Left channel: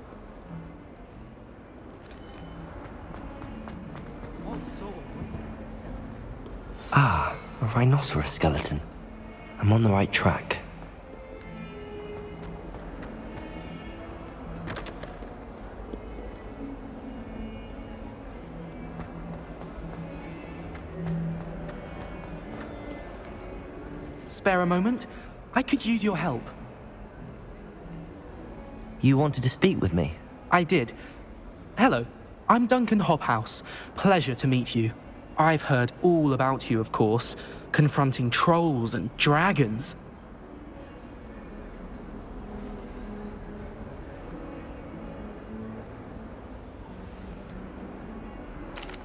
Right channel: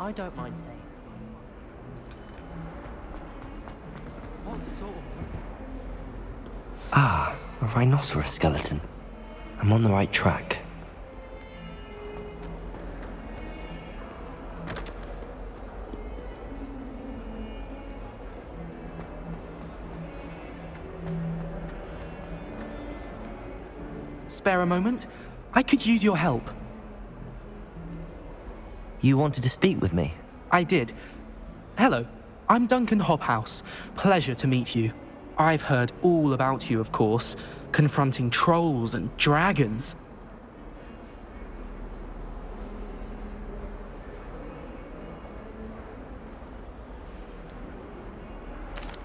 I don't mind saying. What sort of... Ah, a rhinoceros skeleton. I'm on the right track. Spare a moment? I could use your help. You wanted to speak with me? I did. Hello, I'm Duncan Hobhouse. Pleasure to meet you. I've heard all about you, of course, confronting trolls and dragons.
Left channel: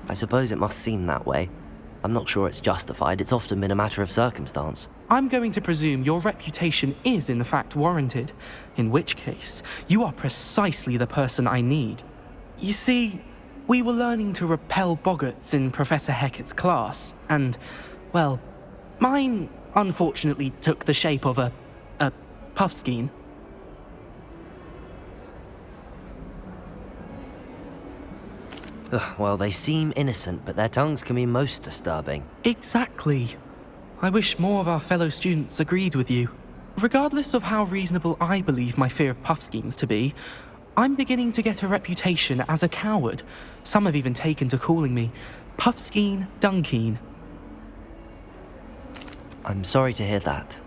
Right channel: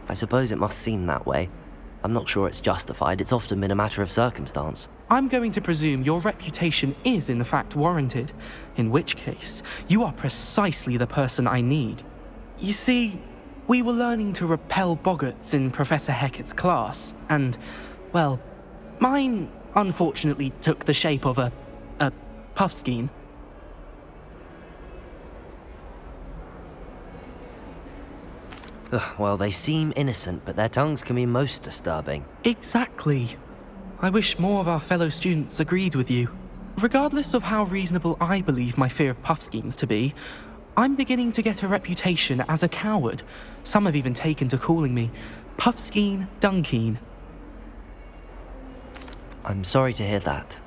I suppose it must seem that way. I'm not sure it's justified. It's often been a matter of circumstance. I'm going to presume your reputation is in fact warranted, in which case, you are precisely the person I need. You see, we were learning to repel boggarts in Professor Hecat's class, and, well, mine unfortunately took the shape of a puffskein. Ugh, well, they seem innocent, but their tongues can be most disturbing. Exactly. I wish more of our fellow students agreed with you. Regardless of how reasonable I believe my fear of puffskeins to be, I'm beginning to get a reputation as a coward. Some have even taken to calling me Puffskeen Dunkeen. I'm sorry to hear that.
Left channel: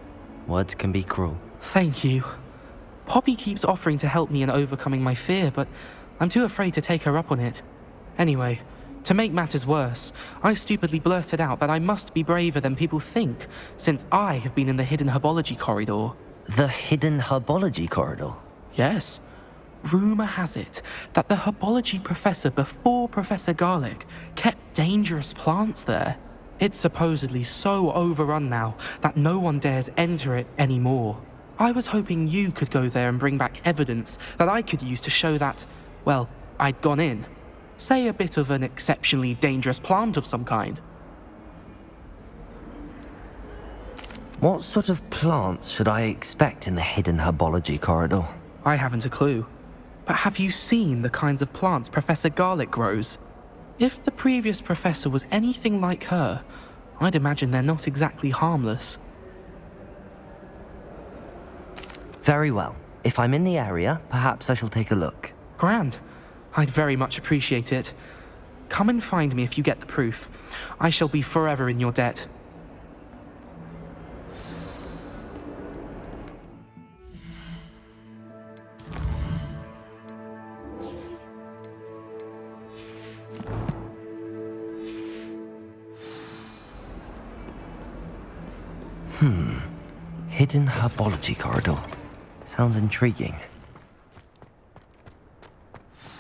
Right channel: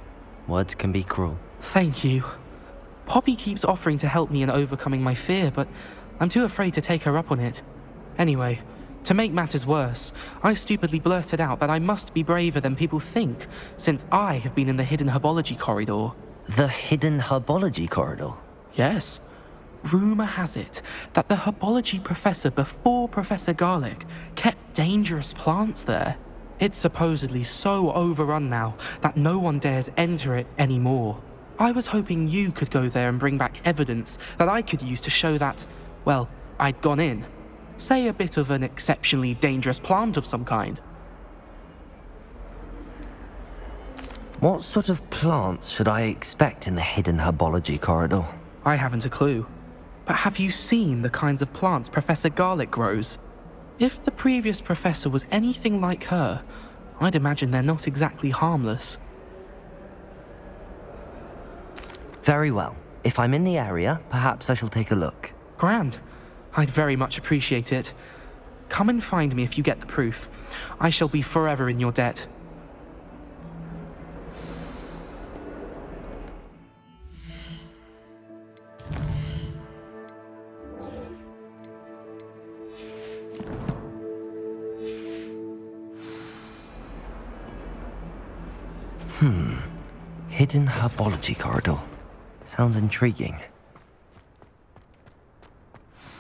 Words can be cruel. Thank you. Poppy keeps offering to help me in overcoming my fear, but I'm too afraid to take her up on it. Anyway, to make matters worse, I stupidly blurted out that I must be braver than people think, since I have been in the hidden herbology corridor. The hidden herbology corridor? Yes. Rumour has it that the herbology professor before Professor Garlic kept dangerous plants there. It's supposedly so overrun now that no one dares enter it anymore. I was hoping you could go there and bring back evidence that I could use to show that, well, I'd gone in. Say a bit of an exceptionally dangerous plant of some kind. What sort of plants should I expect in the hidden herbology corridor? I haven't a clue. But have you seen the kinds of plants Professor Garlic grows? If the previous professor was anything like her, I'd imagine they're not exactly harmless. Very well. If I'm in the area, perhaps I shall take a look. Grand. I'd very much appreciate it. Come and find me if you get the proof. I shall be forever in your debt. Hidden herbology corridor. Sounds intriguing.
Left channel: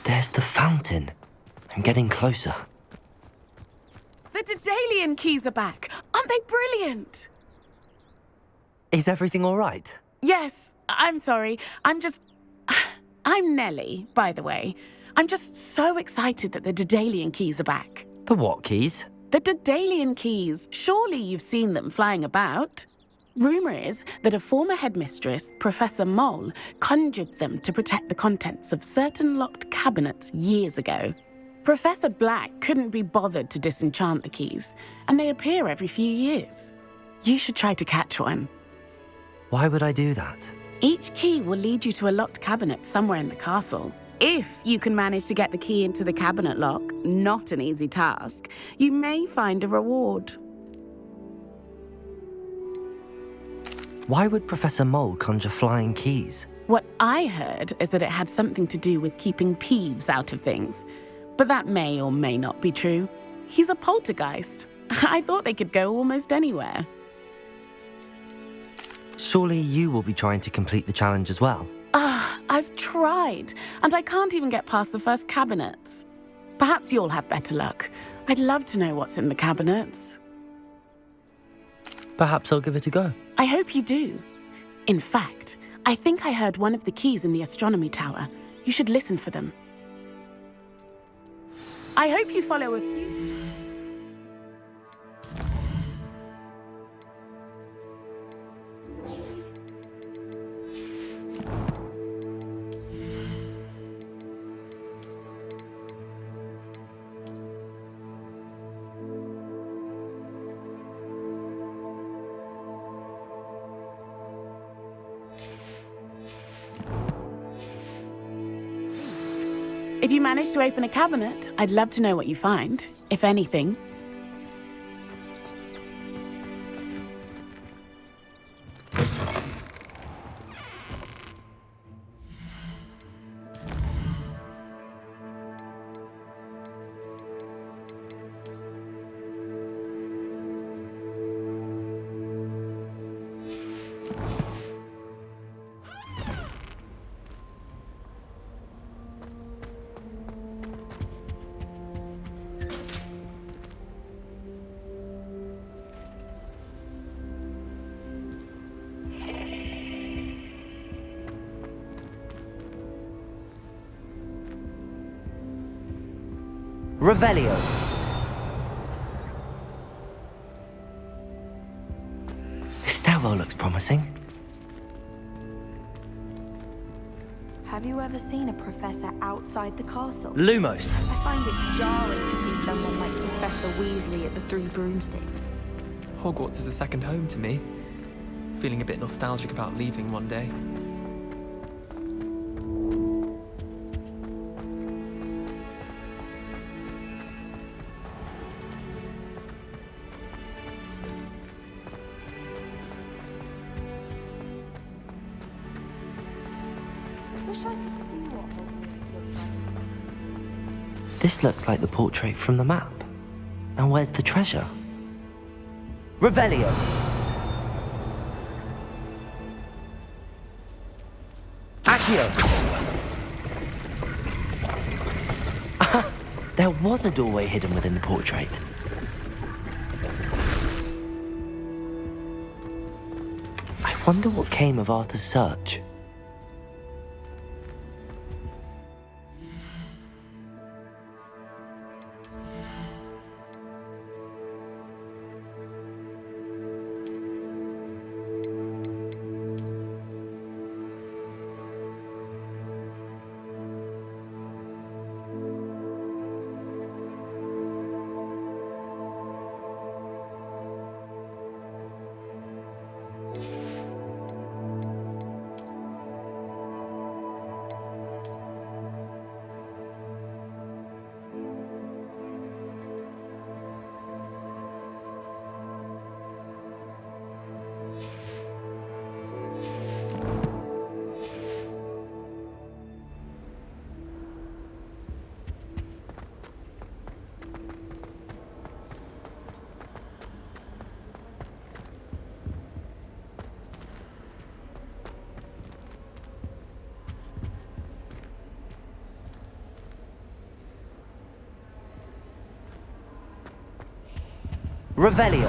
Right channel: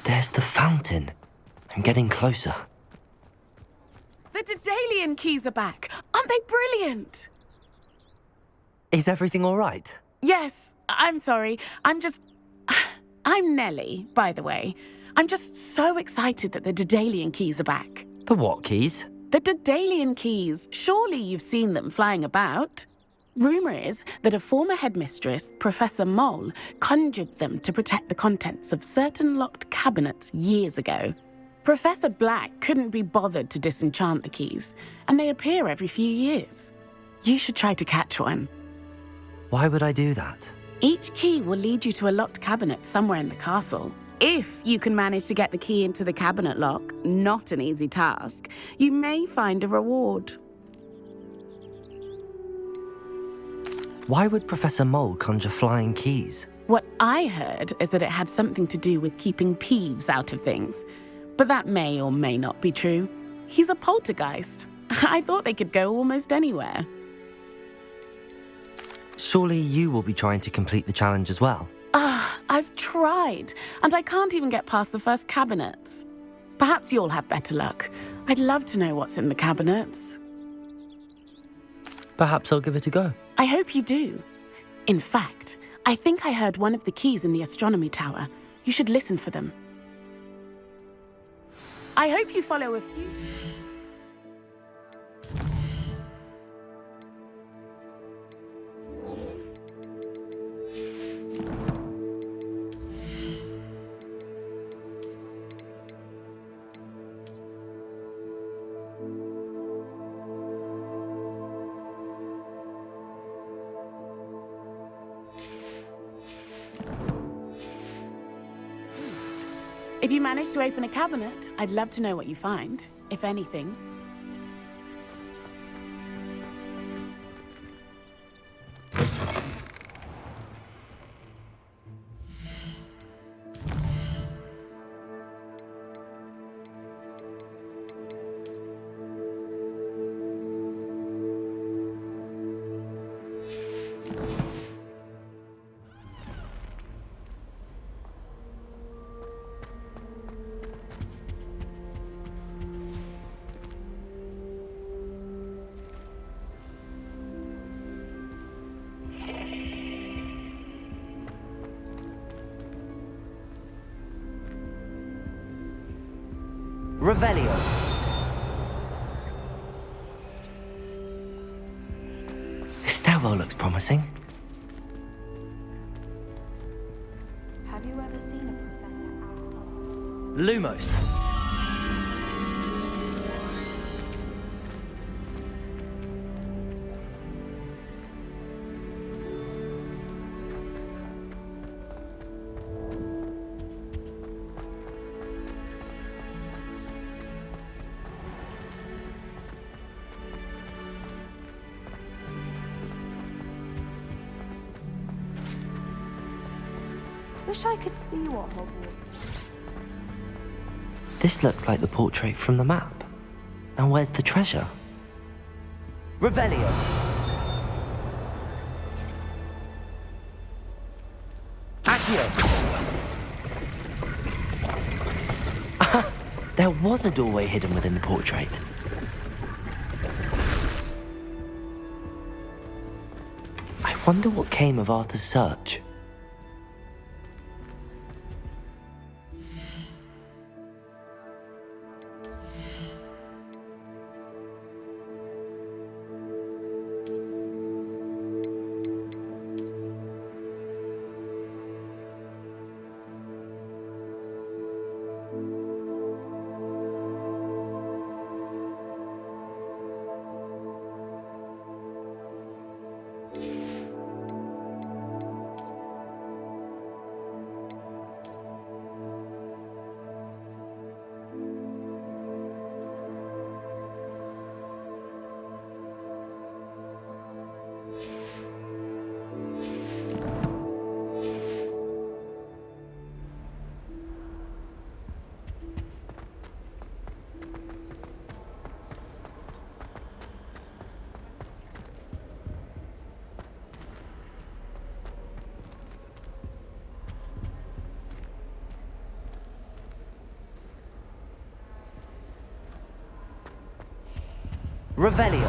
There's the fountain. I'm getting closer. The Daedalian keys are back. Aren't they brilliant? Is everything all right? Yes, I'm sorry. I'm Nellie, by the way. I'm just so excited that the Daedalian keys are back. The what keys? The Daedalian keys. Surely you've seen them flying about. Rumour is that a former headmistress, Professor Mole, conjured them to protect the contents of certain locked cabinets years ago. Professor Black couldn't be bothered to disenchant the keys, and they appear every few years. You should try to catch one. Why would I do that? Each key will lead you to a locked cabinet somewhere in the castle. If you can manage to get the key into the cabinet lock, not an easy task, you may find a reward. Why would Professor Mole conjure flying keys? What I heard is that it had something to do with keeping Peeves out of things. But that may or may not be true. He's a poltergeist. I thought they could go almost anywhere. Surely you will be trying to complete the challenge as well. I've tried, and I can't even get past the first cabinets. Perhaps you'll have better luck. I'd love to know what's in the cabinets. Perhaps I'll give it a go. I hope you do. In fact, I think I heard one of the keys in the astronomy tower. You should listen for them. I hope you follow a few... If you manage to open a cabinet, I'd love to know what you find, if anything. Revelio. This stairwell looks promising. Have you ever seen a professor outside the castle? Lumos. I find it jarring to see someone like Professor Weasley at the Three Broomsticks. Hogwarts is a second home to me. Feeling a bit nostalgic about leaving one day. Wish I could see what Hogwarts was. This looks like the portrait from the map. Now where's the treasure? Revelio. Accio. There was a doorway hidden within the portrait. I wonder what came of Arthur's search. Revelio.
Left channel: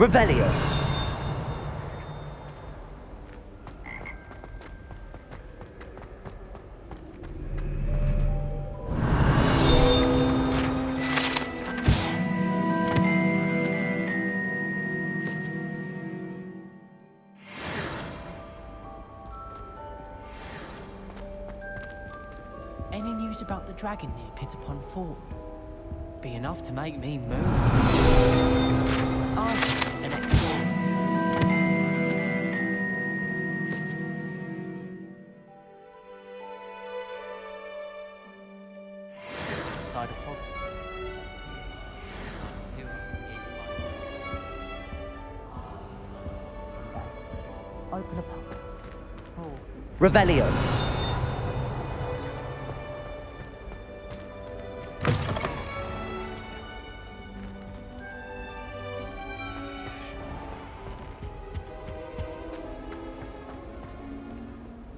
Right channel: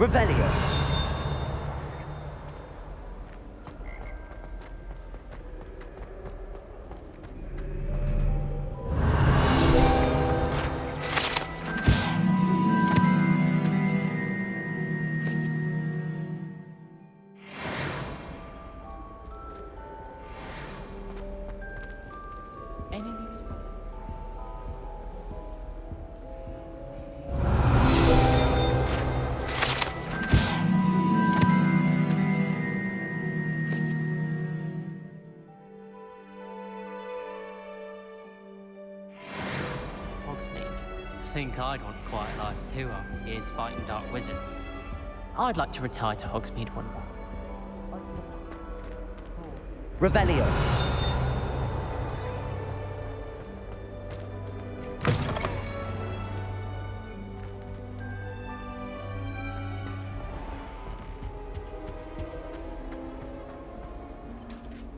Revelio. Any news about the dragon near pt2.A? Be enough to make me move. Side of Hogsmeade. Think I'd want quiet life too after years fighting dark wizards. I'd like to retire to Hogsmeade one day. Open a pub. Oh. Revelio.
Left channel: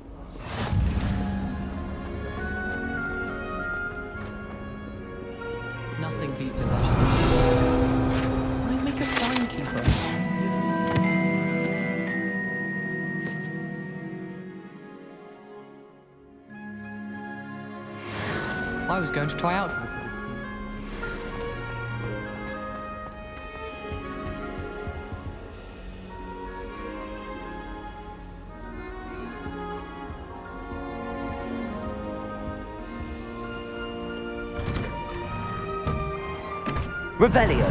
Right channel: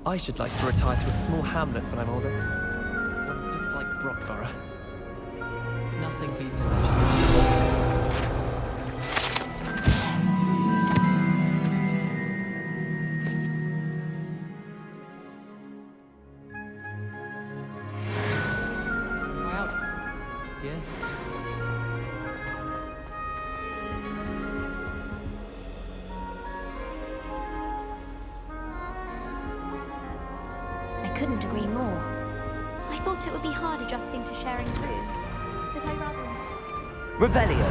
I should like to retire to a small hamlet when I'm older. Like Brockborough. Nothing beats a rush. I make a timekeeper. I was going to try out. Yeah. I couldn't agree more. I thought it would be hard adjusting to sharing food. Revelio.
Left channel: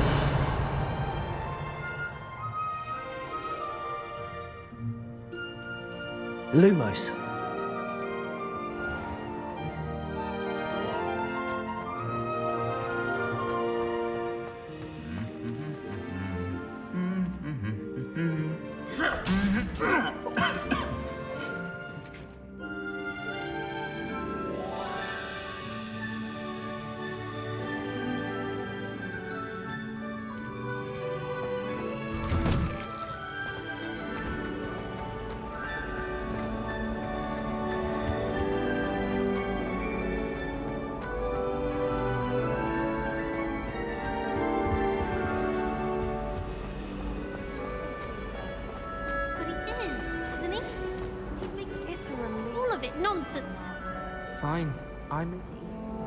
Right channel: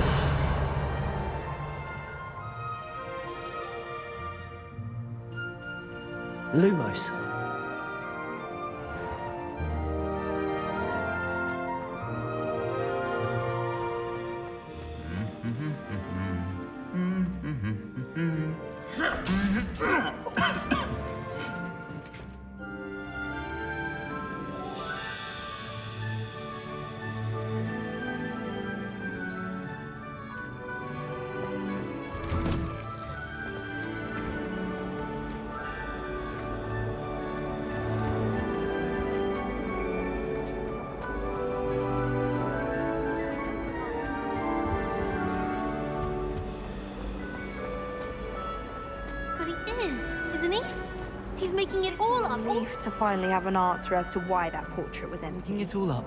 Lumos. But he is, isn't he? He's making it all up, all Relief of to it finally have an nonsense. answer as to why Fine. that portrait was I'm empty. eating it all up.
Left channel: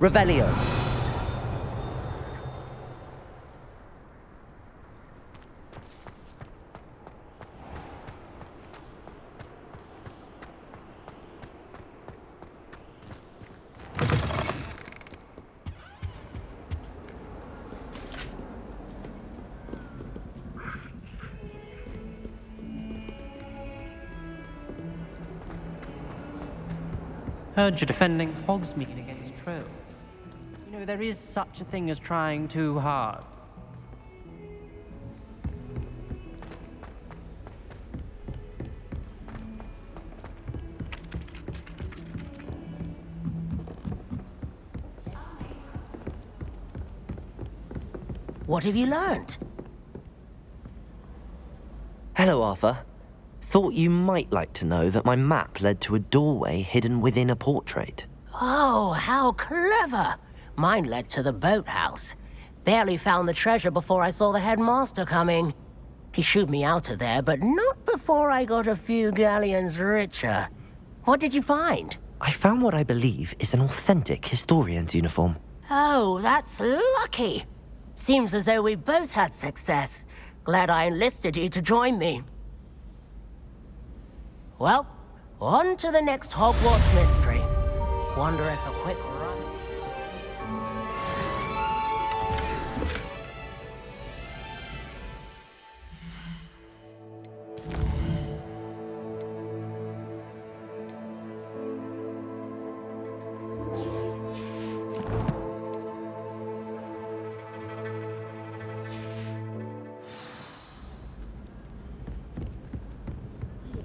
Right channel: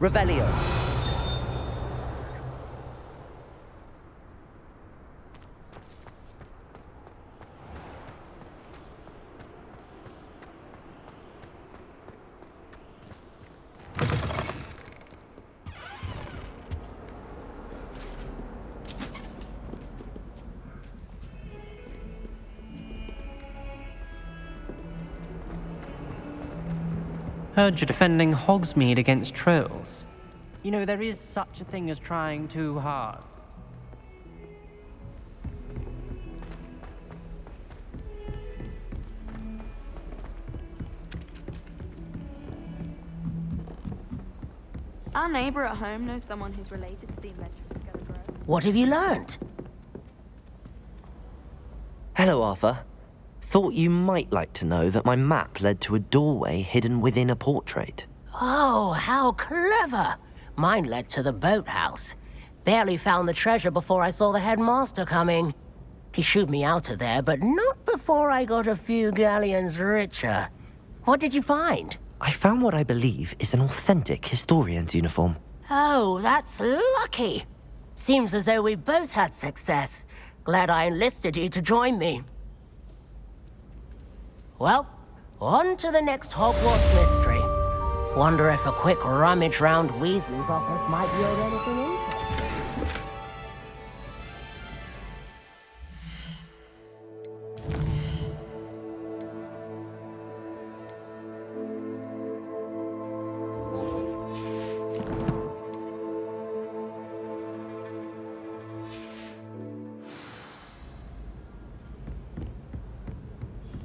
Revelio. Heard you're defending Hogsmeade against trolls. You know, there is such a thing as trying too hard. Our neighbour at home knows someone who's related to the inventor. What have you learned? Hello, Arthur. Thought you might like to know that my map led to a doorway hidden within a portrait. Oh, how clever! Mine led to the boathouse. Barely found the treasure before I saw the headmaster coming. He shooed me out of there, but not before I got a few galleons richer. What did you find? I found what I believe is an authentic historian's uniform. Oh, that's lucky. Seems as though we both had success. Glad I enlisted you to join me. Well, on to the next Hogwarts mystery. Wonder if a quick rummage round Weasley's office might be anything in?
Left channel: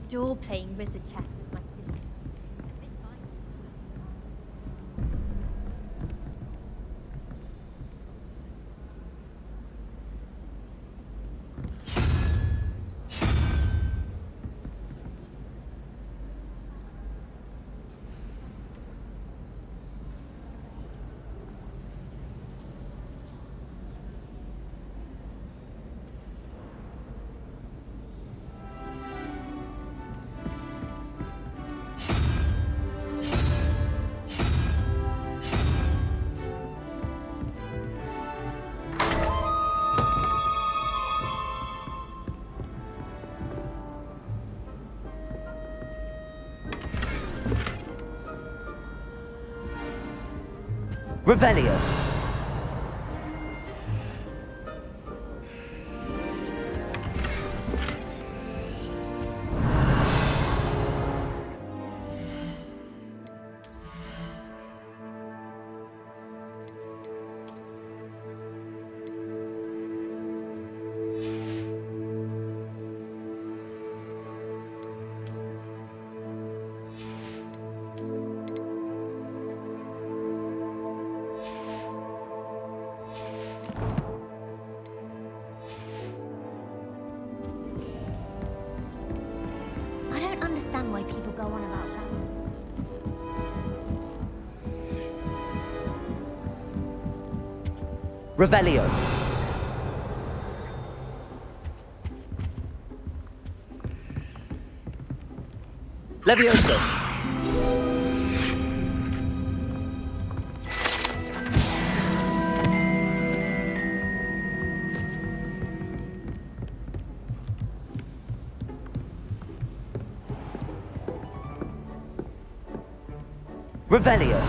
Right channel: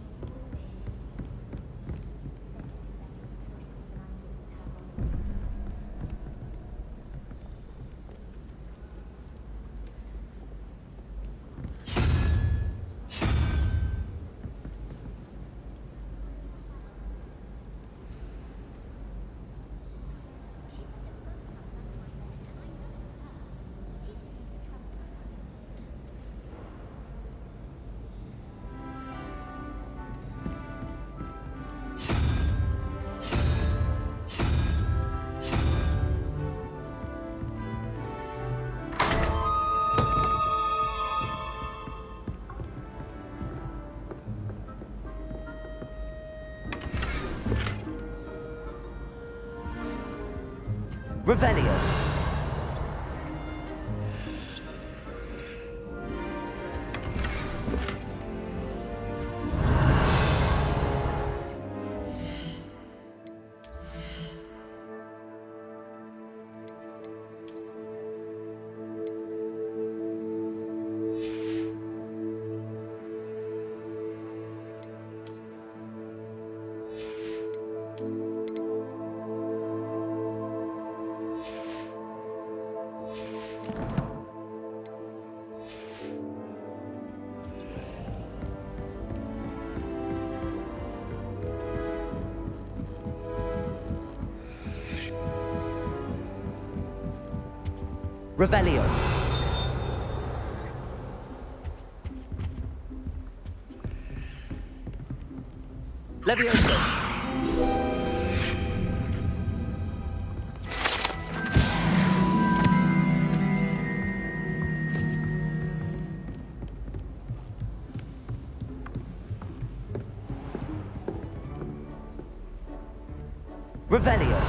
Adore playing with the chess with my sister. Revelio. I don't understand why people go on about that. Revelio. Levioso. Revelio.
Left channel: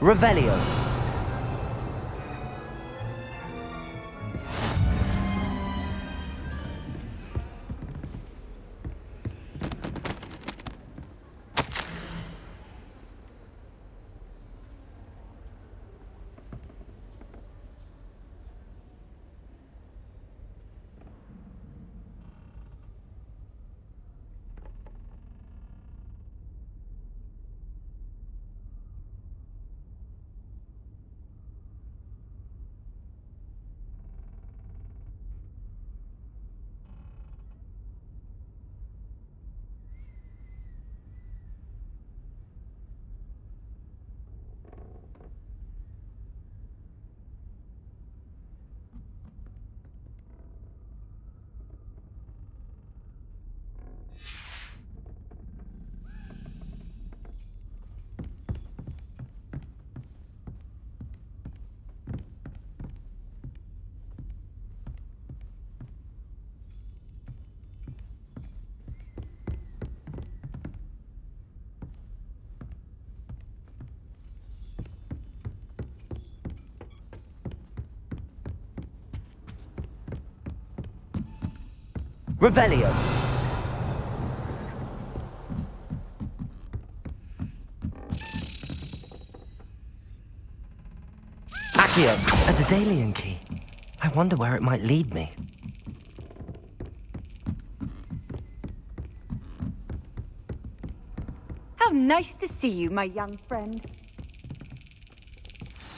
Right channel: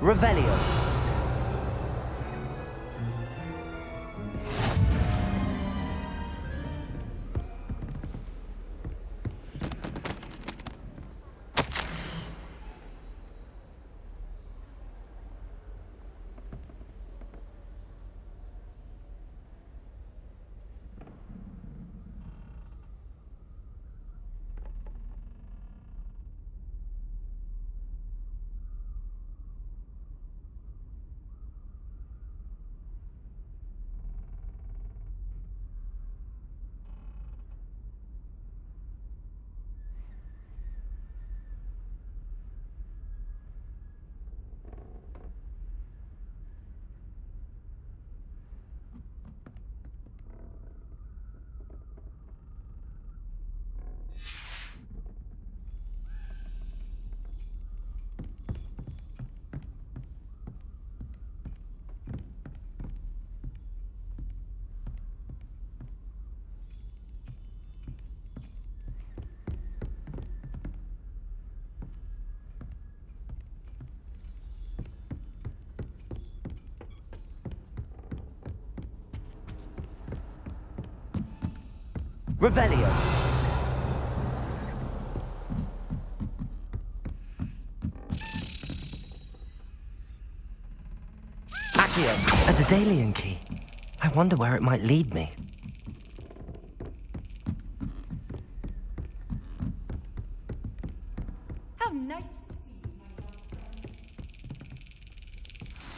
Revelio. Revelio. Accio. A Daedalian key. I wonder where it might lead me. How nice to see you, my young friend.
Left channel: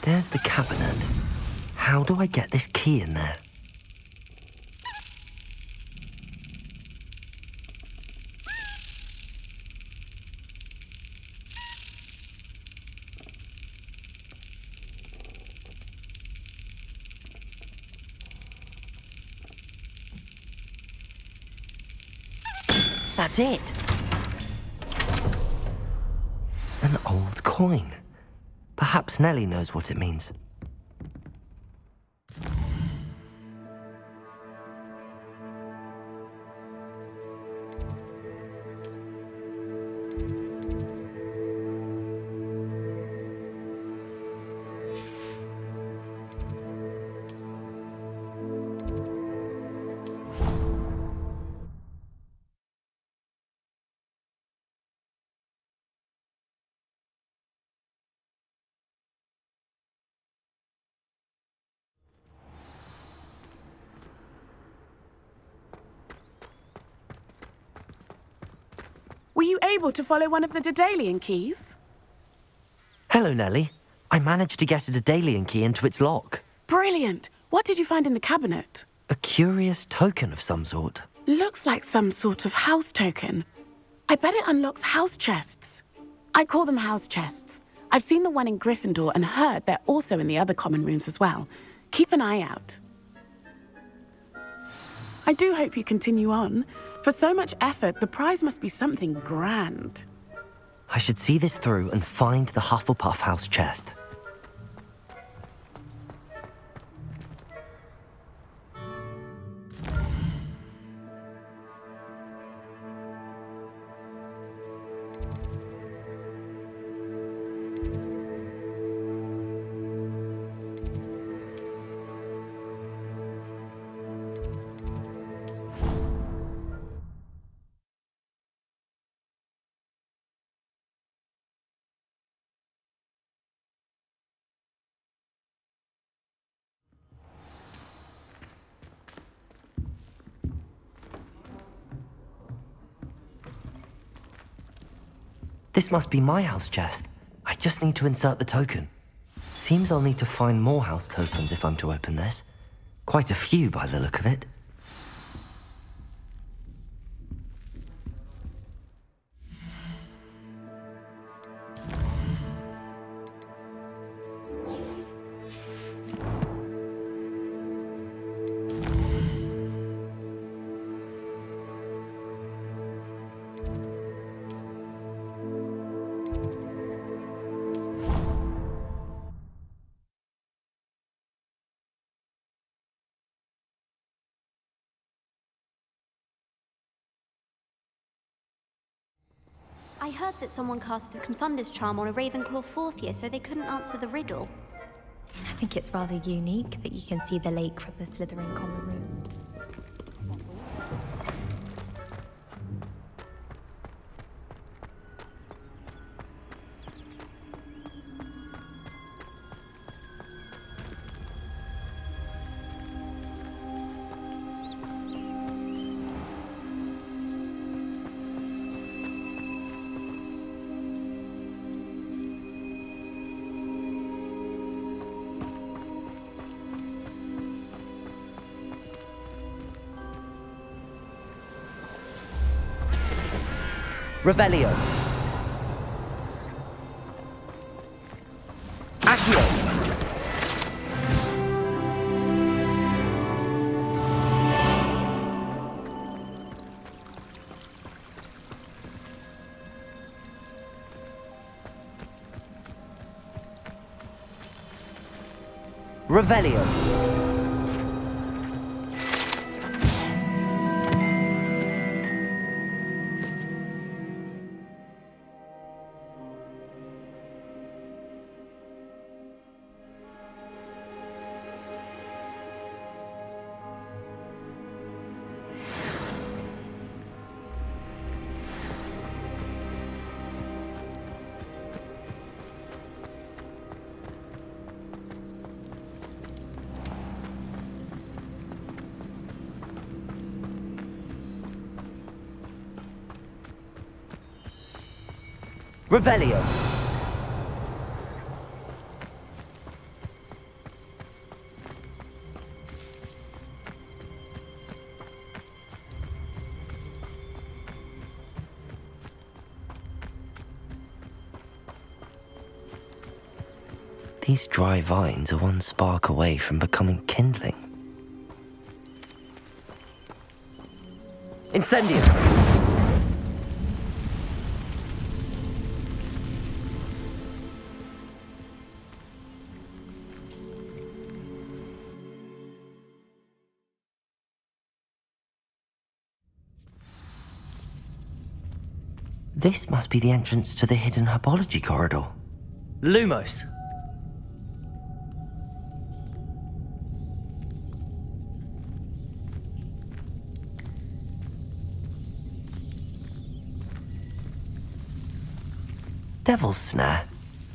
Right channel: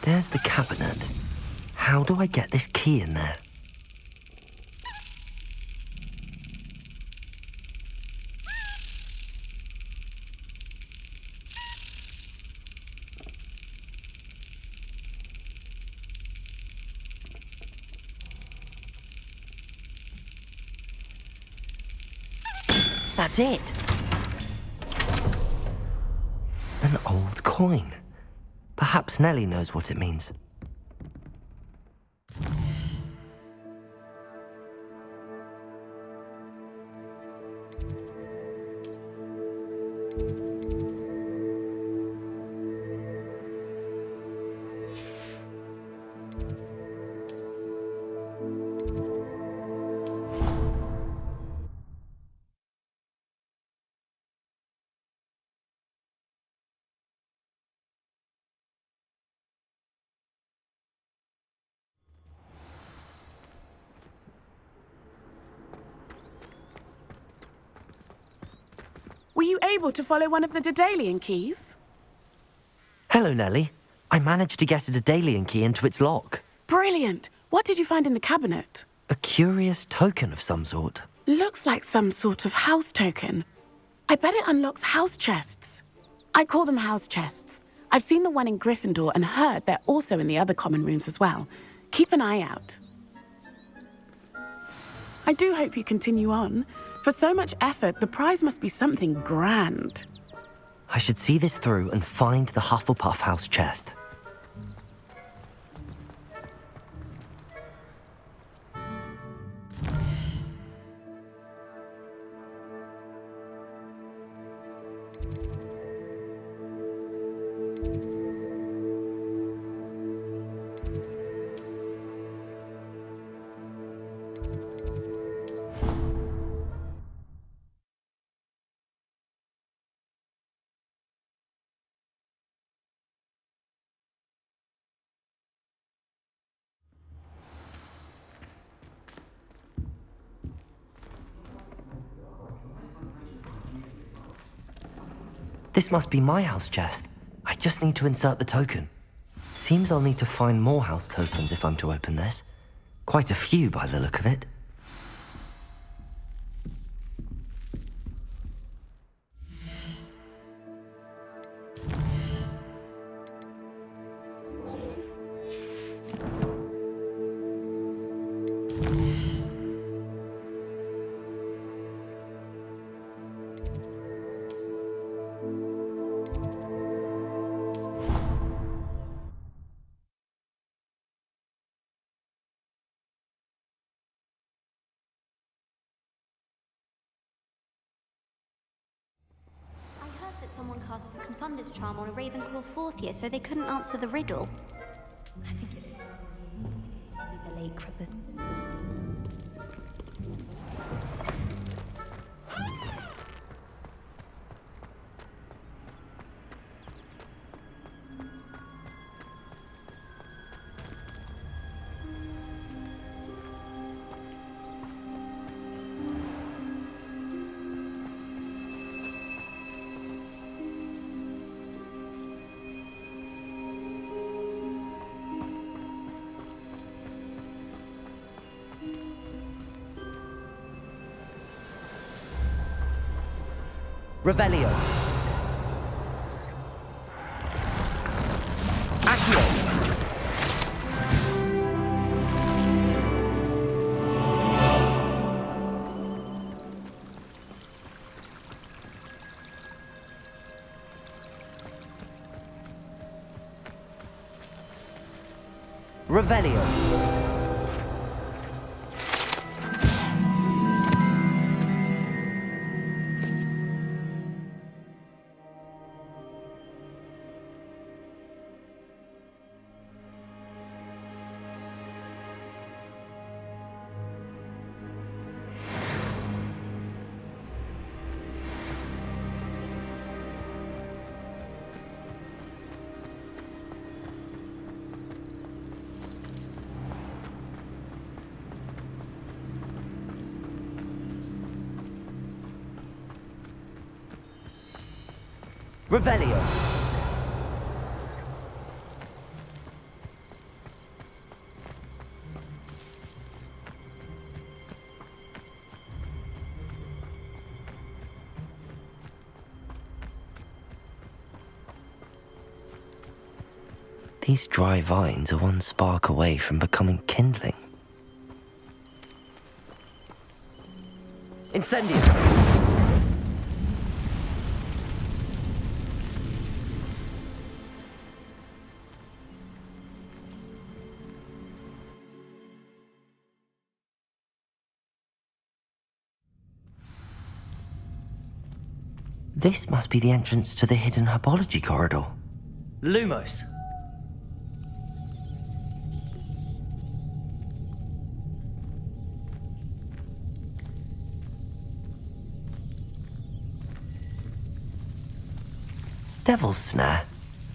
There's the cabinet. How do I get this key in there? That's it. An old coin. Perhaps Nellie knows what it means. able to follow one of the Daedalian keys? Hello, Nellie. I managed to get a Daedalian key into its lock. Brilliant! What did you find in the cabinet? A curious token of some sort. Looks like some sort of house token. I bet it unlocks house chests. I call them house chests. I've seen the one in Gryffindor and heard they're also in the other common rooms as well. Keep an eye out. I do hope you continue on. For so much effort, the prize must be something grand. I should see this through and find the Hufflepuff house chest. This must be my house chest. I just need to insert the token. Seems I'll need to find more house tokens if I'm to open this. Quite a few by the look of it. I heard that someone cast the Confunder's charm on a Ravenclaw fourth year so they couldn't answer the riddle. I think it's rather unique that you can see the lake from the Slytherin common room. Revelio. Accio. Revelio. Revelio. These dry vines are one spark away from becoming kindling. Incendio! This must be the entrance to the hidden herbology corridor. Lumos. Devil's Snare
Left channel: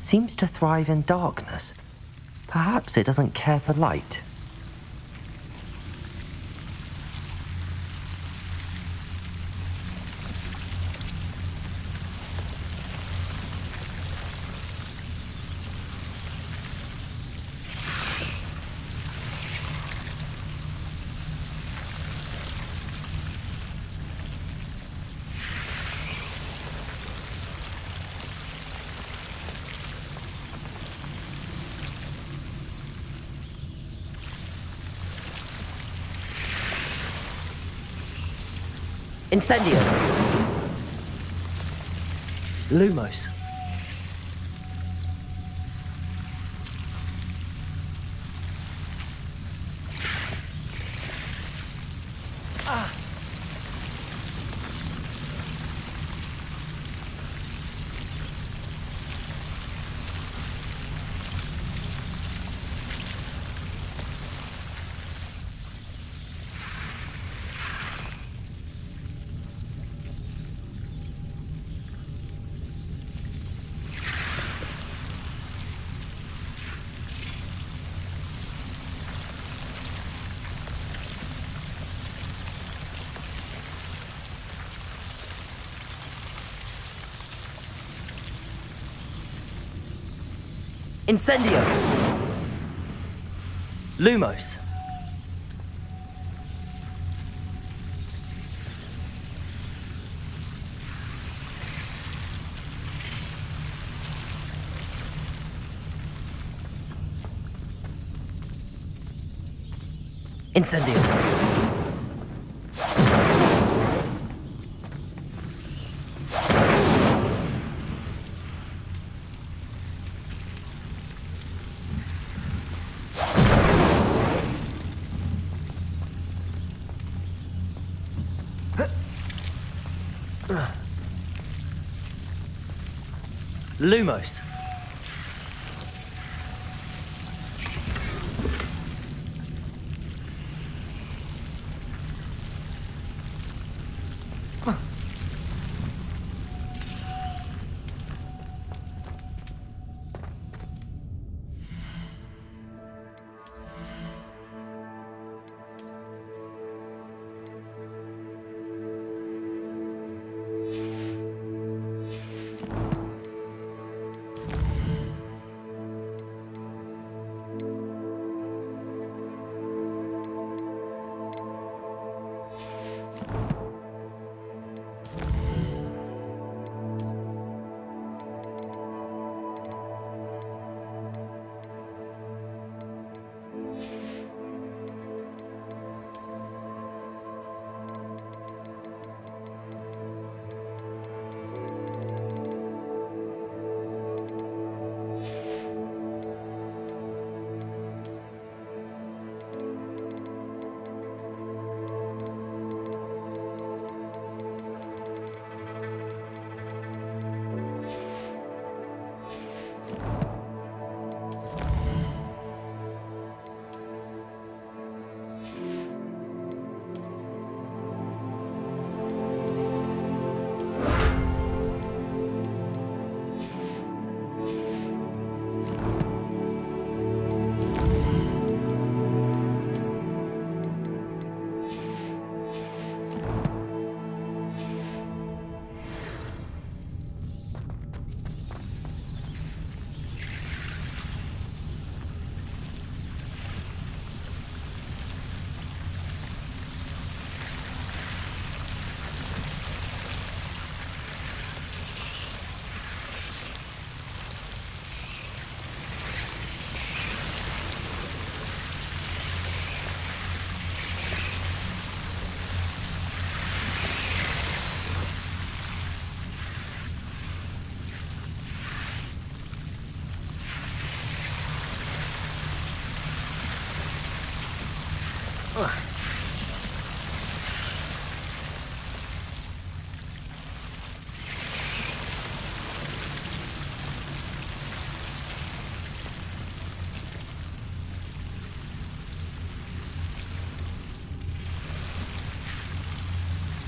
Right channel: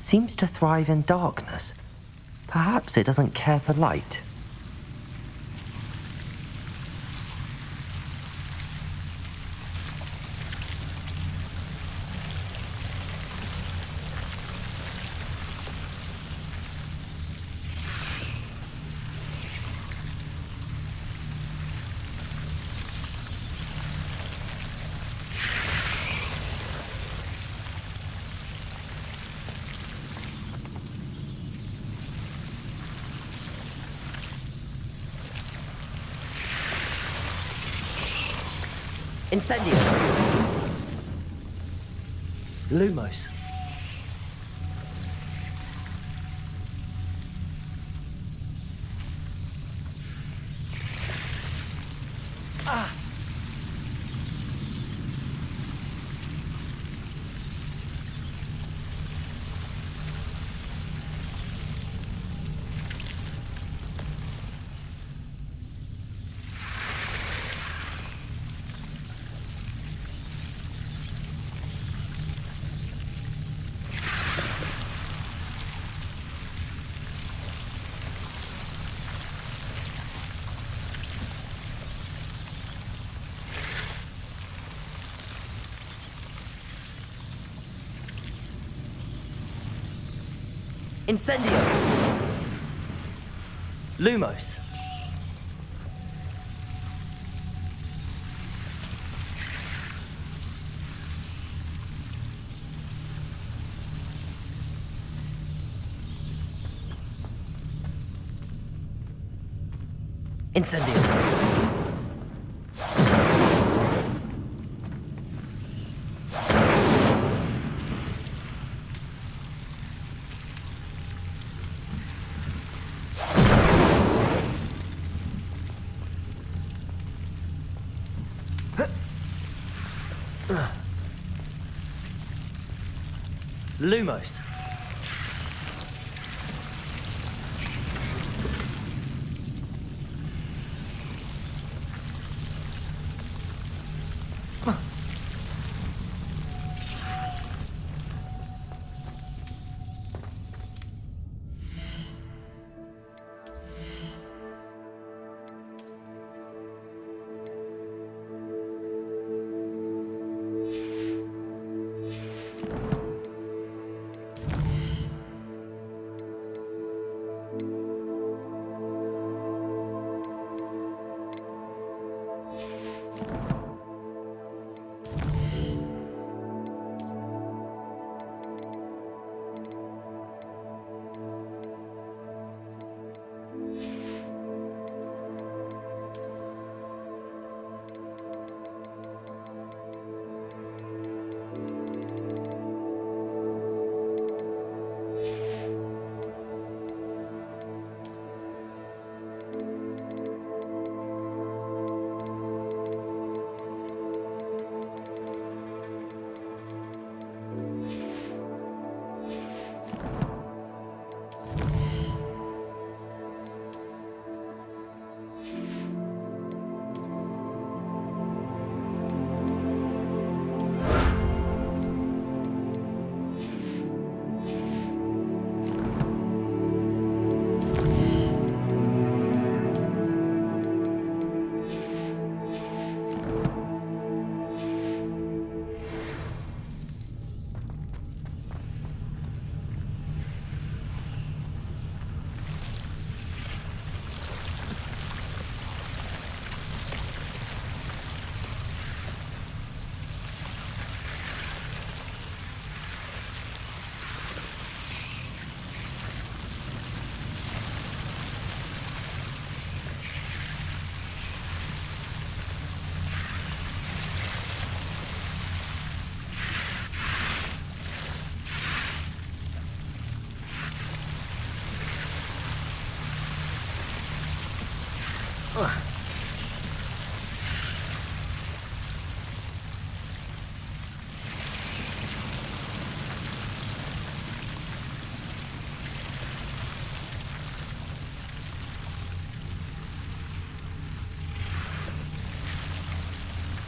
seems to thrive in darkness. Perhaps it doesn't care for light. Incendio! Lumos. Incendio! Lumos. Incendio! Lumos.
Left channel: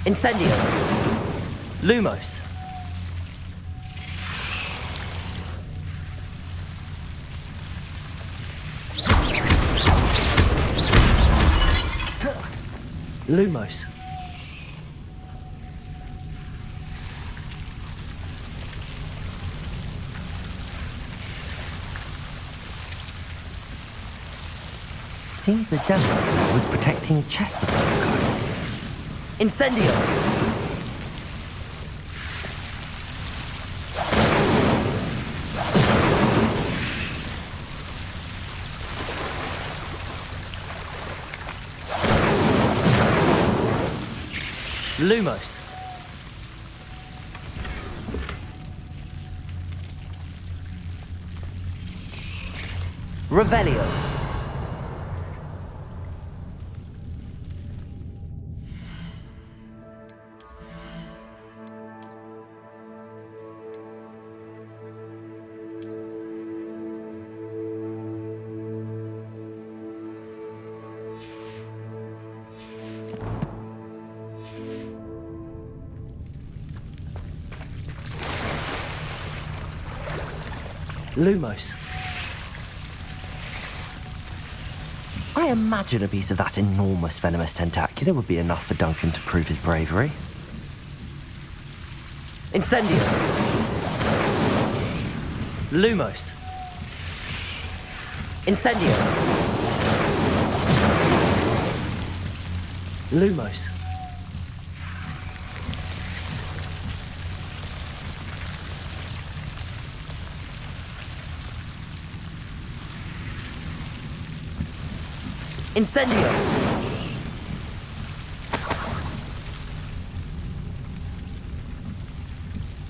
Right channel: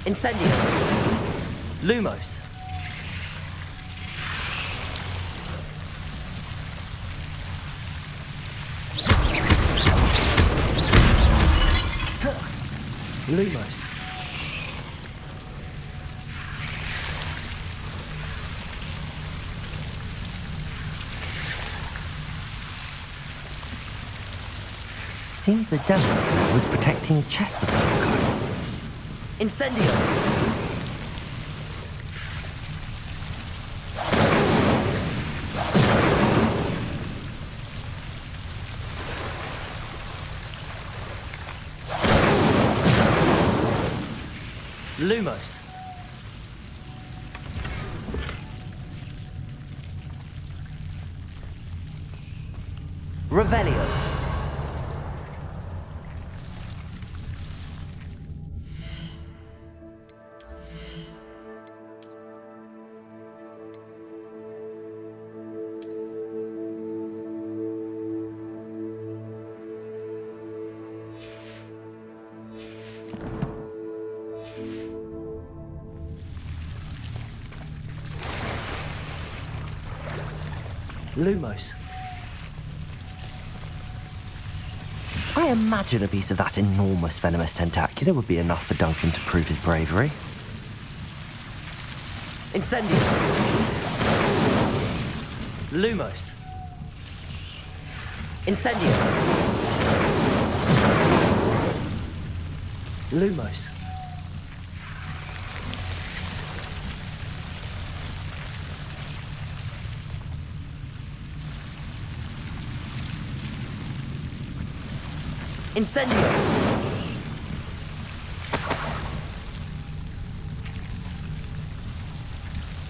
Incendio! Lumos. Lumos. Seems the devil seal was protecting a chest of some kind. Incendio! Lumos. Revelio. Lumos. I imagine a piece of that enormous venomous tentacular would be enough for Duncan to prove his bravery. Incendio. Lumos. Incendio. Lumos. Incendio!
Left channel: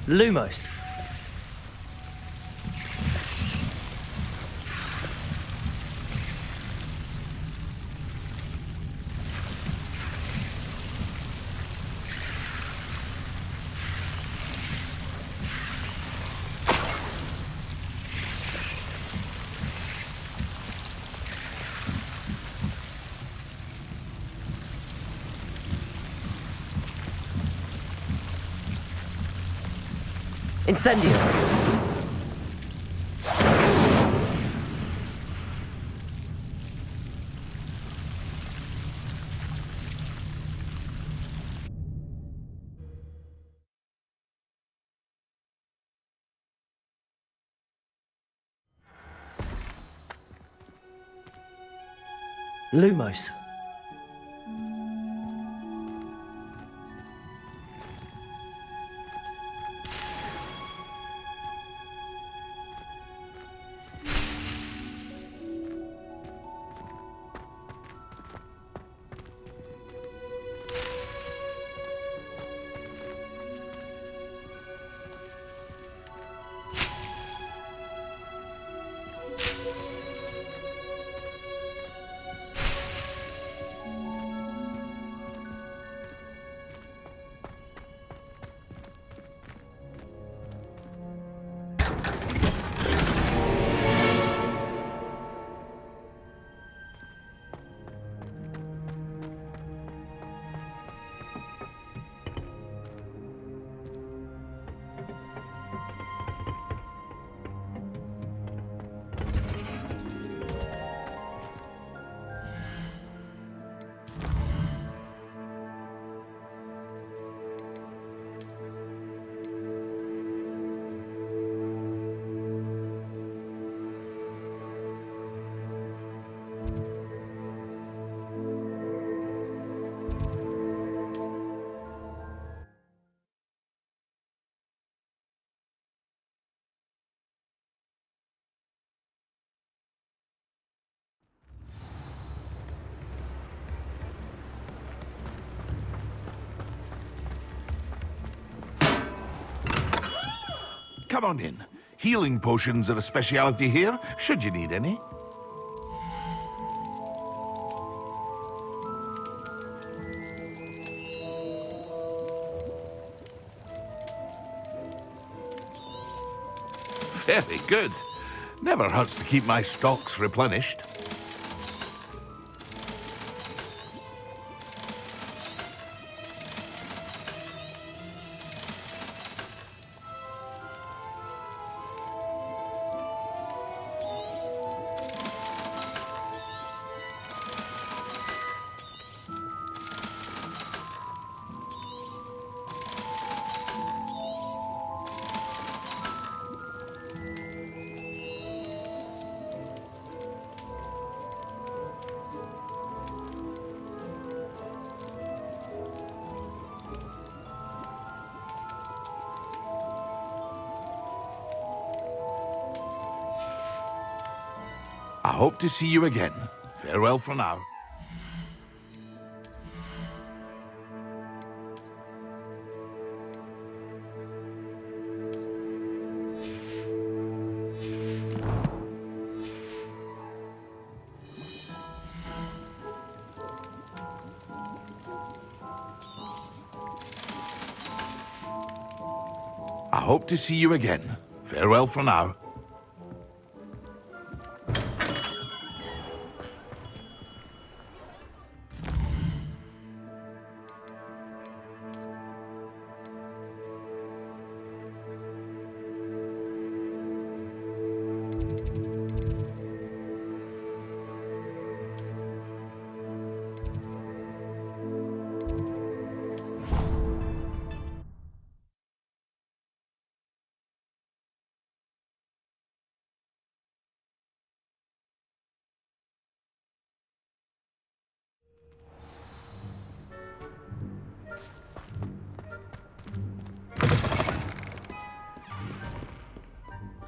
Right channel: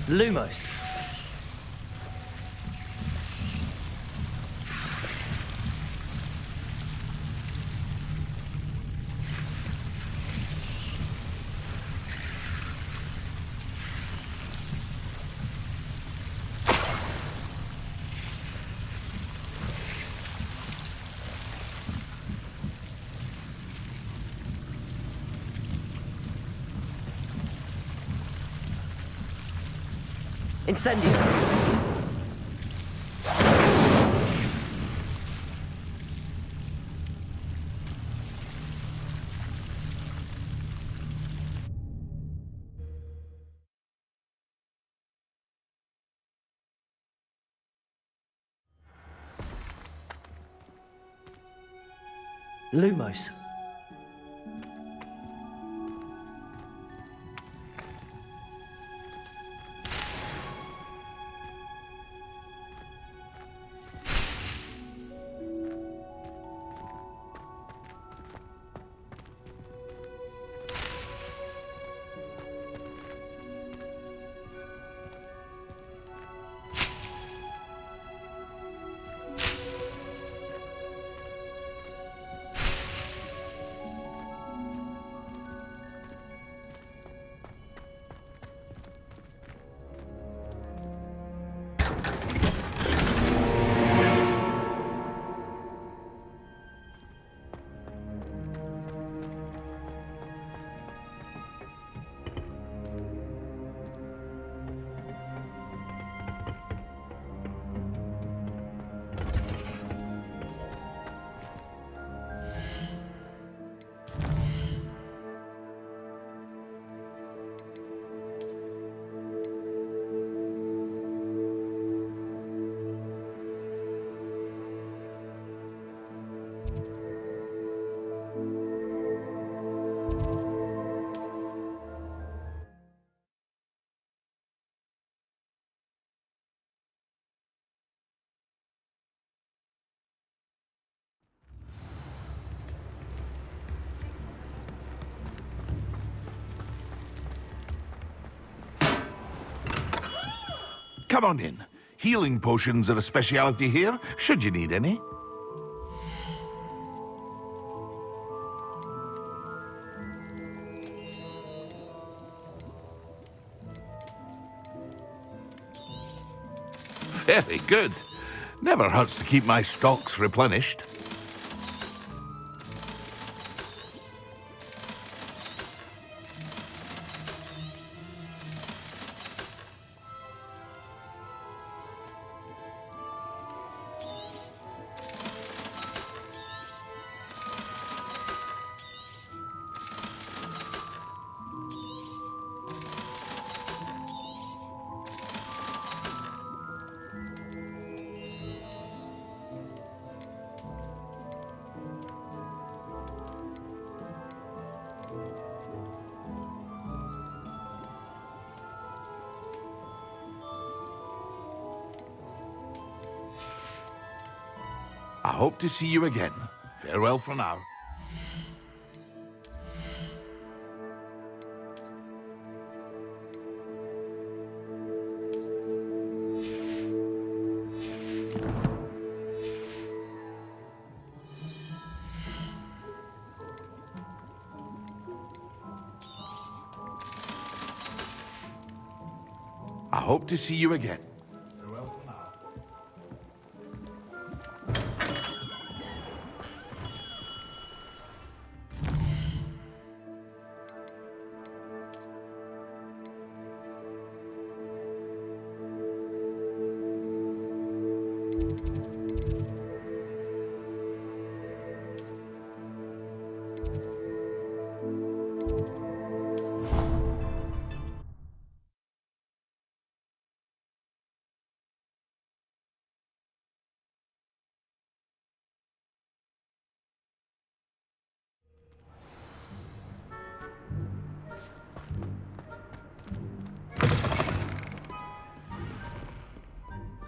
Lumos. Incendio! Lumos. Come on in. Healing potions are a speciality here, should you need any. Very good. Never hurts to keep my stocks replenished. I hope to see you again. Farewell for now. hope to see you again. Farewell for now.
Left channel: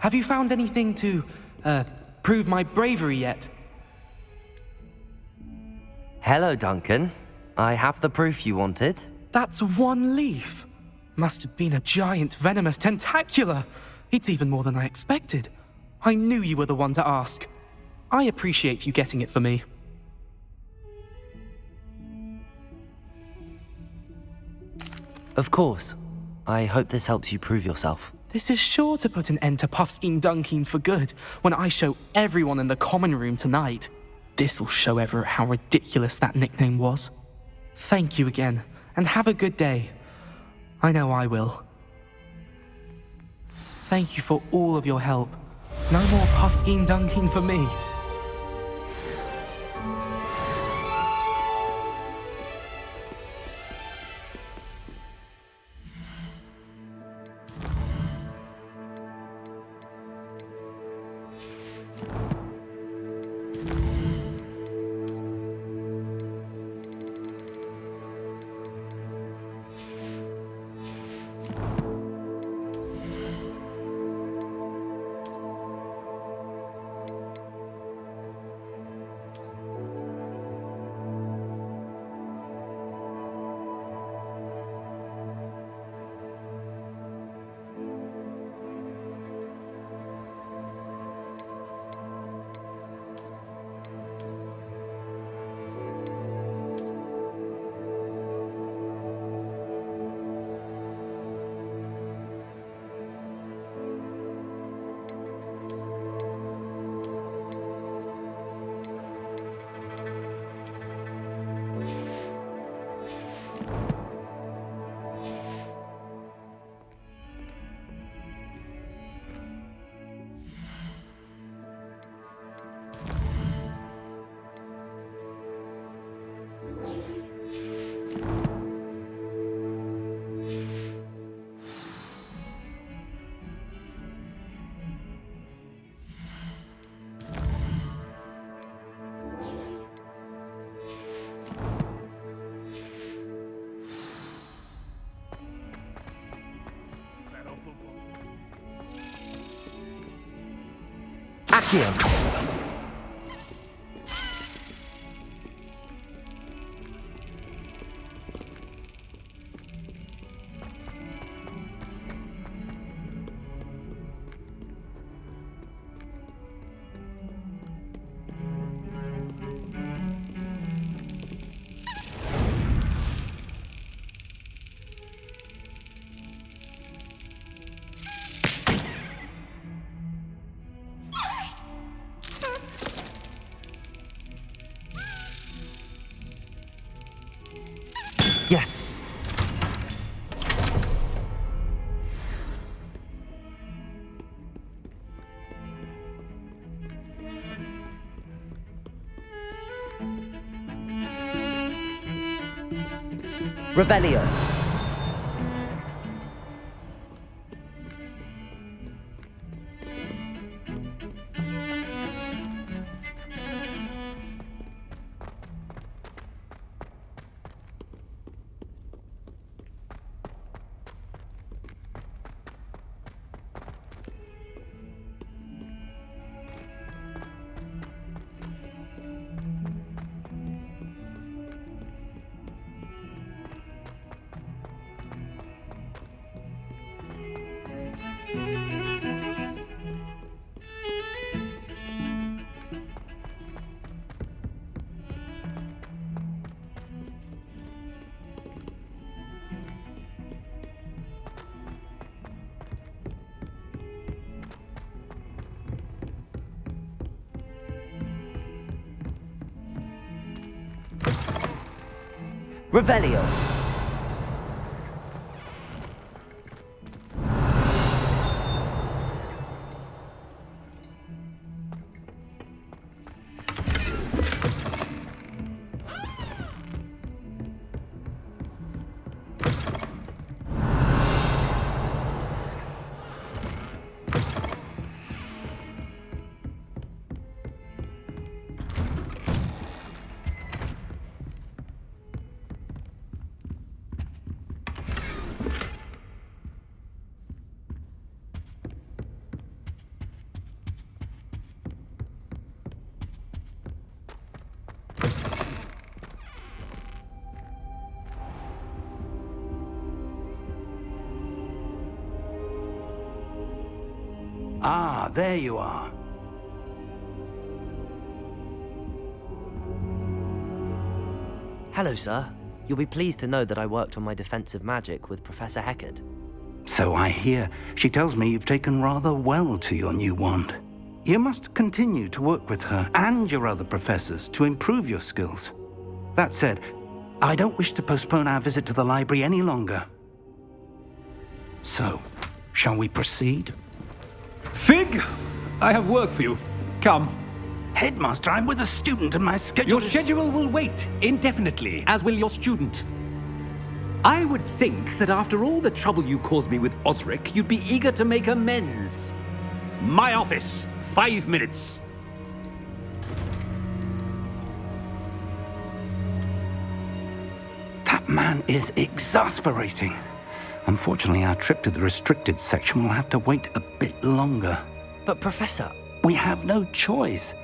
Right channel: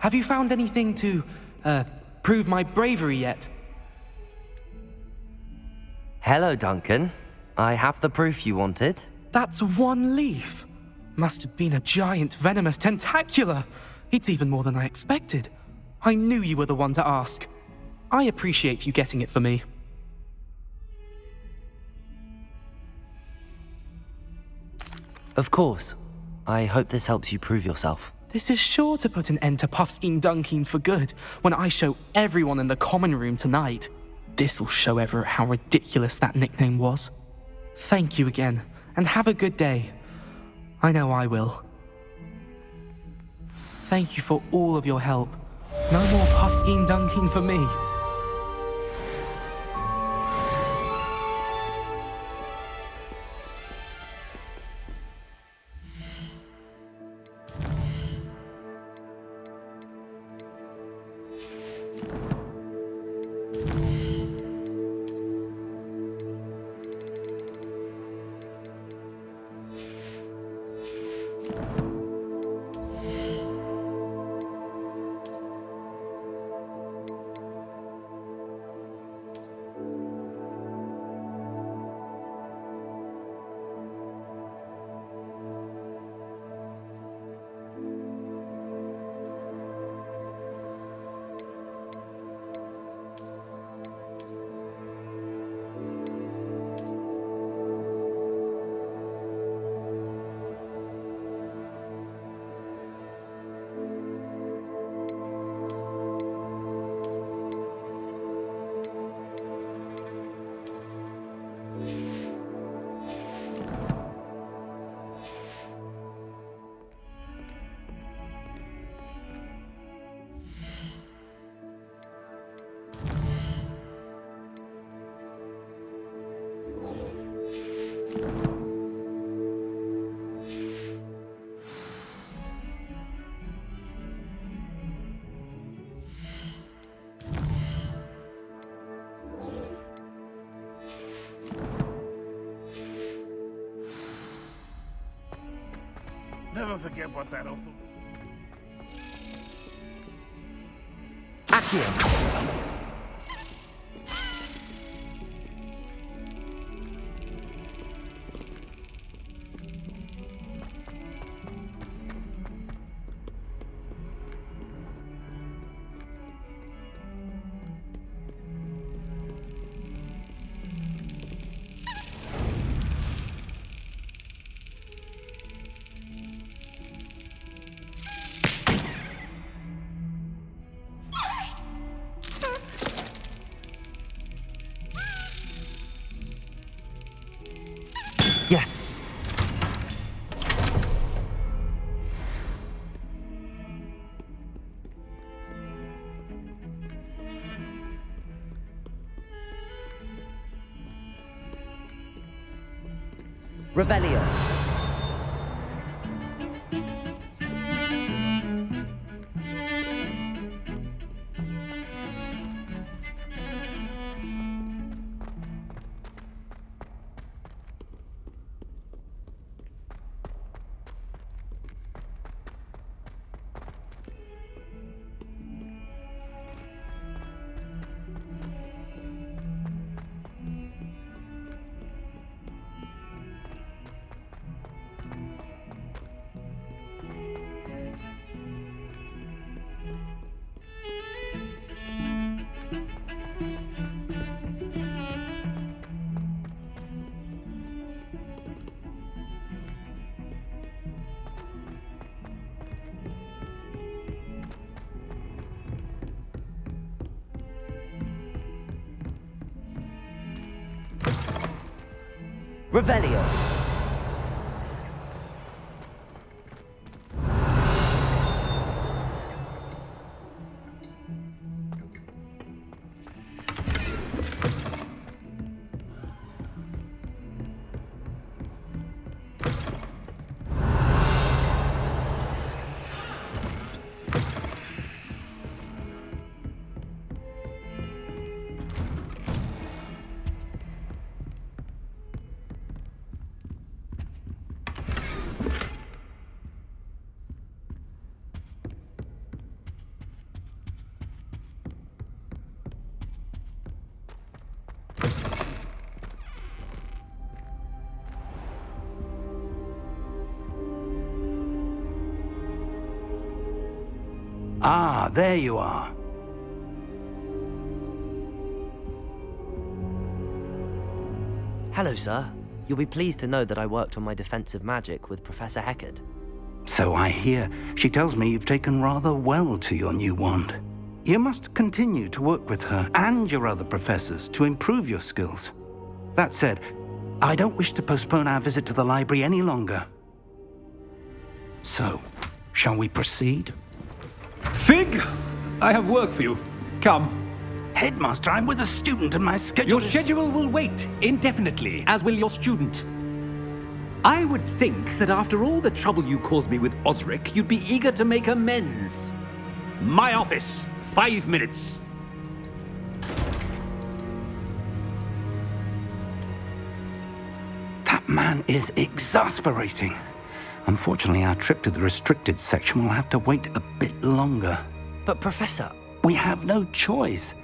Have you found anything to, prove my bravery yet? Hello, Duncan. I have the proof you wanted. That's one leaf. Must have been a giant venomous tentacula. It's even more than I expected. I knew you were the one to ask. I appreciate you getting it for me. Of course. I hope this helps you prove yourself. This is sure to put an end to Puffskein Dunkeen for good when I show everyone in the common room tonight. This'll show Everett how ridiculous that nickname was. Thank you again, and have a good day. I know I will. Thank you for all of your help. No more Puffskein Dunkeen for me. Never forget what that awful... Accio! Yes. Revelio. Revelio. Ah, there you are. Hello, sir. You'll be pleased to know that I worked on my defensive magic with Professor Heckard. So I hear. She tells me you've taken rather well to your new wand. You must continue to work with her and your other professors to improve your skills. That said, I don't wish to postpone our visit to the library any longer. So, shall we proceed? Fig! I have work for you. Come. Headmaster, I'm with a student and my schedule Your schedule will wait indefinitely, as will your student. I would think that after all the trouble you caused me with Osric, you'd be eager to make amends. My office, 5 minutes. That man is exasperating. Unfortunately, our trip to the restricted section will have to wait a bit longer. But, Professor... We have no choice.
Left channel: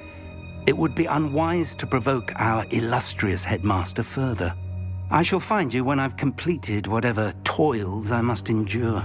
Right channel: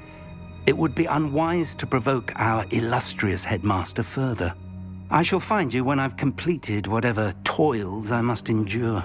It would be unwise to provoke our illustrious headmaster further. I shall find you when I've completed whatever toils I must endure.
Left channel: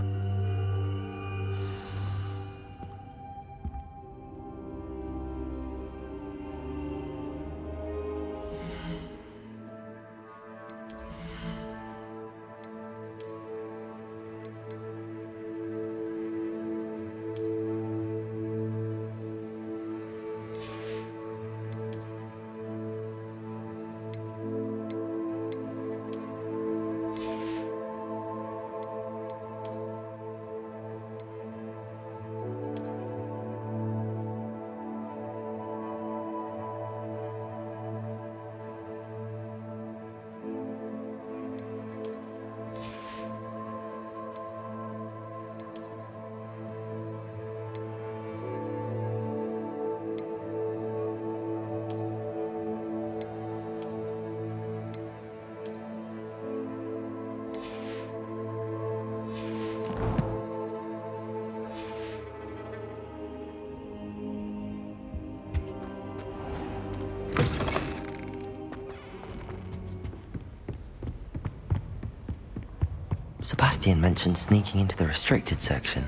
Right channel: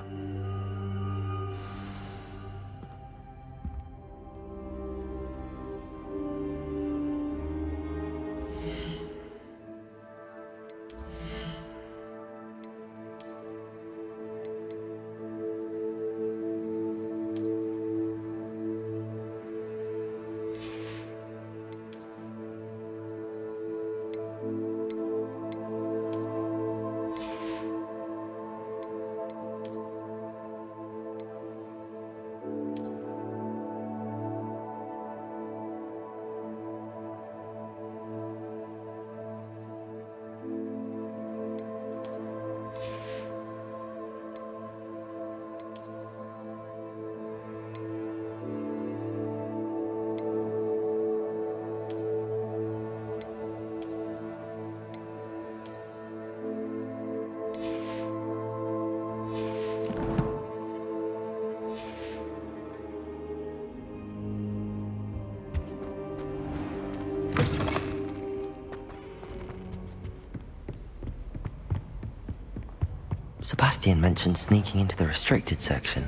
Sebastian mentioned sneaking into the restricted section.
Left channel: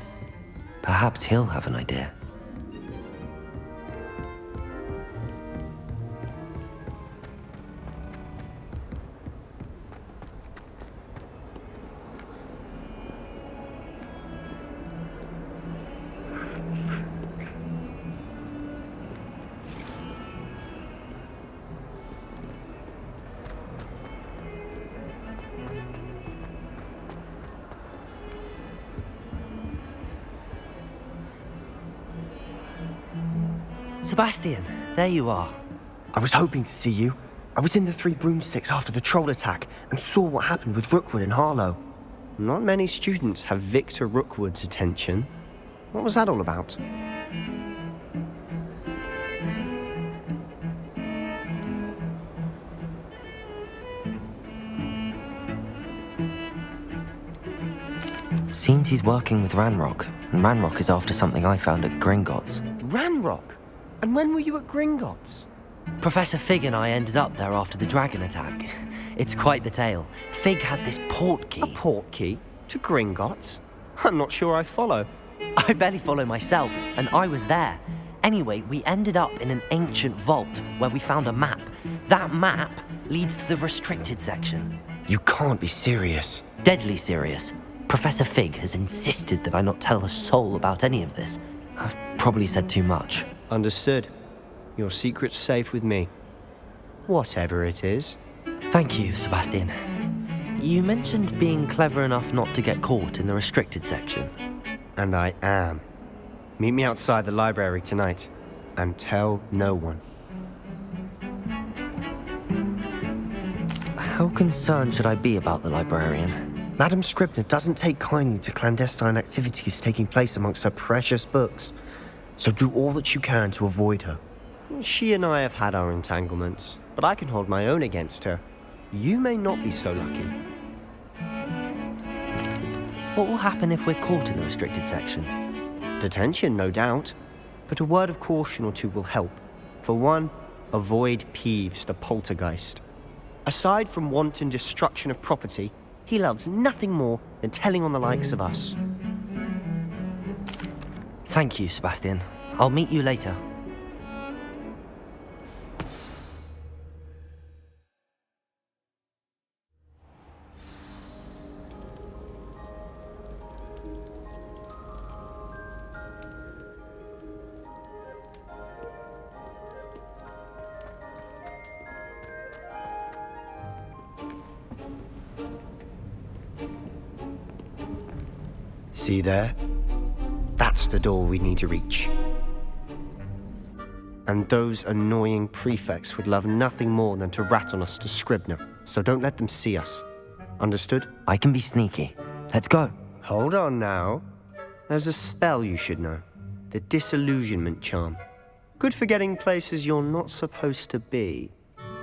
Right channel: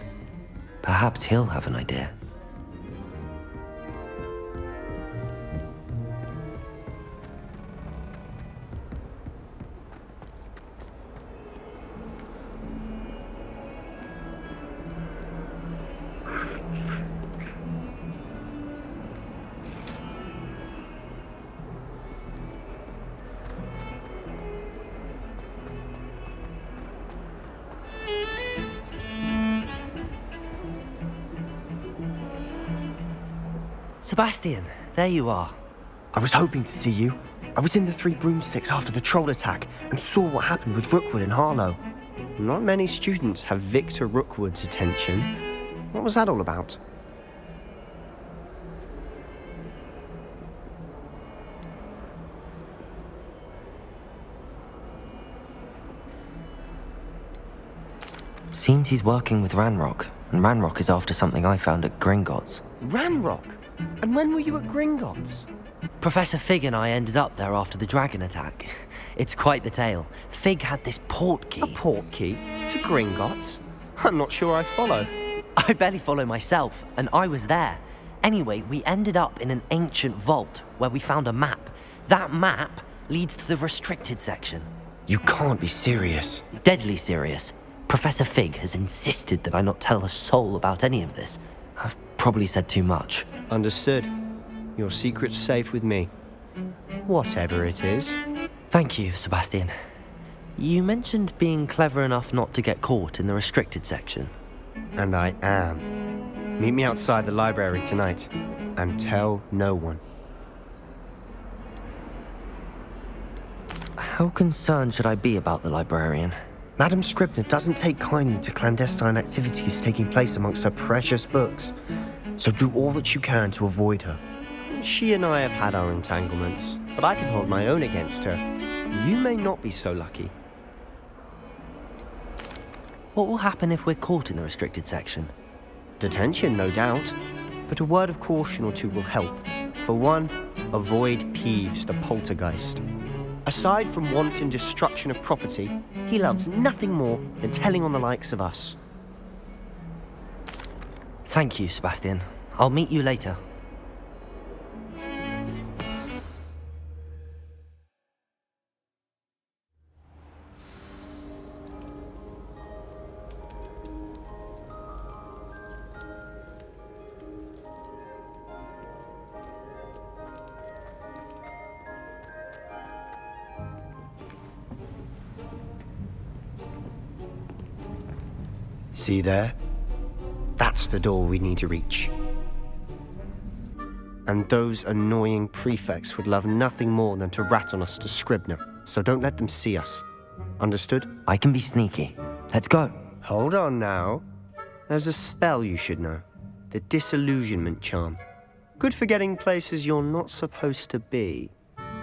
Perhaps he'll have an idea. Sebastian, there you are. I was hoping to see you. I was in the Three Broomsticks after the troll attack and saw what happened with Rookwood and Harlow. Not many students have Victor Rookwood's attention. What was that all about? Seems he's working with Ranrock, and Ranrock is after something I found at Gringotts. Ranrock? And when were you at Gringotts? Professor Fig and I ended up there after the dragon attack. It's quite the tale. Fig had this port key. A port key? To Gringotts? I'm not sure I follow. I barely follow myself, and I was there. Anyway, we ended up in an ancient vault where we found a map. That map leads to the restricted section. You can't be serious. Deadly serious. Professor Fig has insisted that I not tell a soul about any of this. I've probably said too much. Understood. Your secret's safe with me. Whatever it is. Thank you, Sebastian. You mentioned being clever enough not to get caught in the restricted section. And I am. Meet me outside the library tonight, and tell no one. How concerned should I be about the librarian? Madam Scribner doesn't take kindly to clandestine activities taking place amongst her precious books, so do all that you can to avoid her. She and I have had our entanglements, but I can hold my own against her. You may not be so lucky. What will happen if we're caught in the restricted section? Detention, no doubt, but a word of caution or two will help. For one, avoid Peeves, the poltergeist. Aside from wanton destruction of property, he loves nothing more than telling on the likes of us. Thank you, Sebastian. I'll meet you later. See there? That's the door we need to reach. And those annoying prefects would love nothing more than to rat on us to Scribner, so don't let them see us. Understood? I can be sneaky. Let's go. Hold on now. There's a spell you should know. The disillusionment charm. Good for getting places you're not supposed to be.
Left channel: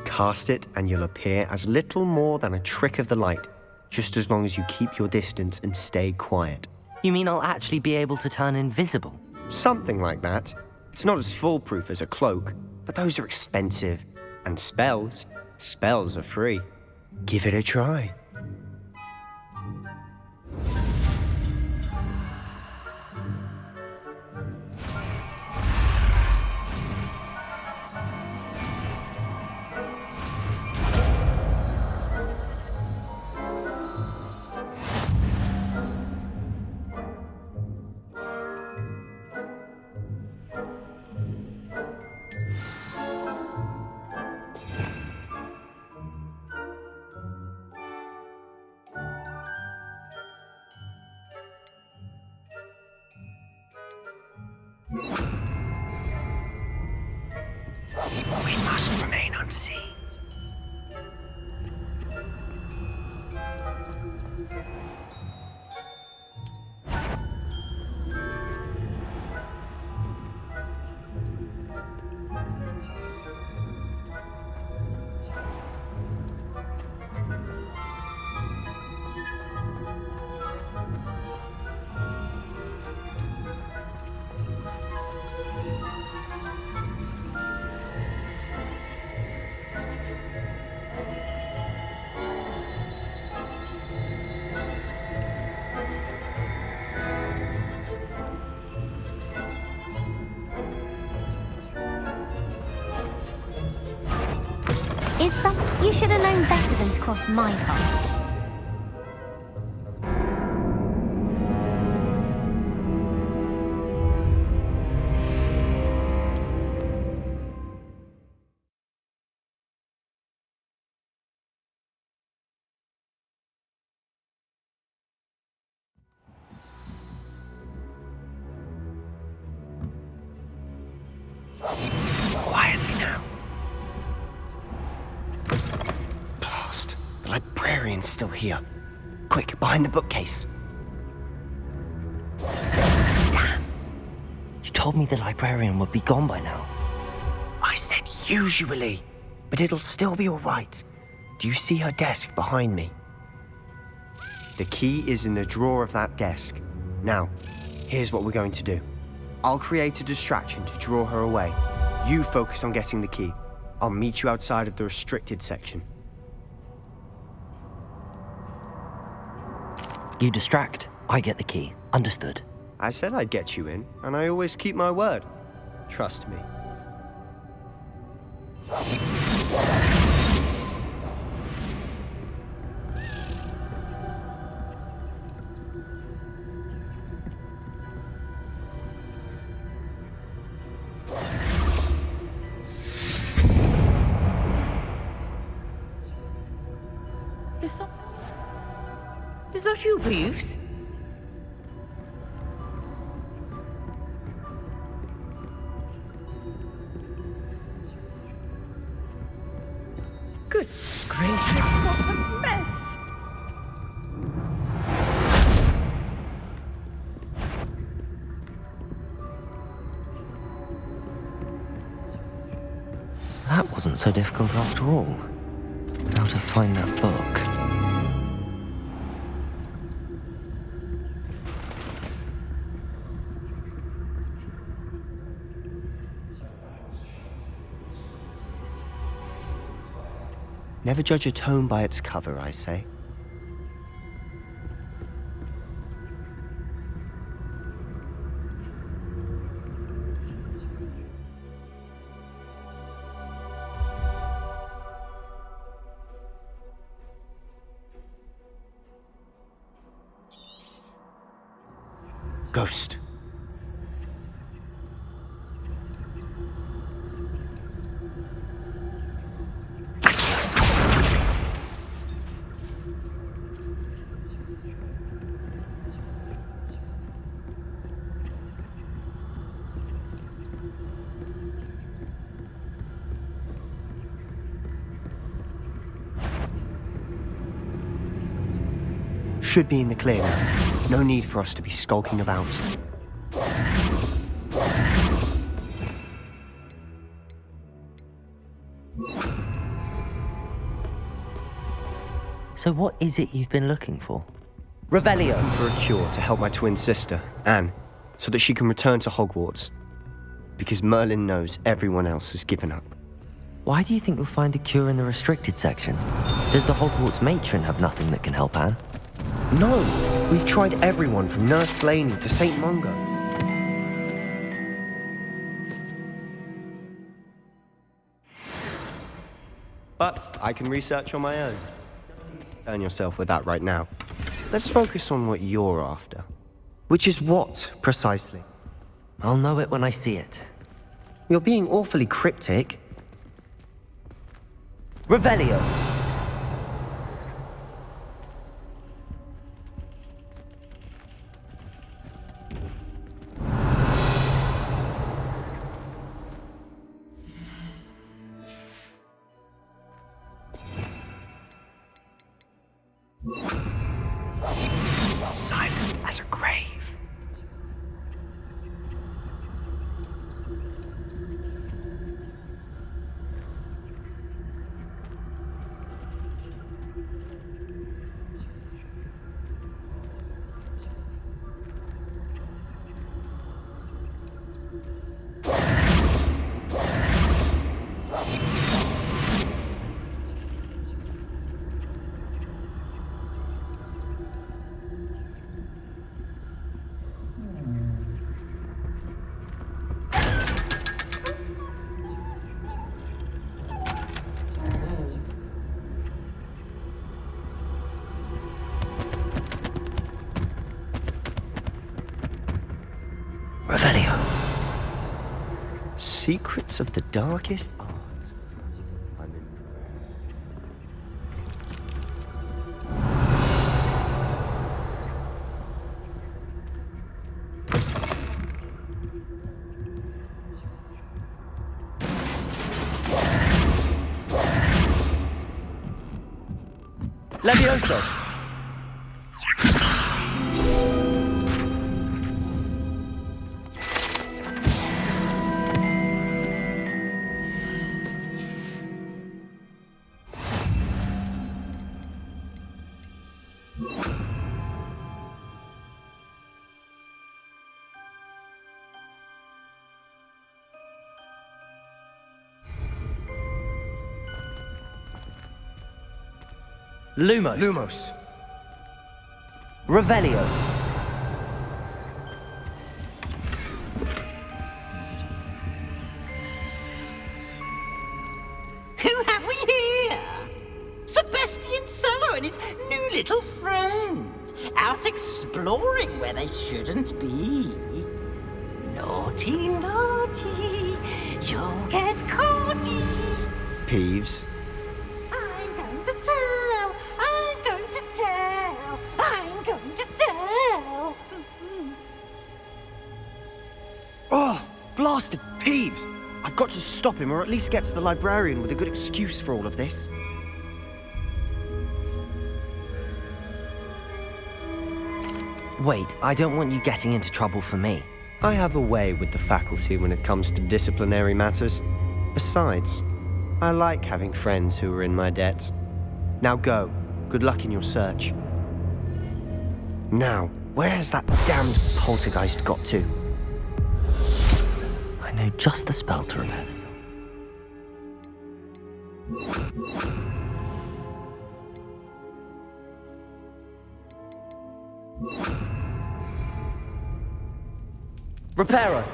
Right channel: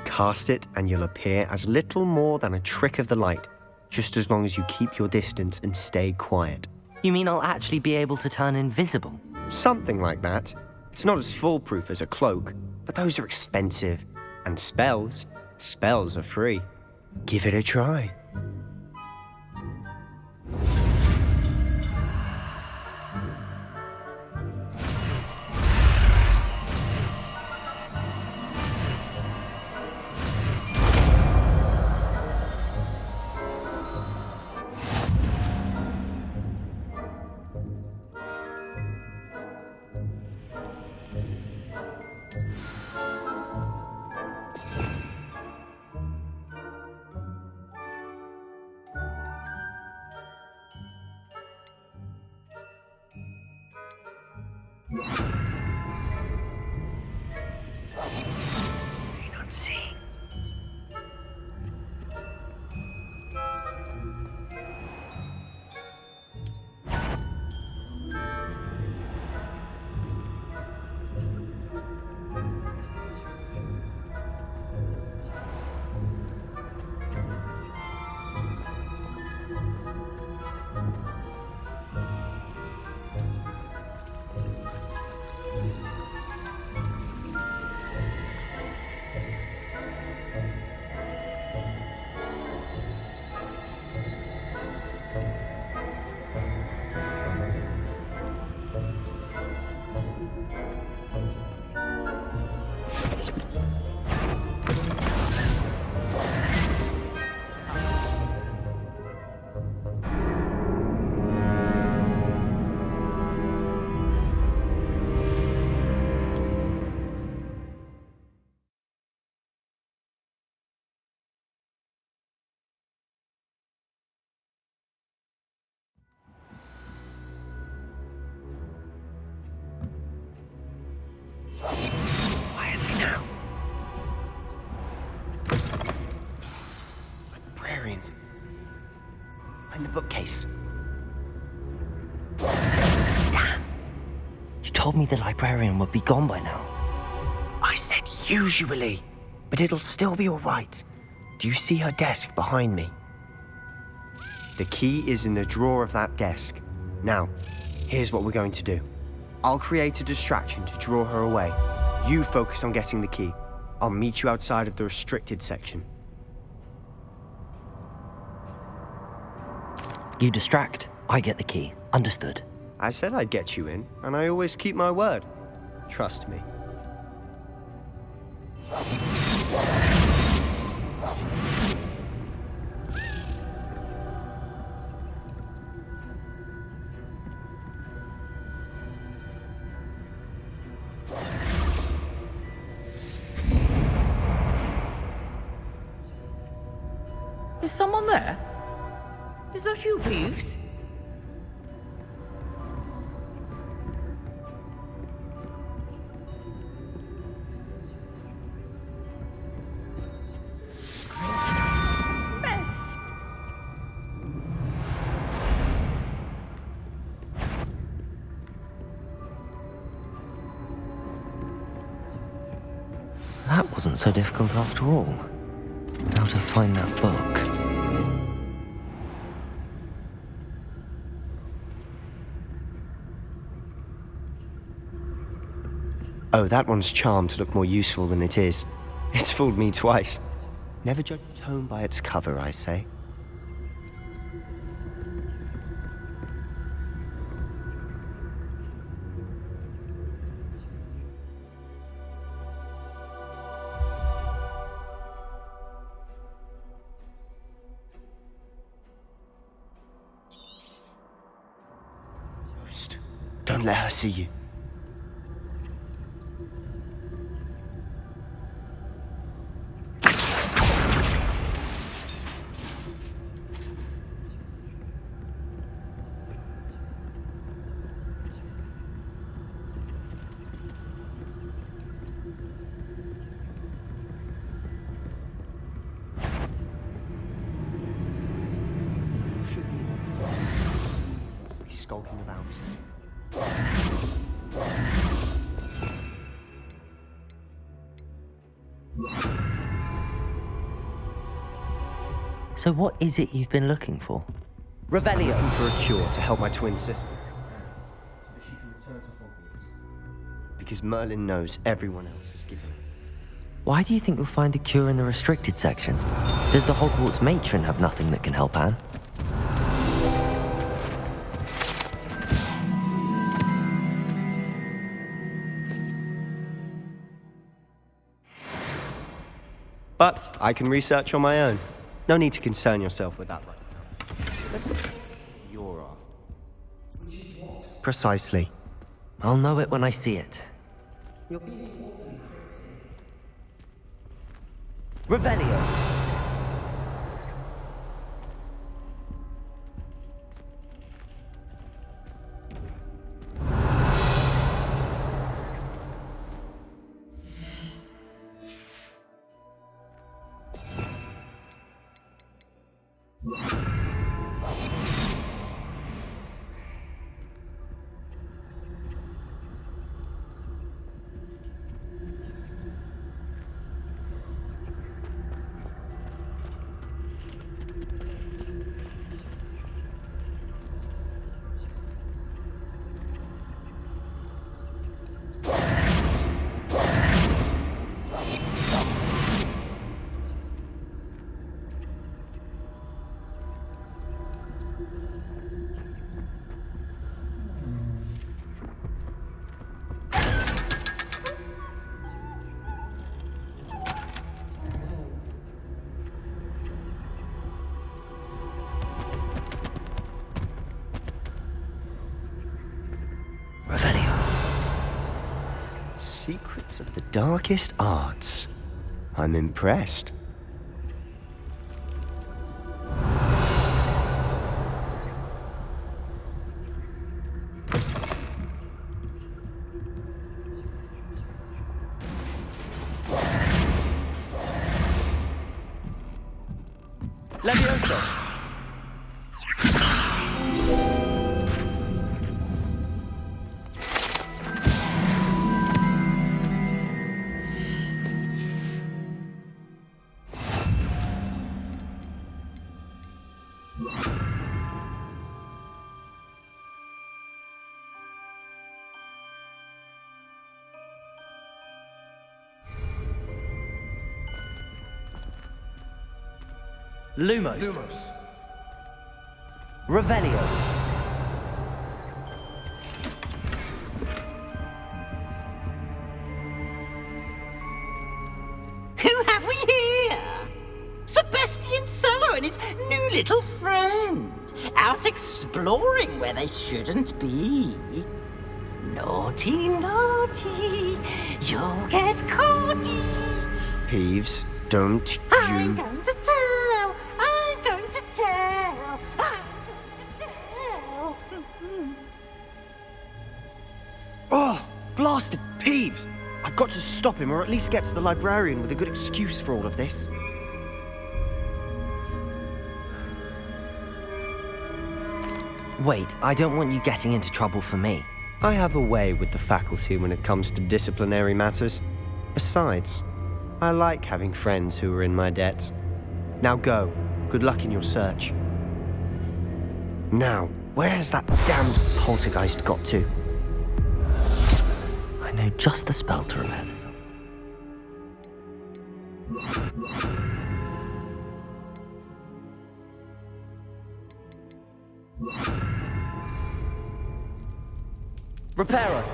Cast it and you'll appear as little more than a trick of the light, just as long as you keep your distance and stay quiet. You mean I'll actually be able to turn invisible? Something like that. It's not as foolproof as a cloak, but those are expensive. And spells are free. Give it a try. We must remain unseen. You should have known better than to cross my path. Quietly now. Blast. The librarian's still here. Quick, behind the bookcase. Damn. You told me the librarian would be gone by now. I said usually, but it'll still be all right. Do you see her desk behind me? The key is in the drawer of that desk. Now, here's what we're going to do. I'll create a distraction to draw her away. You focus on getting the key. I'll meet you outside of the restricted section. You distract, I get the key. Understood. I said I'd get you in, and I always keep my word. Trust me. Is someone there? Is that you, Peeves? Good gracious, what a mess! That wasn't so difficult after all. Now to find that book. Oh, that one's charmed to look more useful than it is. It's fooled me twice. Never judge a tome by its cover, I say. Ghost, don't let her see you. Should be in the clear. No need for us to be skulking about. So what is it you've been looking for? Revelio! I'm looking for a cure to help my twin sister, Anne, so that she can return to Hogwarts. Because Merlin knows everyone else has given up. Why do you think you'll find a cure in the restricted section? Does the Hogwarts matron have nothing that can help Anne? No! We've tried everyone from Nurse Blaney to St. Mungo. But I can research on my own. No need to concern yourself with that right now. Let's focus on what you're after. Which is what, precisely? I'll know it when I see it. You're being awfully cryptic. Revelio! Silent as a grave. Revelio. Secrets of the darkest arts. I'm impressed. Levioso! Lumos. Lumos. Revelio. Who have we here? Sebastian Solo and his new little friend. Out exploring where they shouldn't be. Naughty, naughty. You'll get caughty. Peeves, don't you... I'm going to tell. I'm going to tell. I'm bastard Peeves! I've got to stop him, or at least get to the librarian with a good excuse for all of this. Wait, I don't want you getting into trouble for me. I have a way with the faculty when it comes to disciplinary matters. Besides, I like having friends who are in my debt. Now go. Good luck in your search. Now, where has that damned poltergeist got to? I know just the spell to repair this up. Reparo!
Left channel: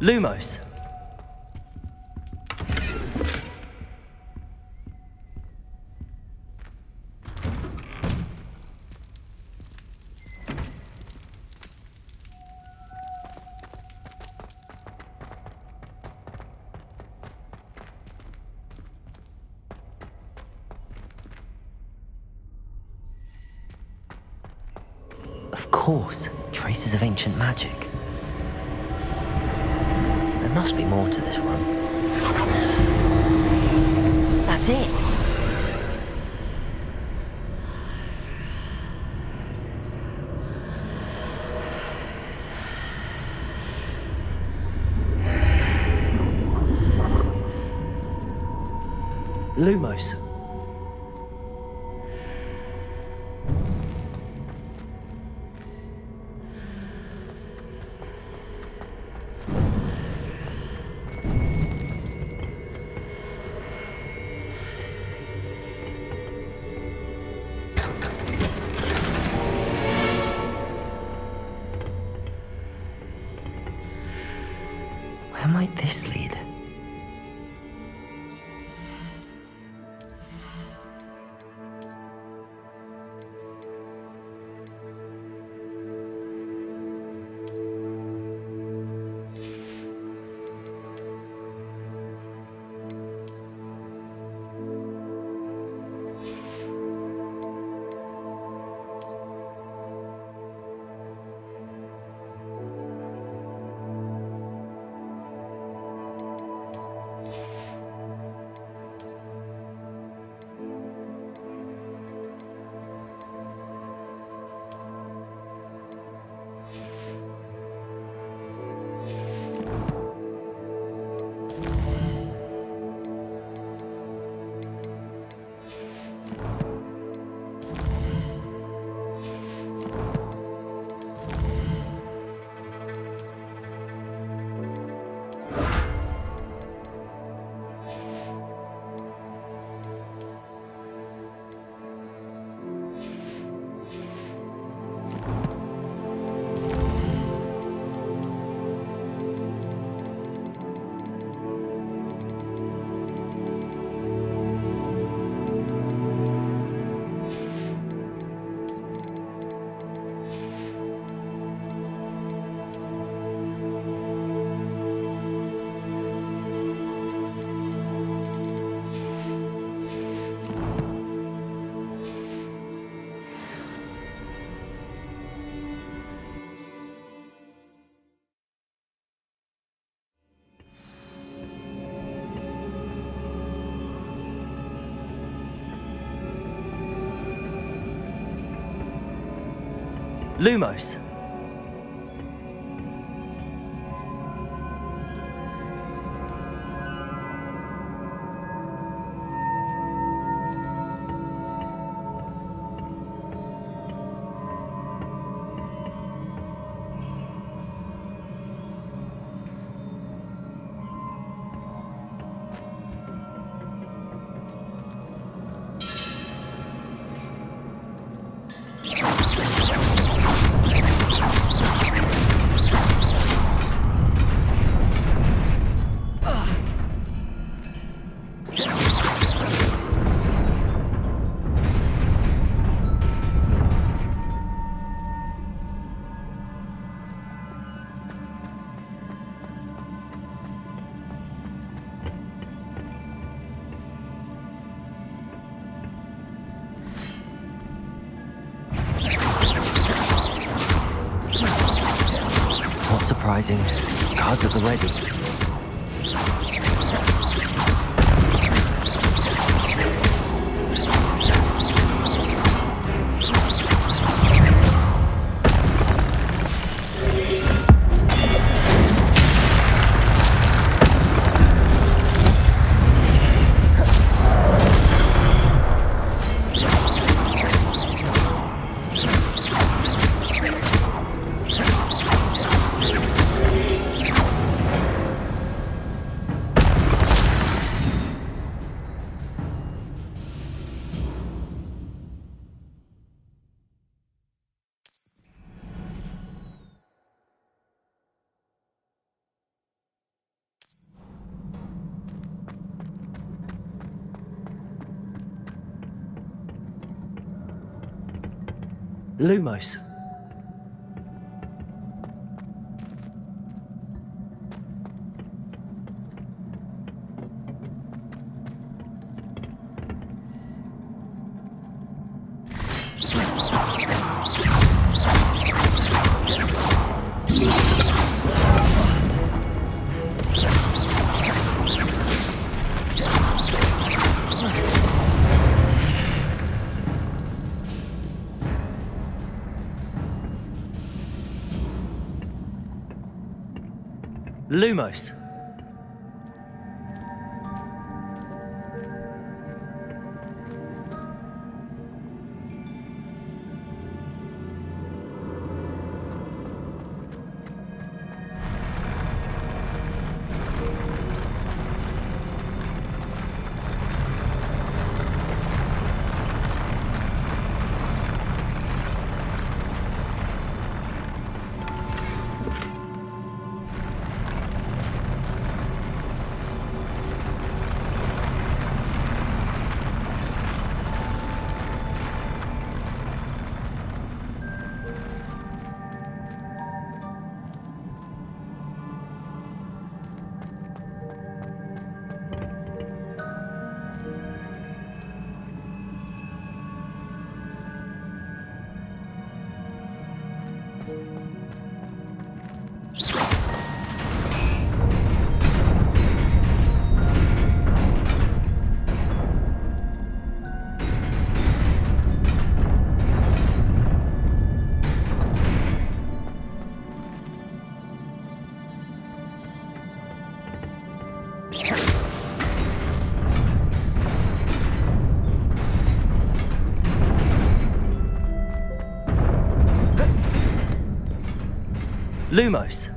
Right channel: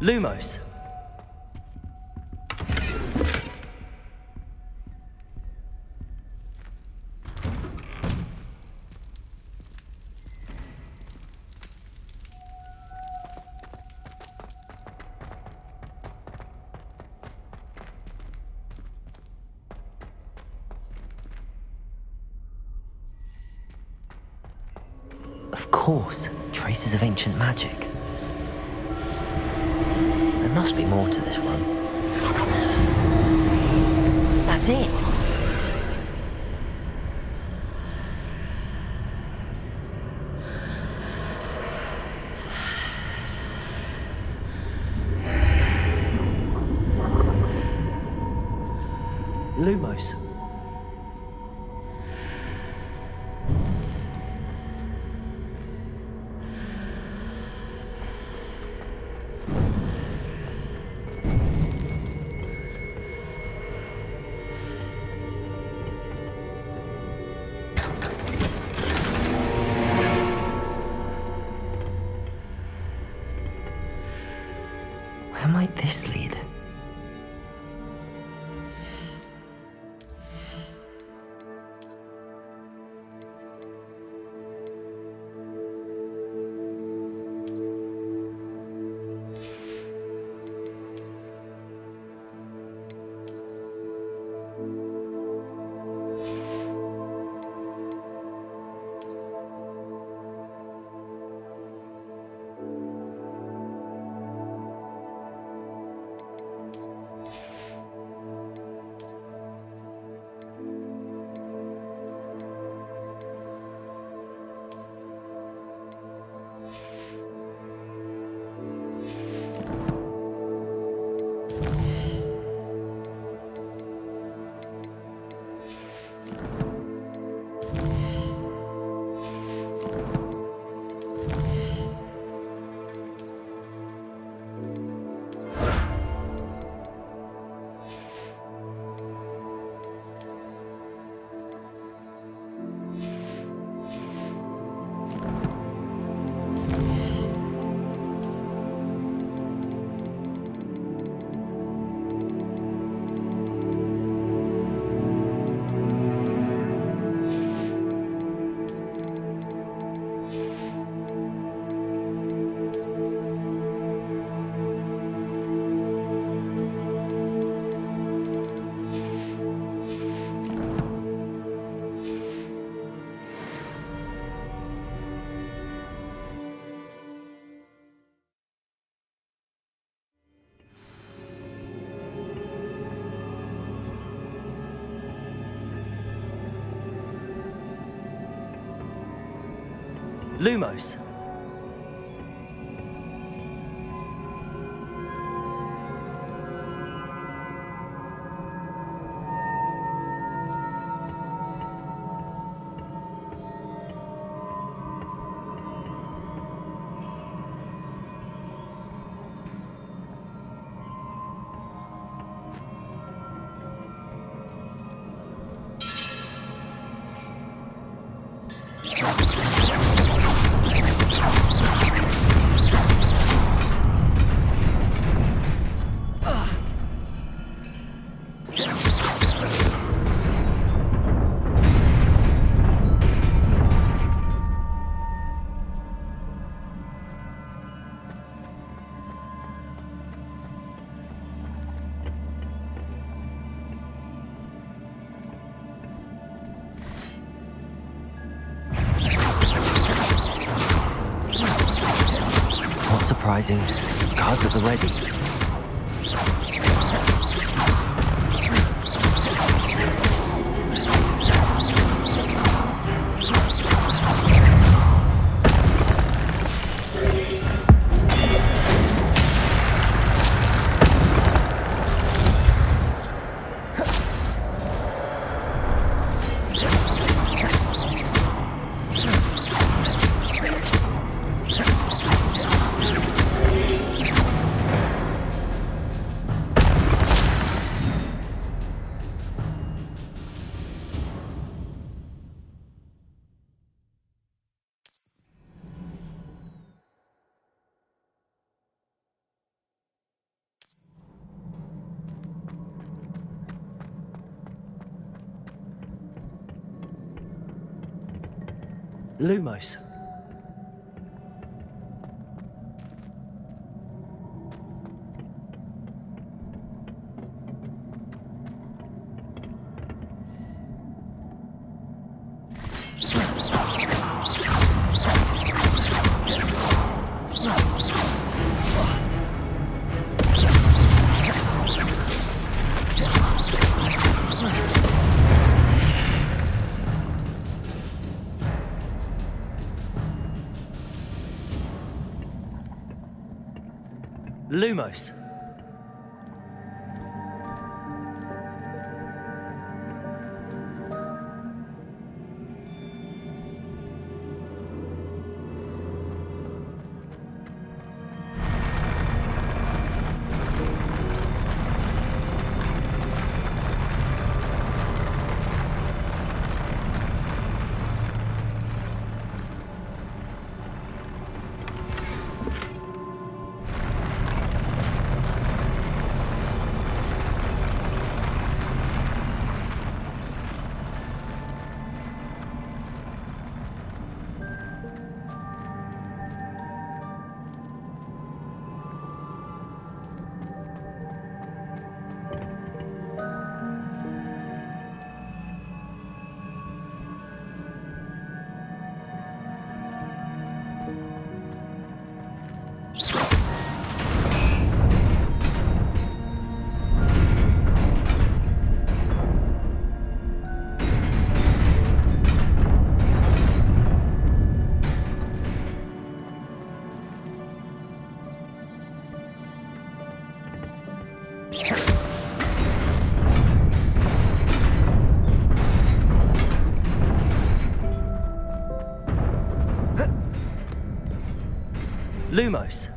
Lumos! Of course, traces of ancient magic. There must be more to this room. That's it! Lumos. Where might this lead? Lumos. surprising. Guards at the ready. Lumos. Lumos. Lumos.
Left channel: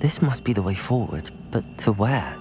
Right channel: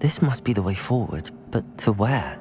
This must be the way forward, but to where?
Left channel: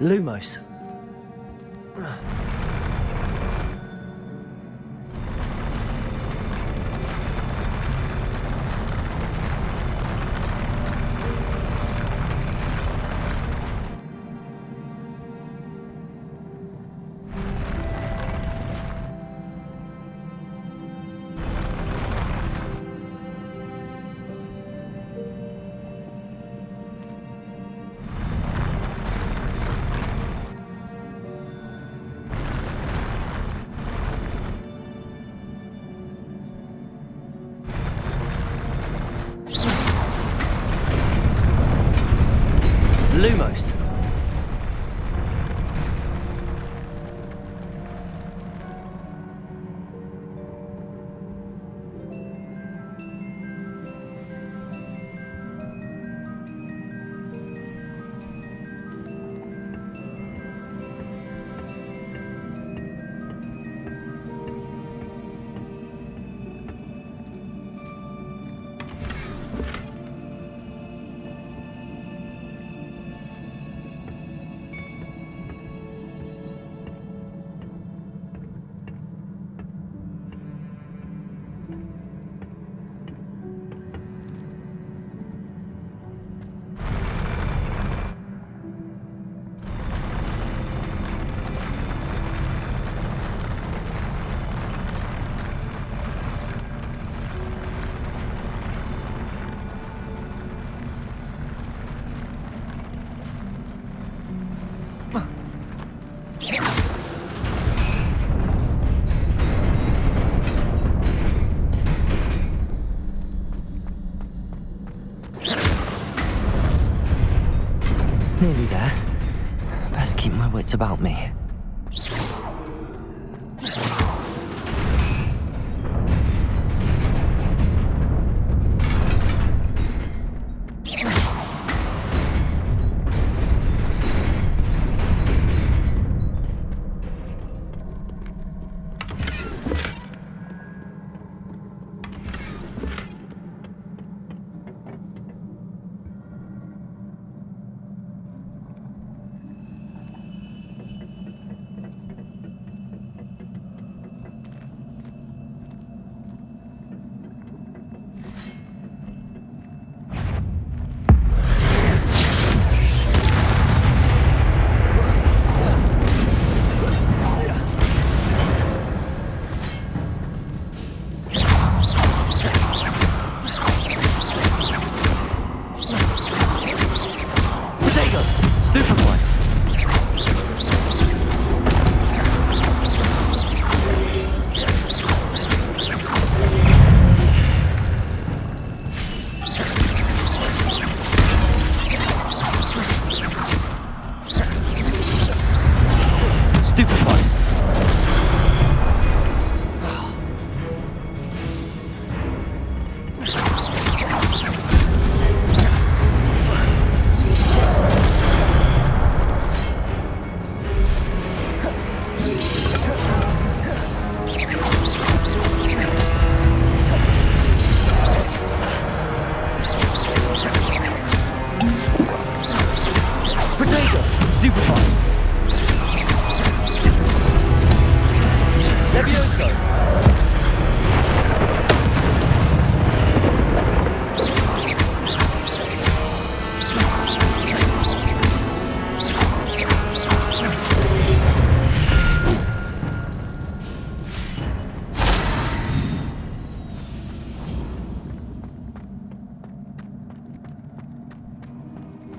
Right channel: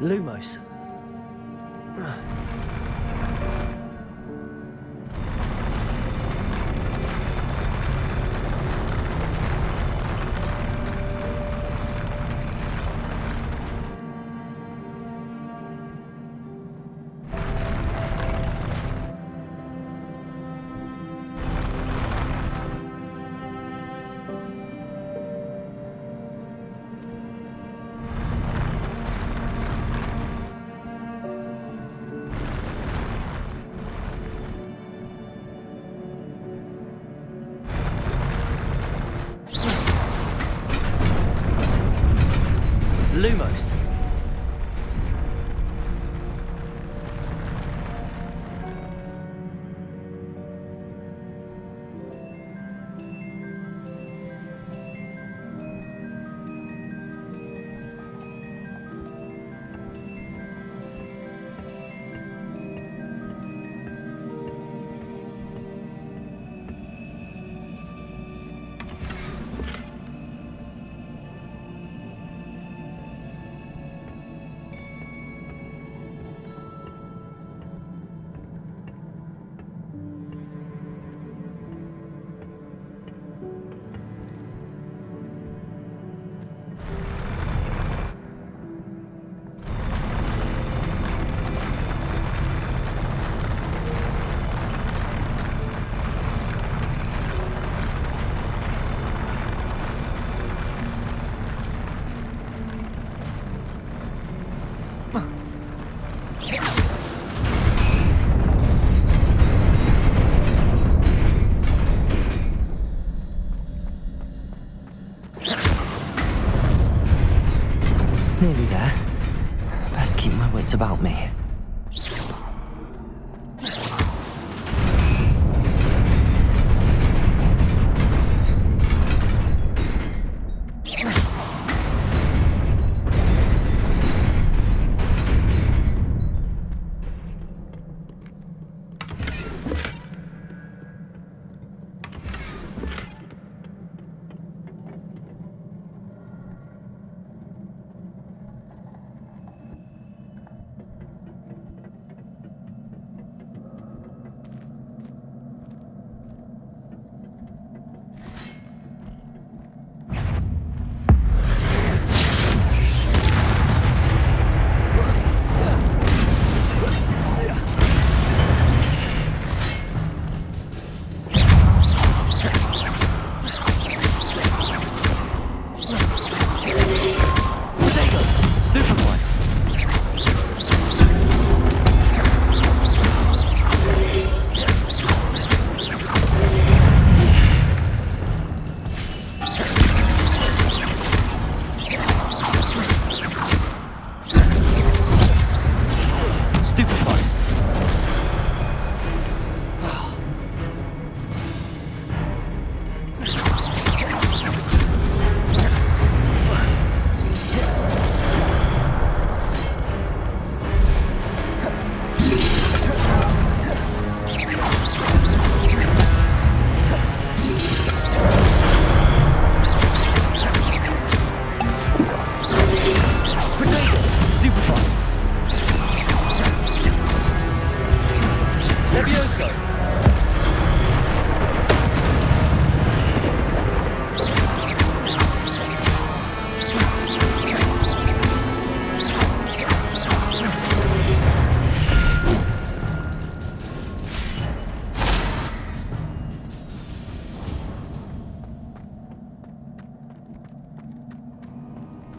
Lumos. Lumos. Nearly there. Best keep my wits about me.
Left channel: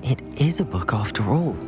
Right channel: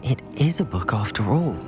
It is a book after all.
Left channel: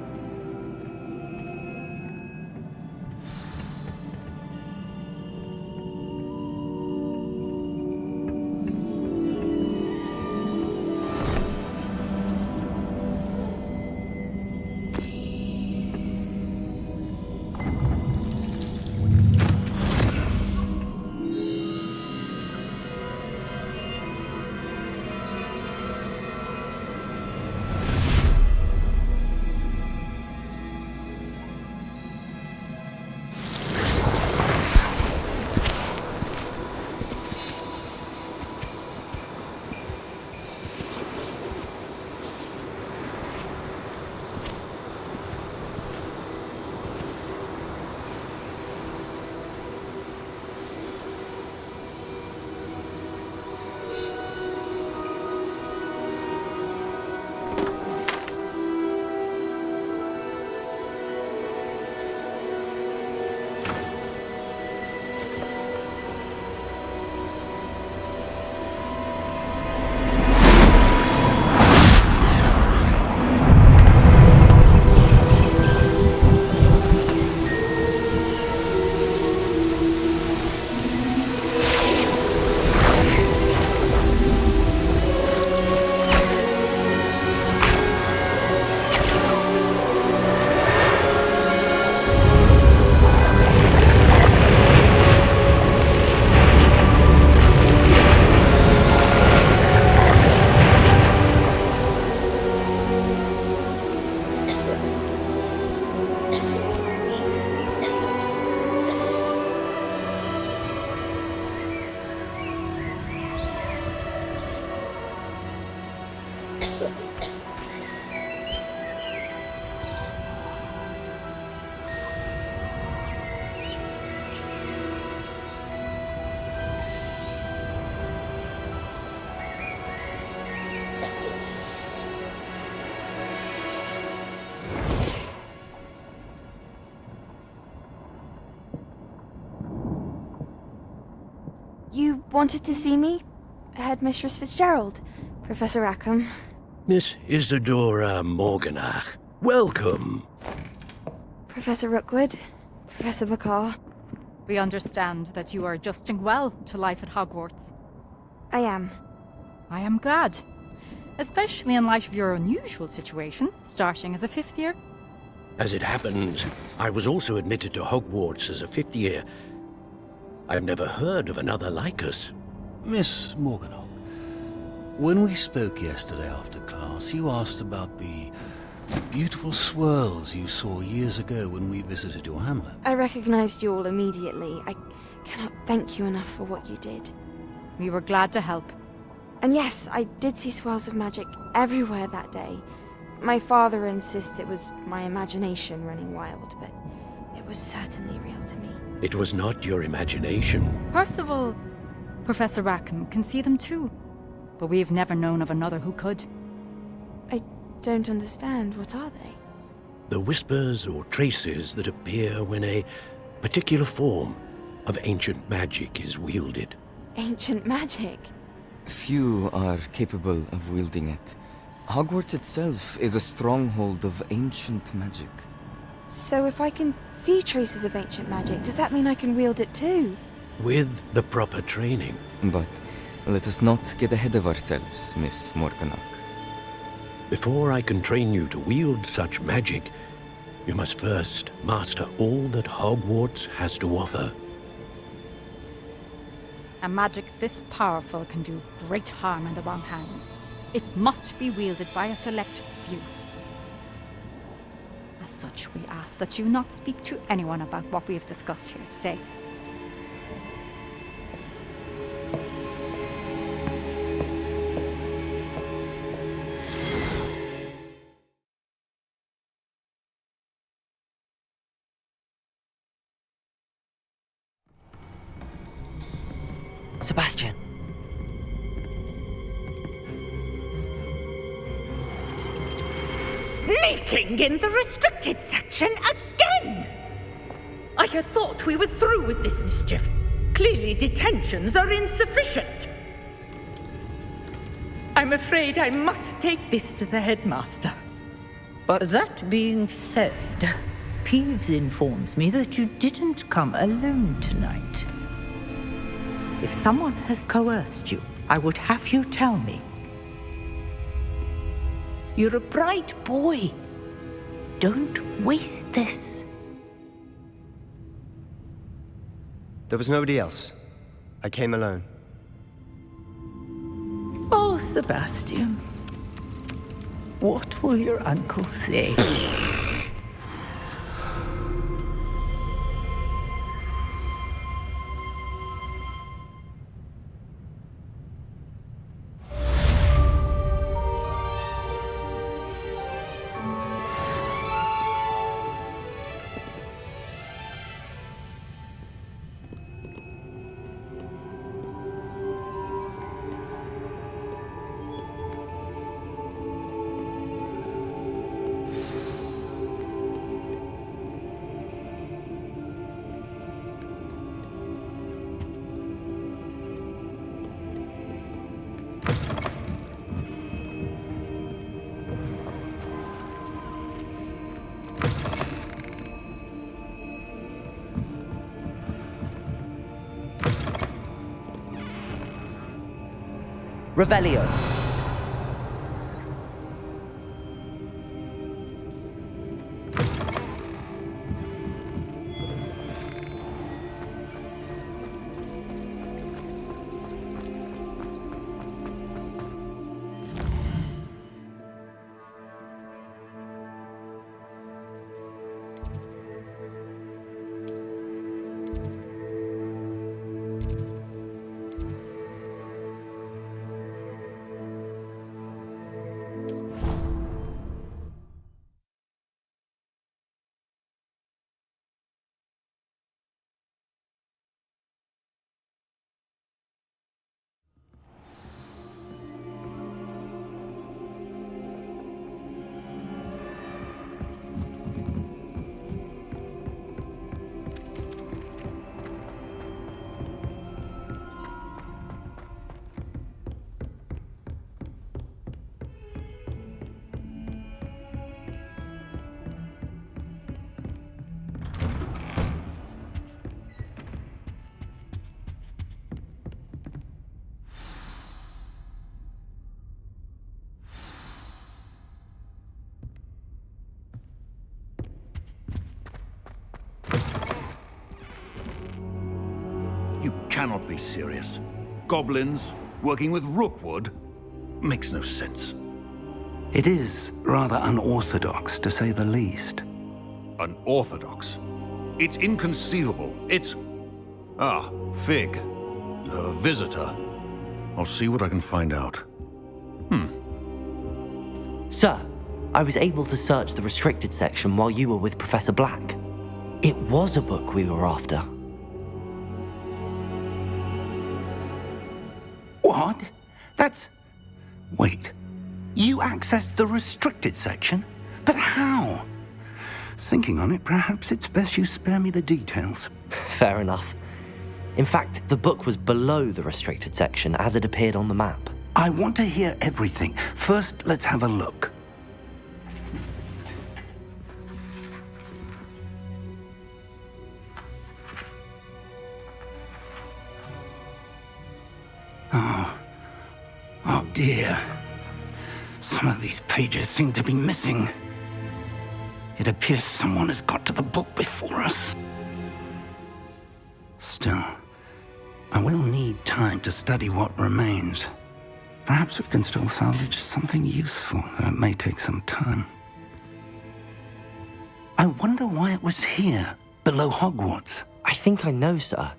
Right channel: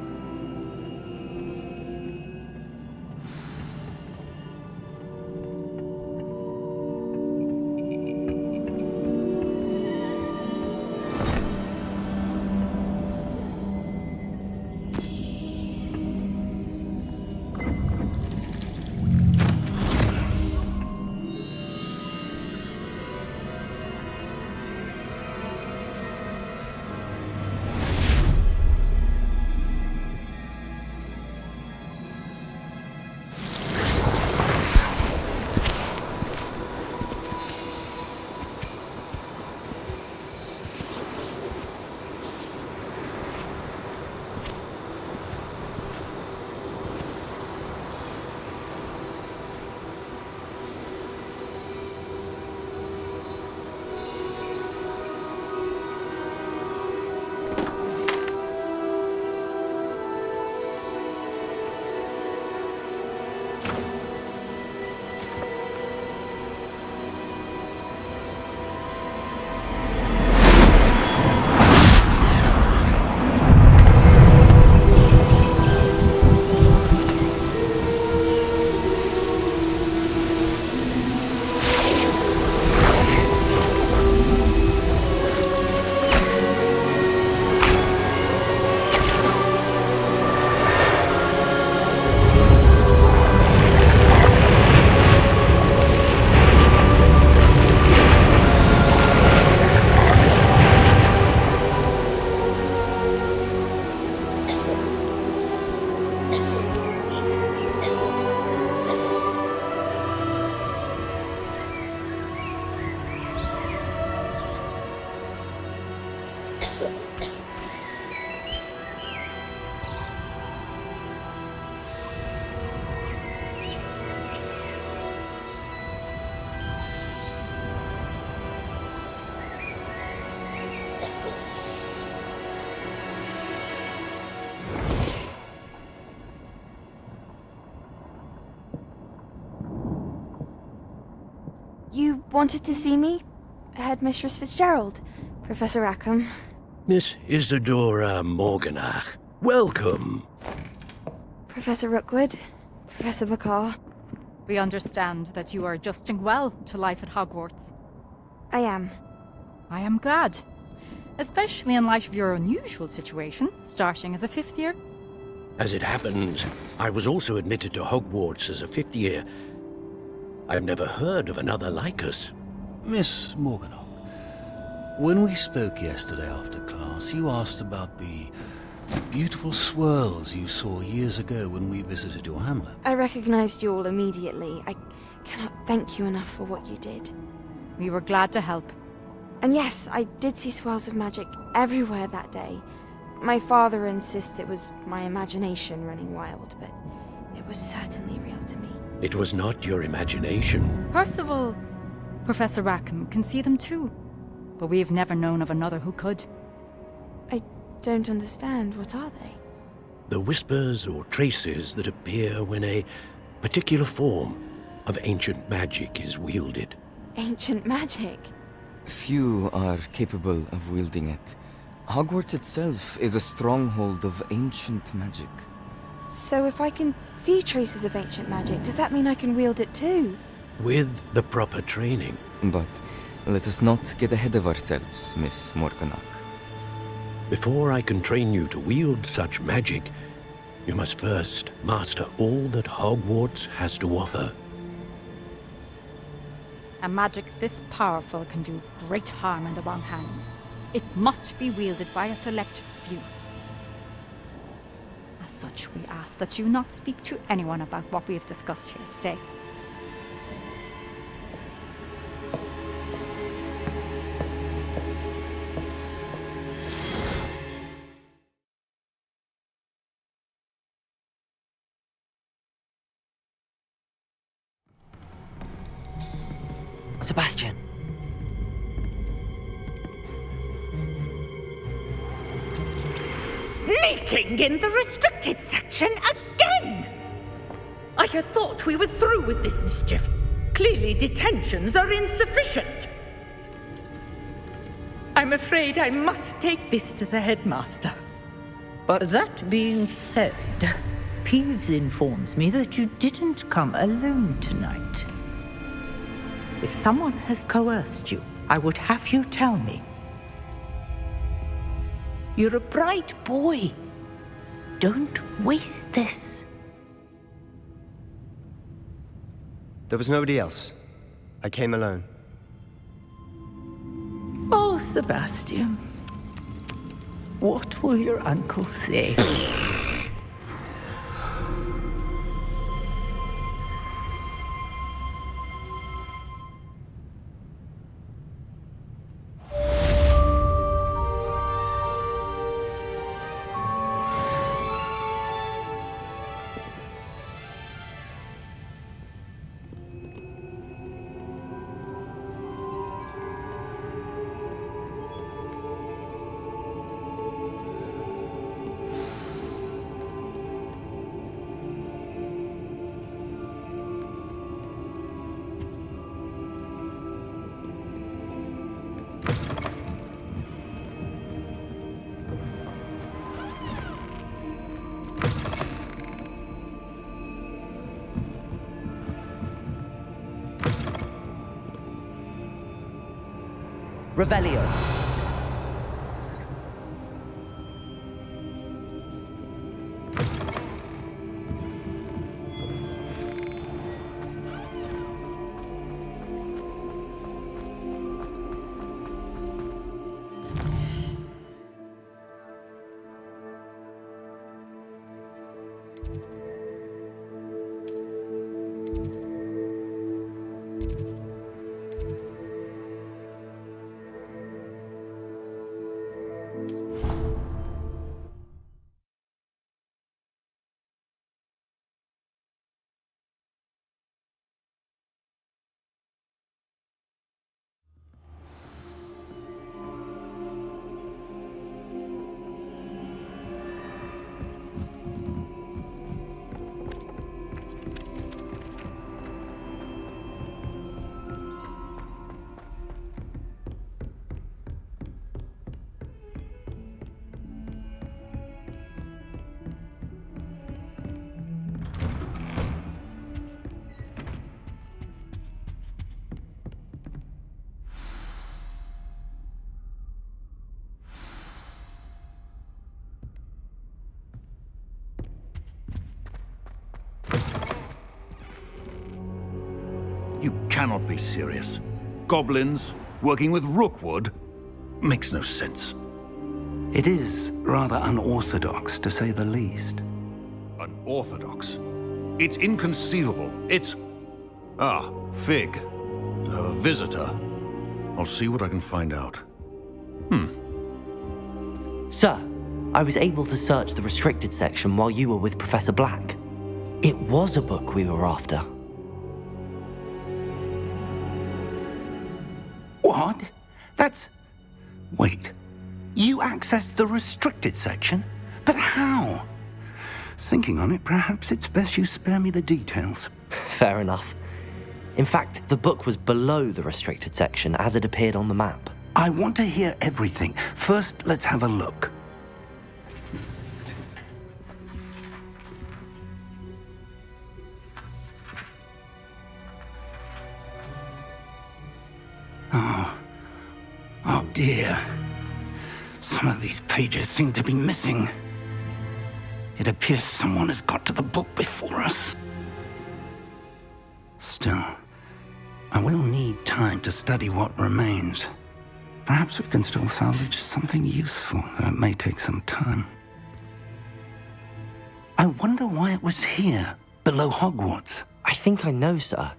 You wanted to see me? Headmistress Fitzgerald? Professor Rackham? Miss Isadora Morganach, welcome. Professor Rookwood? Professor Bacar? We understand that you are adjusting well to life at Hogwarts. I am. I am glad. Especially in light of your unusual situation, starting as a 5th year. As it happens, I was also admitted to Hogwarts as a 5th year. I've never heard of another like us. Miss Morganock, when we spoke yesterday after class, you asked about the beautiful swirls you saw years ago when we visited your hamlet. I recognized you all immediately. I cannot thank you enough for what you did. We were glad to help. And yes, I did see swirls of magic everywhere that day. My father insists it was my imagination running wild, but it was certainly real to me. It was not your imagination. Percival, Professor Rackham can see them too. But we've never known of another who could. I don't understand. What are they? The whispers or traces that appear when a particular form of ancient magic is wielded. Ancient magic? Few are capable of wielding it. Hogwarts itself is a stronghold of ancient magic. So if I can see traces of ancient magic, does that mean I can wield it too? With the proper training. But let us not get ahead of ourselves, Miss Morganock. Before I can train you to wield such magic, you must first master all that Hogwarts has to offer. A magic this powerful can do great harm in the wrong hands. It must be wielded by a select few. As such, we ask that you not speak to anyone about what we have discussed here today. Sebastian! Sneaking in the restricted section again! I had thought we were through with this mischief. Clearly detentions are insufficient. I'm afraid I must take this to the headmaster. But that being said, Peeves informs me that you didn't come alone tonight. If someone has coerced you, I would have you tell me. You're a bright boy. Don't waste this. There was nobody else. I came alone. Oh, Sebastian. What will your uncle say? Revelio. cannot be serious. Goblins working with Rookwood makes no sense. It is rather unorthodox, to say the least. Unorthodox? It's inconceivable. It's... Ah, Fig. You have a visitor. I'll see what I can find out. Sir, I was able to search the restricted section while you were with Professor Black. It was a book we were after. What? That's... Wait. You accessed the restricted section? But how? Thinking on it, perhaps it's best you spare me the details. Fair enough. In fact, the book was below the restricted section as it appeared on the map. I want to hear everything. First, let's have a look. Oh dear. Some of these pages seem to be missing. It appears someone has got to the book before us. Still, I will need time to study what remains. Perhaps we can still salvage something useful, though it may take some time. I wonder why it was here, below Hogwarts. I think I know, sir.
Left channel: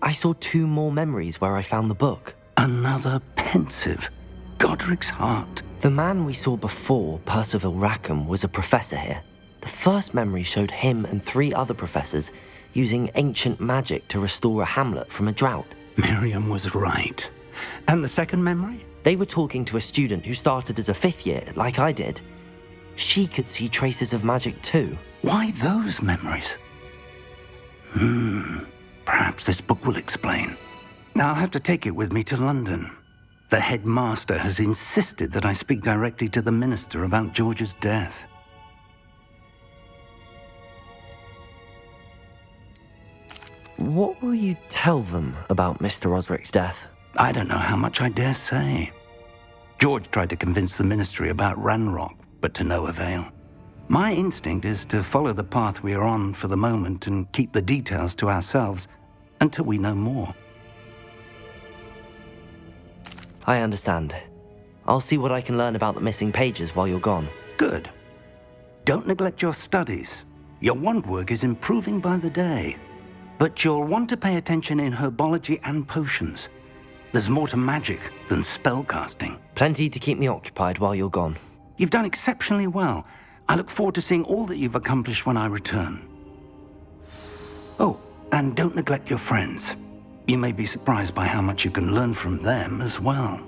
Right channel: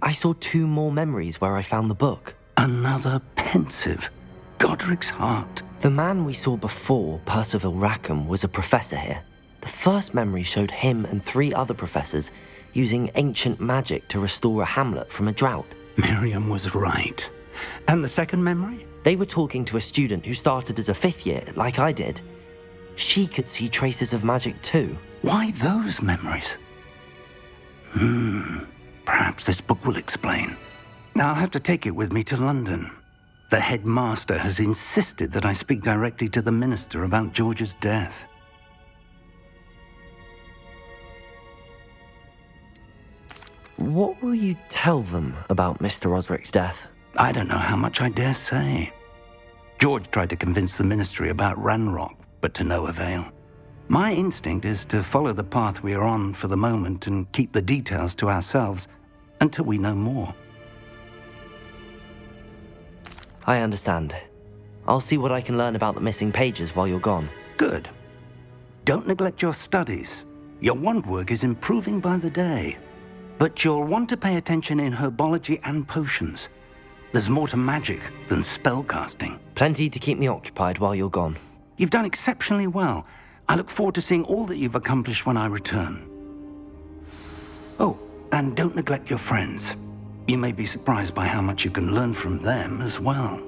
I saw 2 more memories where I found the book. Another pensive. Godric's heart. The man we saw before, Percival Rackham, was a professor here. The first memory showed him and 3 other professors using ancient magic to restore a hamlet from a drought. Miriam was right. And the second memory? They were talking to a student who started as a 5th year, like I did. She could see traces of magic too. Why those memories? Perhaps this book will explain. I'll have to take it with me to London. The headmaster has insisted that I speak directly to the minister about George's death. What will you tell them about Mr. Osric's death? I don't know how much I dare say. George tried to convince the ministry about Ranrock, but to no avail. My instinct is to follow the path we are on for the moment and keep the details to ourselves until we know more. I understand. I'll see what I can learn about the missing pages while you're gone. Good. Don't neglect your studies. Your wand work is improving by the day. But you'll want to pay attention in herbology and potions. There's more to magic than spellcasting. Plenty to keep me occupied while you're gone. You've done exceptionally well. I look forward to seeing all that you've accomplished when I return. Oh, and don't neglect your friends. You may be surprised by how much you can learn from them as well.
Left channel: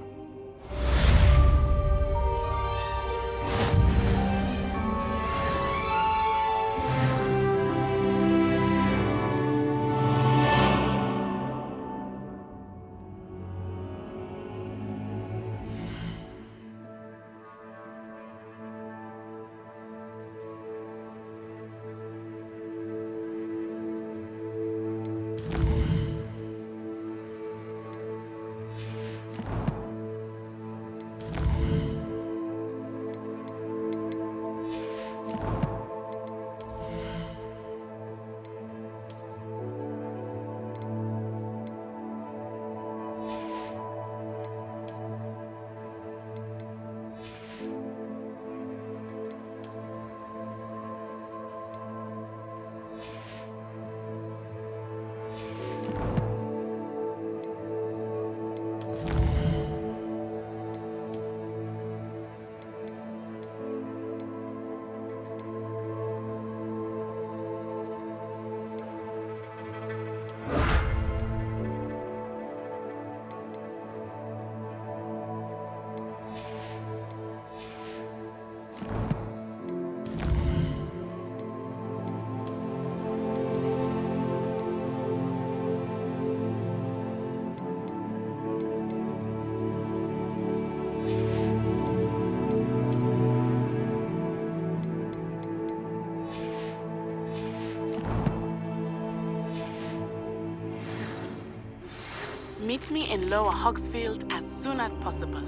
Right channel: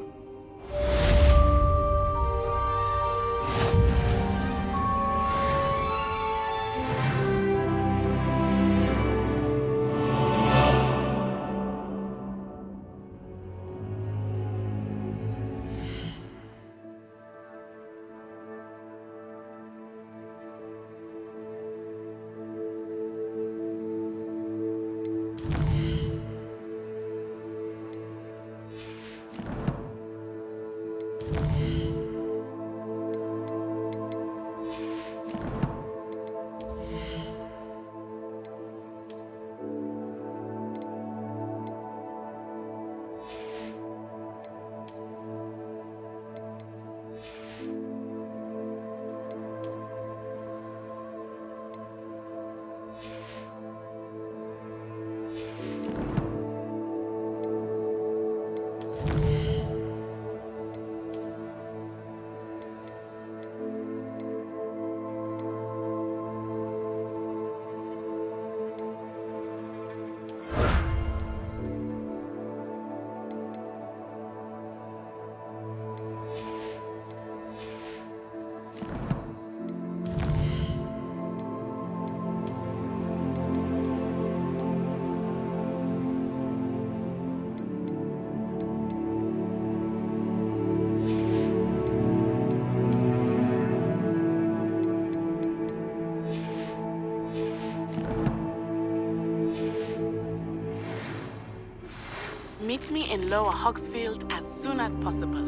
Meet me in Lower Hogsfield as soon as possible.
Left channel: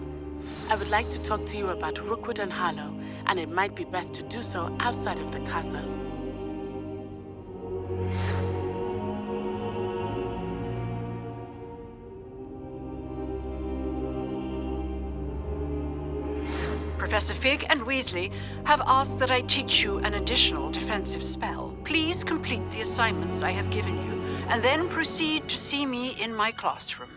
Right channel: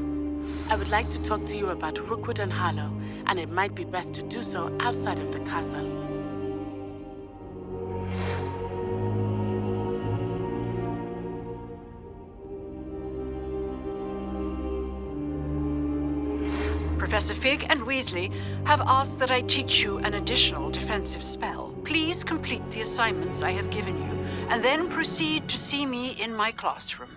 I would like to talk to you about Rookwood and Harlow, and it might be best to do so outside of the castle. Professor Fig and Weasley have asked that I teach you an additional defensive spell. Please complete the assignments I have given you, and then proceed to see me in my classroom.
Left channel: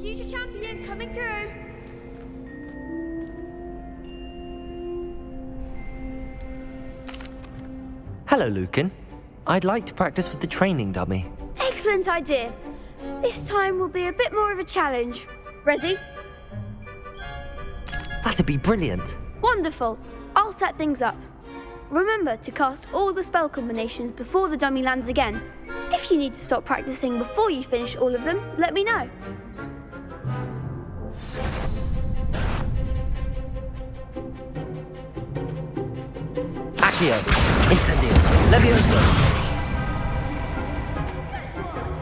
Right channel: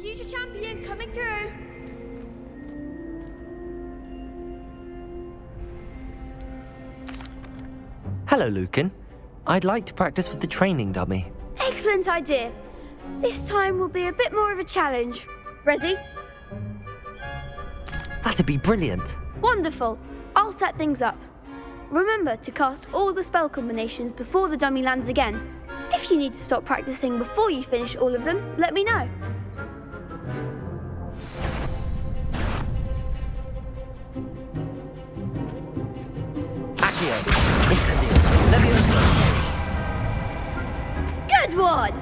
Future champion coming through. Hello, Lucan. I'd like to practice with the training dummy. Excellent idea. This time will be a bit more of a challenge. Ready? That'd be brilliant. Wonderful. I'll set things up. Remember to cast all the spell combinations before the dummy lands again. If you need to stop practicing before you finish all of them, let me know. Accio, Incendio, Levioso. Good one!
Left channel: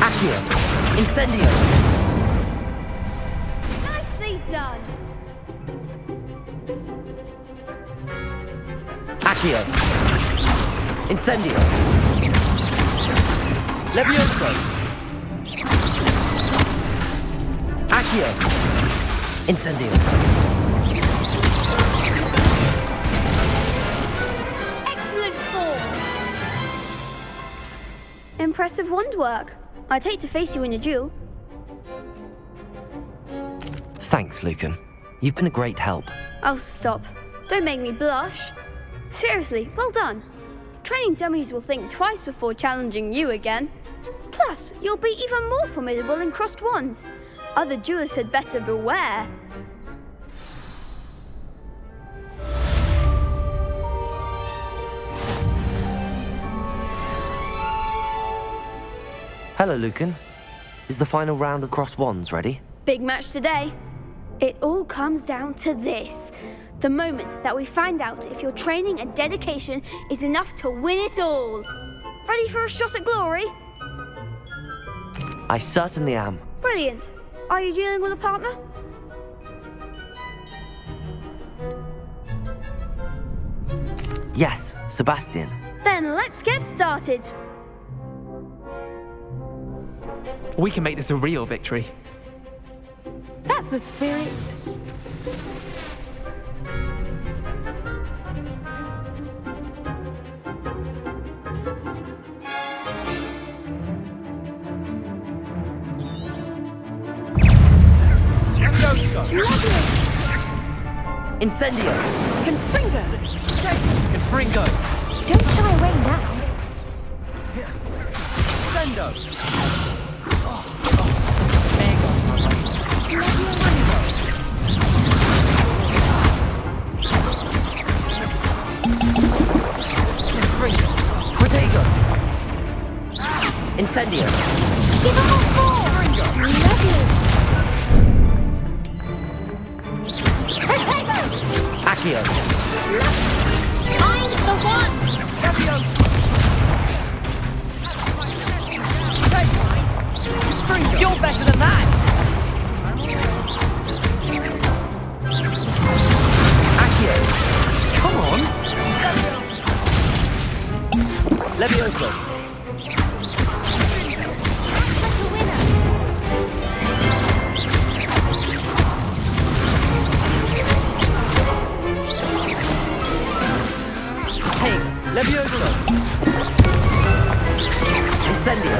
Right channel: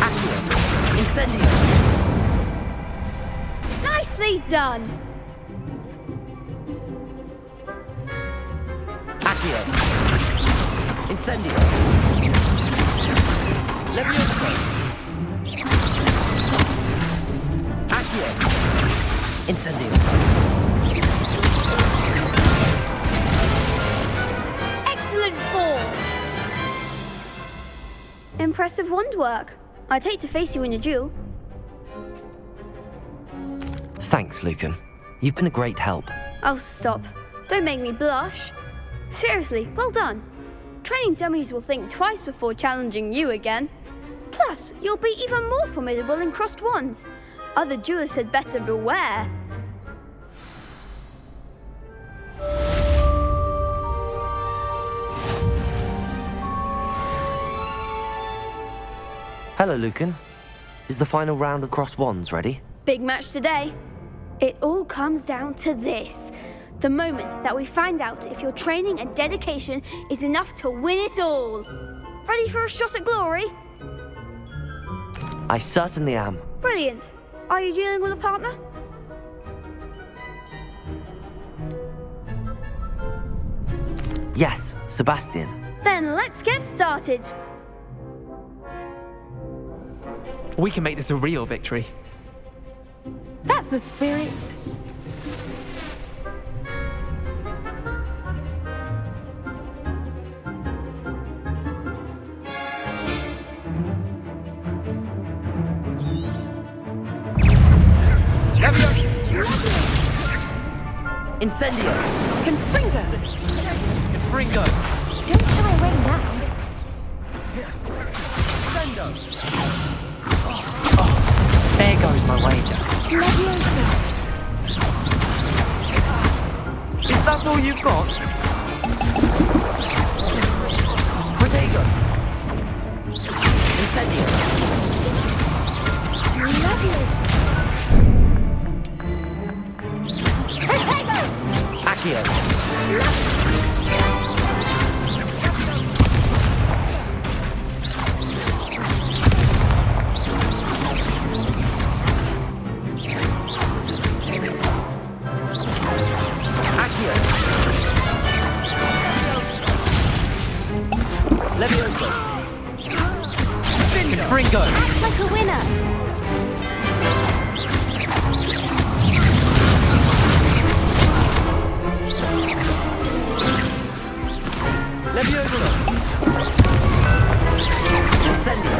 Accio, Incendio. Nicely done! Accio, Incendio, Levioso. Accio, Incendio. Excellent form! Impressive wand work. I'd hate to face you in a duel. Thanks, Lucan. You've been a great help. Oh, stop. Don't make me blush. Seriously, well done. Training dummies will think twice before challenging you again. Plus, you'll be even more formidable in crossed wands. Other duelists had better beware. Hello, Lucan. Is the final round of cross wands ready? Big match today. It all comes down to this. The moment that we find out if your training and dedication is enough to win it all. Ready for a shot at glory? I certainly am. Brilliant. Are you dealing with a partner? Yes, Sebastian. Then let's get started. We can make this a real victory. That's the spirit. Incendio! Confringo! Confringo! Don't shy away now. Sendo! There goes my way. Is that all you've got? Protego! Incendio! Give him a call! Levioso! Accio! I'm the one! You're better than that! Levioso! Fringo! Act like a winner! Hey, Levioso! Incendio!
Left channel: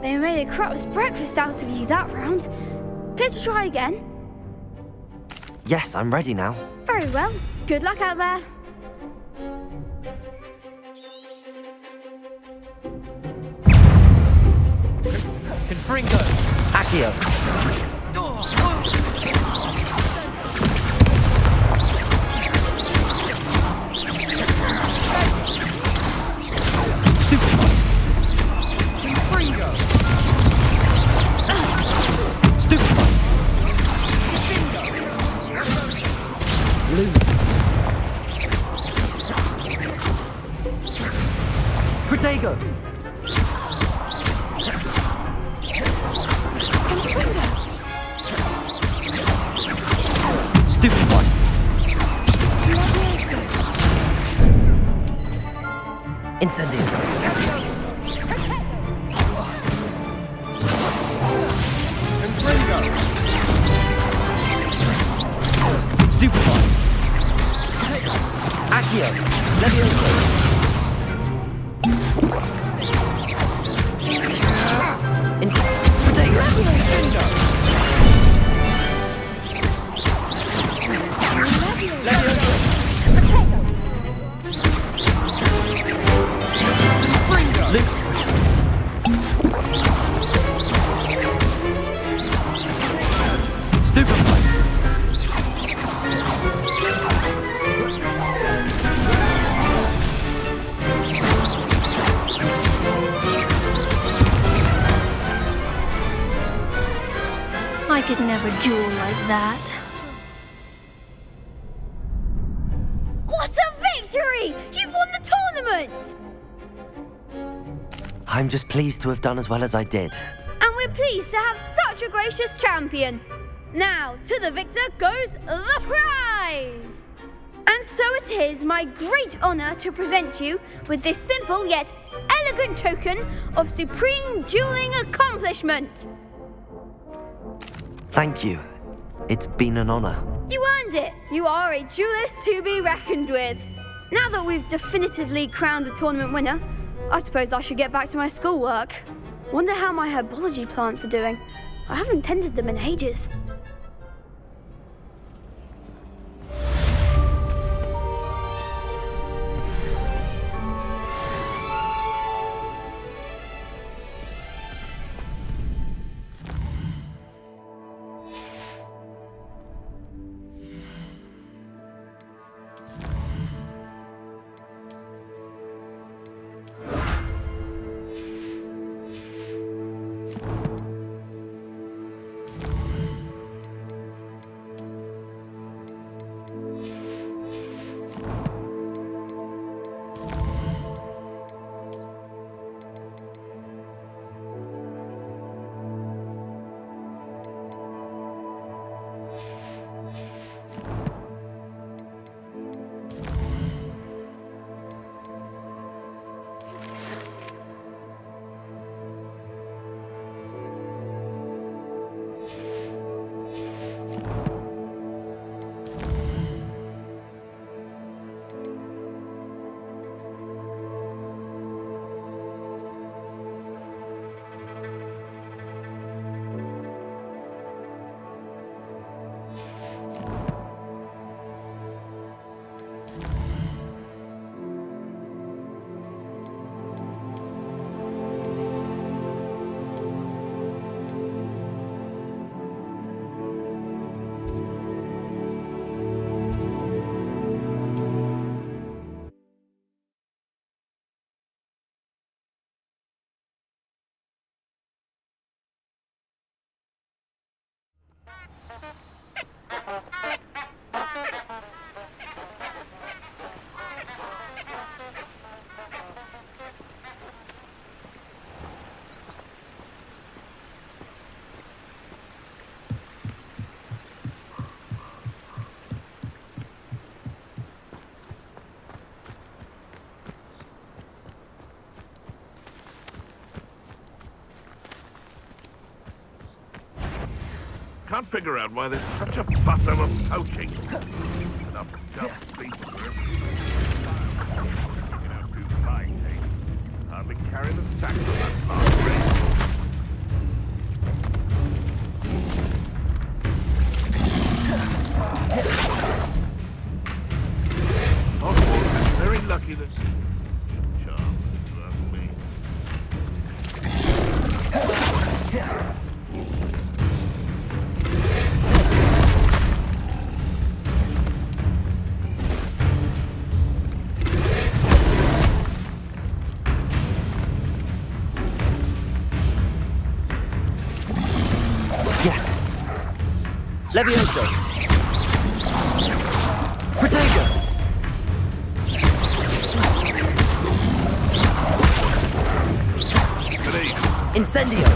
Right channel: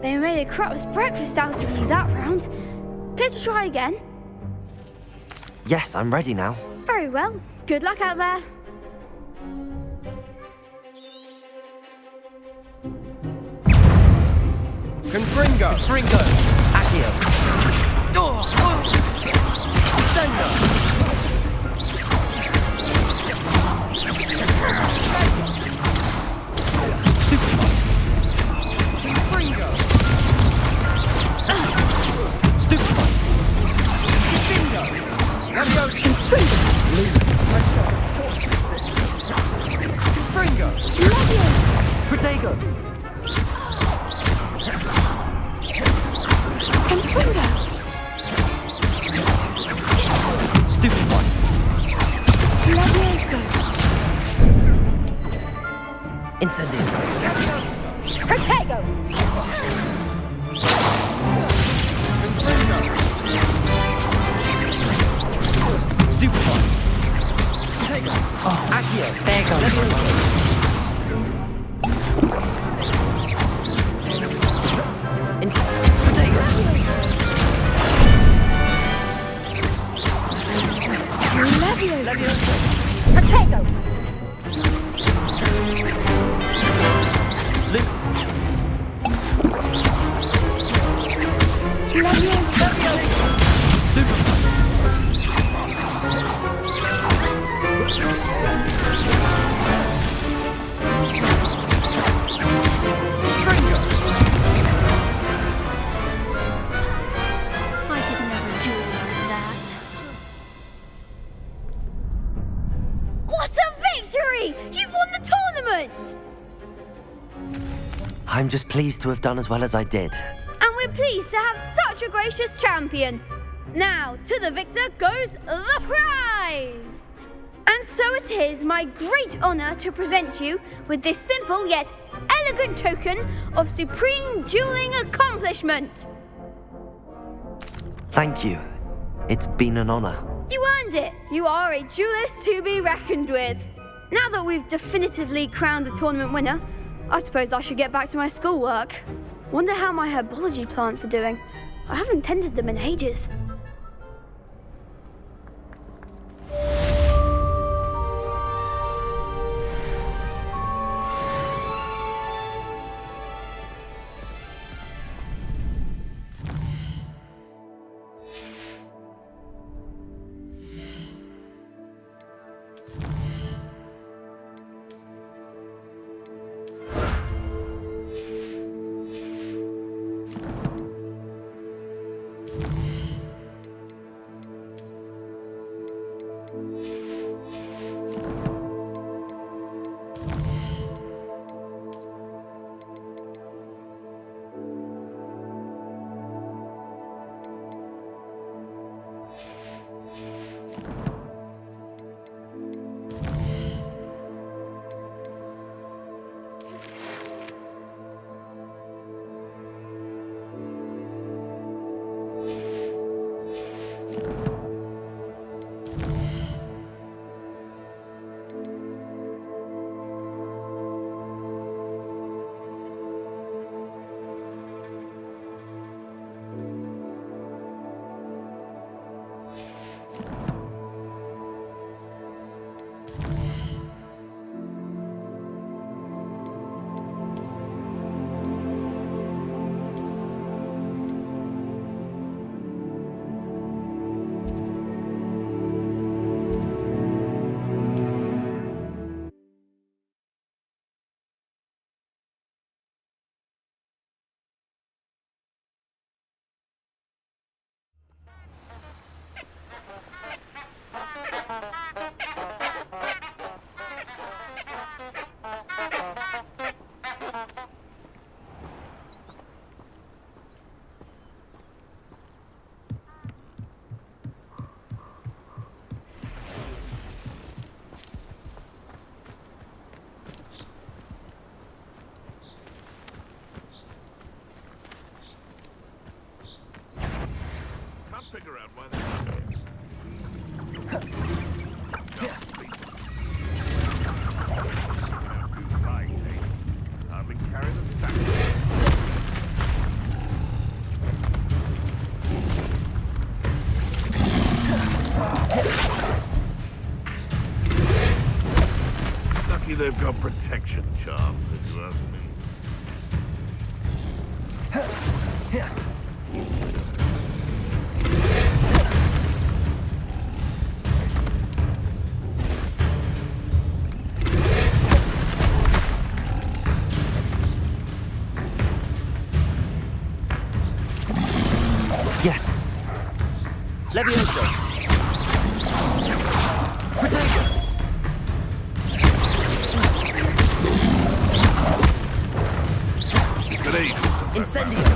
They made a crap's breakfast out of you that round. Care to try again? Yes, I'm ready now. Very well. Good luck out there. Confringo! Accio! Protego! Stupid one! Incendio! Protego! Stupid one! Accio! Levioso! Protego! Levioso! Protego! Luke! Stupid one! I could never duel like that. What a victory! You've won the tournament! I'm just pleased to have done as well as I did. And we're pleased to have such a gracious champion. Now, to the victor goes the prize! And so it is my great honour to present you with this simple yet elegant token of supreme dueling accomplishment. Thank you. It's been an honour. You earned it. You are a duelist to be reckoned with. Now that we've definitively crowned the tournament winner, I suppose I should get back to my schoolwork. Wonder how my herbology plants are doing. I haven't tended them in ages. can't figure out why there's such a fuss over poaching. Hardly carry the sack. Very lucky they've got protection charms, if you ask me. Yes. Levioso. Protego. Incendio.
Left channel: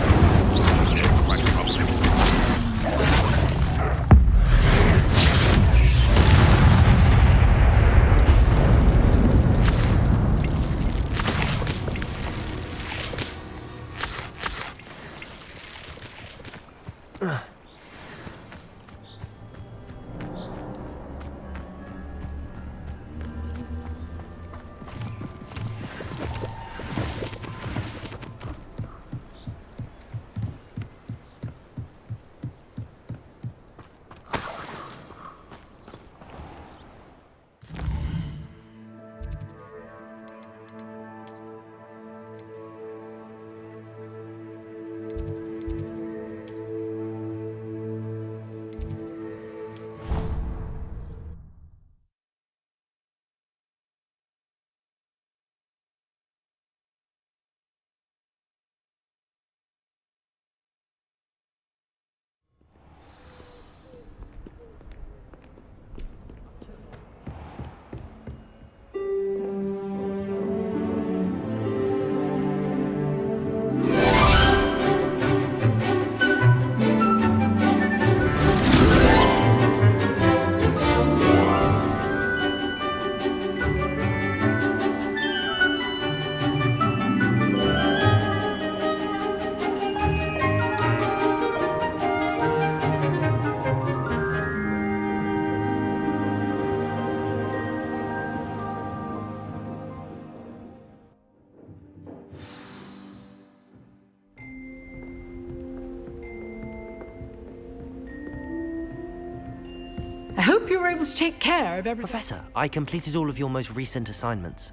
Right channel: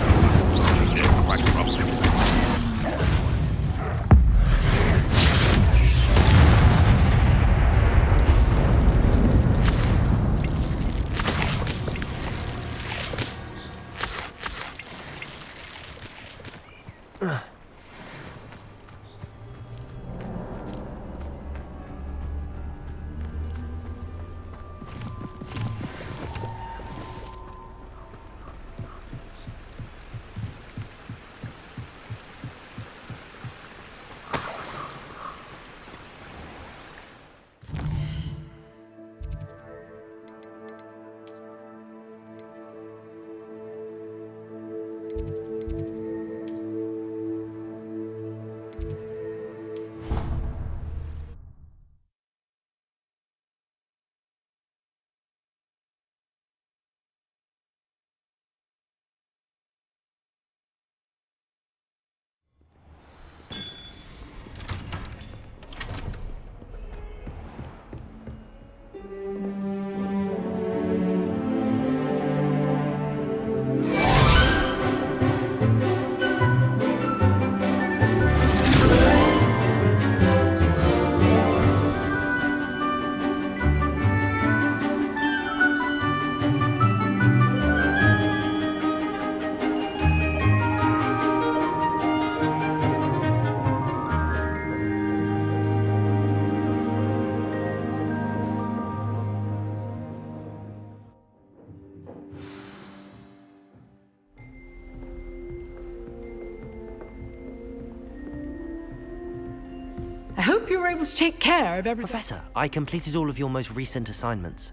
I hope you were able to take care of everything. Professor, I completed all of your most recent assignments.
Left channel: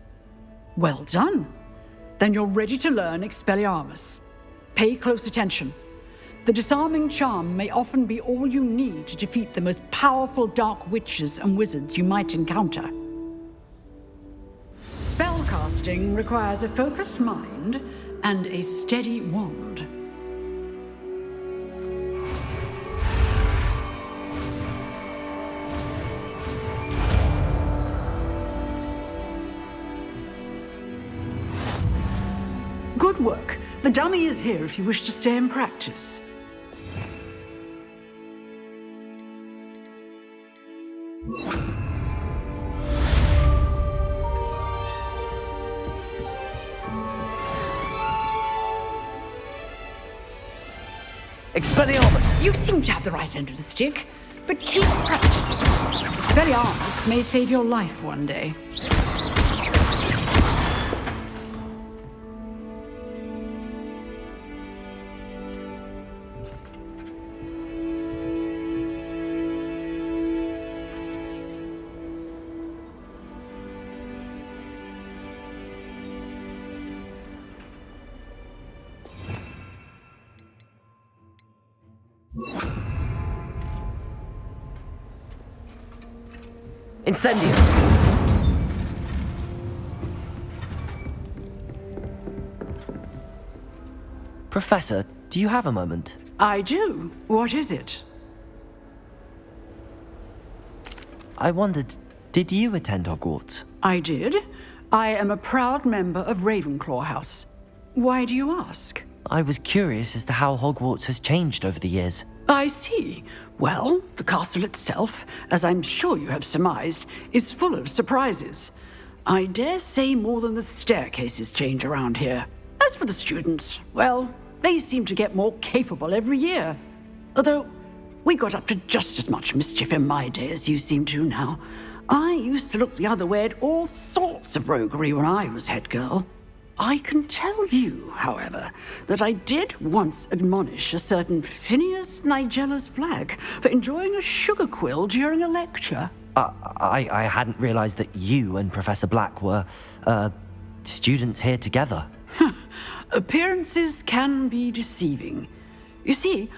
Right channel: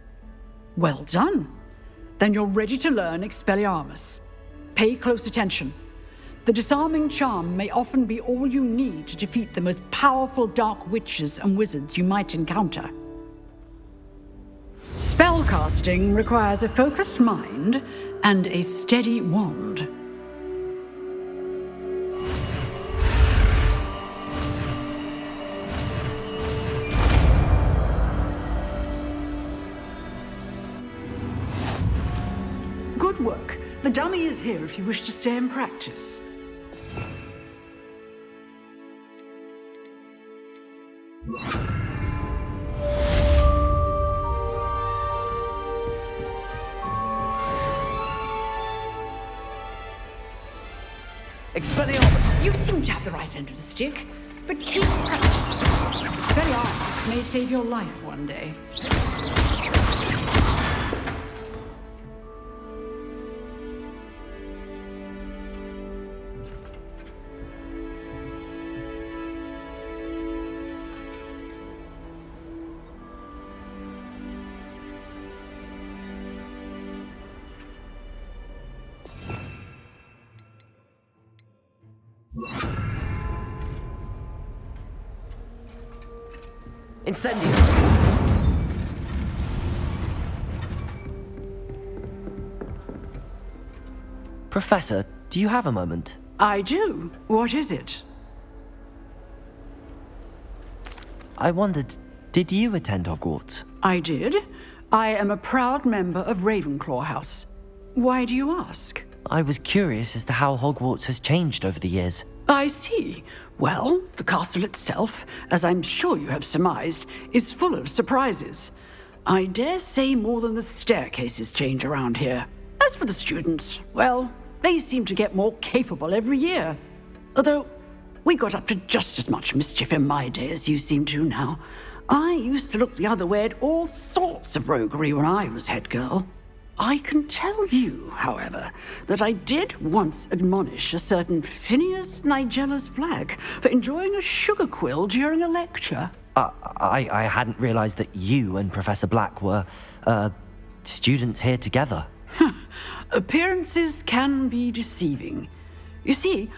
Well done. Then you're ready to learn Expelliarmus. Pay close attention. The disarming charm may often be all you need to defeat the most powerful dark witches and wizards you might encounter. Spellcasting requires a focused mind and a steady wand. Good work. The dummy is here if you wish to stay and practice. Expelliarmus! You seem to have the right end of the stick, but keep practicing. Expelliarmus may save your life one day. Incendio! Professor, do you have a moment? I do. What is it? I wondered, did you attend Hogwarts? I did. I am a proud member of Ravenclaw House. Why do you ask? I was curious as to how Hogwarts has changed over the years. I see. Well, the castle itself, as I'm sure you have surmised, is full of surprises. I dare say more than the staircases change around here. As for the students, well, they seem to get more capable every year. Although, We got up to just as much mischief in my day as you seem to now. I used to look the other way at all sorts of roguery when I was head girl. I can tell you, however, that I did once admonish a certain Phineas Nigella's Black for enjoying a sugar quill during a lecture. I hadn't realized that you and Professor Black were, students here together. Appearances can be deceiving. You see,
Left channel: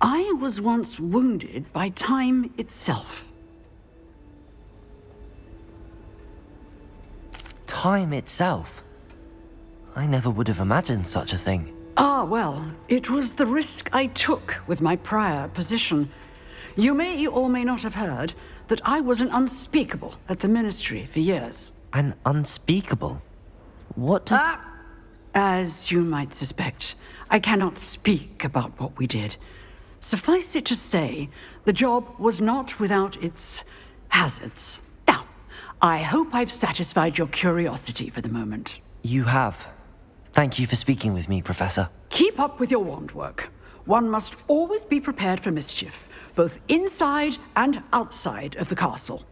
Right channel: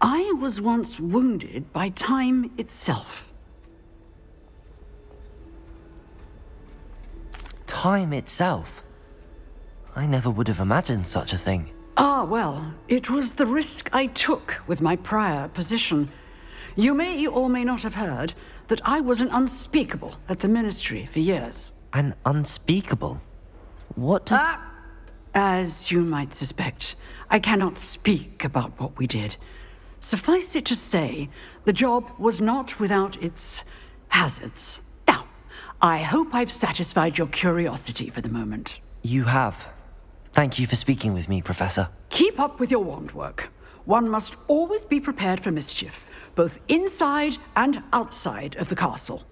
I was once wounded by time itself. Time itself? I never would have imagined such a thing. Ah, well, it was the risk I took with my prior position. You may or may not have heard that I was an unspeakable at the Ministry for years. An unspeakable? What does... As you might suspect, I cannot speak about what we did. Suffice it to say, the job was not without its hazards. Now, I hope I've satisfied your curiosity for the moment. You have. Thank you for speaking with me, Professor. Keep up with your wand work. One must always be prepared for mischief, both inside and outside of the castle.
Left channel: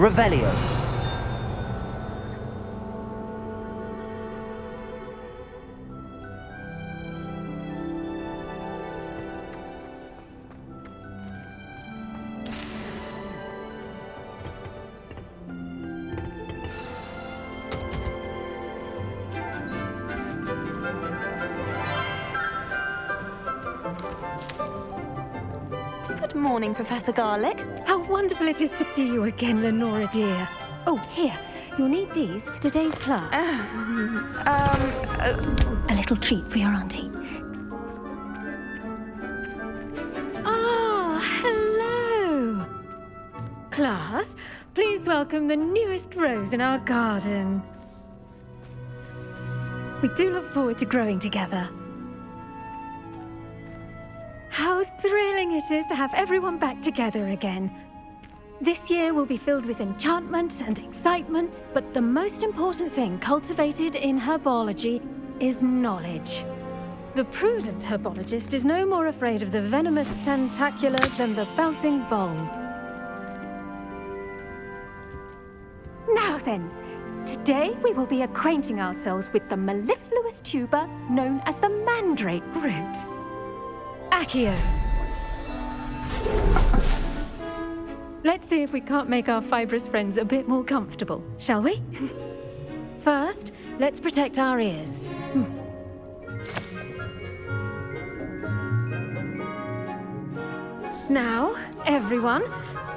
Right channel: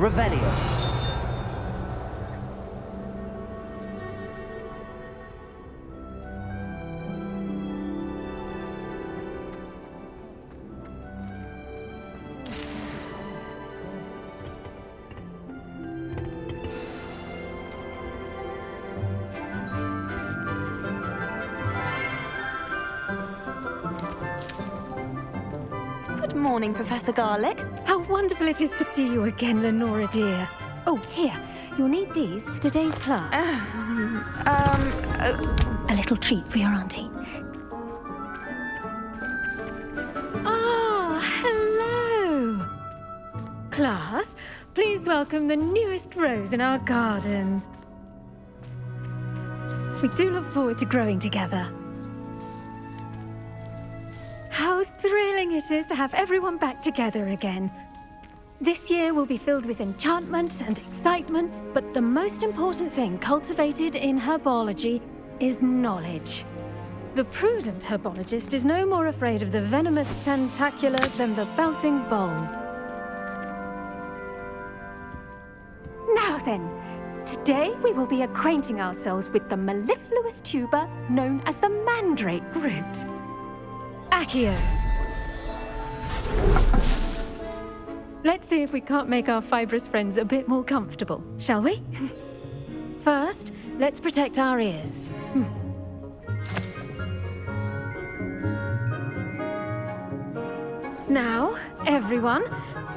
Revelio. Good morning, Professor Garlic. How wonderful it is to see you again, Lenora dear. Oh, here. You'll need these for today's class. A little treat for your auntie. Ah, hello. Class, please welcome the newest rose in our garden. We do look forward to growing together. How thrilling it is to have everyone back together again. This year will be filled with enchantment and excitement, but the most important thing cultivated in herbology is knowledge. The prudent herbologist is no more afraid of the venomous tentacular than the bouncing bulb. Now then, today we will be acquainting ourselves with the mellifluous tuber known as the mandrake root. Accio. Let's see if we can't make our fibrous friends a bit more comfortable, shall we? First, let's protect our ears. Now, everyone,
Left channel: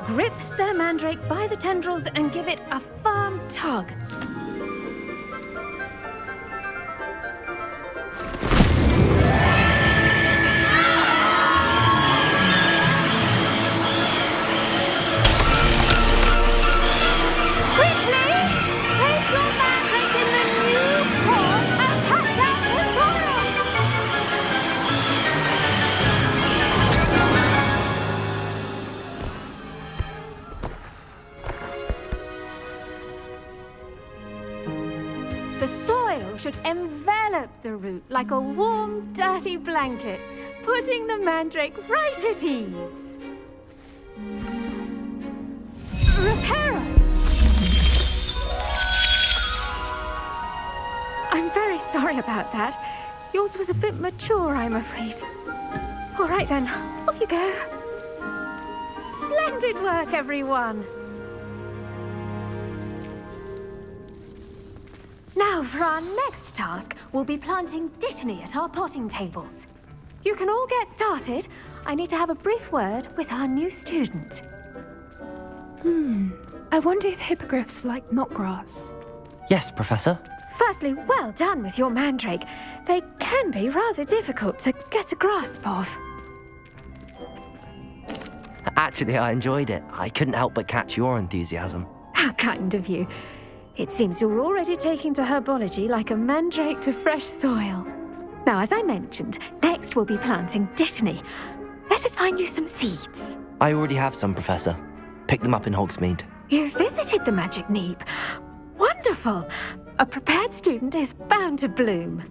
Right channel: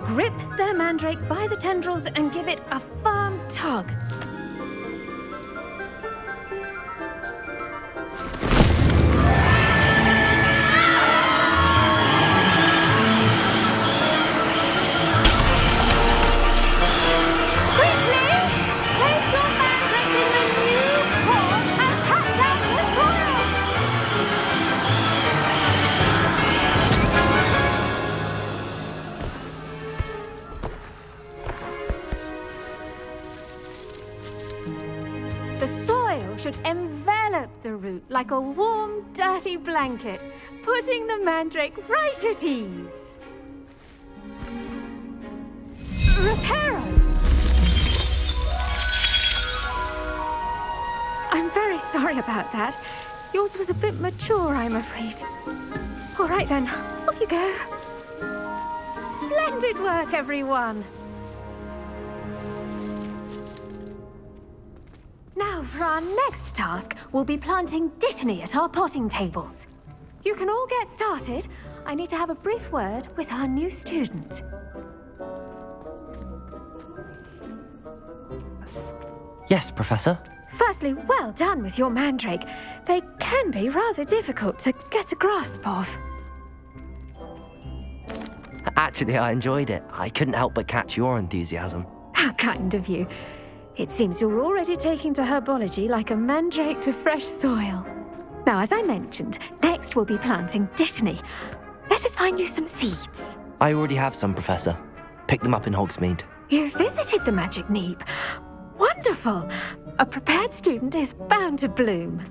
grip their mandrake by the tendrils and give it a firm tug. The soil should envelop the root like a warm, dirty blanket, putting the mandrake right at ease. Reparo! I'm very sorry about that. Yours was a bit mature, I'm afraid. All right then, off you go. Splendid work, everyone. Now, for our next task, we'll be planting dittany at our potting tables. You can all get started. I need to have a brief word with our new student. I wonder if hippogriffs like knotgrass. Yes, Professor. Firstly, well done with your mandrake. They can be rather difficult to get a grasp of. Actually, I enjoyed it. I couldn't help but catch your enthusiasm. How kind of you. It seems you're already taking to herbology like a mandrake to fresh soil. Now, as I mentioned, next we'll be planting dittany. Let us find you some seeds. I already have some, Professor. Picked them up in Hogsmeade. You visited the Magic Neep. Wonderful! A prepared student is bound to bloom.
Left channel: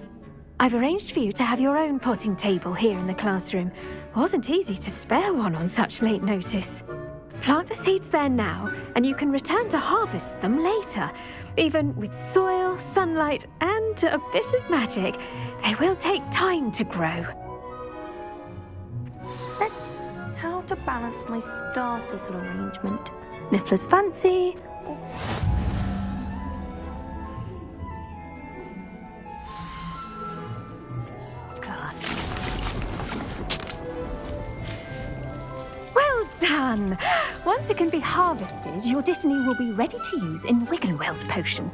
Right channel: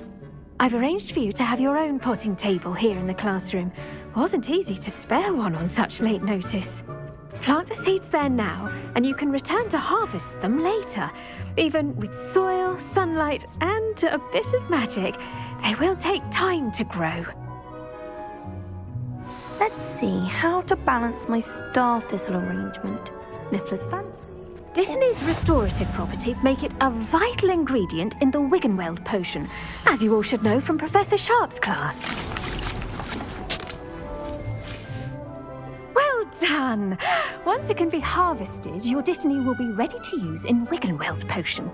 I've arranged for you to have your own potting table here in the classroom. Wasn't easy to spare one on such late notice. Plant the seeds there now, and you can return to harvest them later. Even with soil, sunlight, and a bit of magic, they will take time to grow. Let's see how to balance my star thistle arrangement. Niffler's fancy. Dittany's restorative properties make it a vital ingredient in the Wiggenweld potion, as you all should know from Professor Sharp's class. Well done! Once it can be harvested, your dittany will be ready to use in Wiggenweld potion.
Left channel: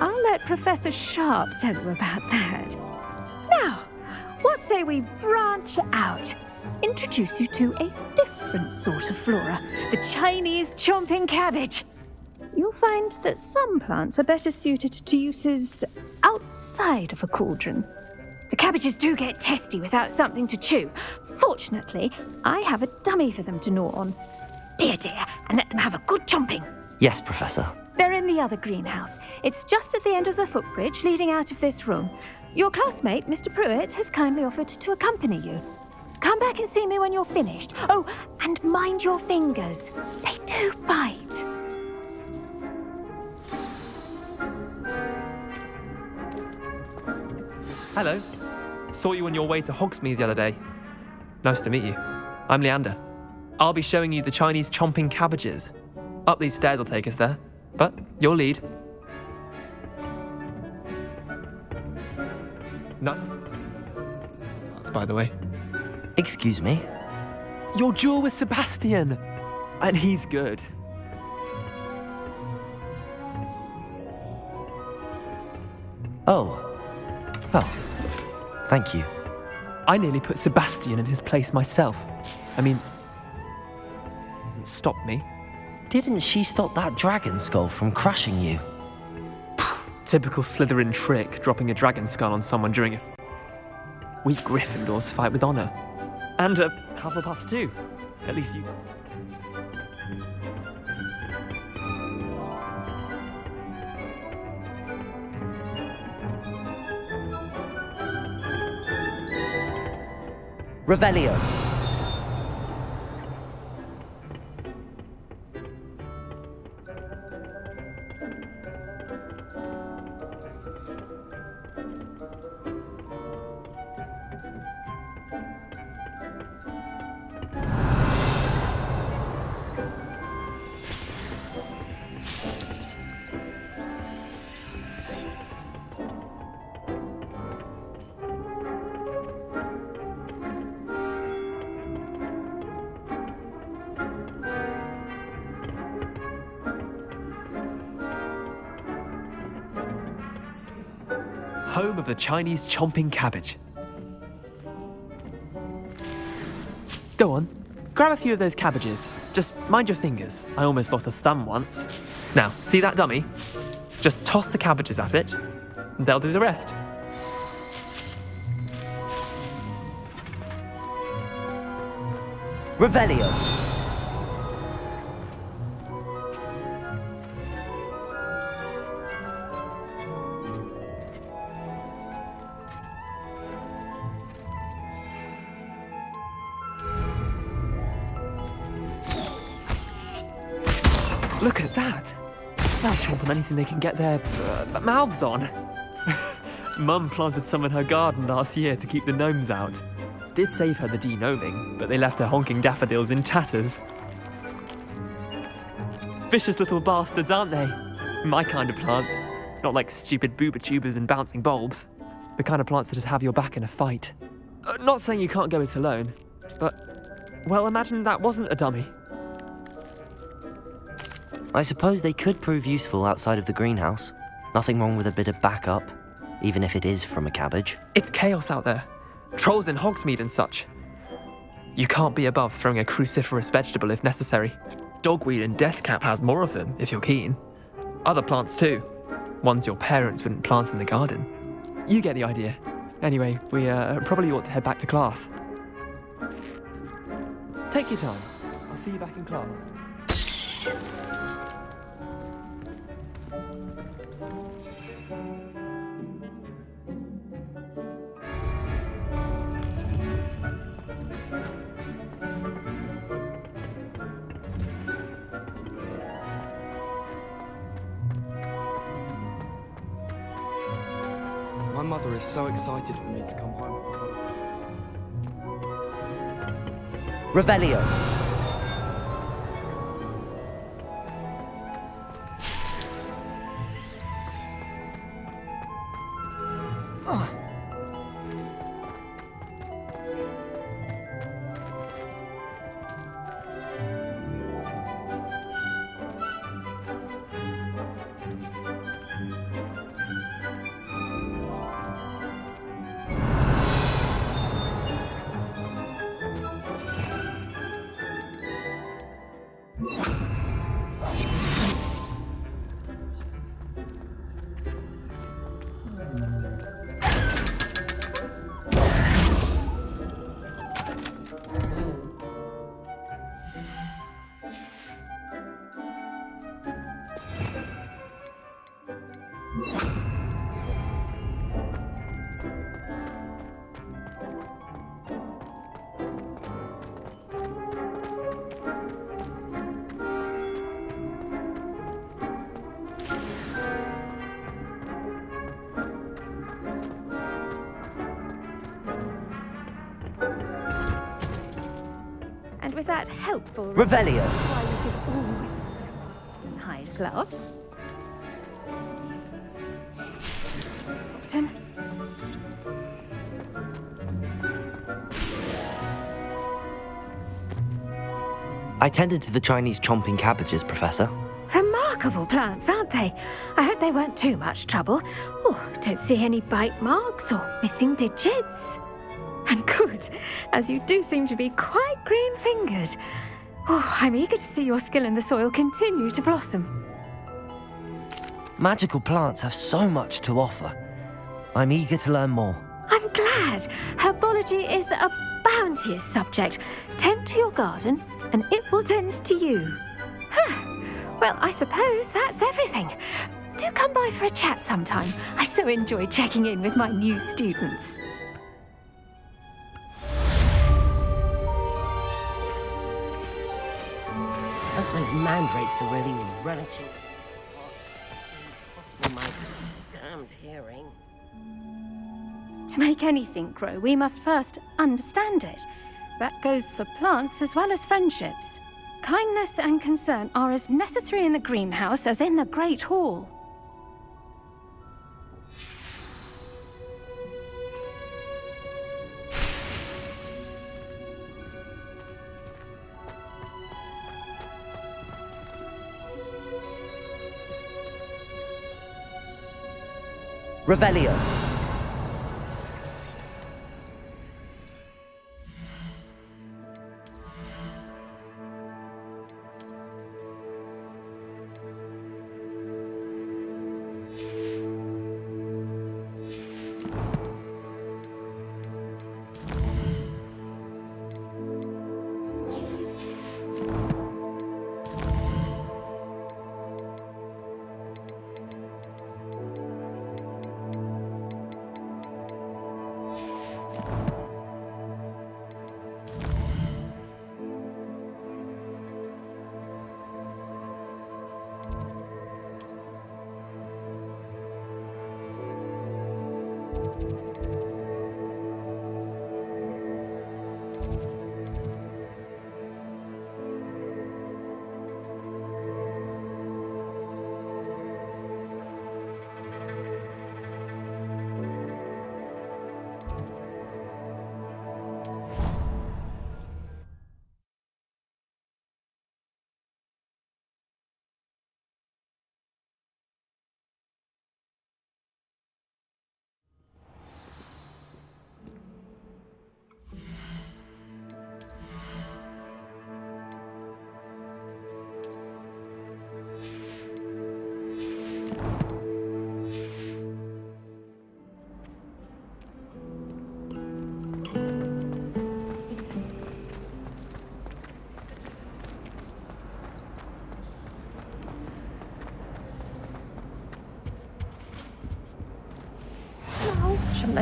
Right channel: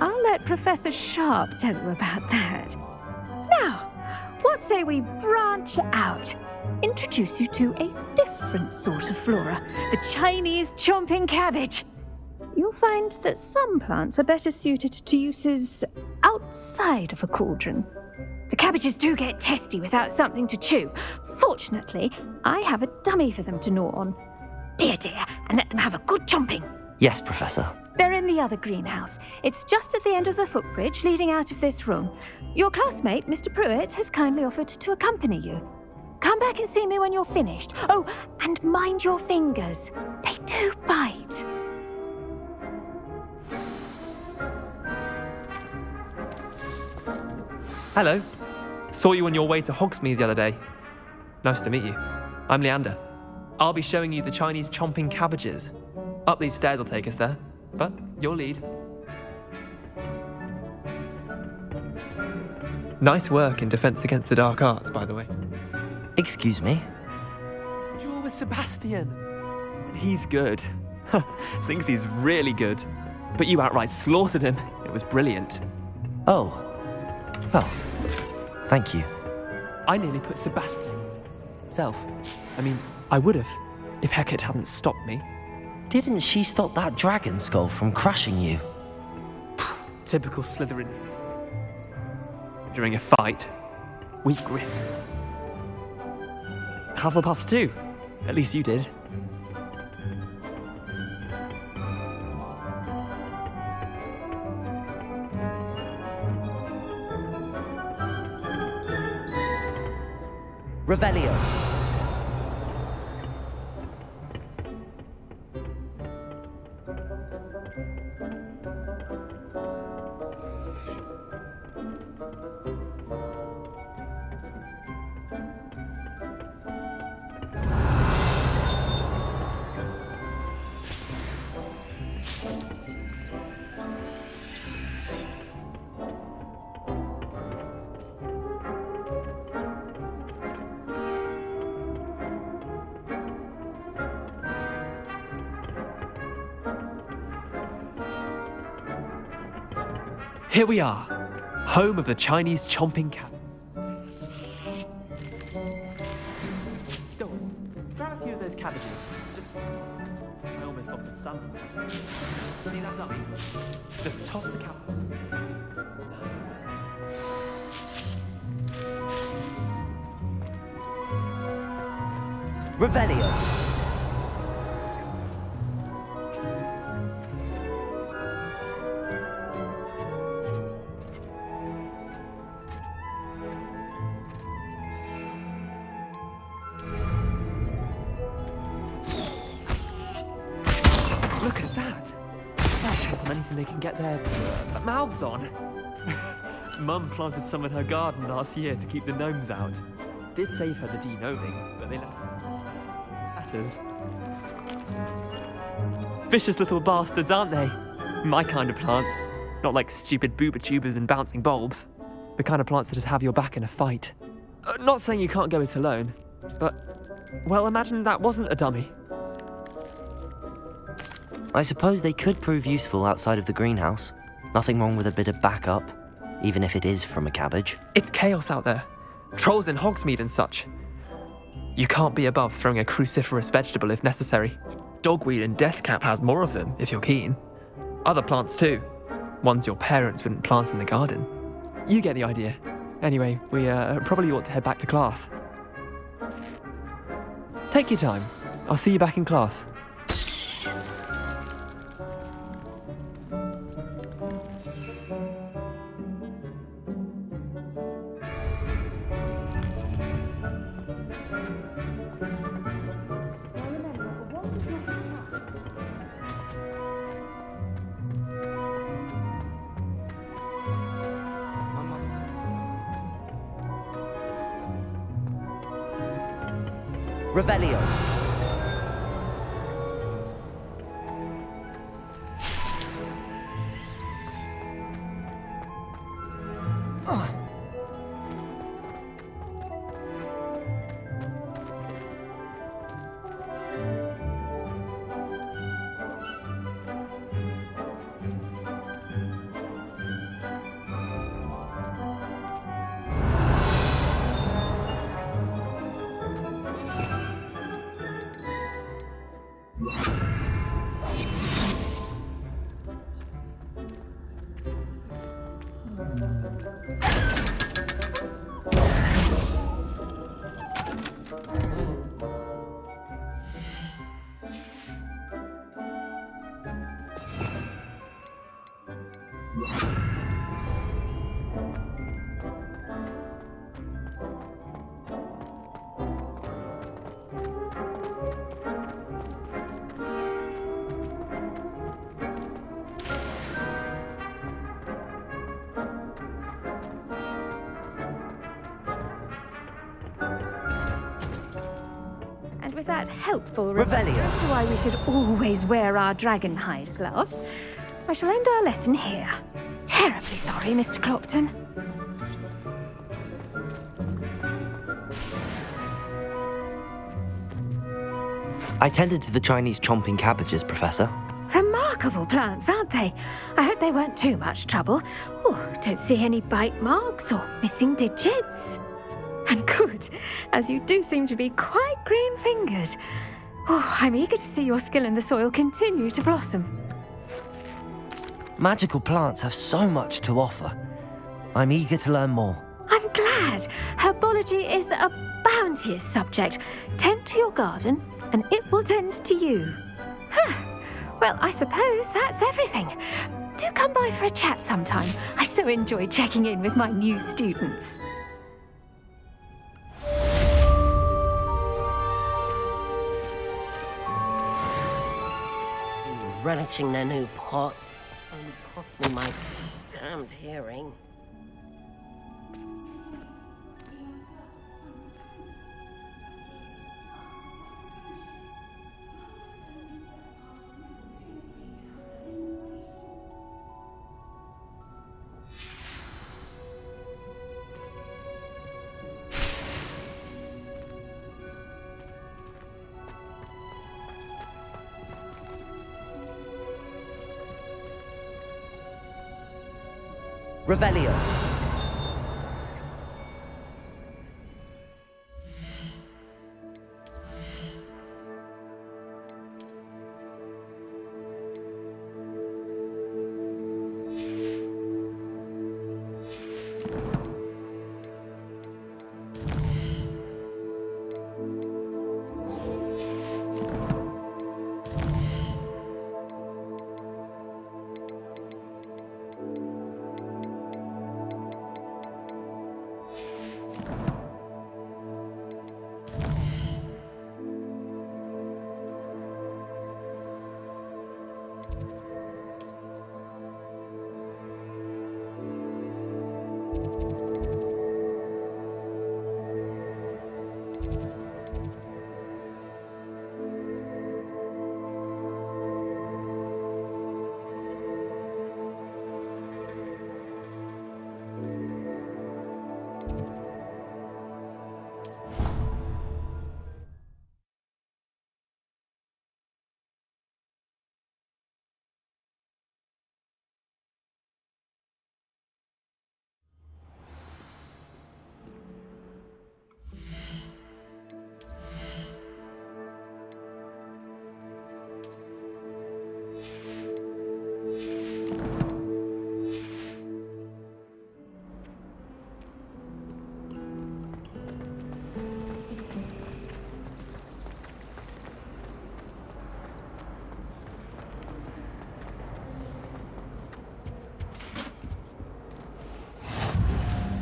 I'll let Professor Sharp tell you about that. Now, what say we branch out? Introduce you to a different sort of flora, the Chinese chomping cabbage. You'll find that some plants are better suited to uses outside of a cauldron. The cabbages do get testy without something to chew. Fortunately, I have a dummy for them to gnaw on. Be a dear and let them have a good chomping. Yes, Professor. They're in the other greenhouse. It's just at the end of the footbridge leading out of this room. Your classmate, Mr. Pruitt, has kindly offered to accompany you. Come back and see me when you're finished. Oh, and mind your fingers. They do bite. Hello. Saw you on your way to Hogsmeade the other day. Nice to meet you. I'm Leander. I'll be showing you the Chinese chomping cabbages. Up these stairs will take us there, but your lead. Nice work in Defense Against the Dark Arts, by the way. Excuse me? Your duel with Sebastian! And he's good. Thinks he's really good. But you outright slaughtered him. It was brilliant. Oh. Well, thank you. I nearly put Sebastian in his place myself. I mean, I would have, if Hecate hadn't stopped me. Didn't she stop that dragon skull from crushing you? Typical Slytherin trick, dropping a dragon skull on someone during a fight. We Gryffindors fight with honor. And Hufflepuffs too. At least you did. Revelio. Here we are, home of the Chinese chomping cabbage. Go on, grab a few of those cabbages. Just mind your fingers. I almost lost a thumb once. Now, see that dummy? Just toss the cabbages at it, and they'll do the rest. Revelio. Look at that! They'll chomp on anything they can get their mouths on. Mum planted some in her garden last year to keep the gnomes out. Did save her the de-gnoming, but they left her honking daffodils in tatters. Vicious little bastards, aren't they? My kind of plants. Not like stupid booba tubers and bouncing bulbs. The kind of plants that'd have your back in a fight. Not saying you can't go it alone, but, well, imagine that wasn't a dummy. I suppose they could prove useful outside of the greenhouse. Nothing wrong with a bit of backup, even if it is from a cabbage. It's chaos out there. Trolls in Hogsmeade and such. You can't be above throwing a cruciferous vegetable if necessary. Dogweed and deathcap has more of them, if you're keen. Other plants too. Ones your parents wouldn't plant in the garden. You get the idea. Anyway, we probably ought to head back to class. Take your time. I'll see you back in class. My mother is so excited for me to come home. Revelio. And with that helpful Revelio. reminder as to why we should always wear our dragon hide gloves, I shall end our lesson here. Terribly sorry, Mr. Clopton. I tended to the Chinese chomping cabbages, Professor. Remarkable plants, aren't they? I hope they weren't too much trouble. Oh, don't see any bite marks or missing digits. And good, as you do seem to be quite green-fingered. Oh, I'm eager to see your skill in the soil continue to blossom. Magical plants have so much to offer. I'm eager to learn more. I'm glad. Herbology is a bounteous subject. Tend to your garden, and it will tend to you. Well, I suppose that's everything. Do come by for a chat sometime. I so enjoy checking in with my new students. Those mandrakes are really relishing their new pots. Possibly my damned hearing. To make anything grow, we must first understand it. That goes for plants as well as friendships. Kindness and concern are as necessary in the greenhouse as in the Great Hall. Revelio.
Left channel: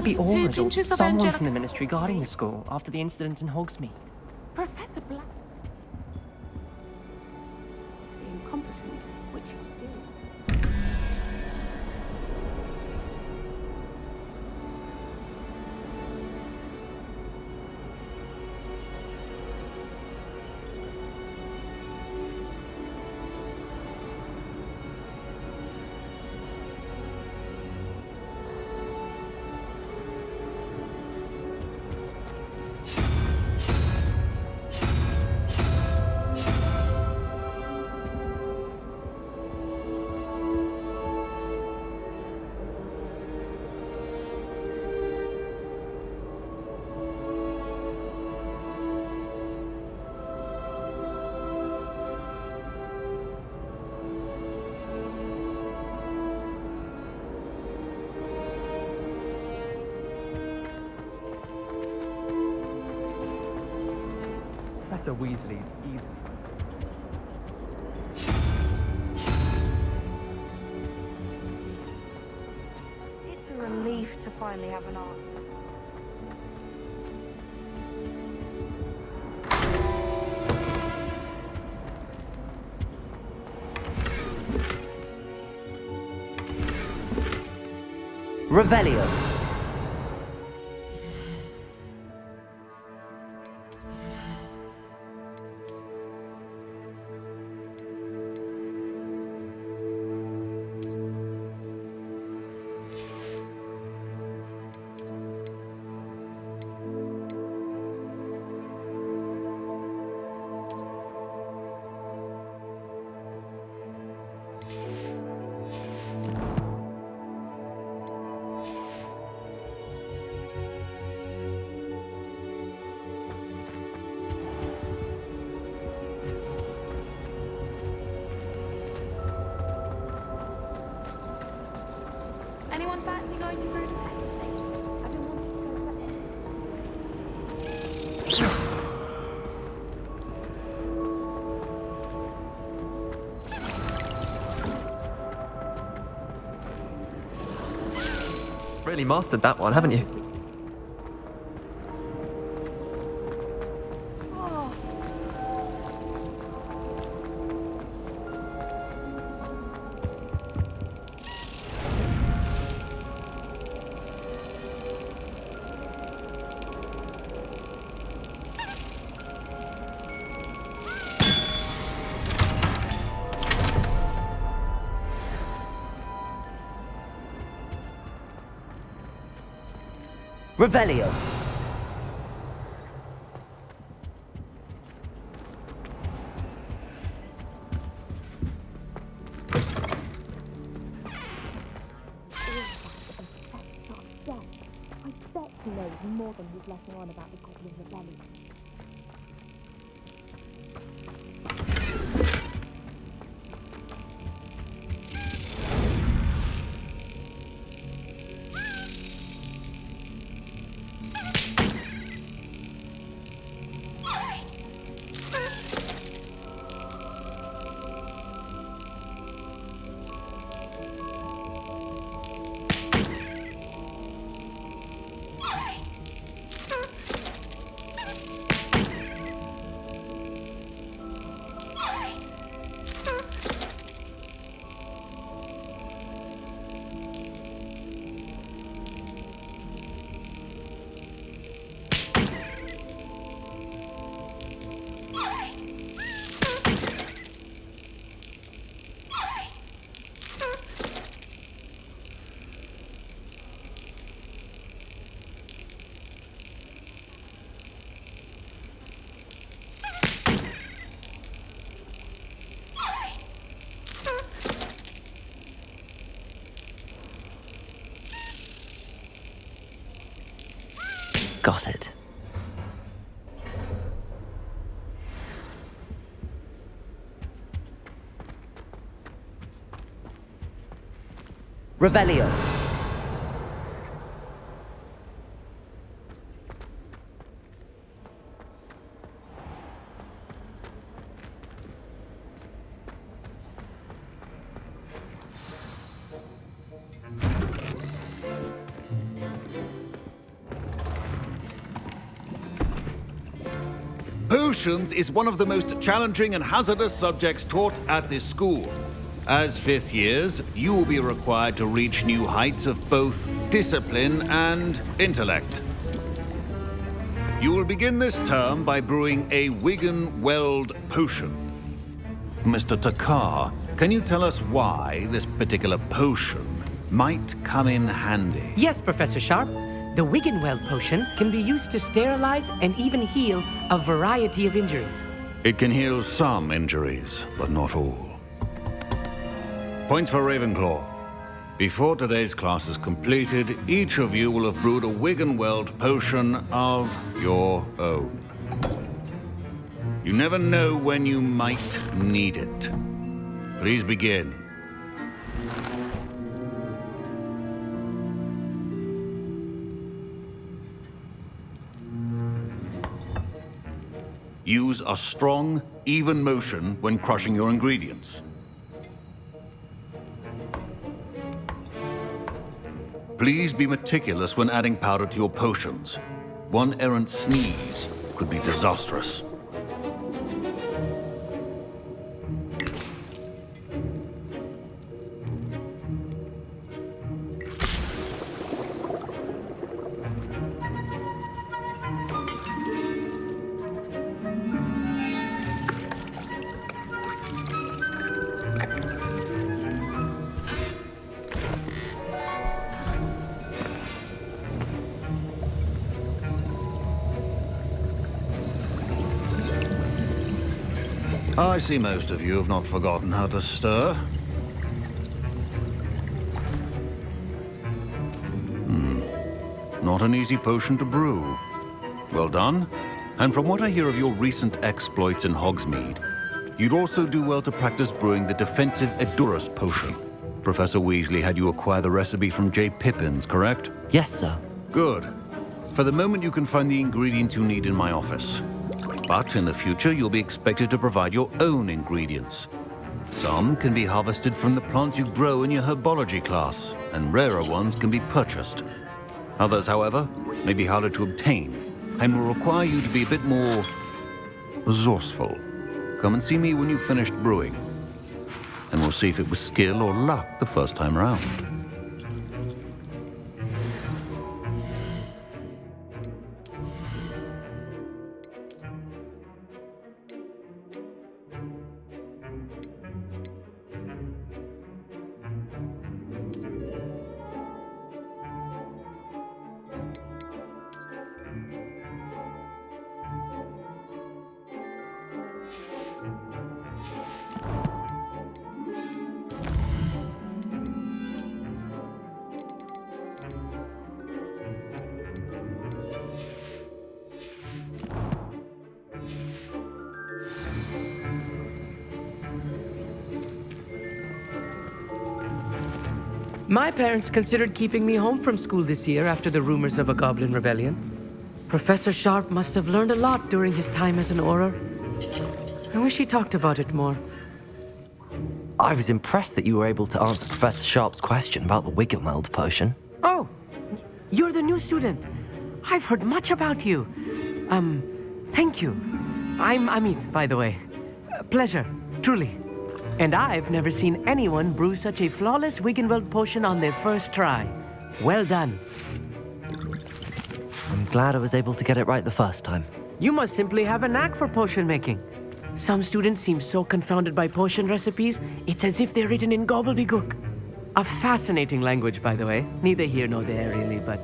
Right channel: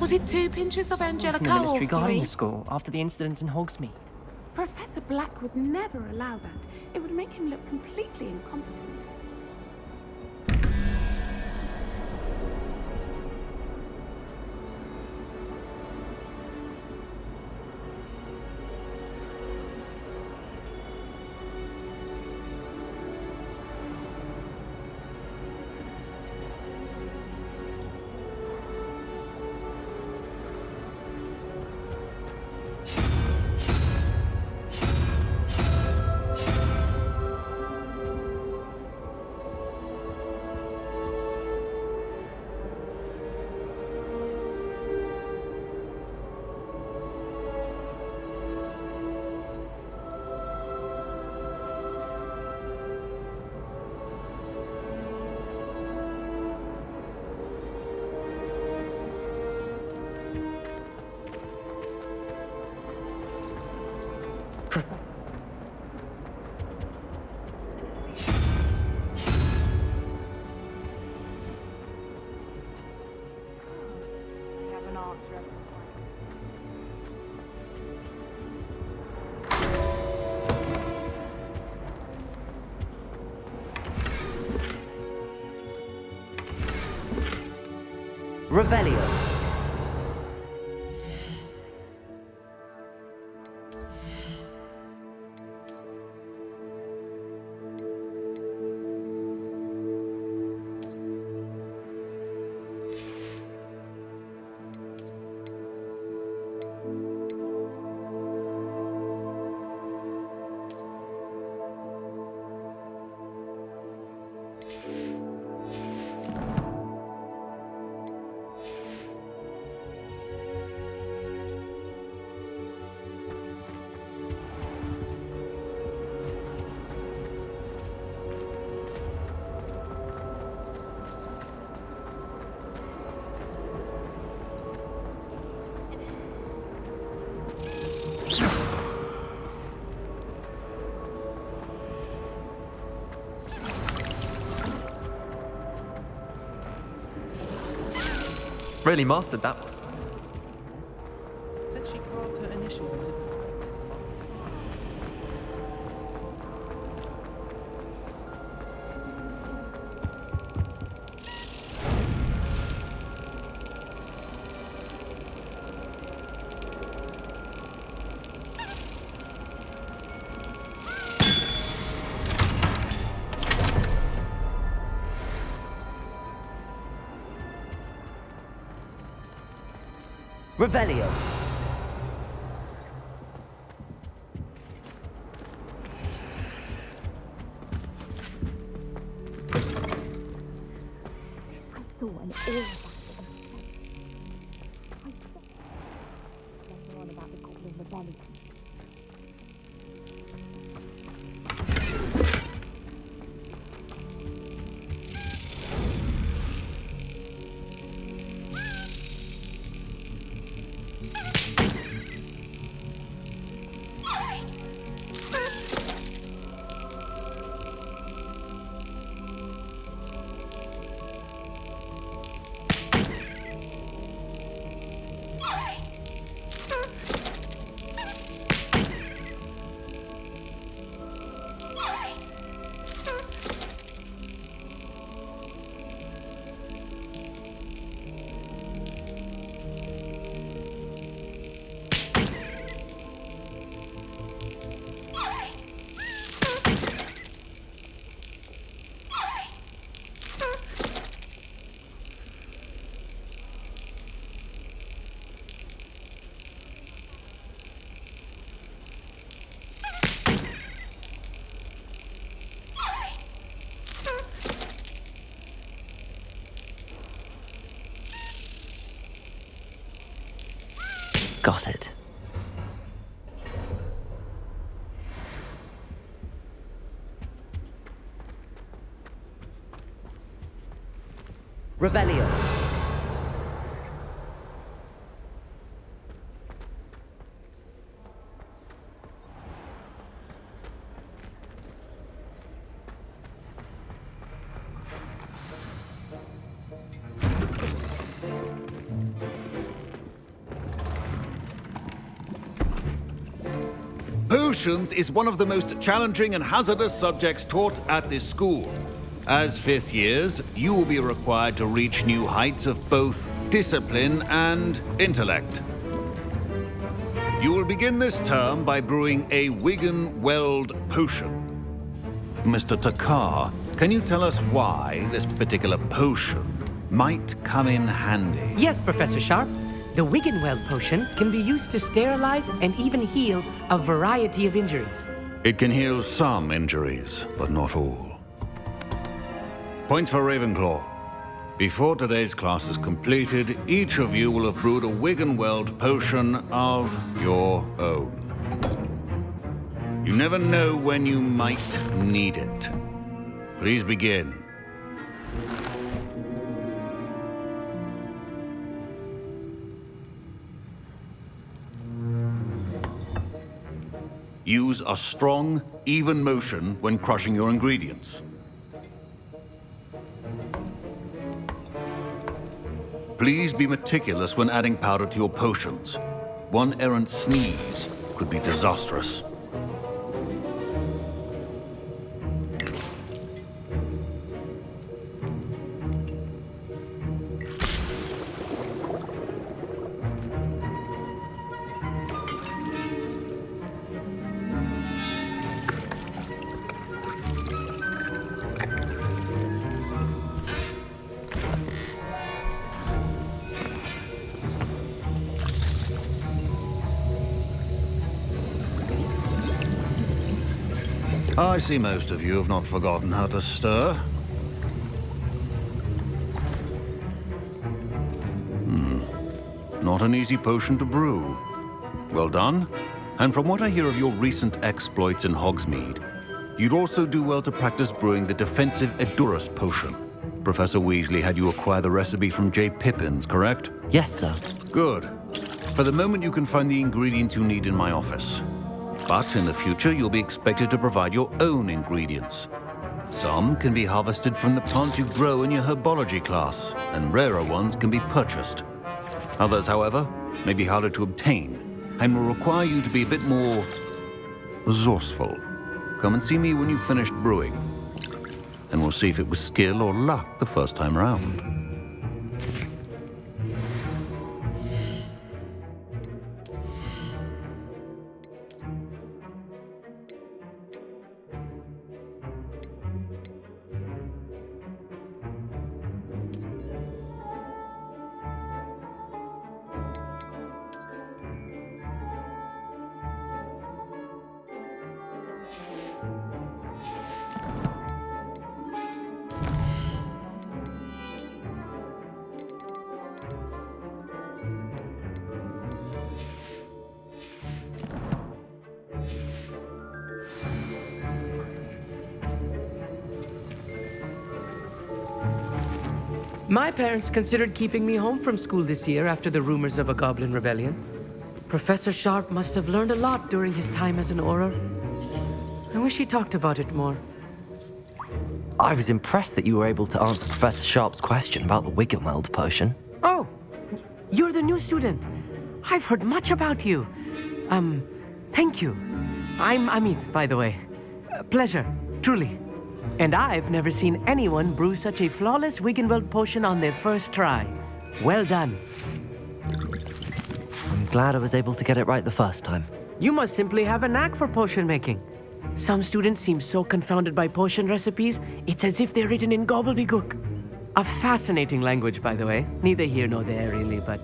Was it 2 pinches of Someone Angelica from the ministry or guarding 3? the school after the incident in Hogsmeade. Professor Black would never allow that. It would make him look completely incompetent. Professor Weasley's evil. It's a relief to finally have an answer. Revelio. Really mastered that one, haven't you? Revelio. Got it. Revelio. Potions is one of the most challenging and hazardous subjects taught at this school. As fifth years, you will be required to reach new heights of both discipline and intellect. You will begin this term by brewing a Wigan-Weld potion. Mr. Takar, can you tell us why this particular potion might come in handy? Yes, Professor Sharp. The Wigan-Weld potion can be used to sterilize and even heal a variety of injuries. It can heal some injuries, but not all. Points for Ravenclaw. Before today's class is completed, each of you will have brewed a Wigan-Weld potion of your own. You never know when you might need it. Please begin. Use a strong, even motion when crushing your ingredients. Please be meticulous when adding powder to your potions. One errant sneeze could be disastrous. I see most of you have not forgotten how to stir. Not an easy potion to brew. Well done. And from what I hear of your recent exploits in Hogsmeade, you'd also do well to practice brewing the defensive Edurus potion. Professor Weasley had you acquire the recipe from J. Pippins, correct? Yes, sir. Good. For the moment, you can find the ingredients you need in my office. But in the future, you'll be expected to provide your own ingredients. Some can be harvested from the plants you grow in your herbology class, and rarer ones can be purchased. Others, however, may be harder to obtain and will require you to be a bit more resourceful. Come and see me when you've finished brewing, and we'll see if it was skill or luck the first time round. My parents considered keeping me home from school this year after the rumors of a goblin rebellion. Professor Sharp must have learned a lot during his time as an Auror. I wish he talked about it more. I was impressed that you were able to answer Professor Sharp's question about the Wiggenweld potion. Oh, you're the new student. I've heard much about you. Thank you. I'm Amit, by the way. Pleasure, truly. And I've never seen anyone brew such a flawless Wiggenweld potion on their first try. Well done. I'm glad I was able to get it right the first time. You must simply have a knack for potion making. Some students seem so confounded by potion recipes, it's as if they're written in gobbledygook. A fascinating language, by the way. Neither here nor there, really, but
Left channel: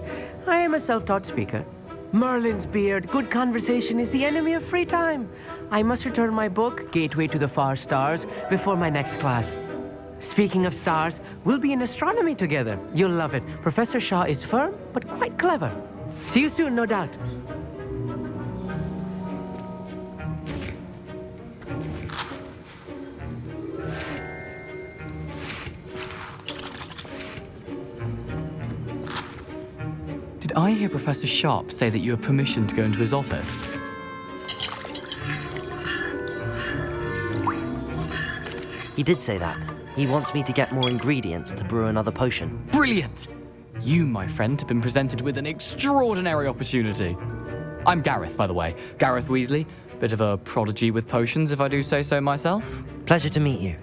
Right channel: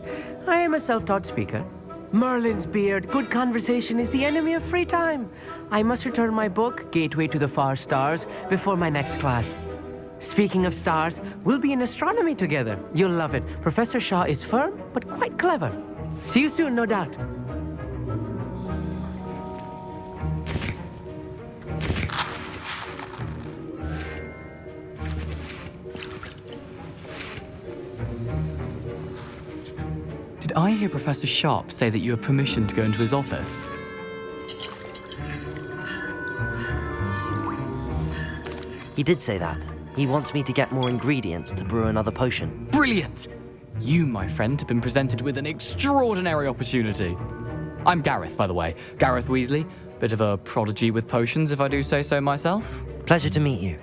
I am a self-taught speaker. Merlin's beard, good conversation is the enemy of free time. I must return my book, Gateway to the Far Stars, before my next class. Speaking of stars, we'll be in astronomy together. You'll love it. Professor Shaw is firm, but quite clever. See you soon, no doubt. Did I hear Professor Sharp say that you have permission to go into his office? He did say that. He wants me to get more ingredients to brew another potion. Brilliant! You, my friend, have been presented with an extraordinary opportunity. I'm Gareth, by the way. Gareth Weasley. Bit of a prodigy with potions, if I do say so myself. Pleasure to meet you.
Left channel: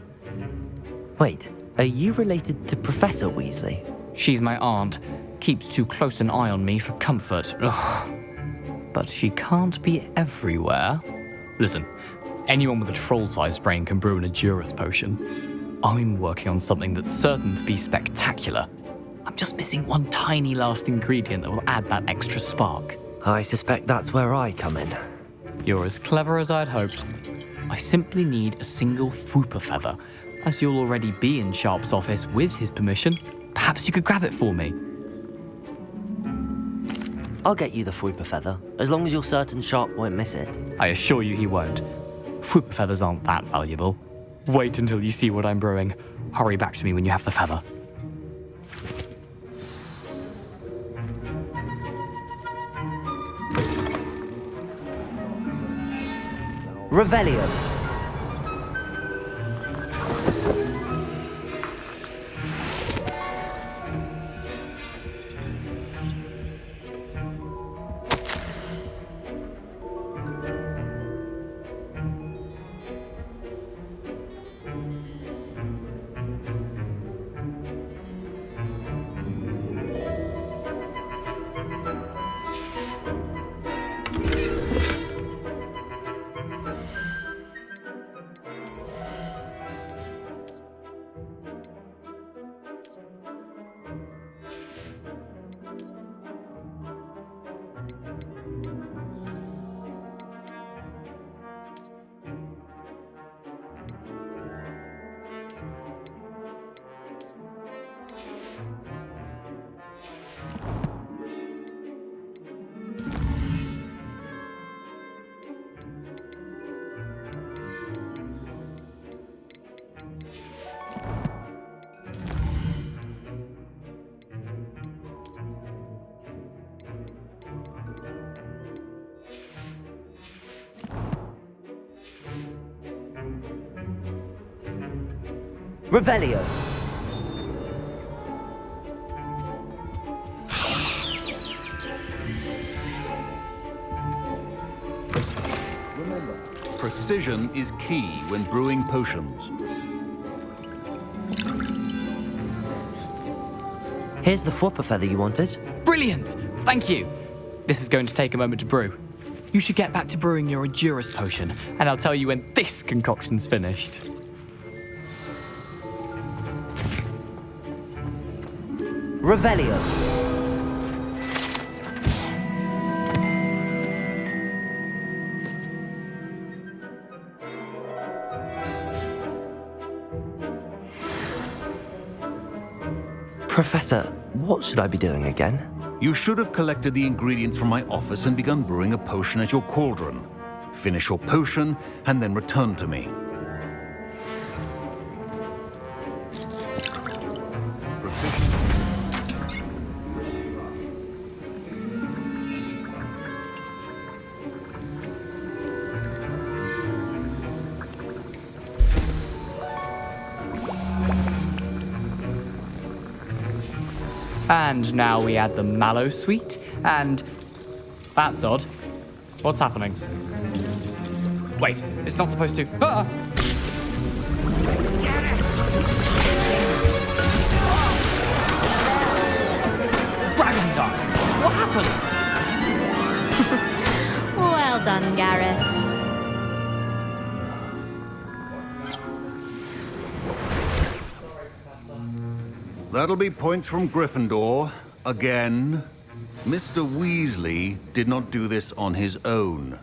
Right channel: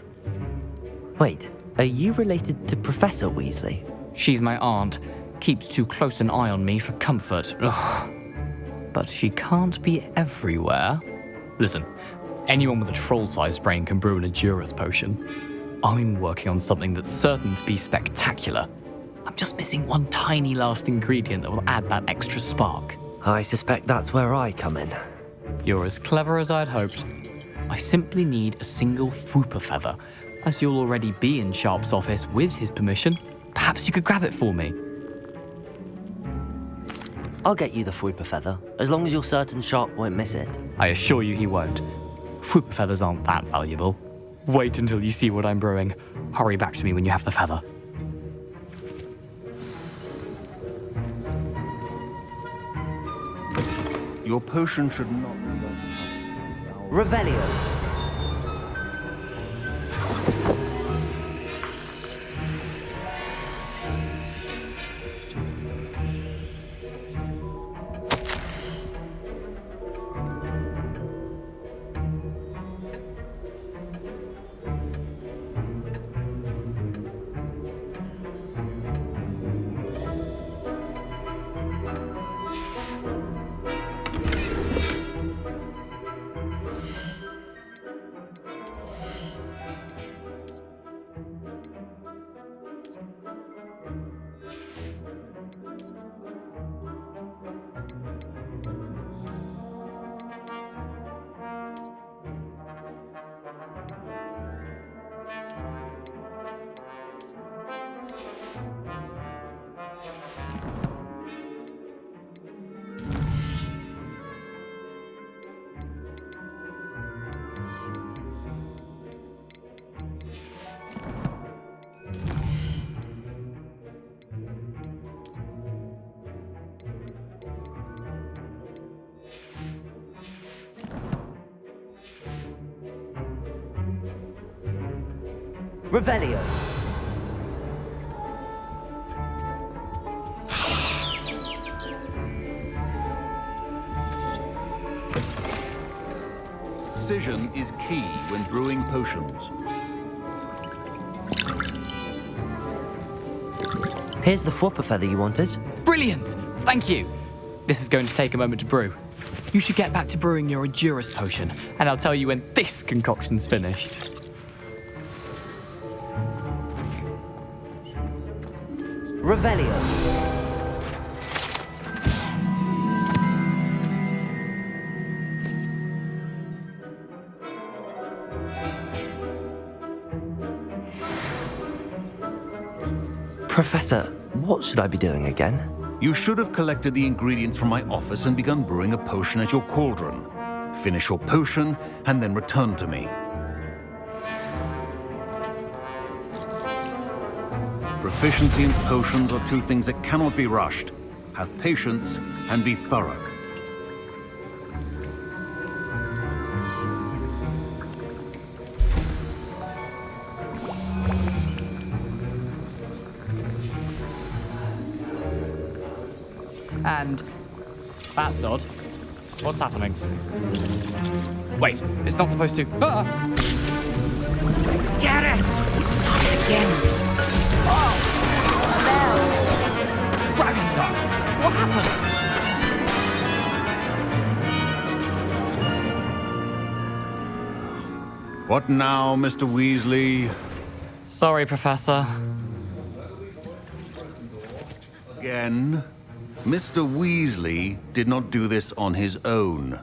Wait, are you related to Professor Weasley? She's my aunt. Keeps too close an eye on me for comfort. Ugh. But she can't be everywhere. Listen, anyone with a troll-sized brain can brew an Edurus potion. I'm working on something that's certain to be spectacular. I'm just missing one tiny last ingredient that will add that extra spark. I suspect that's where I come in. You're as clever as I'd hoped. I simply need a single Fwooper feather. As you'll already be in Sharp's office with his permission, perhaps you could grab it for me. I'll get you the Fwooper feather, as long as you're certain Sharp won't miss it. I assure you he won't. Fwooper feathers aren't that valuable. Wait until you see what I'm brewing. Hurry back to me when you have the feather. Your potion should not... Revelio. Revelio. Precision is key when brewing potions. Here's the whopper feather you wanted. Brilliant! Thank you! This is going to take a moment to brew. You should get back to brewing your Endurus potion, and I'll tell you when this concoction's finished. Revelio. Professor, what should I be doing again? You should have collected the ingredients from my office and begun brewing a potion at your cauldron. Finish your potion and then return to me. Proficiency in potions are two things that cannot be rushed. Have patience and be thorough. And now we add the mallow sweet, and... That's odd. What's happening? Wait, it's not supposed to... Ah! Get it! Dragon time! What happened? Well done, Garrett. What now, Mr. Weasley? Sorry, Professor. That'll be points from Gryffindor. Again. Mr. Weasley did not do this on his own.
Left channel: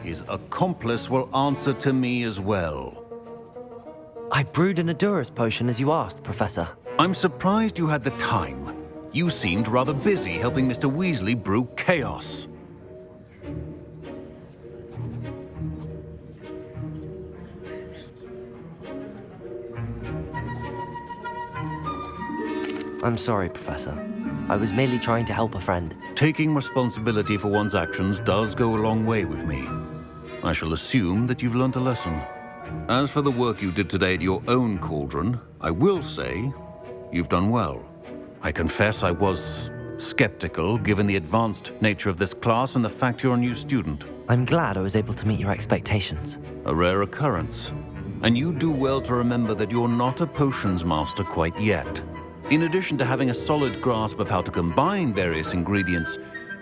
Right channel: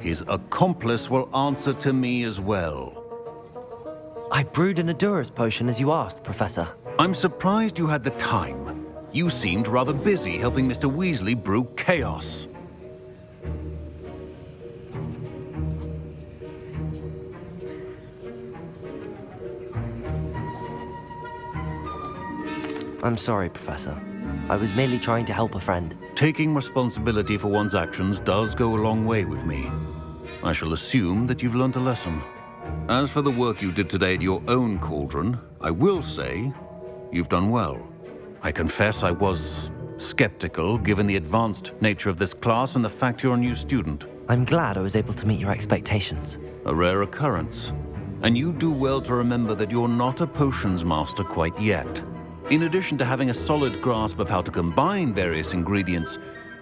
His accomplice will answer to me as well. I brewed an Endurus potion as you asked, Professor. I'm surprised you had the time. You seemed rather busy helping Mr. Weasley brew chaos. I'm sorry, Professor. I was merely trying to help a friend. Taking responsibility for one's actions does go a long way with me. I shall assume that you've learnt a lesson. As for the work you did today at your own cauldron, I will say you've done well. I confess I was skeptical given the advanced nature of this class and the fact you're a new student. I'm glad I was able to meet your expectations. A rare occurrence. And you do well to remember that you're not a potions master quite yet. In addition to having a solid grasp of how to combine various ingredients,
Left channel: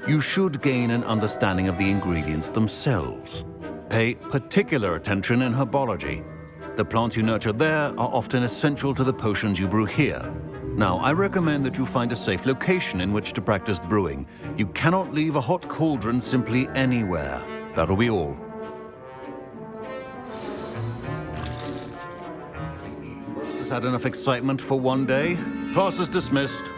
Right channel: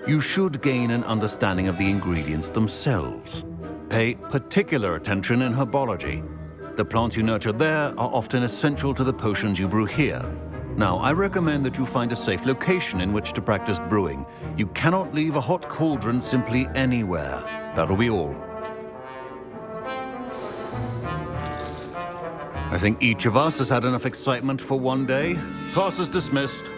you should gain an understanding of the ingredients themselves. Pay particular attention in herbology. The plants you nurture there are often essential to the potions you brew here. Now, I recommend that you find a safe location in which to practice brewing. You cannot leave a hot cauldron simply anywhere. That'll be all. I think each of us has had enough excitement for one day. Class is dismissed.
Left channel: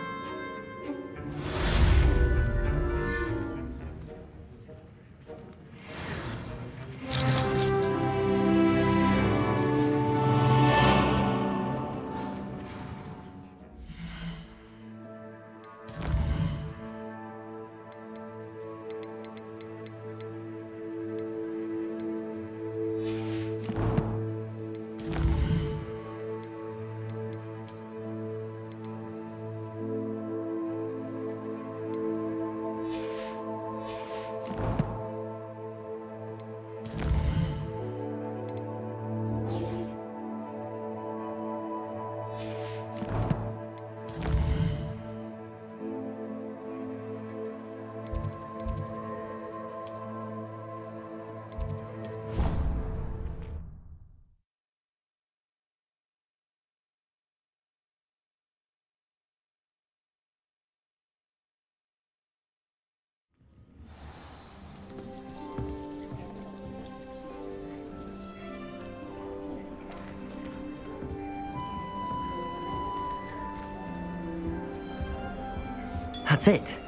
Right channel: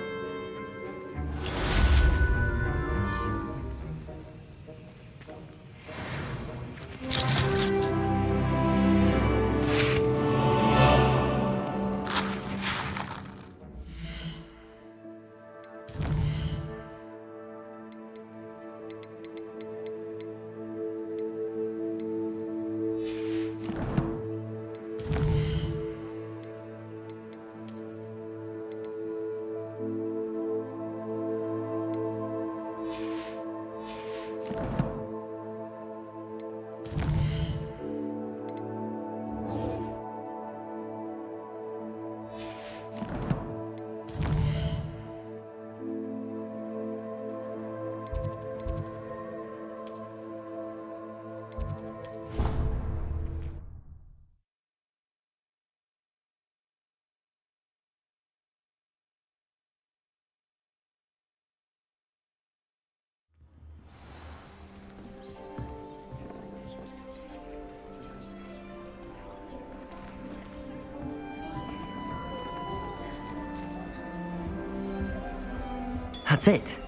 That's it.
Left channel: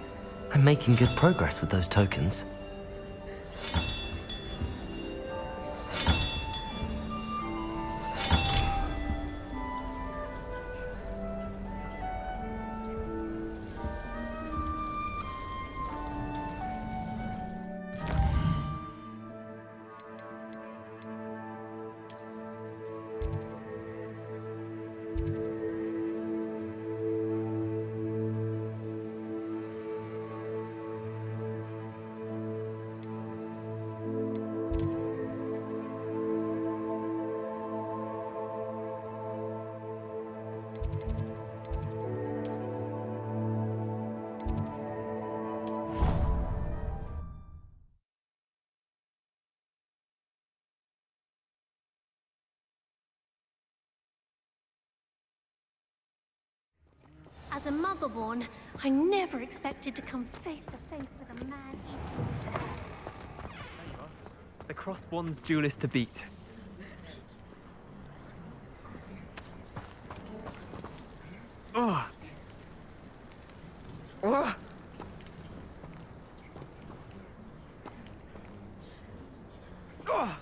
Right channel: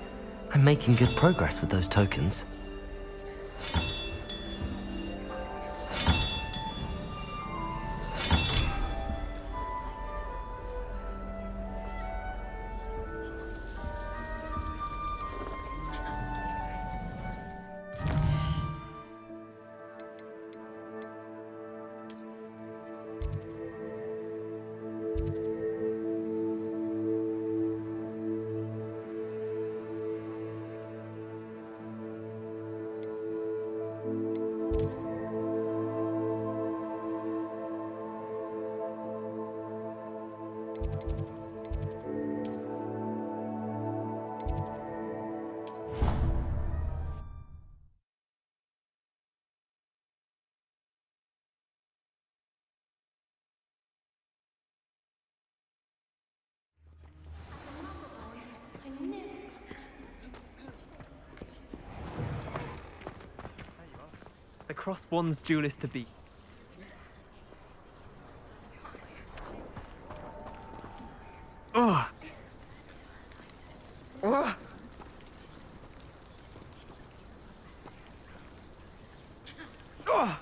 I'm making good progress with those tokens. Muggleborn. I never expected to come face to face with a man. There you are. The Cross Wands duelist to beat. Ugh. Ugh. Ugh.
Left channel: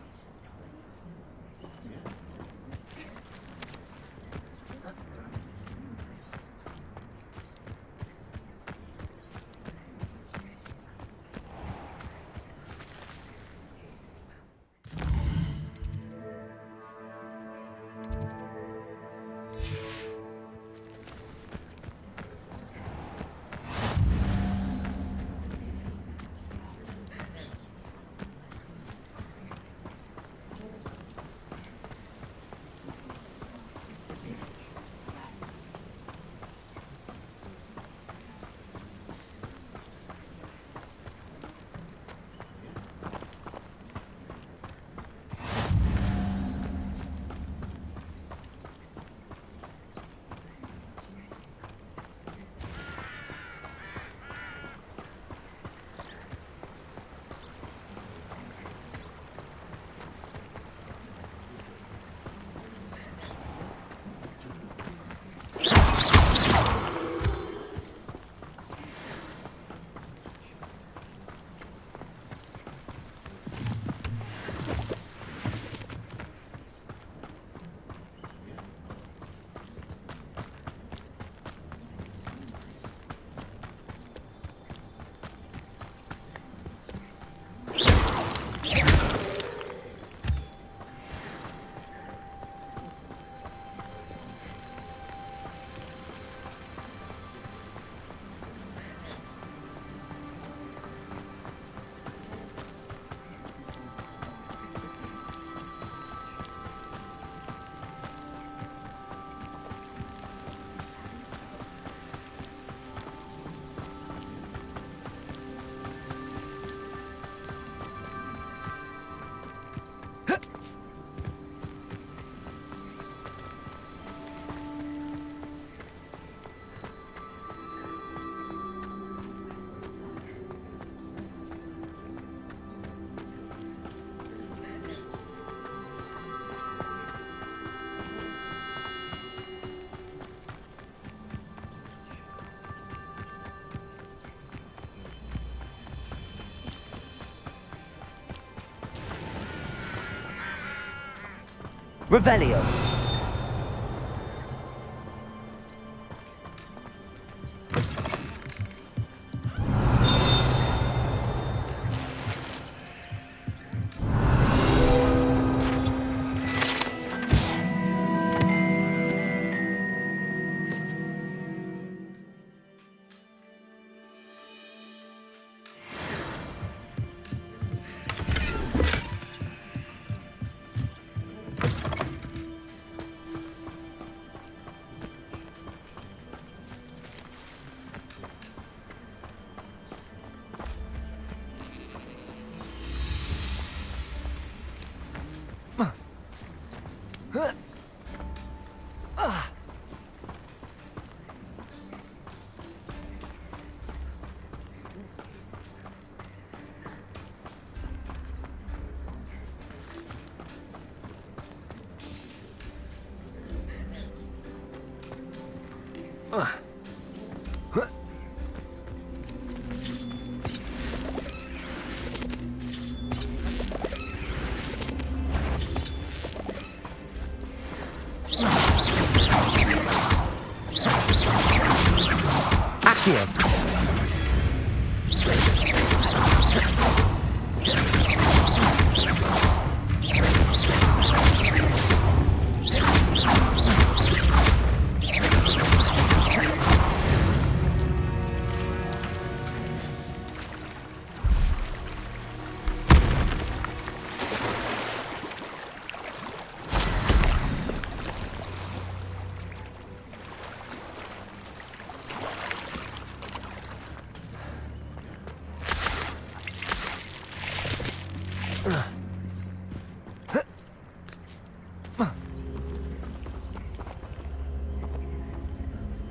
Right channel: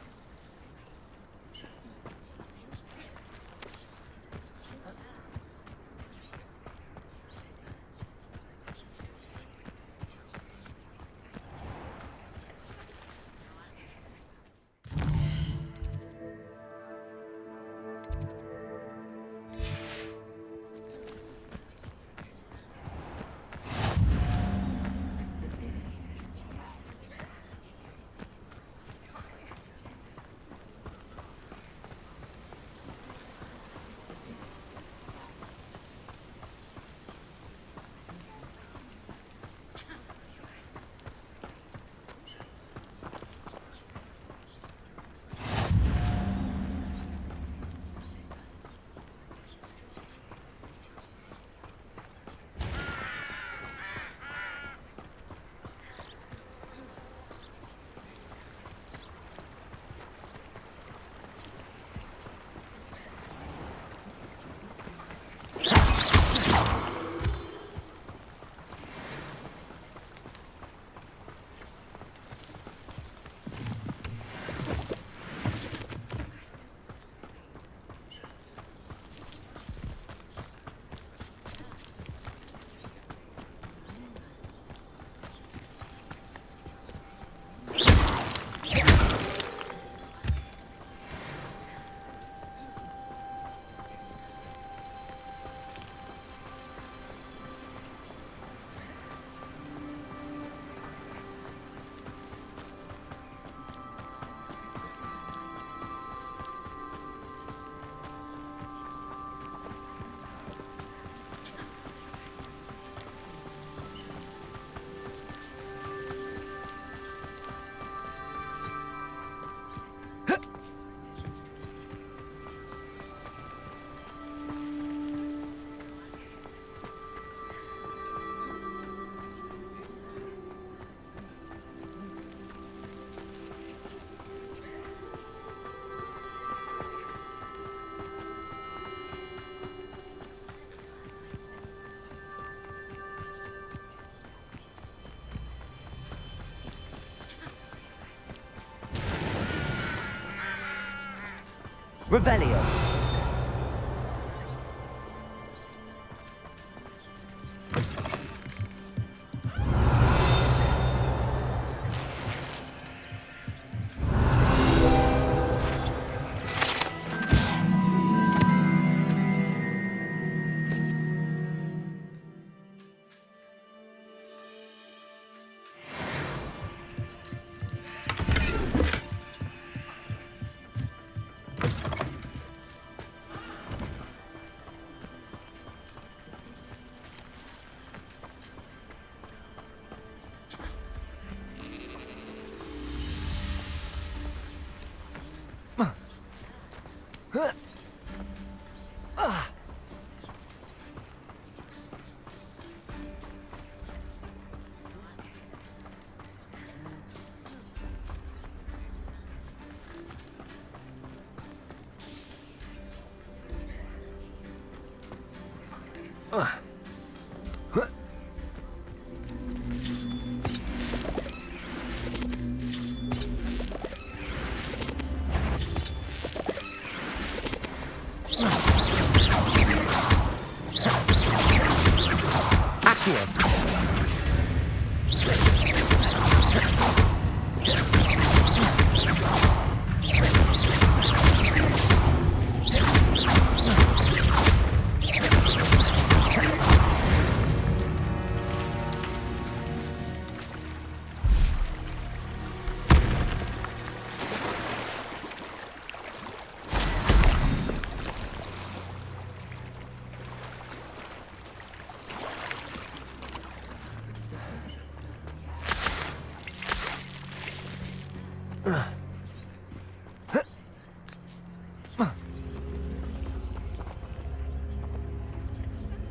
Revelio.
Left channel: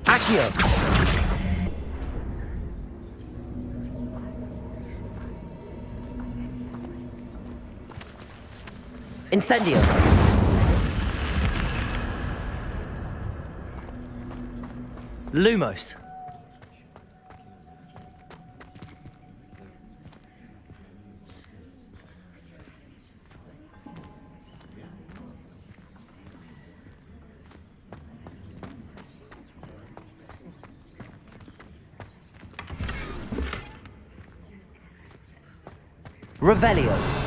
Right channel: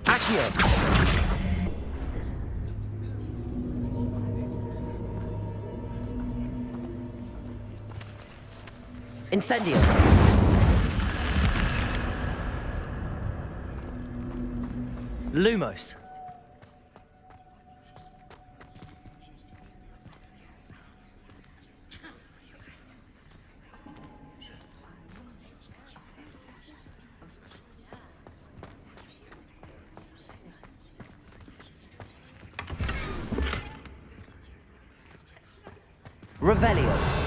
Accio! Incendio! Lumos! Revelio!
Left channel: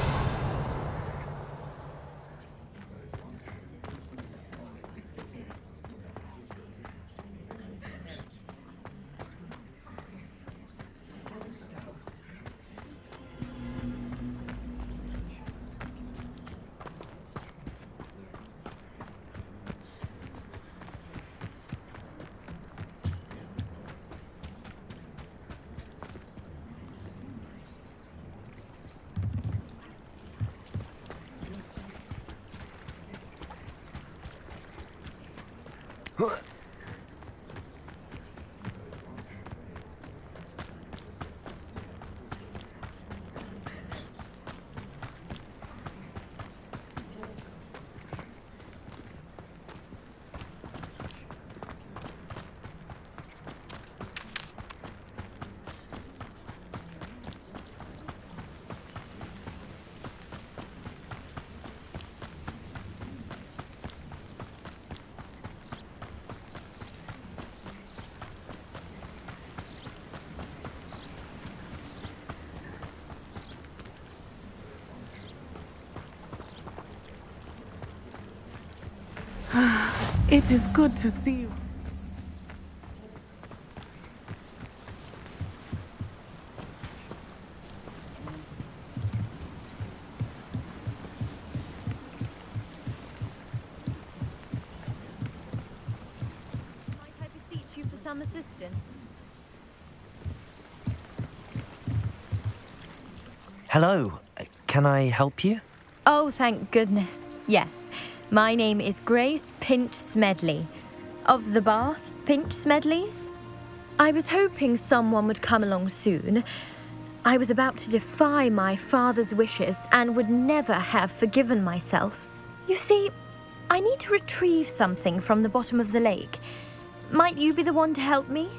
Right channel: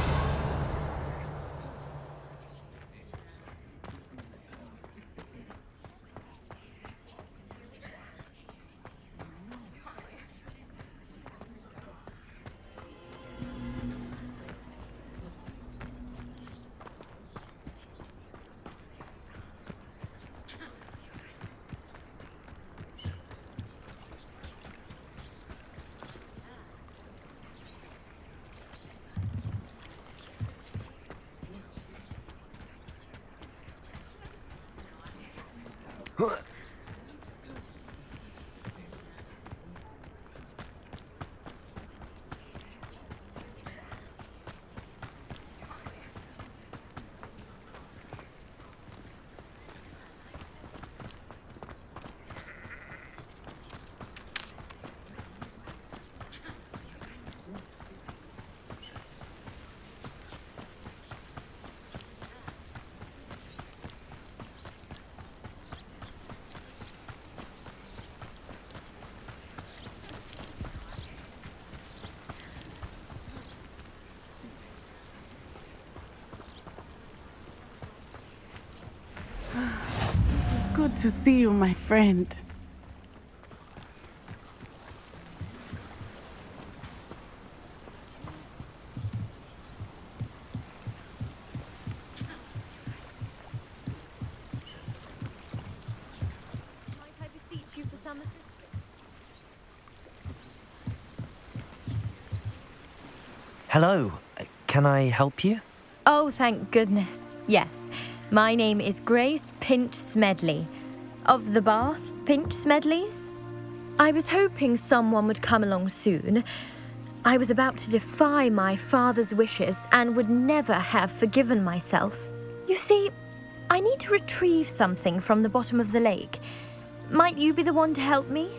It is good to see you, my friend. Might I beseech you for some assistance? Hello. Can I help you? Oh, thank goodness. Yes. My name is Grace Pinch Smedley. Of the Bath Pinch Smedleys? I was hoping someone would come along soon. I was about to defy my father's wishes and would never have forgiven myself. You see, I need to retrieve something from the bottom of the lake. Might you be the one to help me?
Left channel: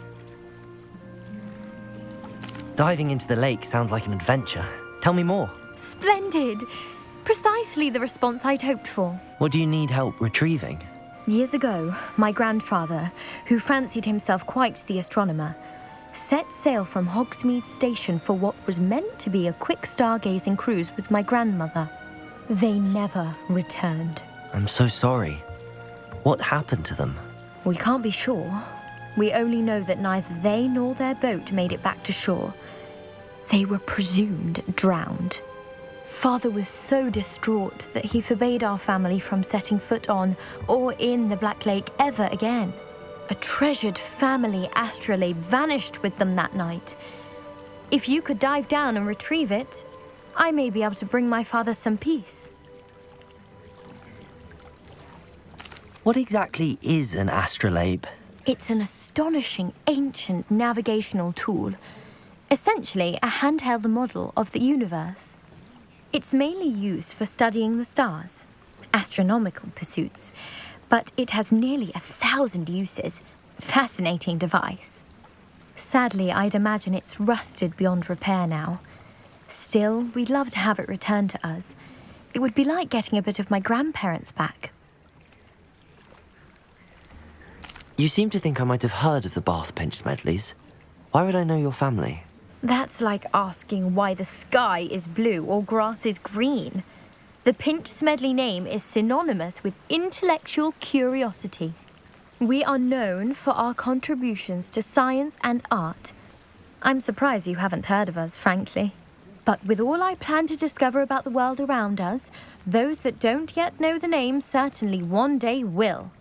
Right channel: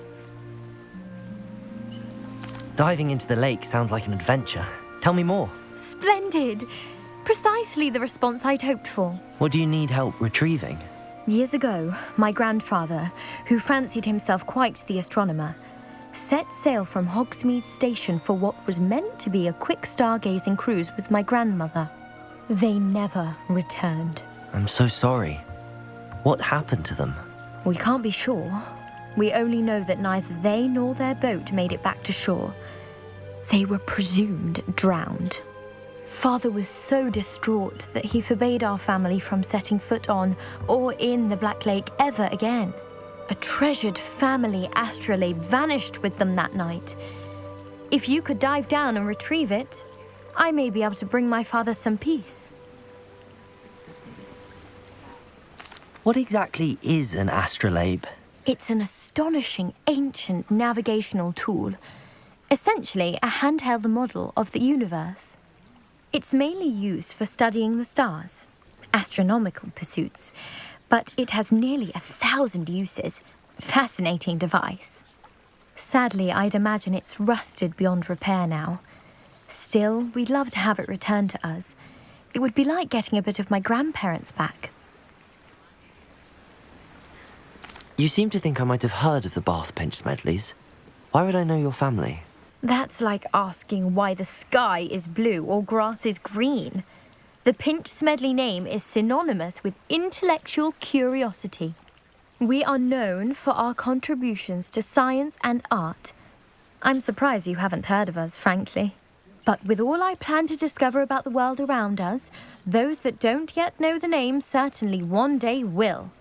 Diving into the lake sounds like an adventure. Tell me more. Splendid! Precisely the response I'd hoped for. What do you need help retrieving? Years ago, my grandfather, who fancied himself quite the astronomer, set sail from Hogsmeade Station for what was meant to be a quick stargazing cruise with my grandmother. They never returned. I'm so sorry. What happened to them? We can't be sure. We only know that neither they nor their boat made it back to shore. They were presumed drowned. Father was so distraught that he forbade our family from setting foot on or in the Black Lake ever again. A treasured family astrolabe vanished with them that night. If you could dive down and retrieve it, I may be able to bring my father some peace. What exactly is an astrolabe? It's an astonishing ancient navigational tool, essentially a handheld model of the universe. It's mainly used for studying the stars, astronomical pursuits, but it has nearly 1,000 uses. Fascinating device. Sadly, I'd imagine it's rusted beyond repair now. Still, we'd love to have it returned to us. It would be like getting a bit of my grandparents back. You seem to think I might have heard of the Bath Pinch Smedleys. Why would I know your family? That's like asking why the sky is blue or grass is green. The Pinch Smedley name is synonymous with intellectual curiosity. We are known for our contributions to science and art. I'm surprised you haven't heard of us, frankly. But with all I plan to discover about the world around us, those that don't yet know the name certainly one day will.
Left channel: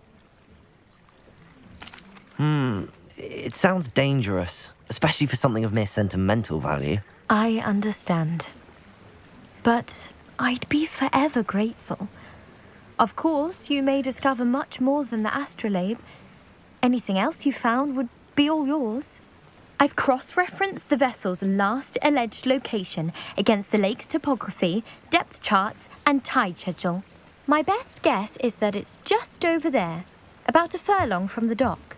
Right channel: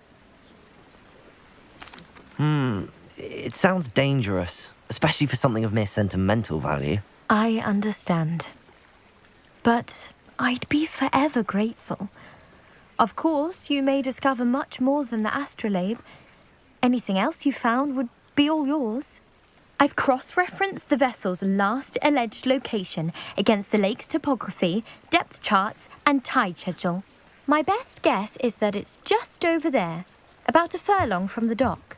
It sounds dangerous, especially for something of mere sentimental value. I understand. But I'd be forever grateful. Of course, you may discover much more than the astrolabe. Anything else you found would be all yours. I've cross-referenced the vessel's last alleged location against the lake's topography, depth charts, and tide schedule. My best guess is that it's just over there, about a furlong from the dock.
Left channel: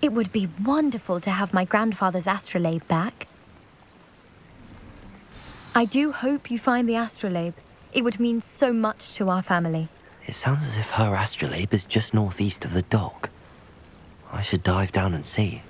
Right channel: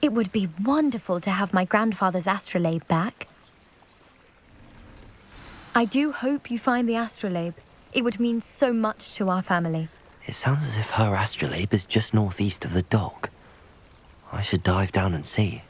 It would be wonderful to have my grandfather's astrolabe back. I do hope you find the astrolabe. It would mean so much to our family. It sounds as if her astrolabe is just northeast of the dock. I should dive down and see.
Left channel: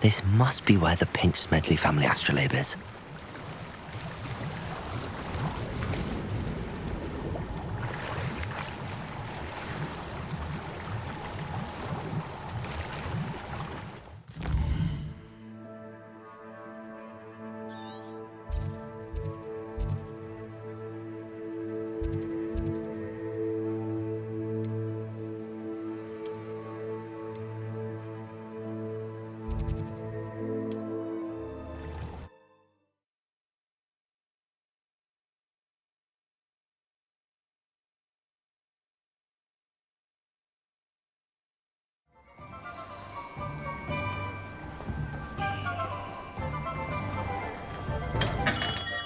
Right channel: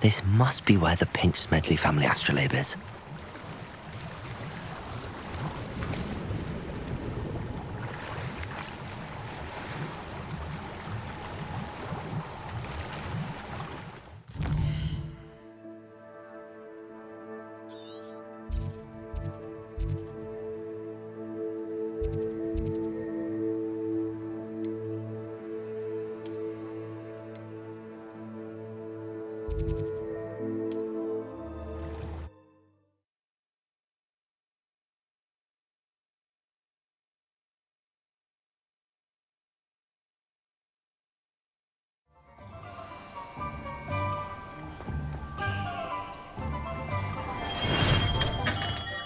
This must be where the Pinch-Smedley family astrolabe is.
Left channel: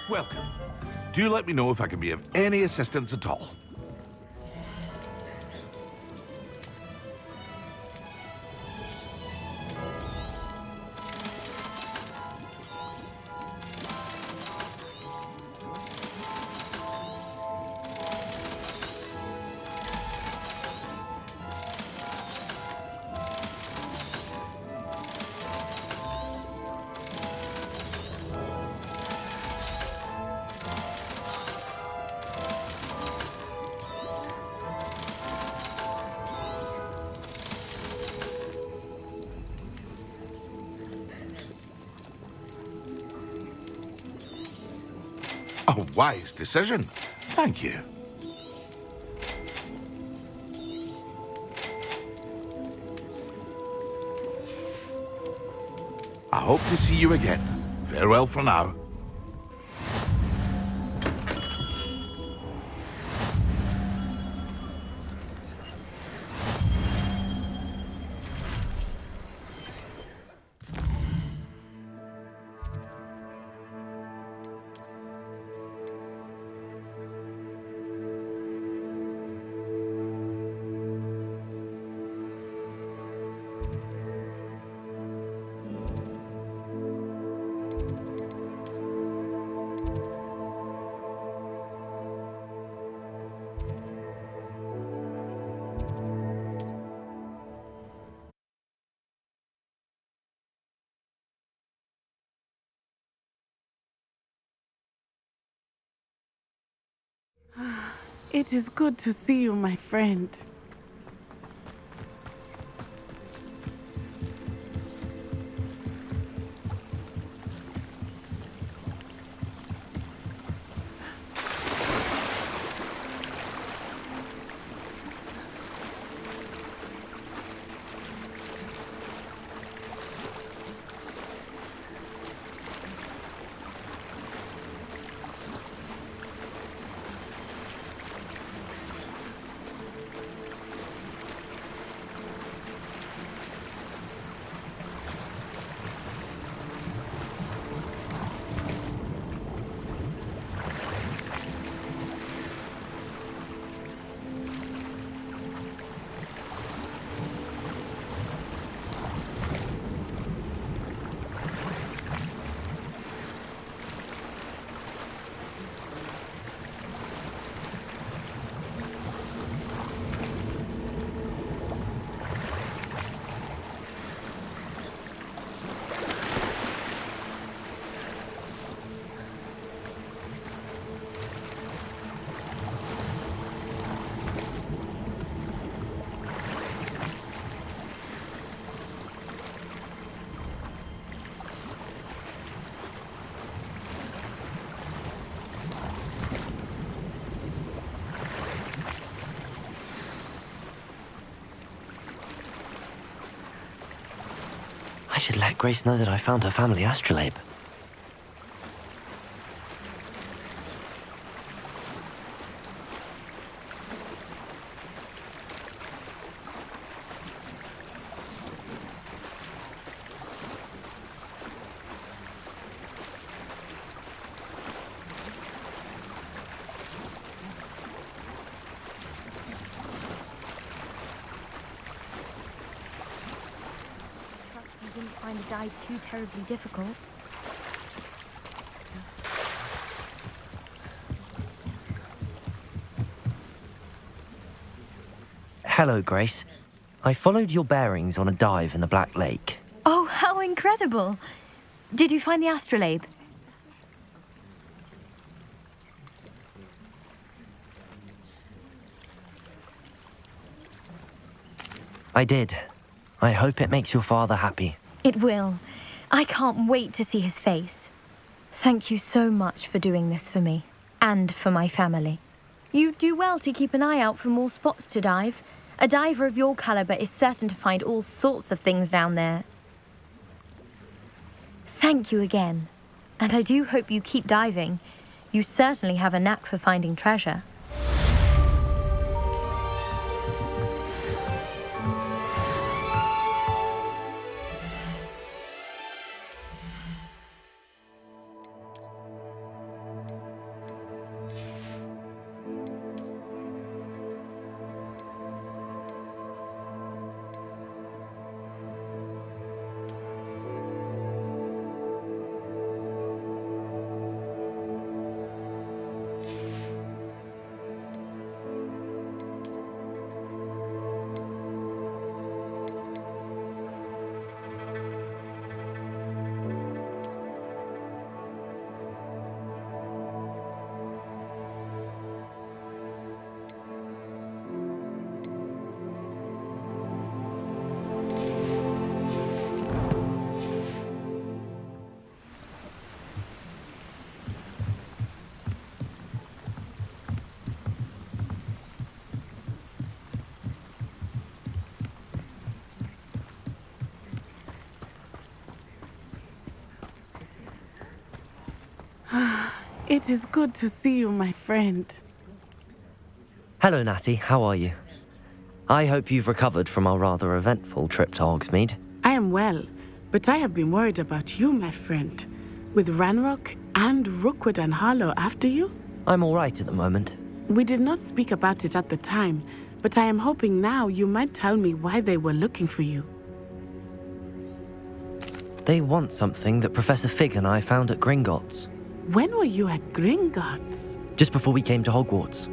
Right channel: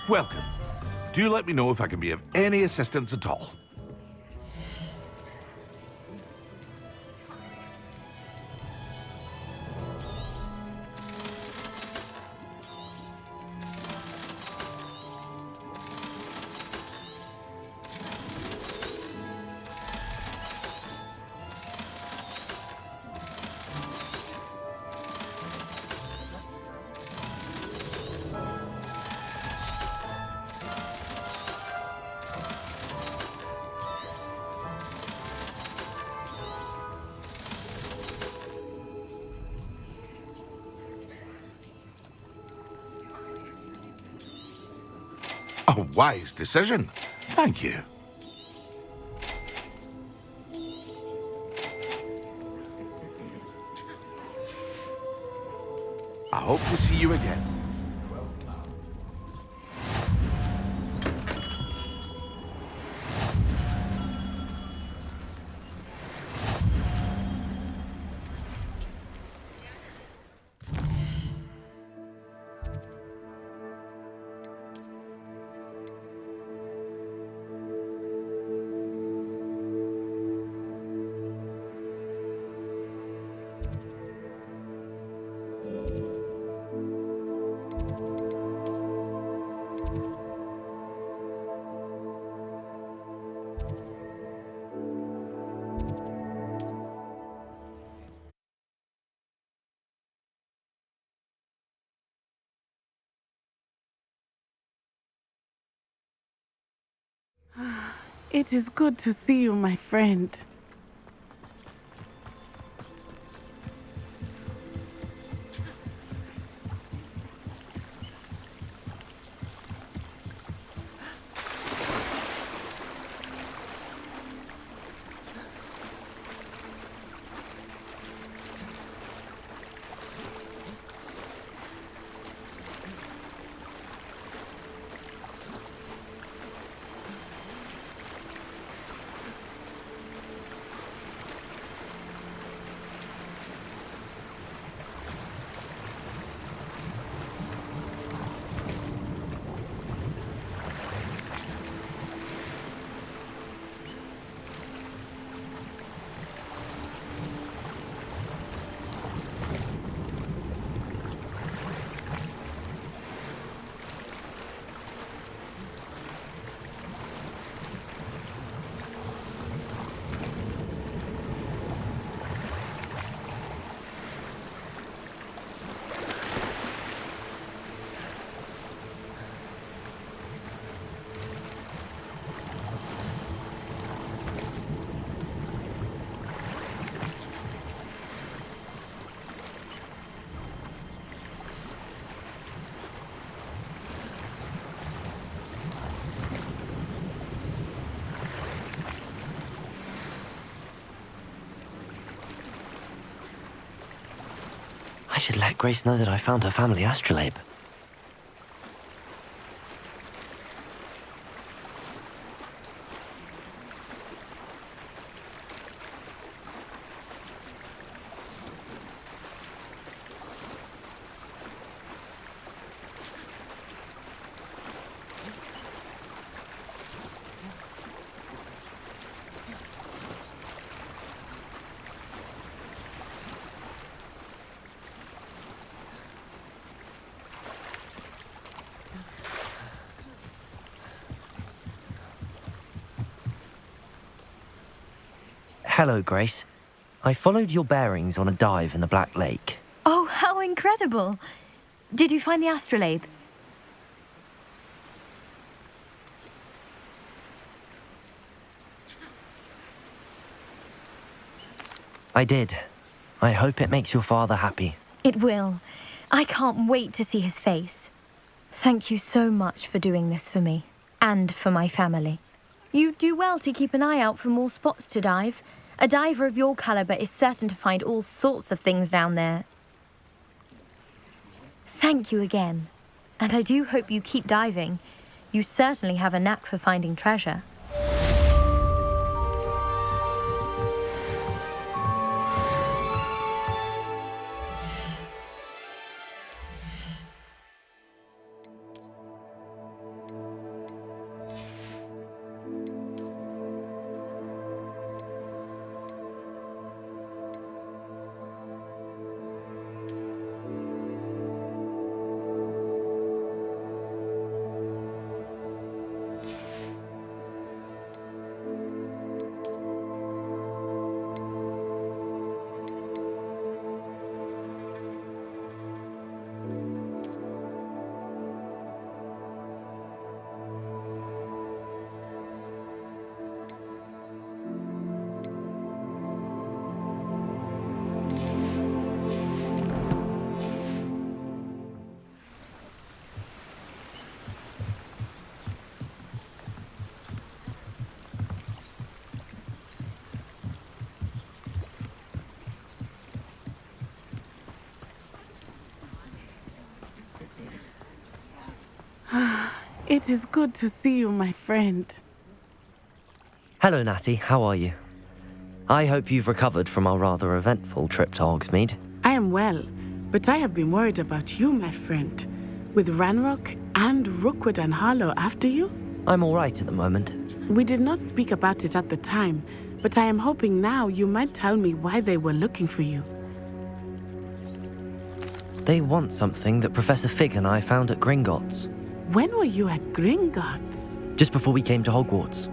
Welcome. Do let me know if I can be of any assistance at all. A wise decision. Thank you. I hope to see you again. Farewell for now. It is good to see you, my friend. I should let Grace know that I found her family astrolabe. Too terribly difficult. Hello, Grace. I followed your bearings on a dive in the Black Lake. Oh, how incredible! Did you find the astrolabe? I did. I hope it makes your father happy. It will. I can't wait to see his face. Thank you so much for doing this for me, and for my family. You do well to keep an eye out for more spots to dive. A diver of your caliber is certain to find all sorts of things down there. Thank you again. And I do hope you keep diving. You certainly have a knack for finding treasure. It is good to see you, my friend. Hello, Natty. How are you? I hope you've recovered from our rather eventful trip to Hogsmeade. I am well, but I have been worried about you, my friend. With Ranrock and Rookwood and Harlow after you? I'm all right at the moment. We did not speak about it at the time, but I am hoping now you might tell me why they were looking for you. They want something that Professor Fig and I found at Gringotts. When were you at Gringotts? Just before we came to Hogwarts.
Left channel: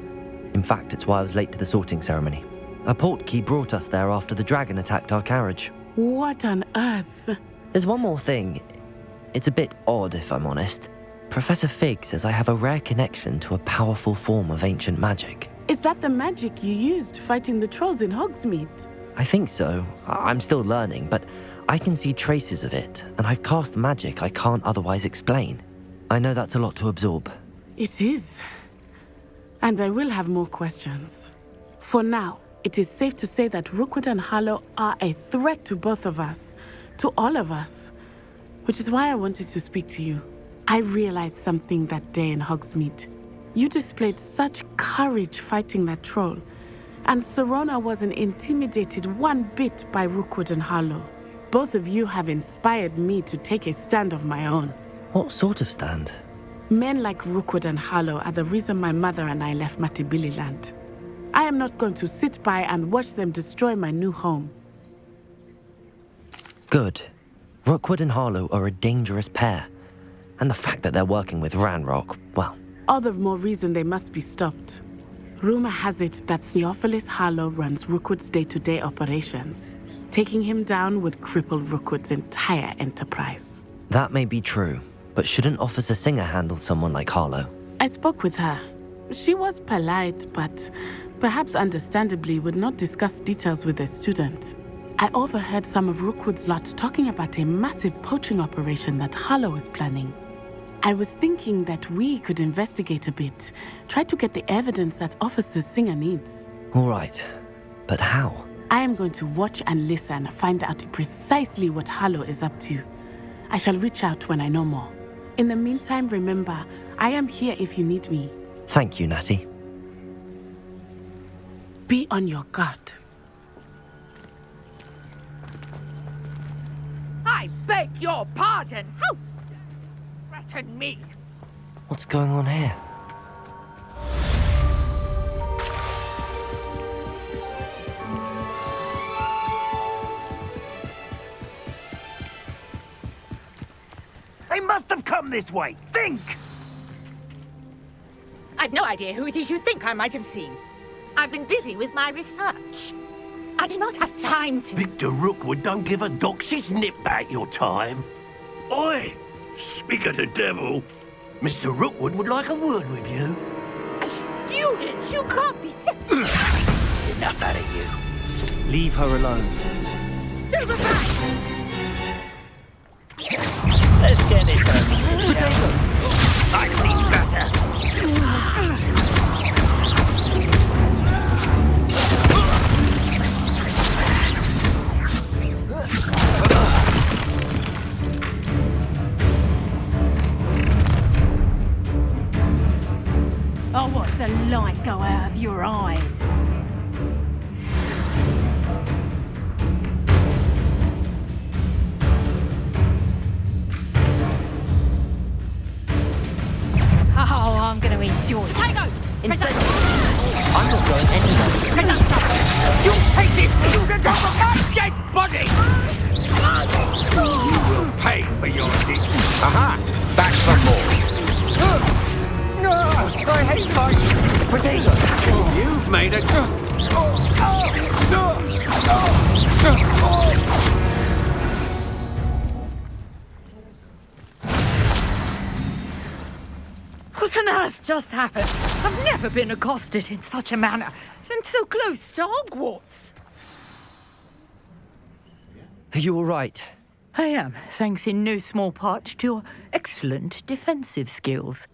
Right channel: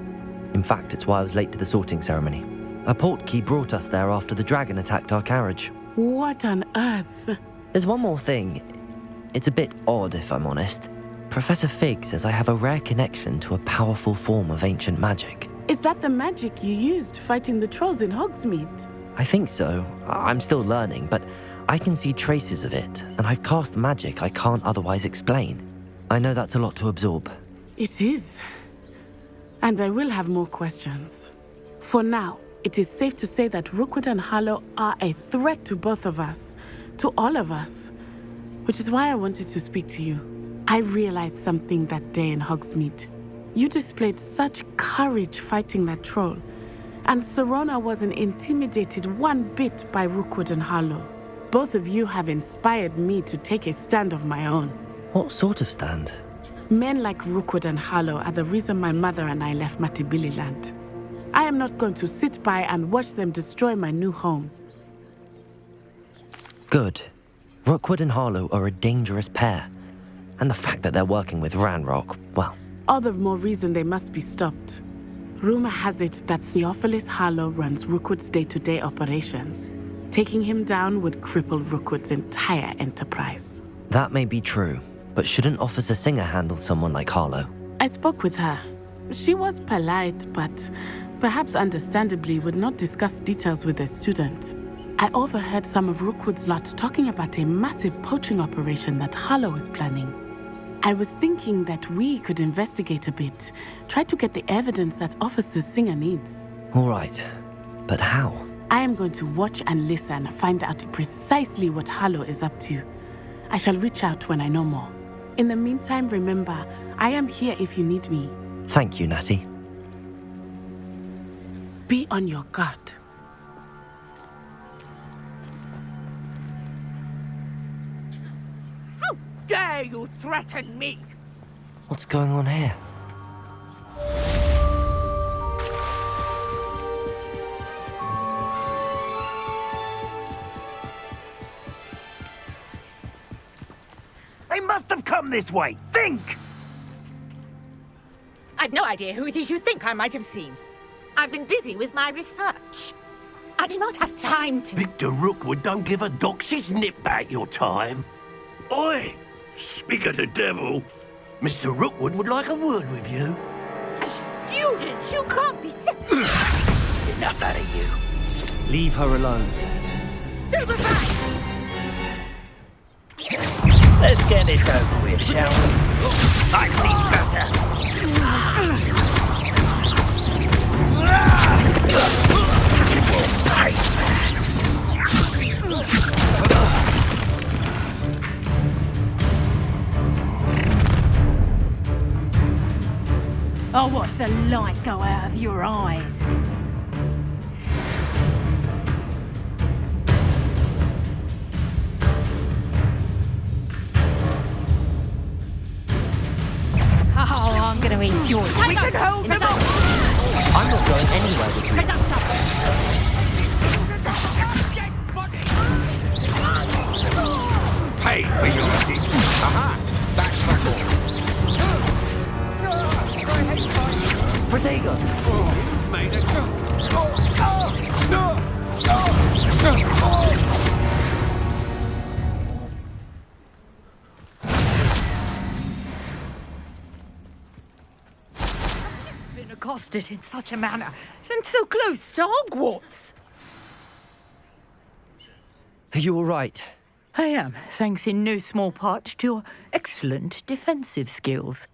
In fact, it's why I was late to the sorting ceremony. A portkey brought us there after the dragon attacked our carriage. What on earth? There's one more thing. It's a bit odd, if I'm honest. Professor Fig says I have a rare connection to a powerful form of ancient magic. Is that the magic you used fighting the trolls in Hogsmeade? I think so. I'm still learning, but I can see traces of it, and I've cast magic I can't otherwise explain. I know that's a lot to absorb. It is. And I will have more questions. For now, it is safe to say that Rookwood and Harlow are a threat to both of us, to all of us, which is why I wanted to speak to you. I realized something that day in Hogsmeade. You displayed such courage fighting that troll, and Serona wasn't intimidated one bit by Rookwood and Harlow. Both of you have inspired me to take a stand of my own. What sort of stand? Men like Rookwood and Harlow are the reason my mother and I left Matibili land. I am not going to sit by and watch them destroy my new home. Good. Rookwood and Harlow are a dangerous pair. And the fact that they're working with Ranrock, well... All the more reason they must be stopped. Rumor has it that Theophilus Harlow runs Rookwood's day-to-day operations. Taking him down would cripple Rookwood's entire enterprise. That may be true, but shouldn't Officer Singer handle someone like Harlow? I spoke with her. She was polite, but perhaps understandably would not discuss details with a student. I overheard some of Rookwood's lot talking about a massive poaching operation that Harlow is planning. I was thinking that we could investigate a bit, try to get the evidence that Officer Singer needs. All right, but how? I am going to watch and listen, find out precisely what Harlow is up to. I shall reach out when I know more. In the meantime, remember, I am here if you need me. Thank you, Natty. Be on your guard. I beg your pardon. How dare you threaten me? What's going on here? They must have come this way. Think! I've no idea who it is you think I might have seen. I've been busy with my research. I do not have time to... Victor Rookwood don't give a dox's nip back your time. Oi! Speak of the devil. Mr. Rookwood would like a word with you. A student? You can't be... Enough out of you. Leave her alone. Stupefy! Let's get this over with, shall we? I've seen better. I'll watch the light go out of your eyes. Oh, I'm going to enjoy it. I'm not going anywhere. Take this student off of my dead body! Pay for your dick. Aha! Back for more. I hate fighting. Potato, you've made a... What on earth just happened? I've never been accosted in such a manner, and so close to Hogwarts. Are you all right? I am, thanks in no small part to your excellent defensive skills.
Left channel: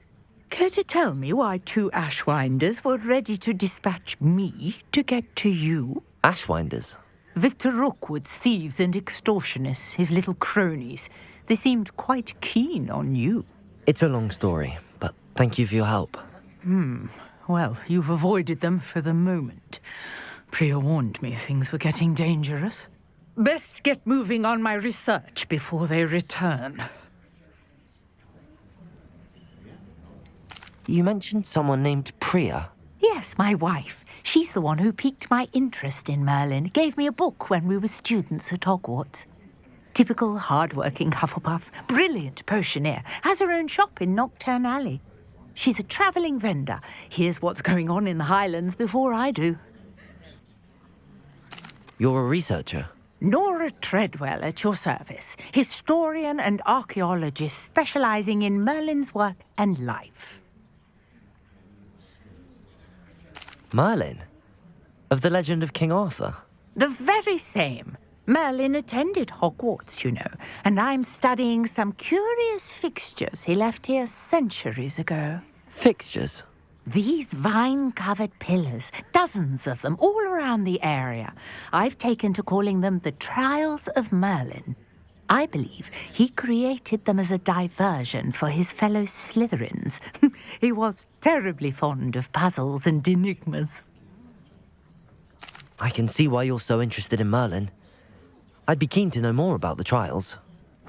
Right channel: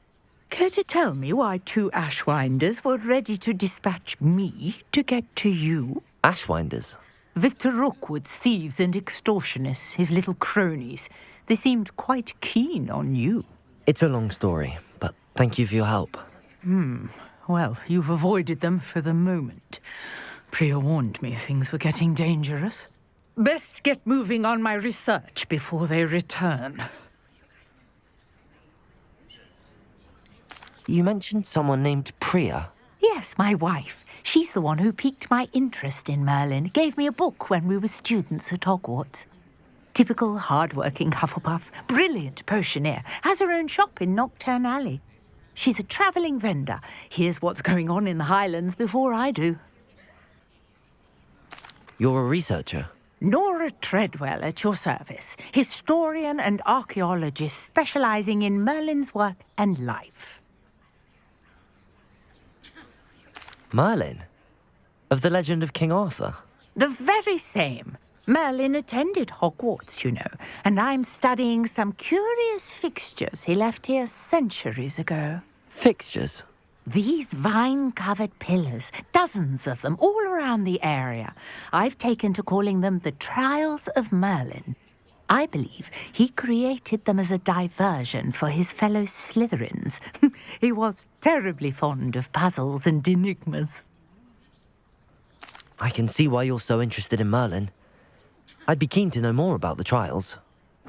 Care to tell me why two Ashwinders were ready to dispatch me to get to you? Ashwinders? Victor Rookwood's thieves and extortionists, his little cronies. They seemed quite keen on you. It's a long story, but thank you for your help. Well, you've avoided them for the moment. Priya warned me things were getting dangerous. Best get moving on my research before they return. You mentioned someone named Priya. Yes, my wife. She's the one who piqued my interest in Merlin. Gave me a book when we were students at Hogwarts. Typical hard-working Hufflepuff, brilliant potioneer, has her own shop in Knockturn Alley. She's a travelling vendor. Hears what's going on in the Highlands before I do. You're a researcher? Nora Treadwell at your service. Historian and archaeologist specialising in Merlin's work and life. Merlin? Of the legend of King Arthur? The very same. Merlin attended Hogwarts, you know, and I'm studying some curious fixtures he left here centuries ago. Fixtures? These vine-covered pillars, dozens of them, all around the area. I've taken to calling them the Trials of Merlin. I believe he created them as a diversion for his fellow Slytherins. He was terribly fond of puzzles and enigmas. I can see why you're so interested in Merlin. I'd be keen to know more about the trials.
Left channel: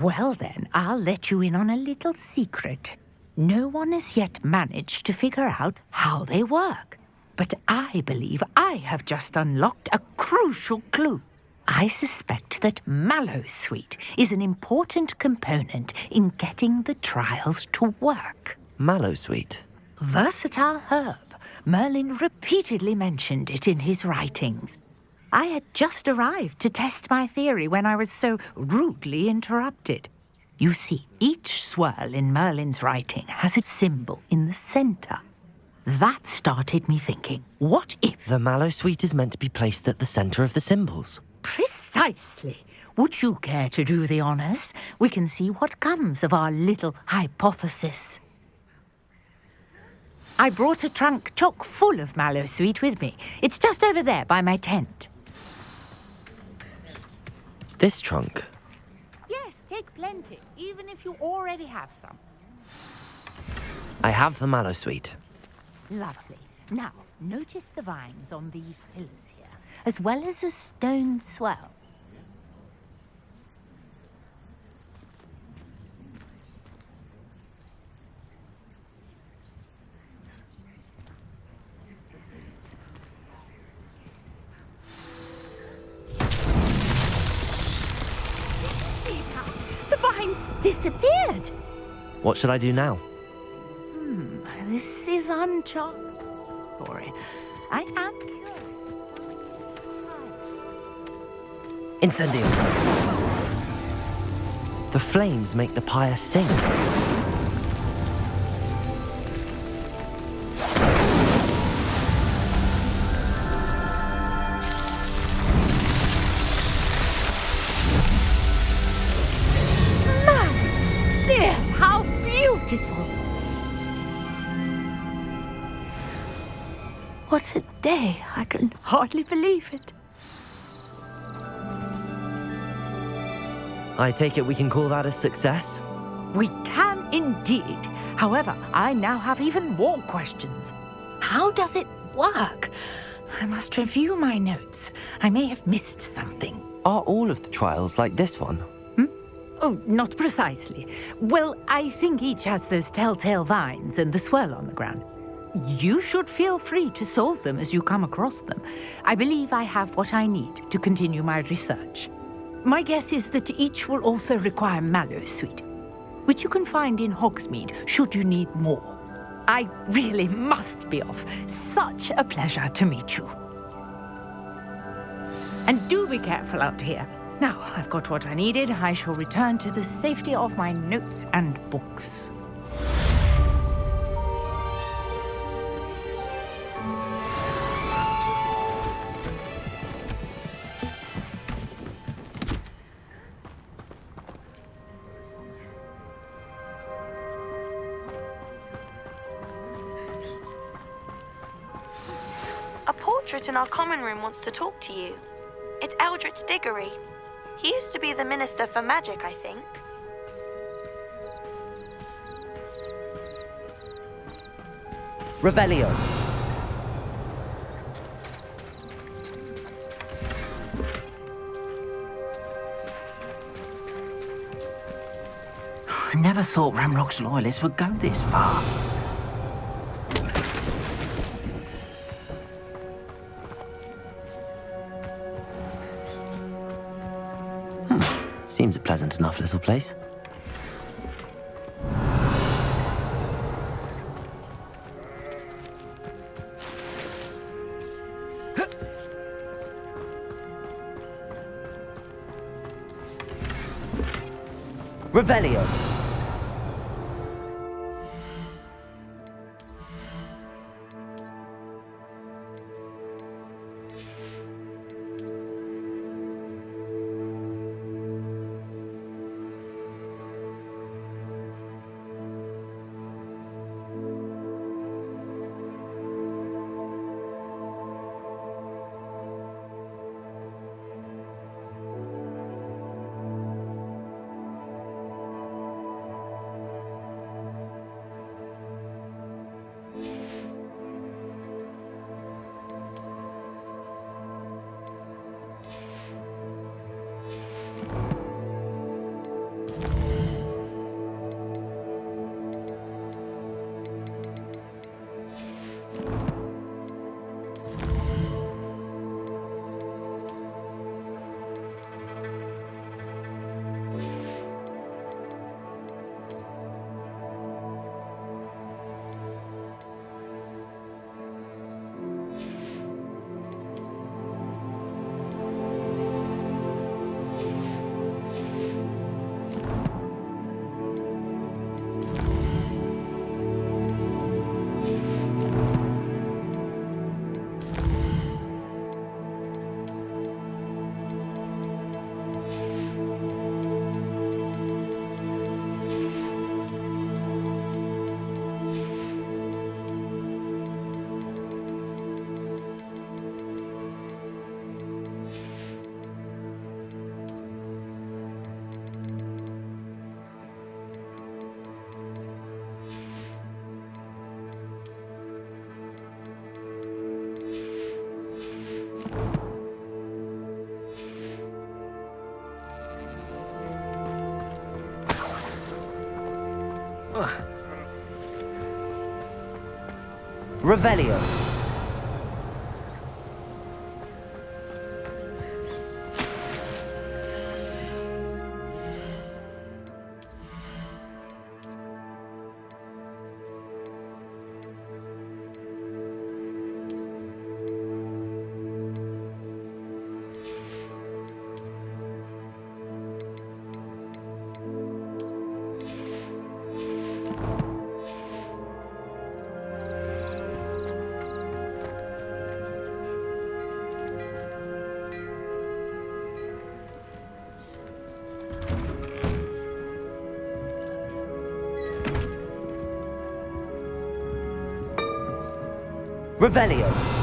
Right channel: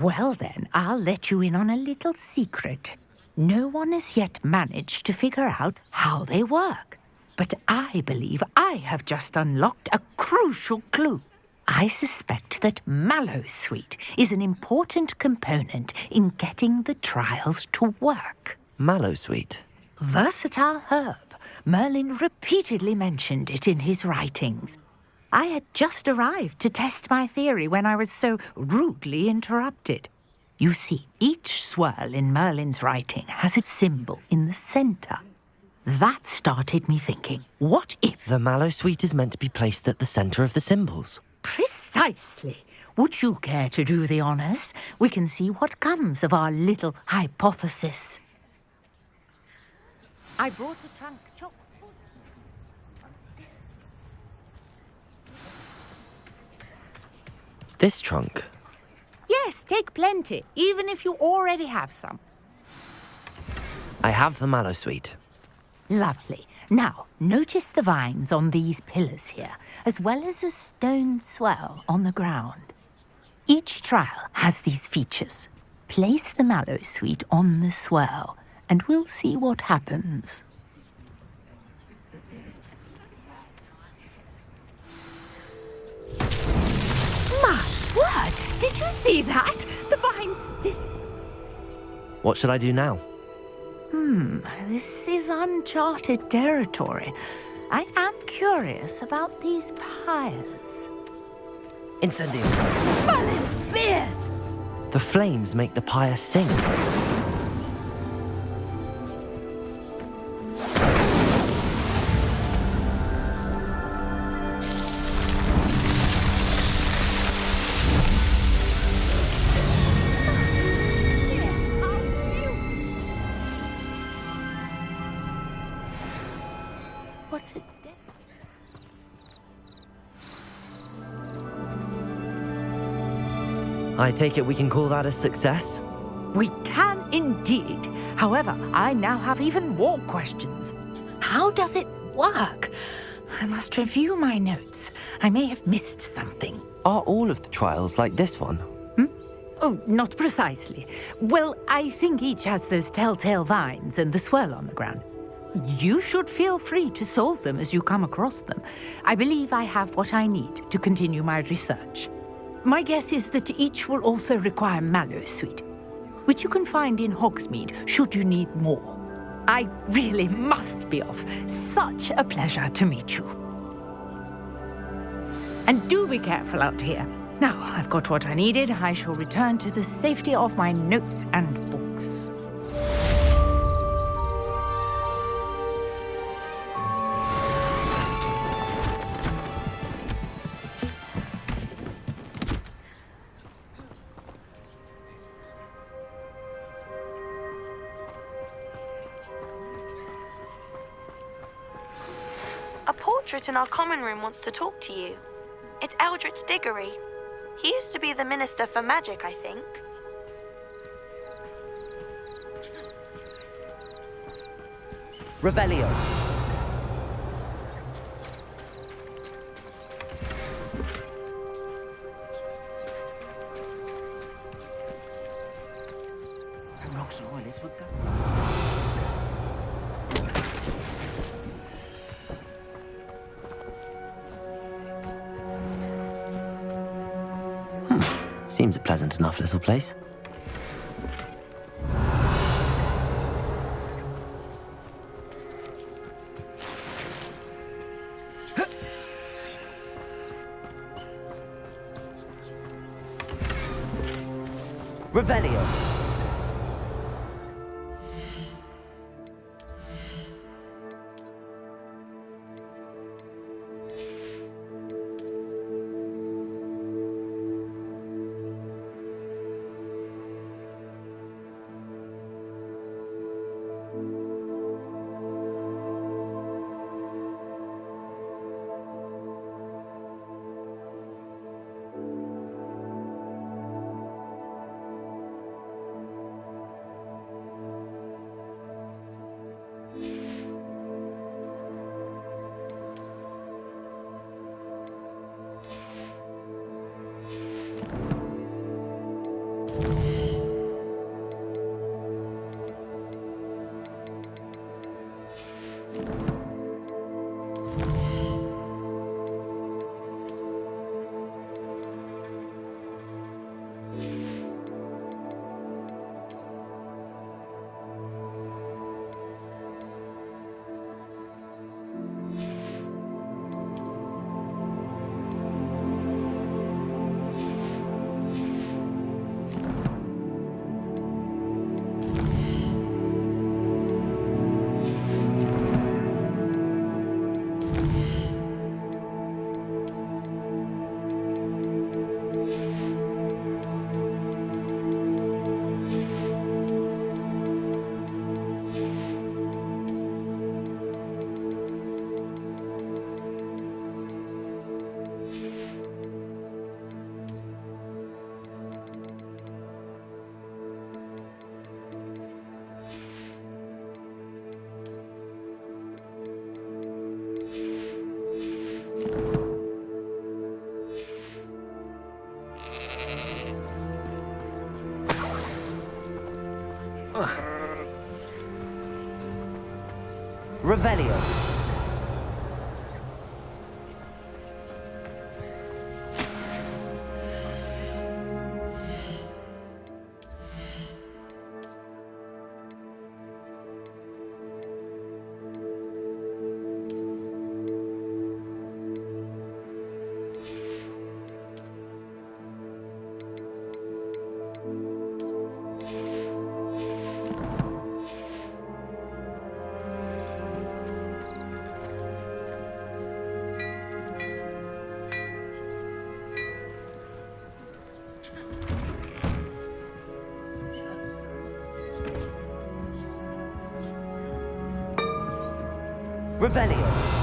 Well then, I'll let you in on a little secret. No one has yet managed to figure out how they work. But I believe I have just unlocked a crucial clue. I suspect that Mallowsweet is an important component in getting the trials to work. Mallowsweet? Versatile herb. Merlin repeatedly mentioned it in his writings. I had just arrived to test my theory when I was so rudely interrupted. You see, each swirl in Merlin's writing has a symbol in the centre. That started me thinking, what if... The Mallowsweet is meant to be placed at the centre of the symbols. Precisely. Would you care to do the honours? We can see what comes of our little hypothesis. I brought a trunk chock full of Mallowsweet with me. It's just over there by my tent. This trunk? Yes, take plenty, even if you already have some. I have the mallow sweet. Lovely. Now, notice the vines on these pillars here, as well as a stone swell on the ground. Each trial has these features. Place the mallow sweet on the swell, and we'll see what happens. My word! Did you see that? The vines disappeared. What should I do now? This is uncharted territory. I am curious about these pyres. Incendio! Beard! The flames make the pyre sing. Beard, how beautiful! What a day. I can hardly believe it. I take it we can call that a success? We can indeed. However, I now have even more questions. How does it work? I must review my notes. I may have missed something. Are all of the trials like this one? Oh, not precisely. Well, I think each has those telltale vines and the swirl on the ground. You should feel free to solve them as you come across them. I believe I have what I need to continue my research. My guess is that each will also require mallow sweet, which you can find in Hogsmeade should you need more. I really must be off. Such a pleasure to meet you. And do be careful out here. Now I've got what I needed, I shall return to the safety of my notes and books. A portrait in our common room wants to talk to you. It's Eldritch Diggory. He used to be the Minister for Magic, I think. Revelio. I never thought Ramrock's loyalists would go this far. Seems a pleasant enough little place. Revelio. Revelio. Revelio.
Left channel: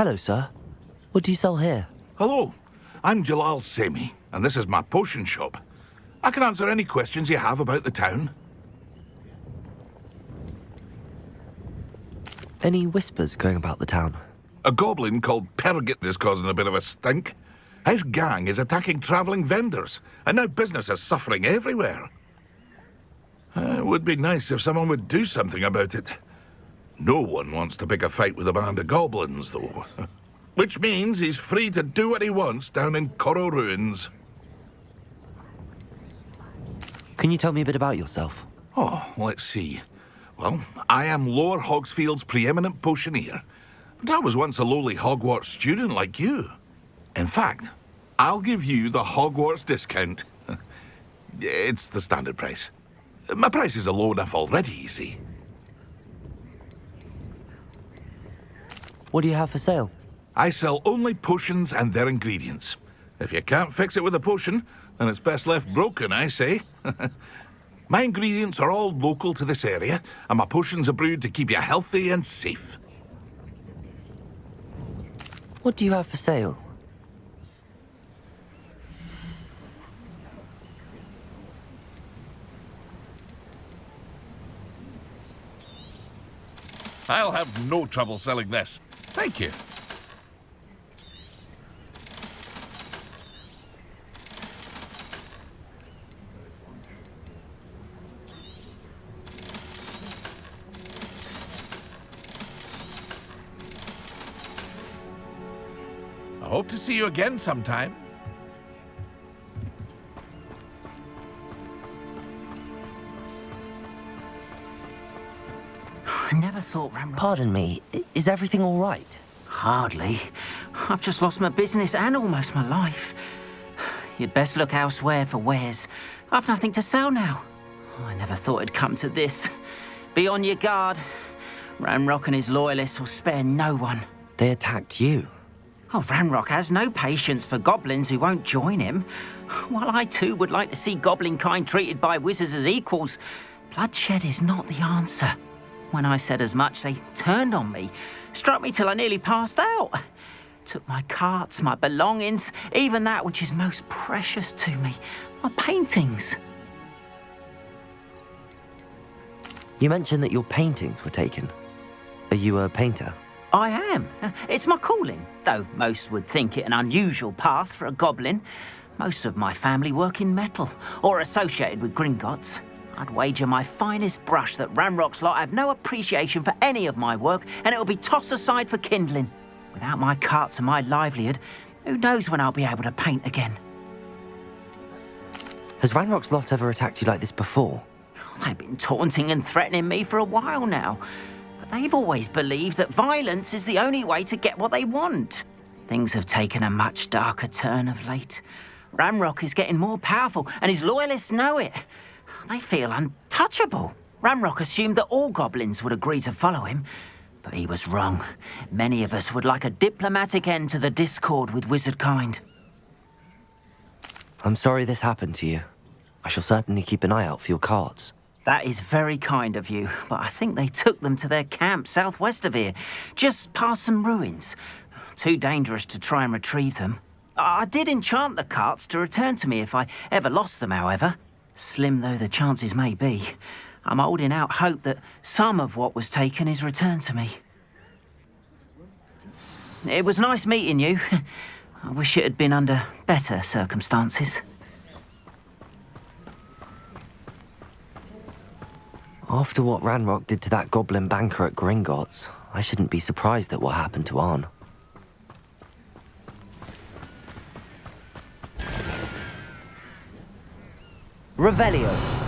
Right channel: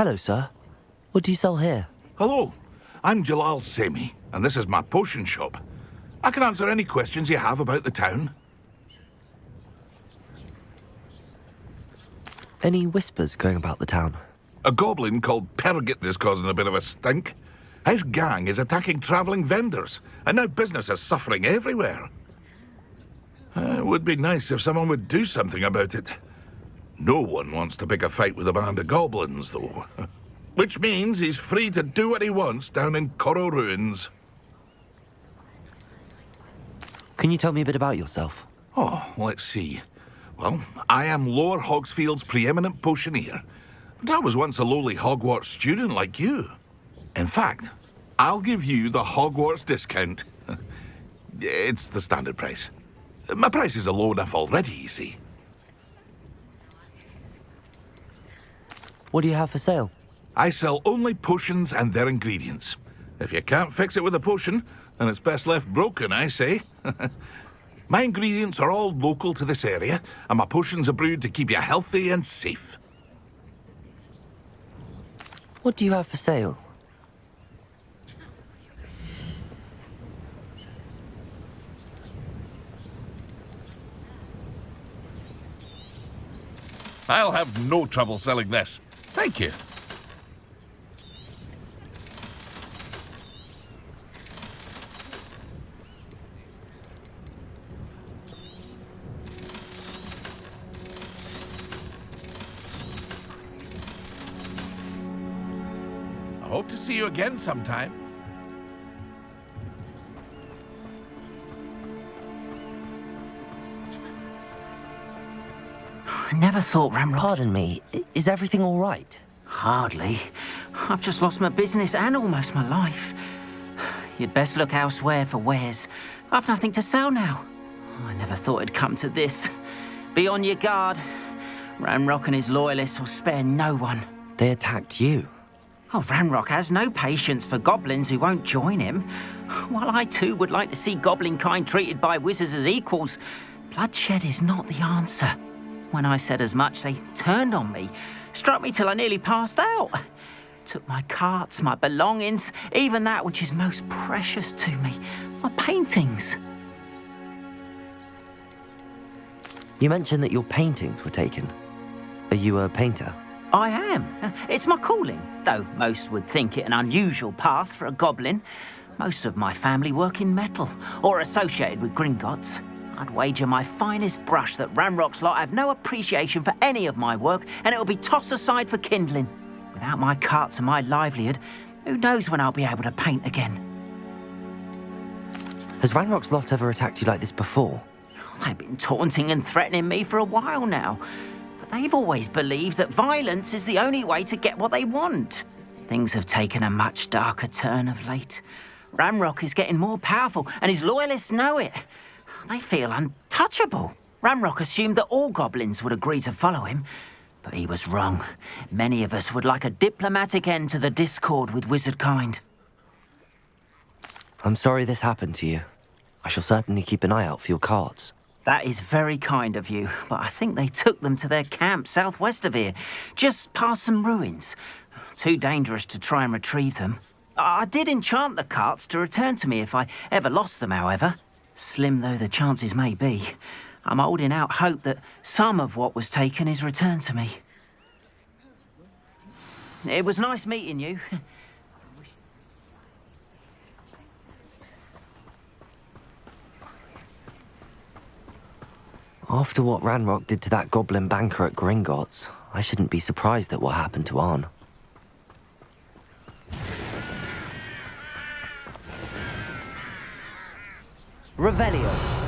Hello, sir. What do you sell here? Hello, I'm Jalal Semi, and this is my potion shop. I can answer any questions you have about the town. Any whispers going about the town? A goblin called Pergit is causing a bit of a stink. His gang is attacking travelling vendors, and now business is suffering everywhere. It would be nice if someone would do something about it. No one wants to pick a fight with a band of goblins, though. Which means he's free to do what he wants down in Corro Ruins. Can you tell me a bit about yourself? Oh, let's see. Well, I am Lower Hogsfield's preeminent potioneer. But I was once a lowly Hogwarts student like you. In fact, I'll give you the Hogwarts discount. It's the standard price. My prices are low enough already, you see. What do you have for sale? I sell only potions and their ingredients. If you can't fix it with a potion, then it's best left broken, I say. My ingredients are all local to this area, and my potions are brewed to keep you healthy and safe. What do you have for sale? I'll have no trouble selling this. Thank you. I hope to see you again sometime. I never thought Ramrock... Pardon me, is everything all right? Hardly. I've just lost my business and almost my life. You'd best look elsewhere for wares. I've nothing to sell now. I never thought it'd come to this. Be on your guard. Ramrock and his loyalists will spare no one. They attacked you? Oh, Ranrock has no patience for goblins who won't join him. While I too would like to see goblin kind treated by wizards as equals, bloodshed is not the answer. When I said as much, they turned on me, struck me till I nearly passed out. Took my carts, my belongings, even that which is most precious to me, my paintings. You mentioned that your paintings were taken. Are you a painter? I am. It's my calling, though most would think it an unusual path for a goblin. Most of my family work in metal, or associated with Gringotts. I'd wager my finest brush that Ranrock's lot have no appreciation for any of my work, and it'll be tossed aside for kindling. Without my carts and my livelihood, who knows when I'll be able to paint again? Has Ranrock's lot ever attacked you like this before? They've been taunting and threatening me for a while now. But they've always believed that violence is the only way to get what they want. Things have taken a much darker turn of late. Ranrock is getting more powerful, and his loyalists know it. They feel untouchable. Ranrock assumed that all goblins would agree to follow him, but he was wrong. Many of us would like a diplomatic end to the discord with wizard kind. I'm sorry this happened to you. I shall certainly keep an eye out for your carts. That is very kind of you, but I think they took them to their camp southwest of here, just past some ruins. Too dangerous to try and retrieve them. I did enchant the carts to return to me if I ever lost them, however. Slim though the chances may be, I'm holding out hope that some of what was taken is returned to me. It was nice meeting you. I wish it had been under better circumstances. After what Ranrock did to that goblin banker at Gringotts, I shouldn't be surprised at what happened to Arn. Revelio.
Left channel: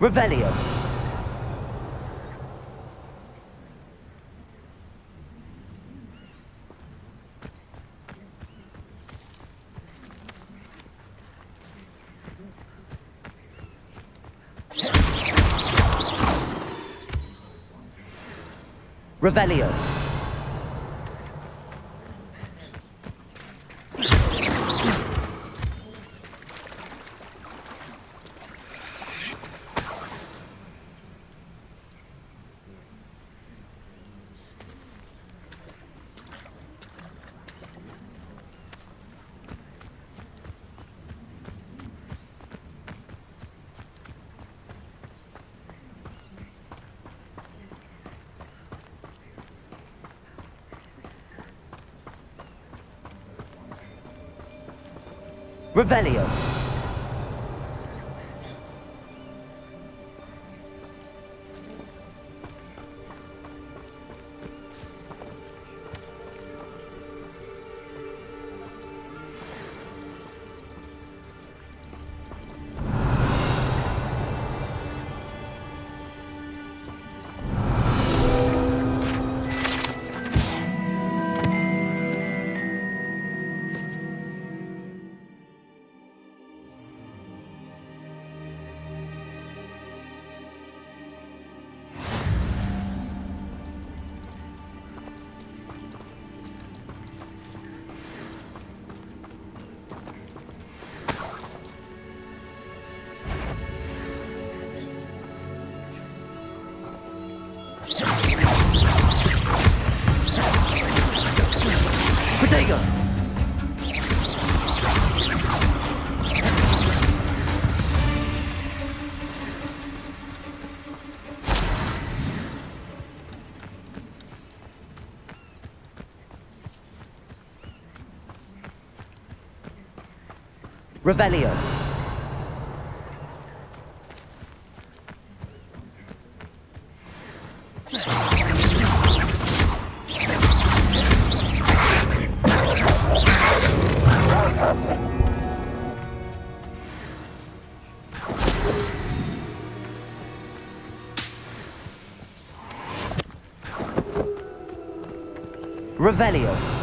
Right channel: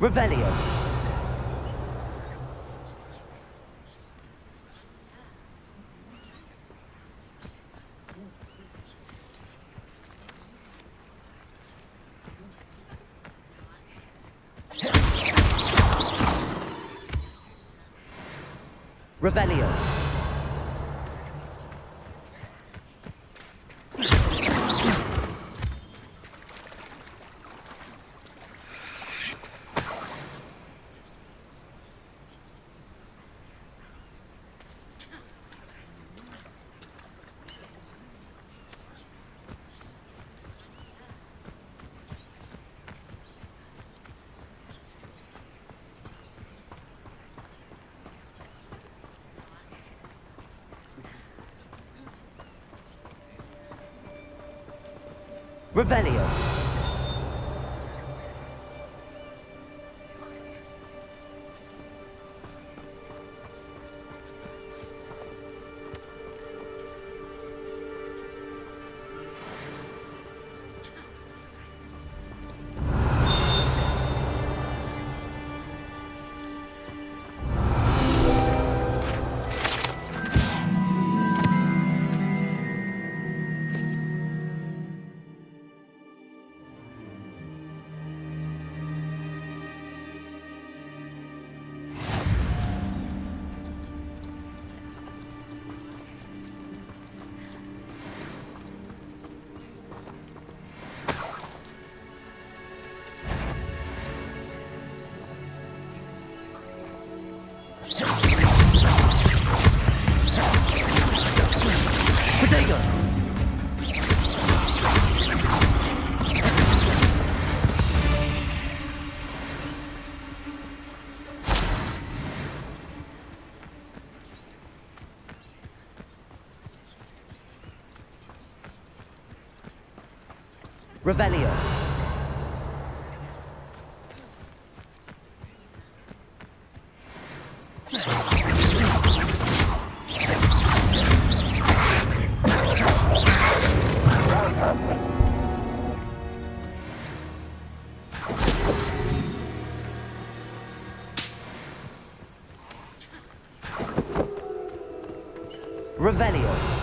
Revelio. Revelio. Revelio. Potato. Revelio. Revelio.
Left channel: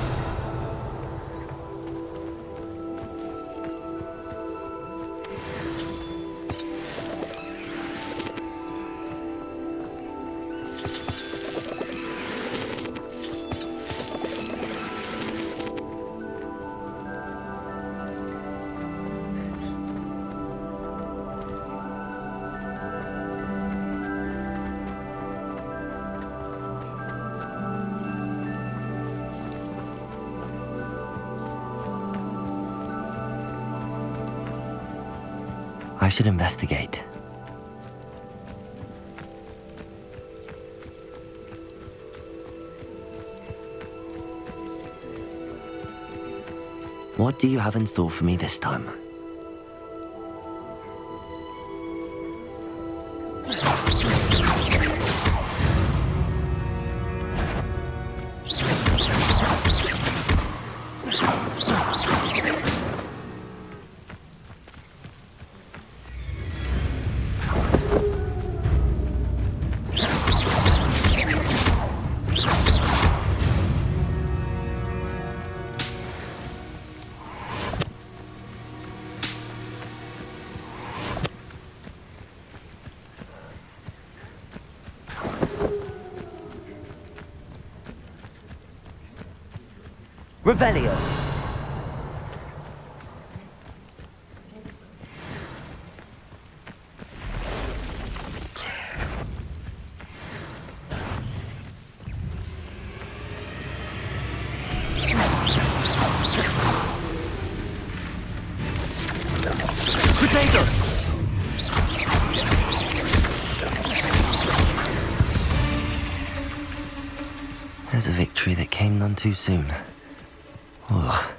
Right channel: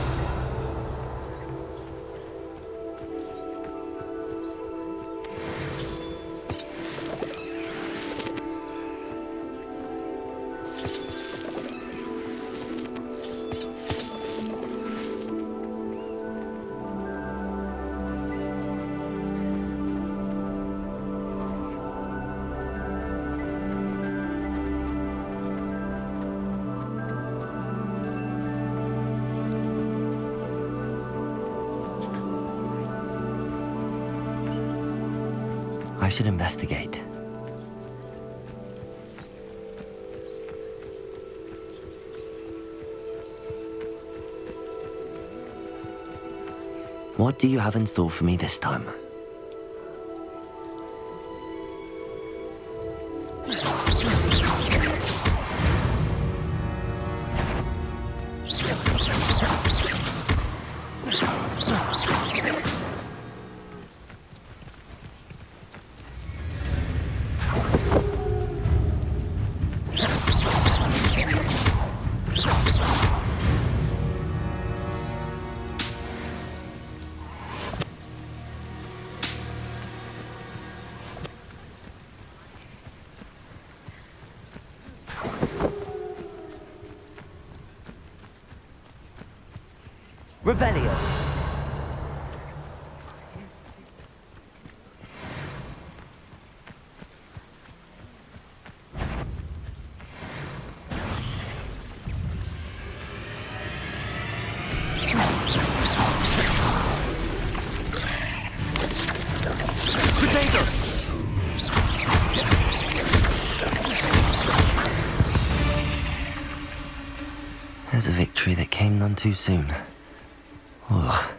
I should investigate. What do you have in store for me this time? Revelio. Potato. There's a victory that came none too soon. Ugh.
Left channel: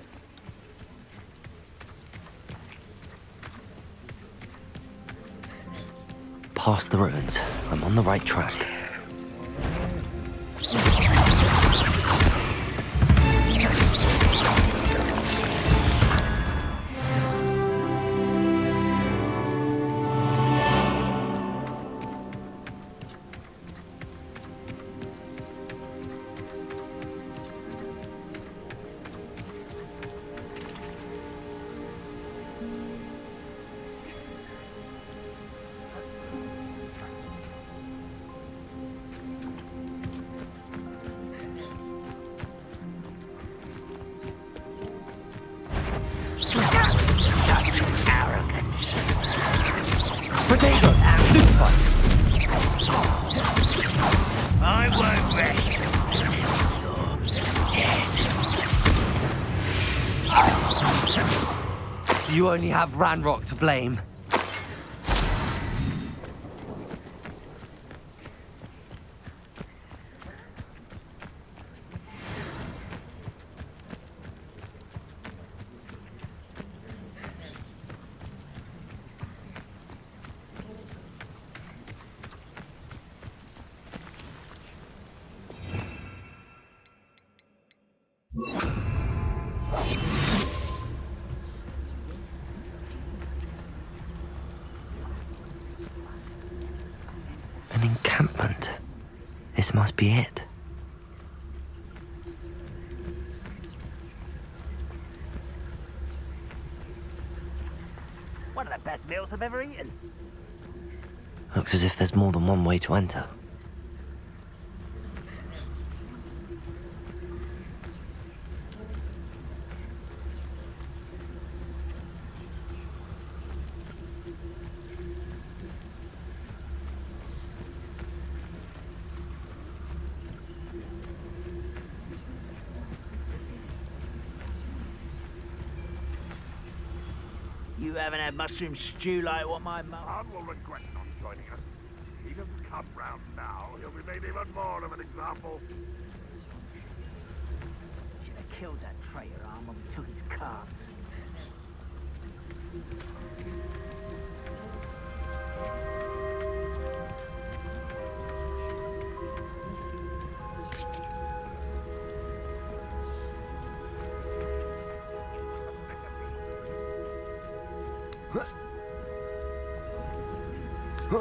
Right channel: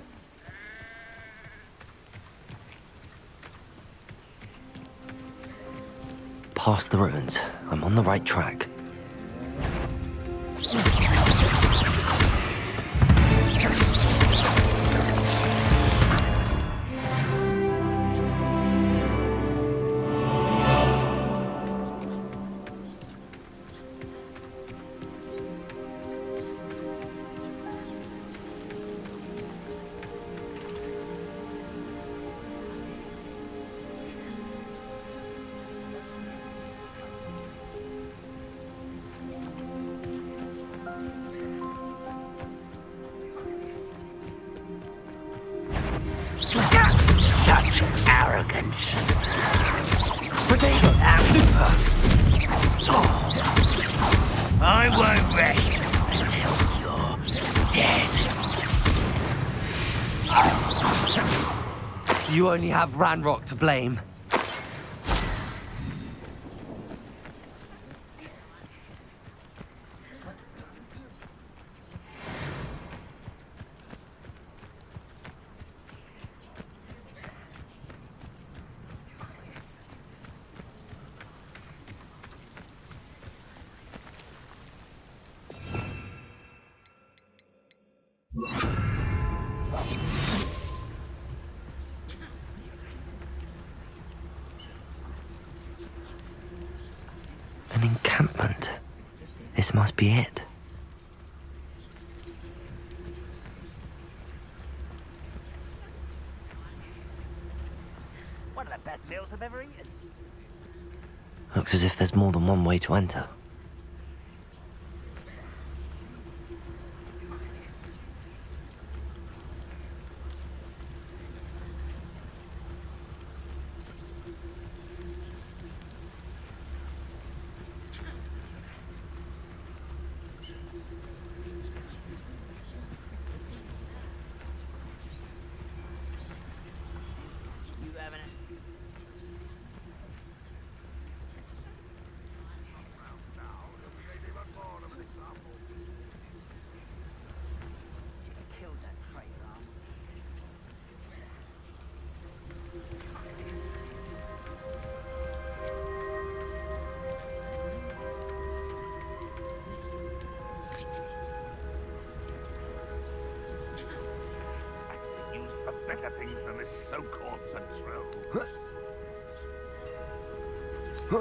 Past the ruins. I'm on the right track. chance. Potato! Stupefy! I won't rest until you're dead. You only have Ranrock to blame. An encampment. This must be it. One of the best meals I've ever eaten. Looks as if there's more than one way to enter. You haven't had mushroom stew like what my mum... I will regret not joining us. If he doesn't come round now, he'll be made even more of an example. Should have killed that traitor arm when we took his cards. Use for better things than this so-called sentinel. The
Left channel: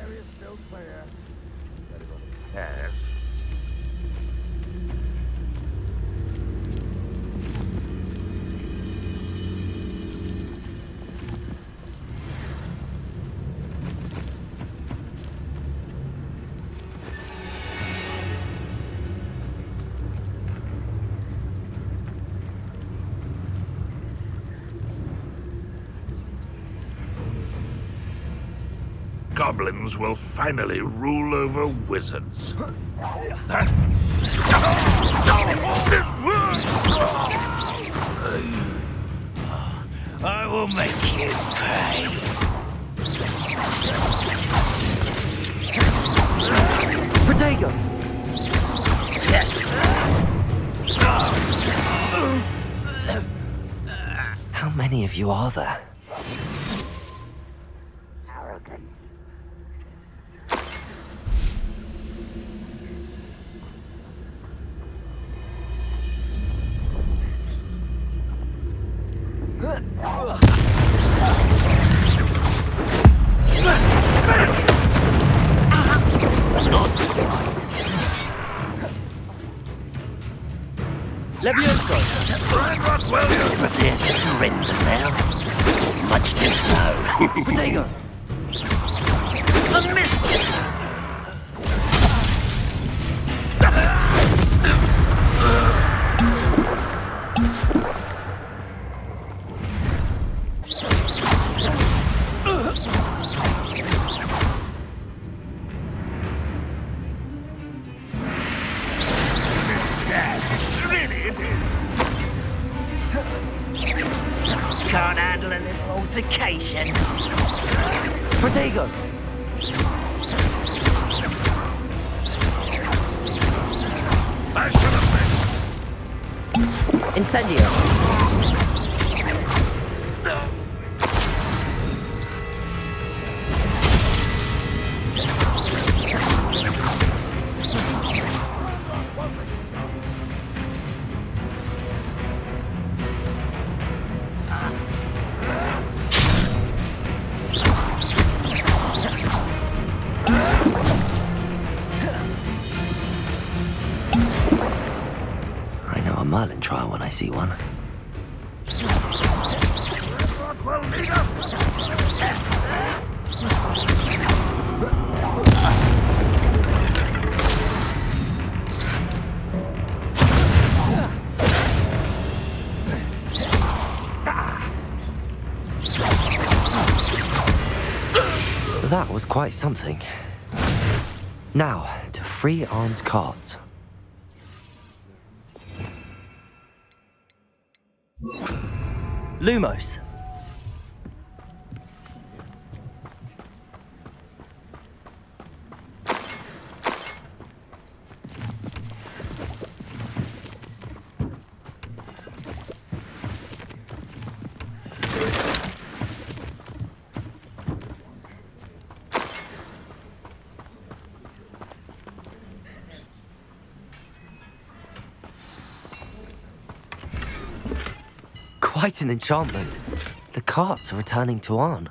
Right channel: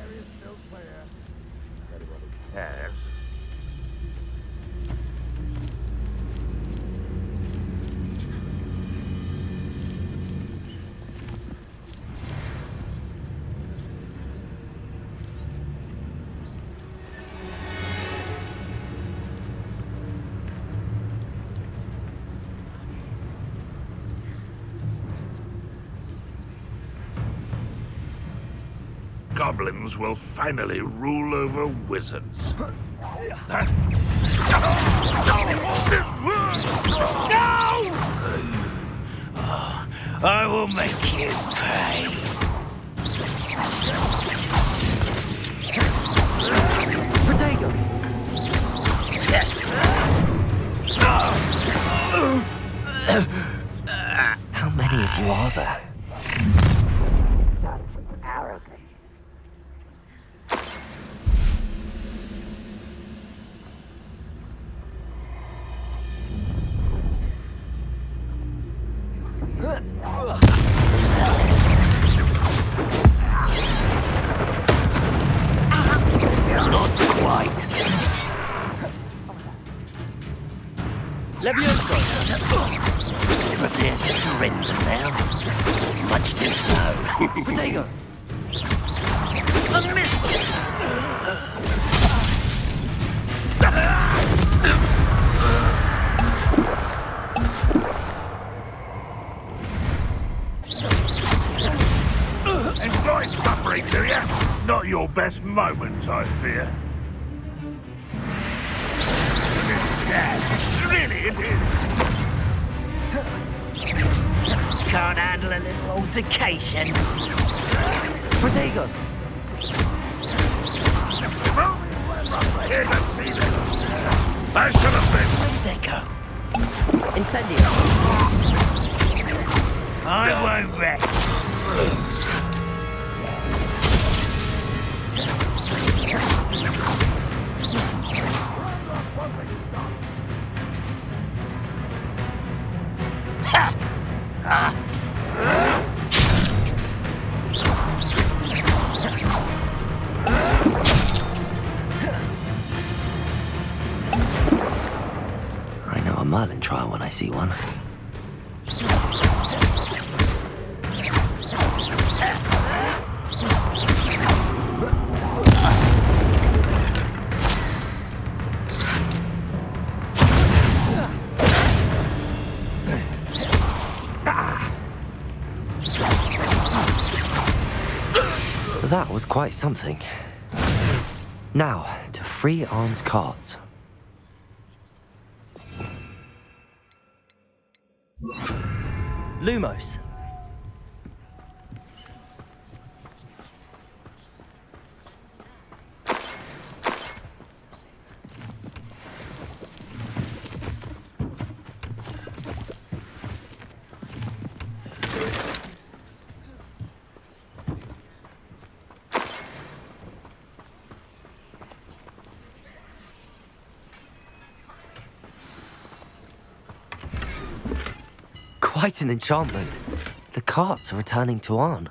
area's still clear. Anybody cares? Goblins will finally rule over wizards. I will make you pay. Potato! How many of you are there? Arrogant. Not quite. Levioso! Prepare to surrender now. Much too slow. Potato! A miss! Not your best moment, I fear. Really, it is. Can't handle a little altercation. Potato! I should have been. Incendio! I won't rest. I know a Merlin trial when I see one. That was quite something. Now, to free Arn's cards. Lumos. Quite an enchantment. The carts are returning to Arn.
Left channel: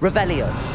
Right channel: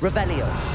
Revelio.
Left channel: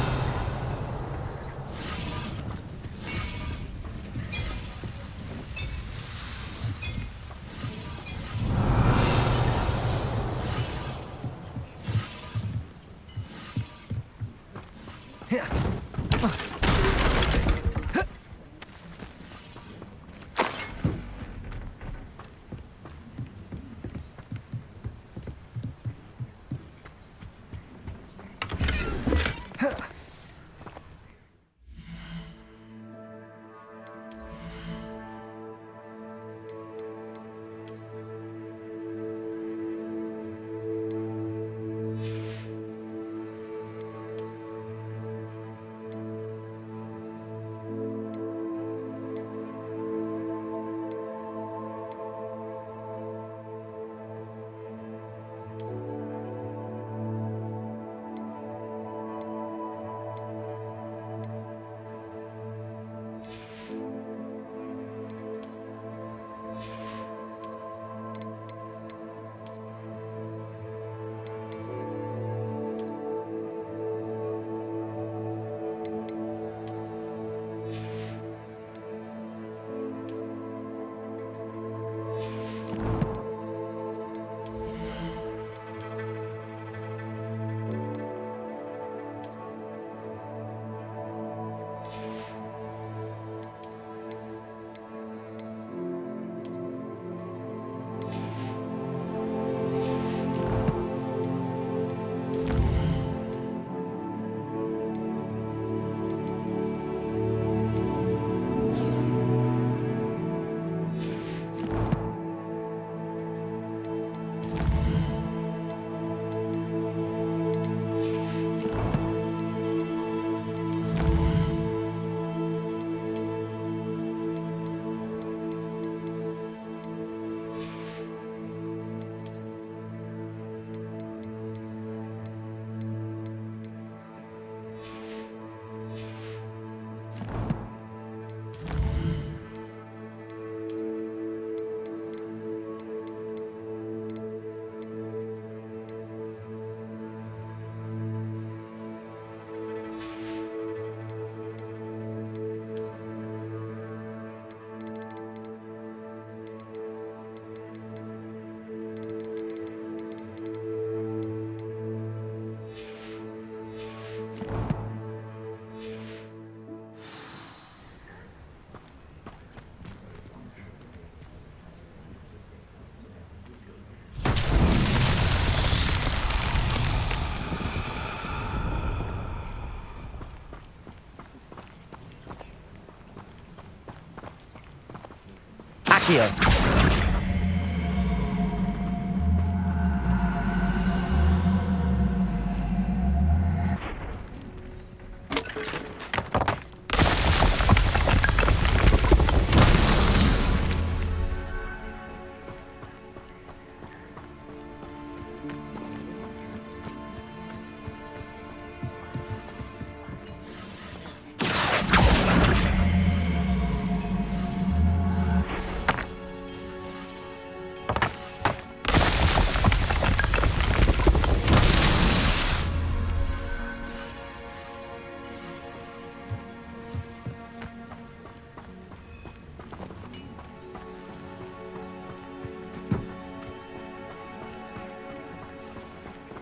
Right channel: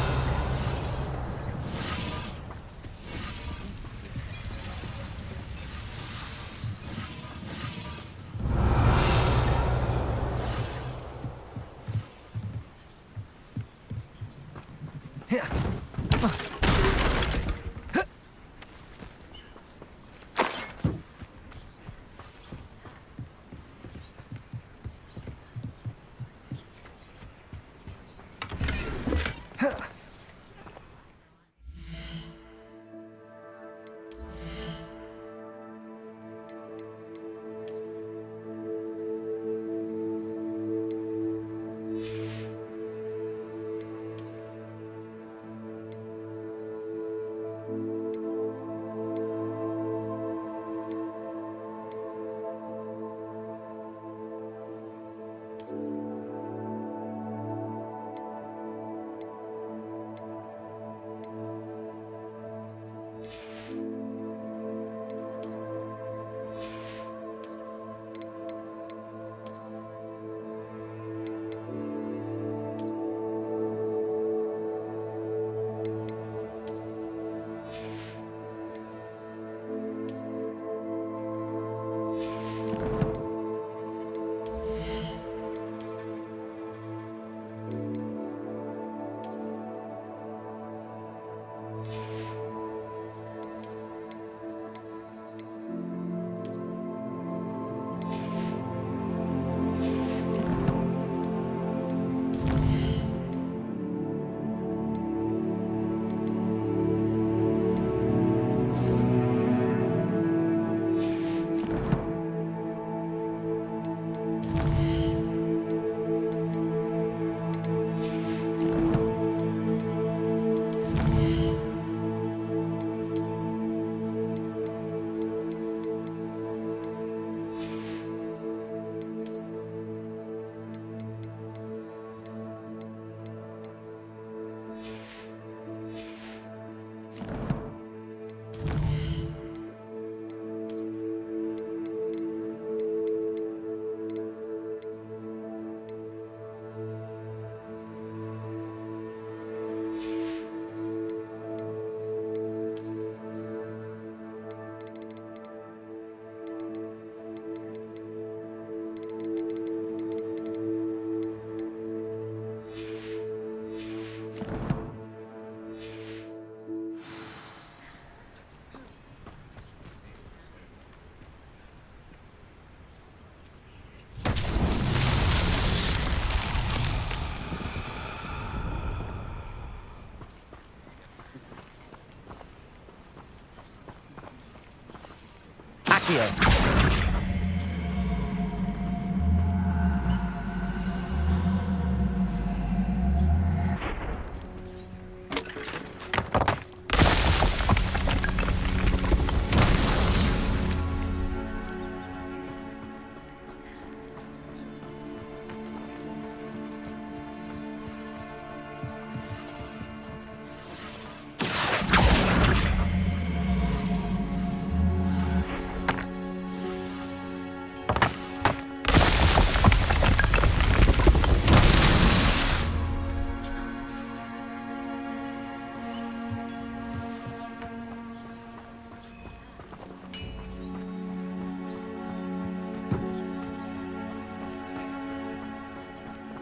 Accio.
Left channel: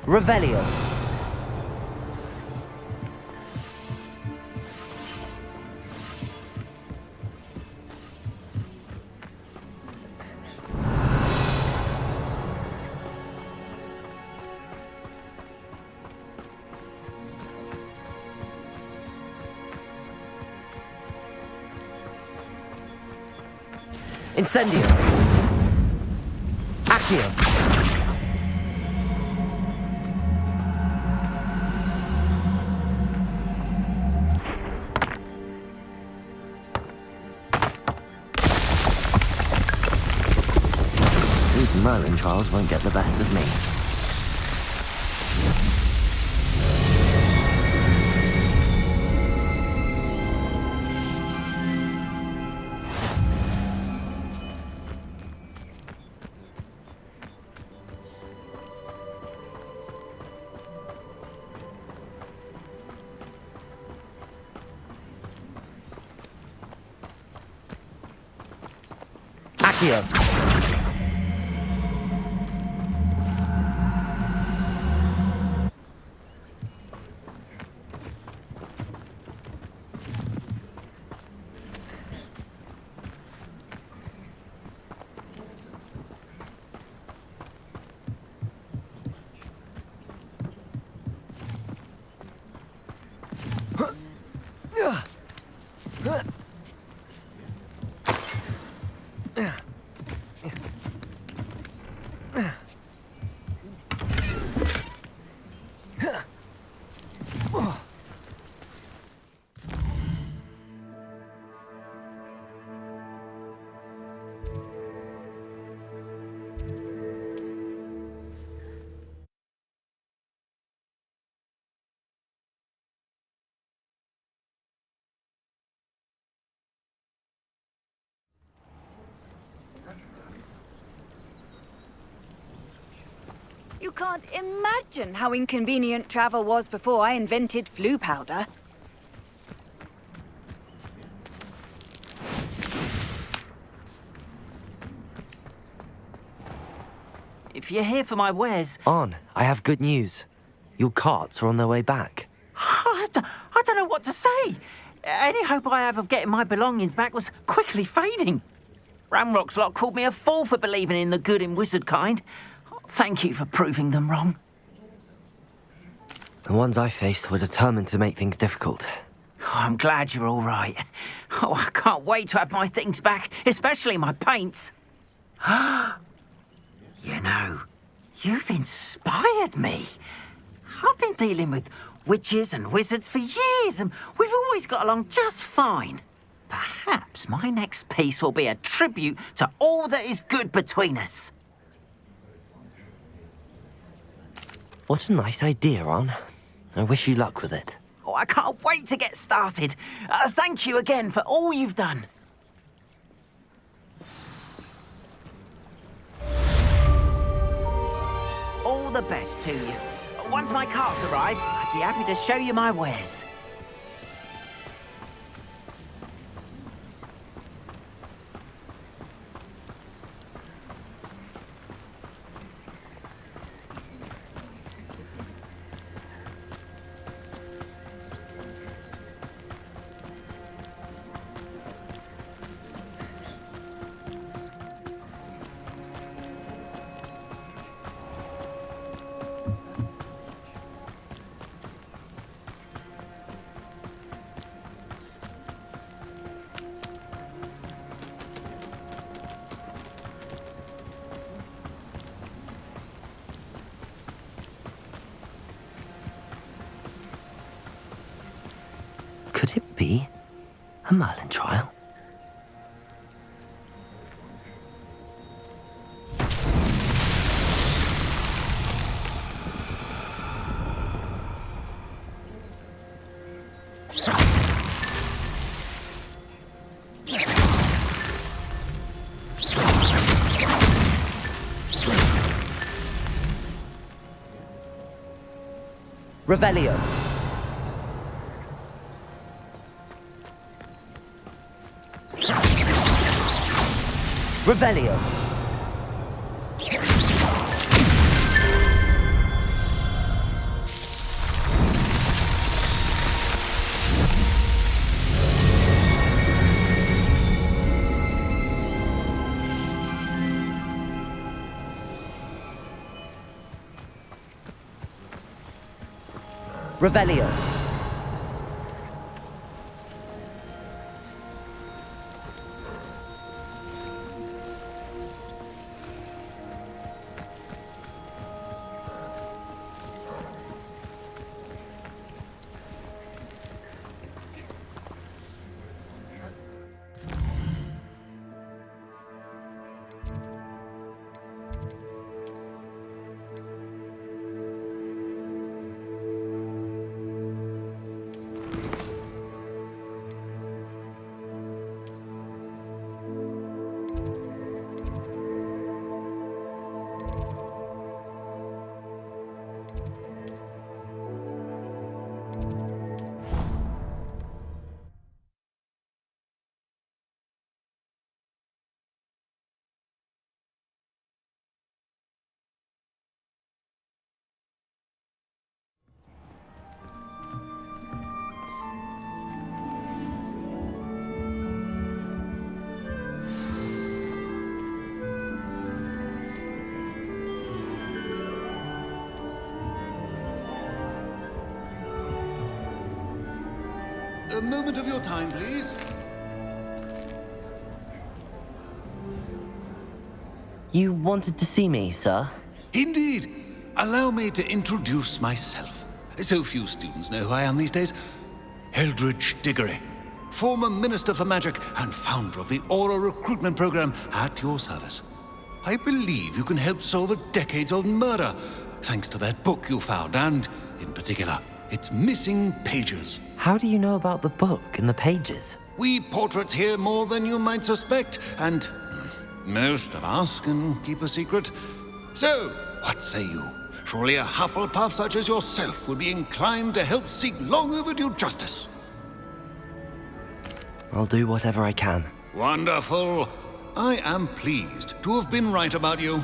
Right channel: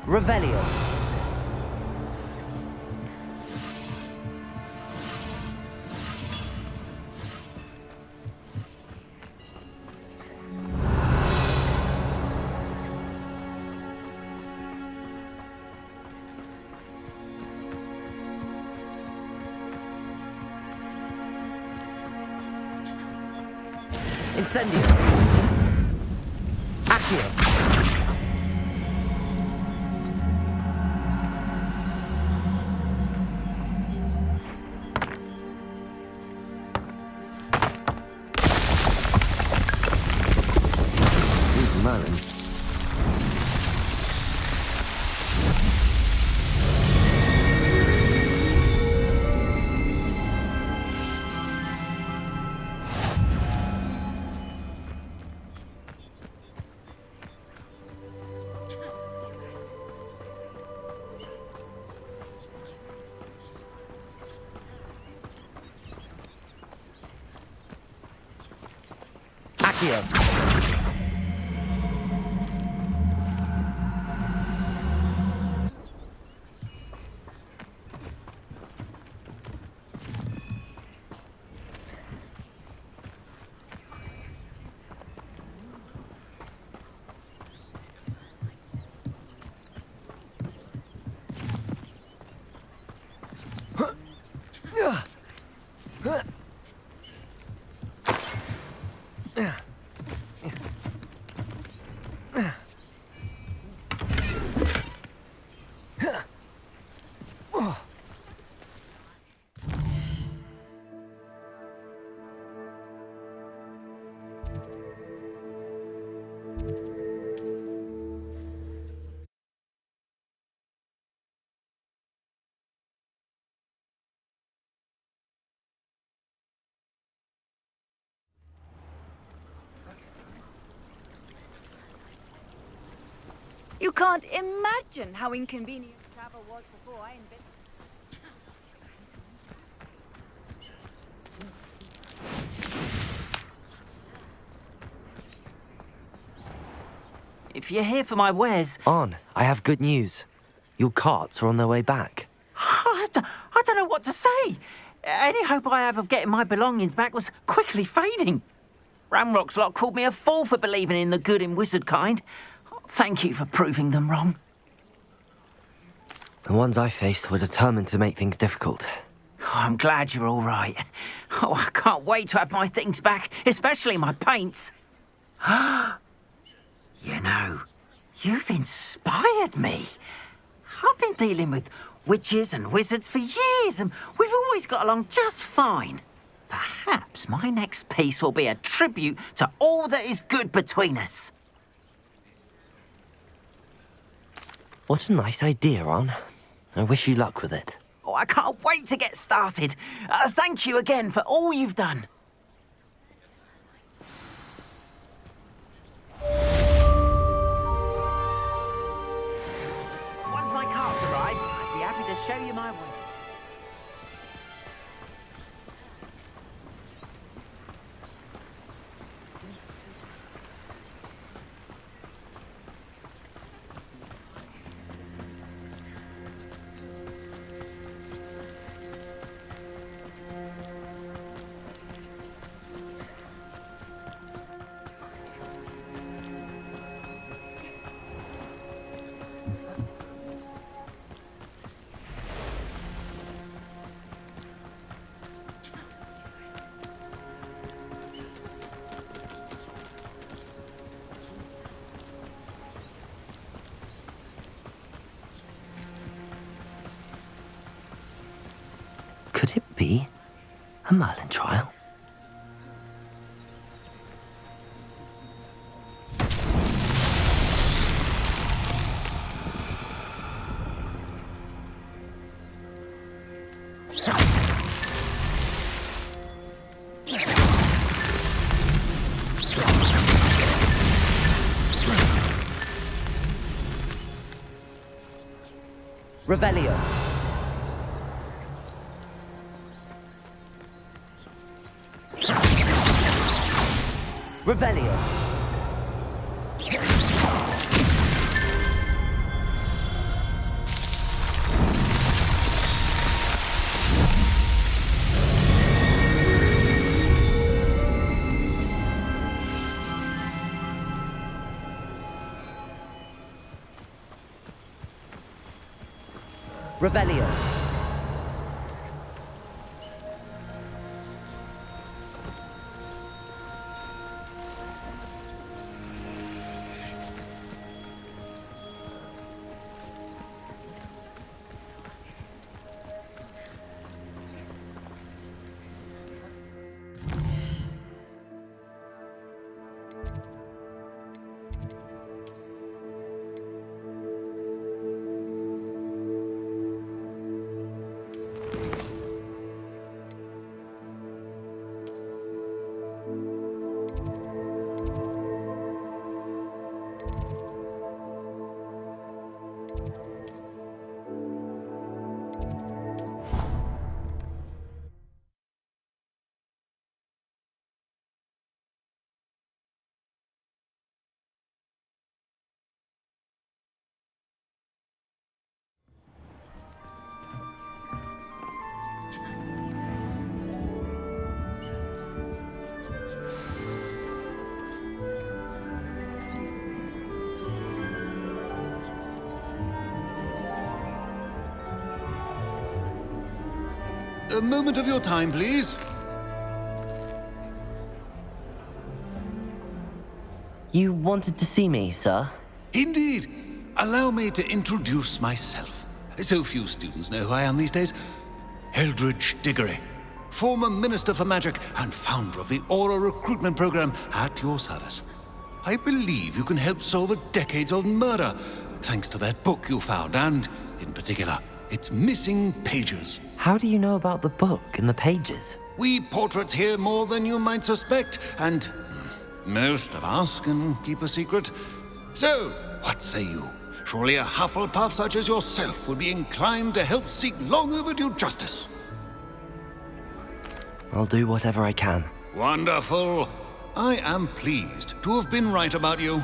Revelio. Incendio. Accio. These Merlin trials won't get the best of me. Accio. You can't imagine how inconvenient travel was before I invented flu powder. If you're here for my wares... On, I have good news. Your carts are on their way back. I don't know what to say. Any hope I have of getting my belongings back was quickly fading. Ramrock's lot called me a fool for believing in the good in wizard kind. Thank you for proving them wrong. The ones I faced were determined to make things difficult. Oh, I'm glad you're all right. Oh, I can't wait to have my things back, especially my paints. You know, you've inspired me. I've been dealing with witches and wizards for years, and we've always got along just fine. Perhaps my next piece will be a tribute to all that is good between us. What a nice idea, Ron. I wish you luck with it. Oh, I can't wait to get started. Thank you again for all you've done. All the best to you. Once my carts arrive, I'd be happy to show you my wares. Could it be a Merlin trial? Revelio. Revelio. Revelio. A moment of your time, please. You wanted to see me, sir? Indeed. Allow me to introduce myself. So few students know who I am these days. Eldridge Diggory, former Minister for Magic and founder of the Aura recruitment program, at your service. I believe you can help solve a decades-old murder, thanks to that book you found, and, in particular, its missing pages. How do you know about the book and the pages? We portraits hear more than you might suspect, and most of us can keep a secret. So, what say you? Surely a Hufflepuff such as yourself would be inclined to help seek long overdue justice. I'll do whatever I can. Wonderful. I am pleased to have been right about you.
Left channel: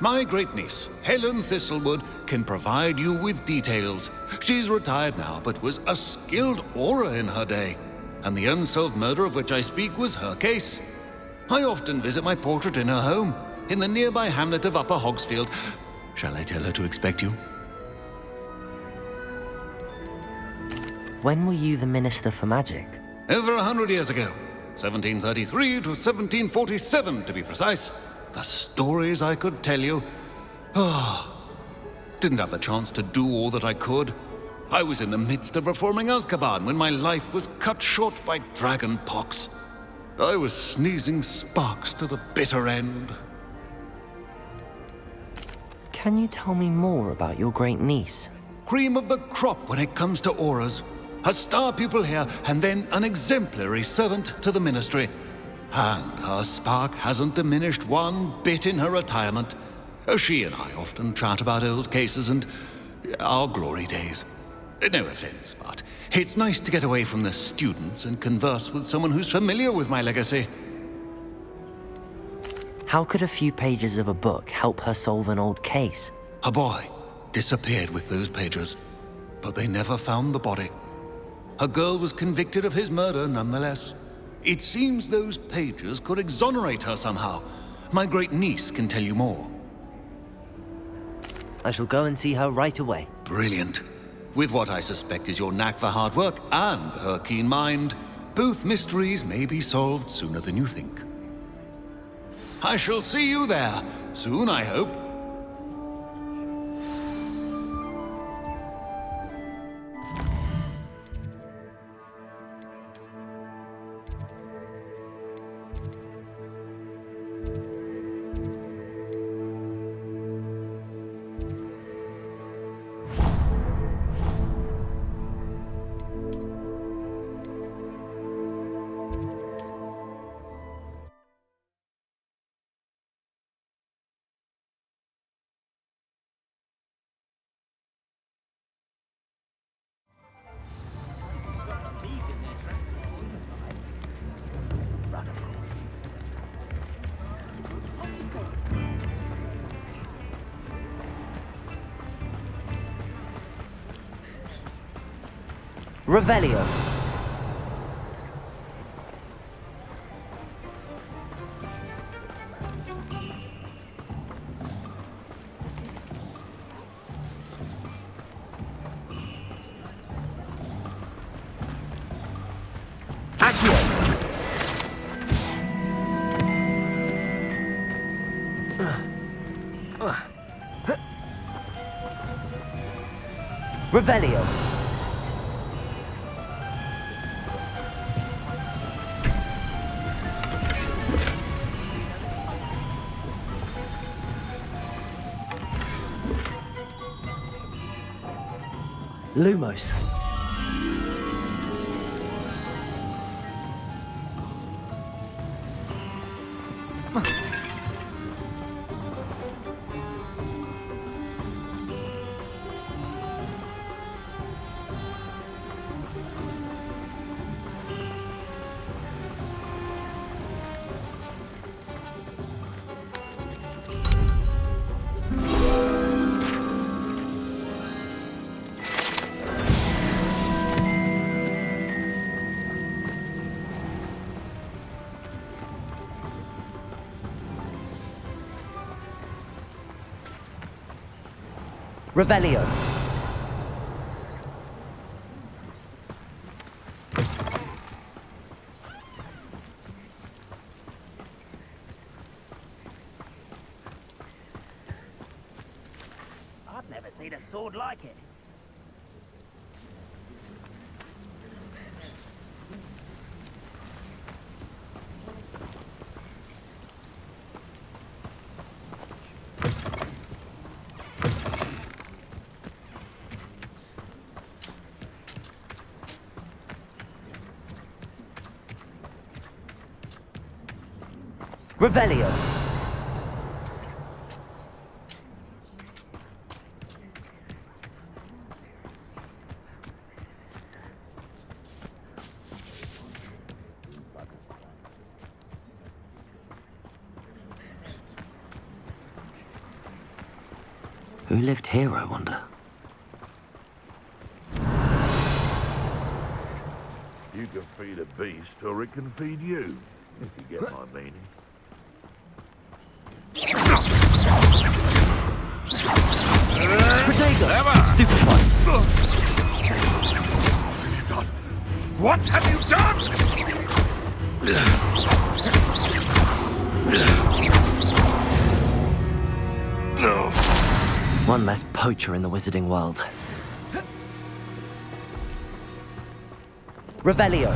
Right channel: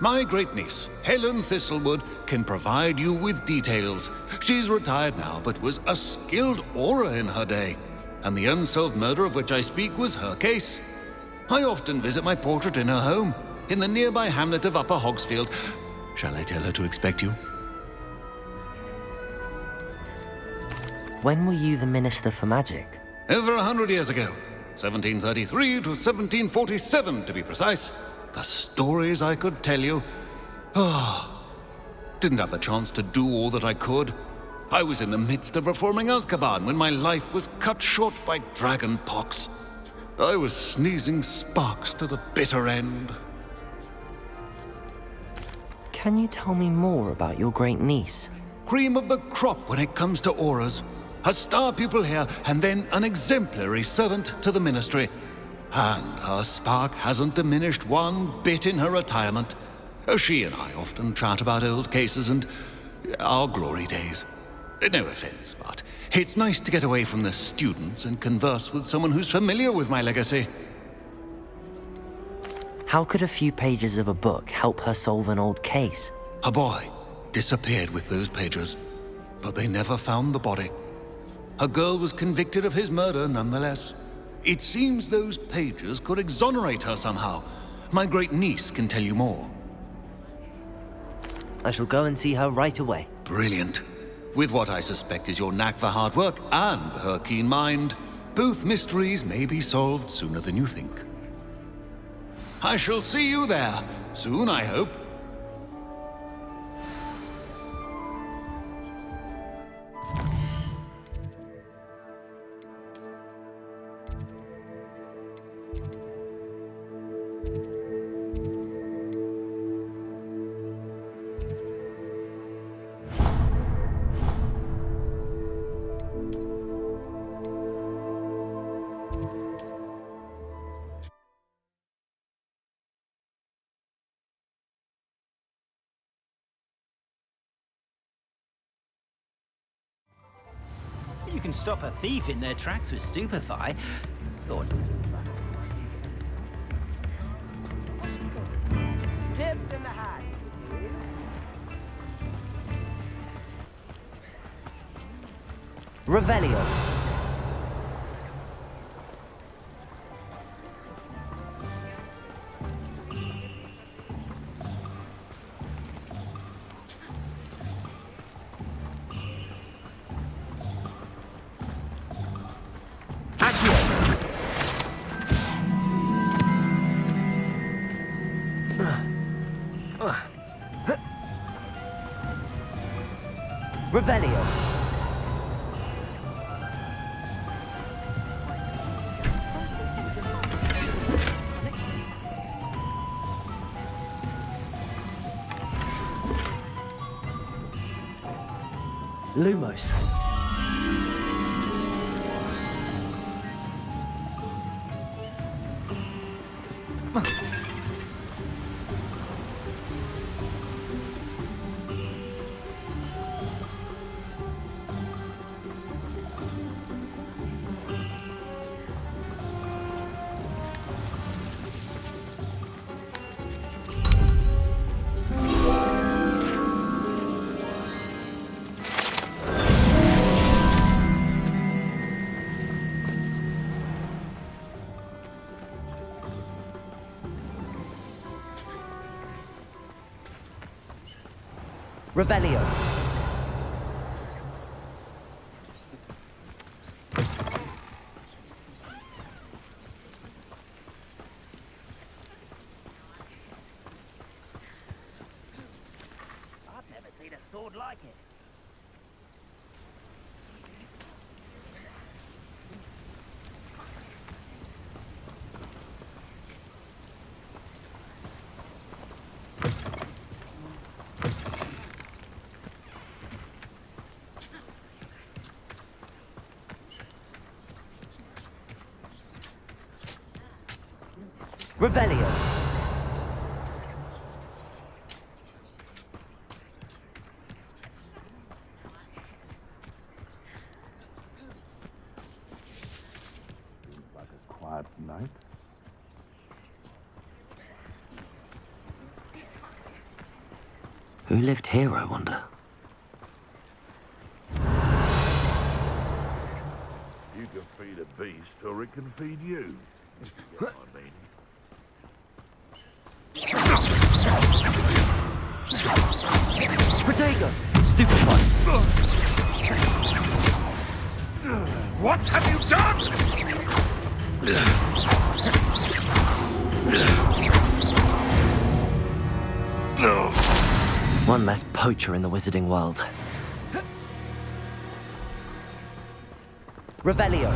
My great-niece, Helen Thistlewood, can provide you with details. She's retired now, but was a skilled aura in her day. And the unsolved murder of which I speak was her case. I often visit my portrait in her home, in the nearby hamlet of Upper Hogsfield. Shall I tell her to expect you? When were you the Minister for Magic? Over 100 years ago. 1733 to 1747, to be precise. The stories I could tell you. Didn't have the chance to do all that I could. I was in the midst of reforming Azkaban when my life was cut short by dragon pox. I was sneezing sparks to the bitter end. Can you tell me more about your great niece? Cream of the crop when it comes to auras. A star pupil here, and then an exemplary servant to the ministry. And her spark hasn't diminished one bit in her retirement. She and I often chat about old cases and our glory days. No offense, but it's nice to get away from the students and converse with someone who's familiar with my legacy. How could a few pages of a book help her solve an old case? A boy disappeared with those pages, but they never found the body. A girl was convicted of his murder nonetheless. It seems those pages could exonerate her somehow. My great niece can tell you more. I shall go and see her right away. Brilliant. With what I suspect is your knack for hard work and her keen mind, both mysteries may be solved sooner than you think. I shall see you there, soon I hope. You can stop a thief in their tracks with stupefy. Thought you would run Revelio. Revelio. Lumos. Revelio. I've never seen a sword like it. Revelio. Like a quiet night. Who lived here, I wonder? You can feed a beast, or it can feed you, if you get my meaning. Protego! Stupefy! What have you done? No. One less poacher in the wizarding world. Revelio.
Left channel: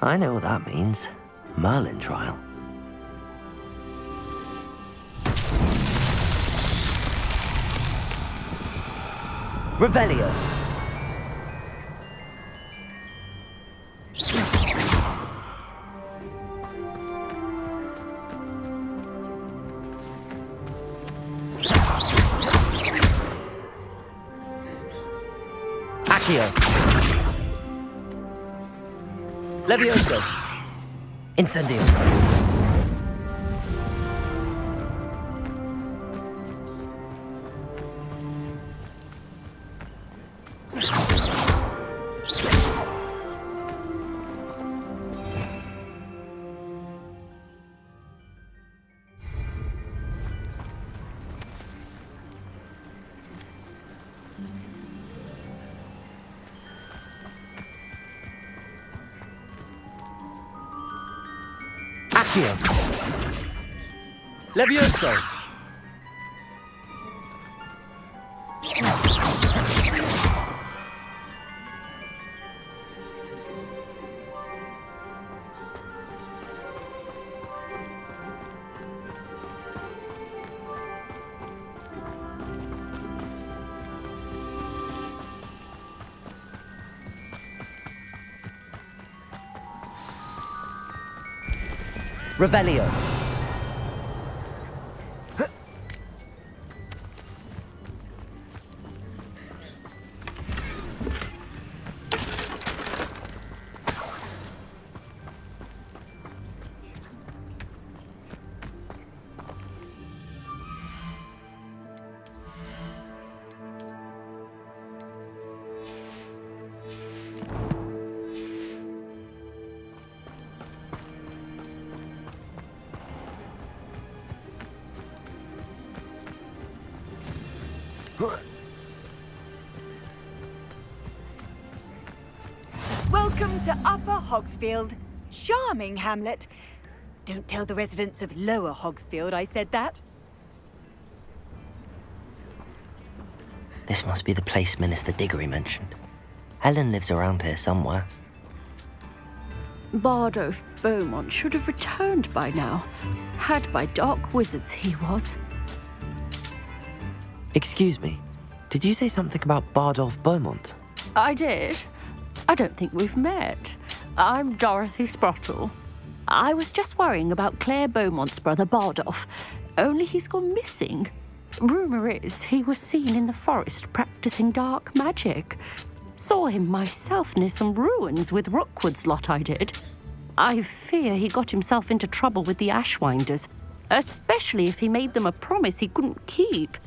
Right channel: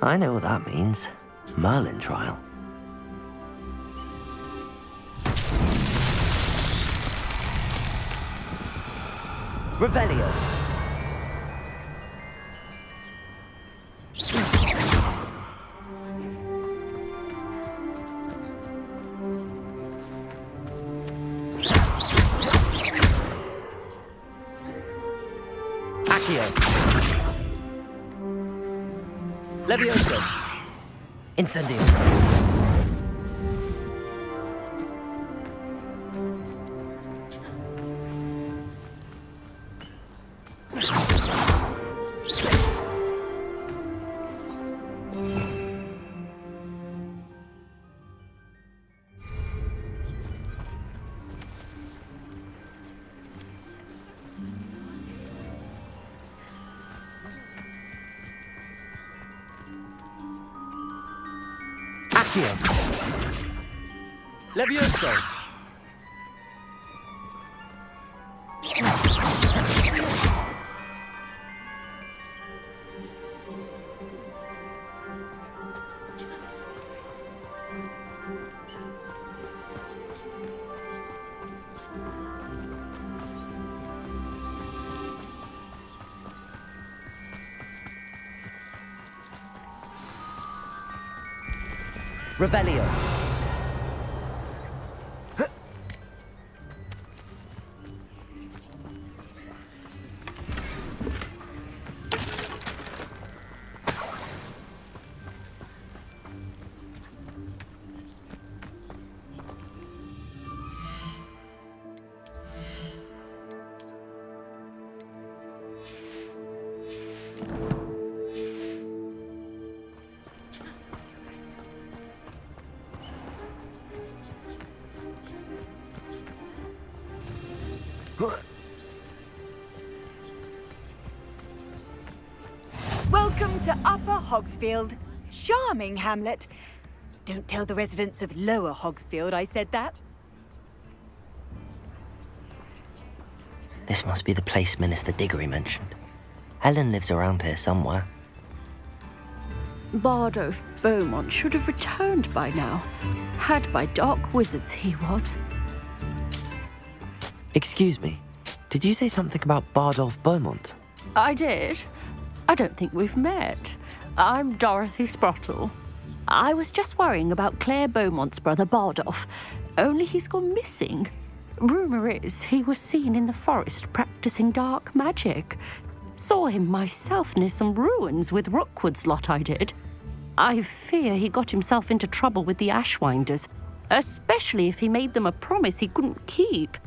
I know what that means. Merlin trial. Revelio. Accio. Levioso. Incendio. Accio! Levioso! Revelio. Welcome to Upper Hogsfield. Charming hamlet. Don't tell the residents of Lower Hogsfield I said that. This must be the place Minister Diggory mentioned. Helen lives around here somewhere. Bardolph Beaumont should have returned by now. Had by dark wizards he was. Excuse me, did you say something about Bardolph Beaumont? I did. I don't think we've met. I'm Dorothy Sprottle. I was just worrying about Claire Beaumont's brother Bardolph, only he's gone missing. Rumour is he was seen in the forest practicing dark magic. Saw him myself near some ruins with Rookwood's lot I did. I fear he got himself into trouble with the Ashwinders, especially if he made them a promise he couldn't keep.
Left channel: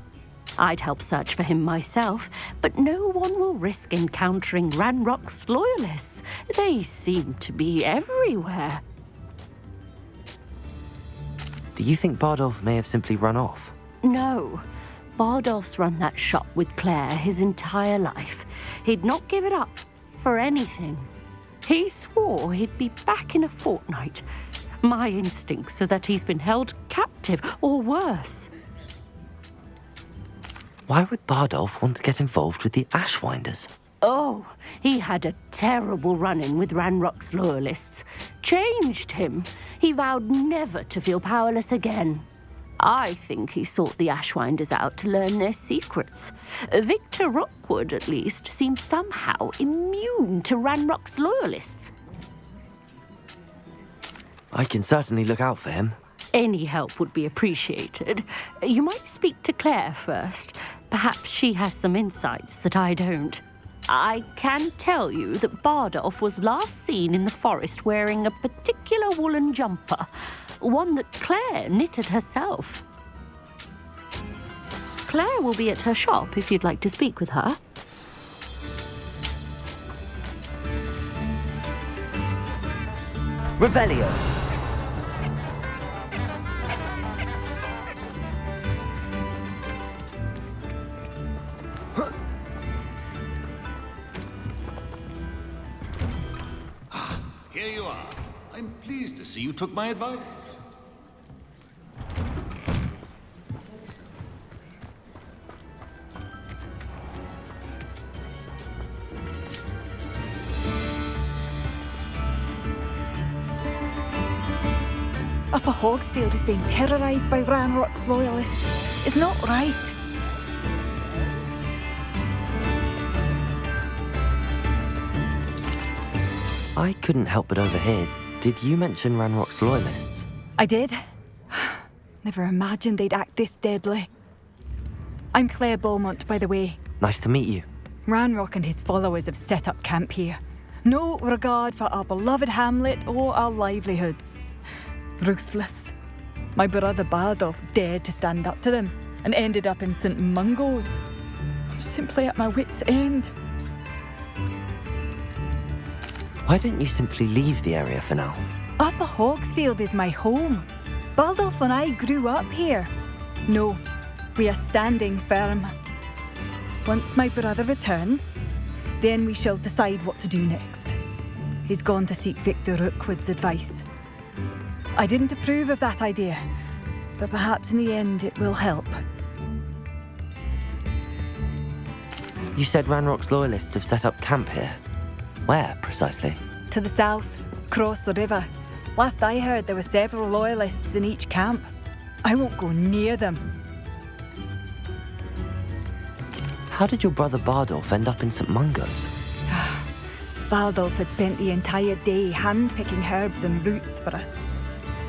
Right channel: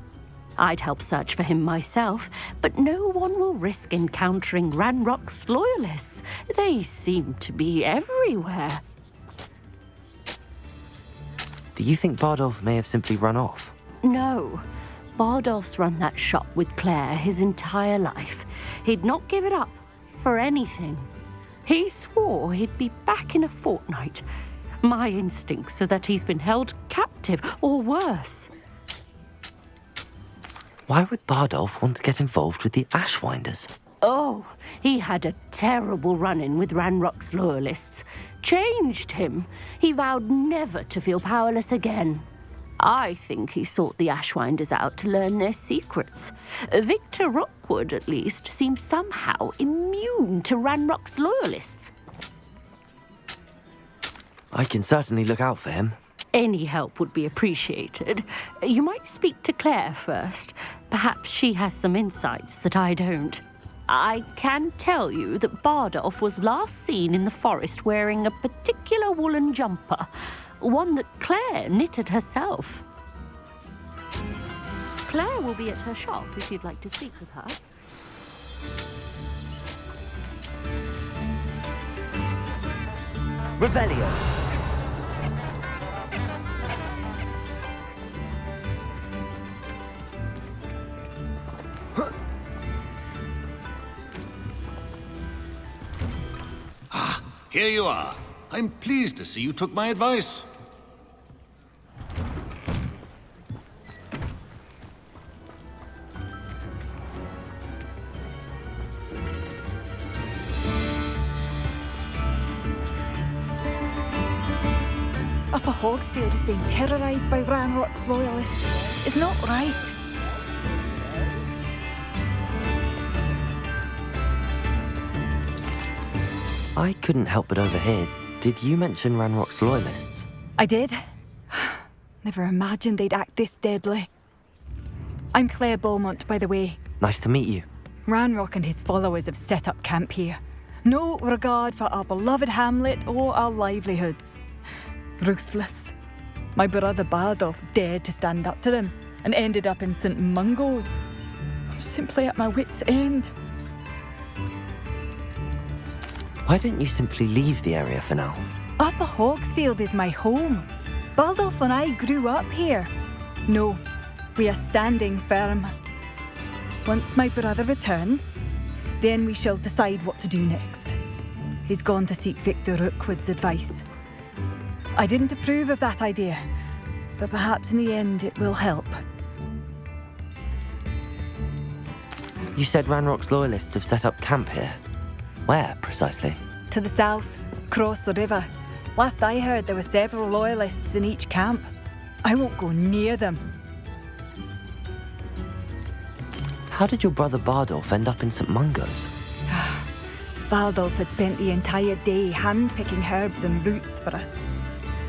I'd help search for him myself, but no one will risk encountering Ranrock's loyalists. They seem to be everywhere. Do you think Bardolph may have simply run off? No. Bardolph's run that shop with Claire his entire life. He'd not give it up for anything. He swore he'd be back in a fortnight. My instincts are that he's been held captive, or worse. Why would Bardolph want to get involved with the Ashwinders? Oh, he had a terrible run-in with Ranrock's loyalists. Changed him. He vowed never to feel powerless again. I think he sought the Ashwinders out to learn their secrets. Victor Rookwood, at least, seems somehow immune to Ranrock's loyalists. I can certainly look out for him. Any help would be appreciated. You might speak to Claire first. Perhaps she has some insights that I don't. I can tell you that Bardolph was last seen in the forest wearing a particular woolen jumper, one that Claire knitted herself. Claire will be at her shop if you'd like to speak with her. Revelio. Here you are. I'm pleased to see you took my advice. Upper Hogsfield is being terrorised by Ranrock's loyalists. It's not right. I couldn't help but overhear. Did you mention Ranrock's loyalists? I did. Never imagined they'd act this deadly. I'm Claire Beaumont, by the way. Nice to meet you. Ranrock and his followers have set up camp here. No regard for our beloved hamlet or our livelihoods. Ruthless. My brother Bardolph dared to stand up to them and ended up in St. Mungo's. I'm simply at my wit's end. Why don't you simply leave the area for now? Upper Hogsfield is my home. Bardolph and I grew up here. No, we are standing firm. Once my brother returns, then we shall decide what to do next. He's gone to seek Victor Rookwood's advice. I didn't approve of that idea, but perhaps in the end it will help. You said Ranrock's loyalists have set up camp here. Where, precisely? To the south, across the river. Last I heard, there were several loyalists in each camp. I won't go near them. How did your brother Bardolph end up in St. Mungo's? Bardolph had spent the entire day hand-picking herbs and roots for us.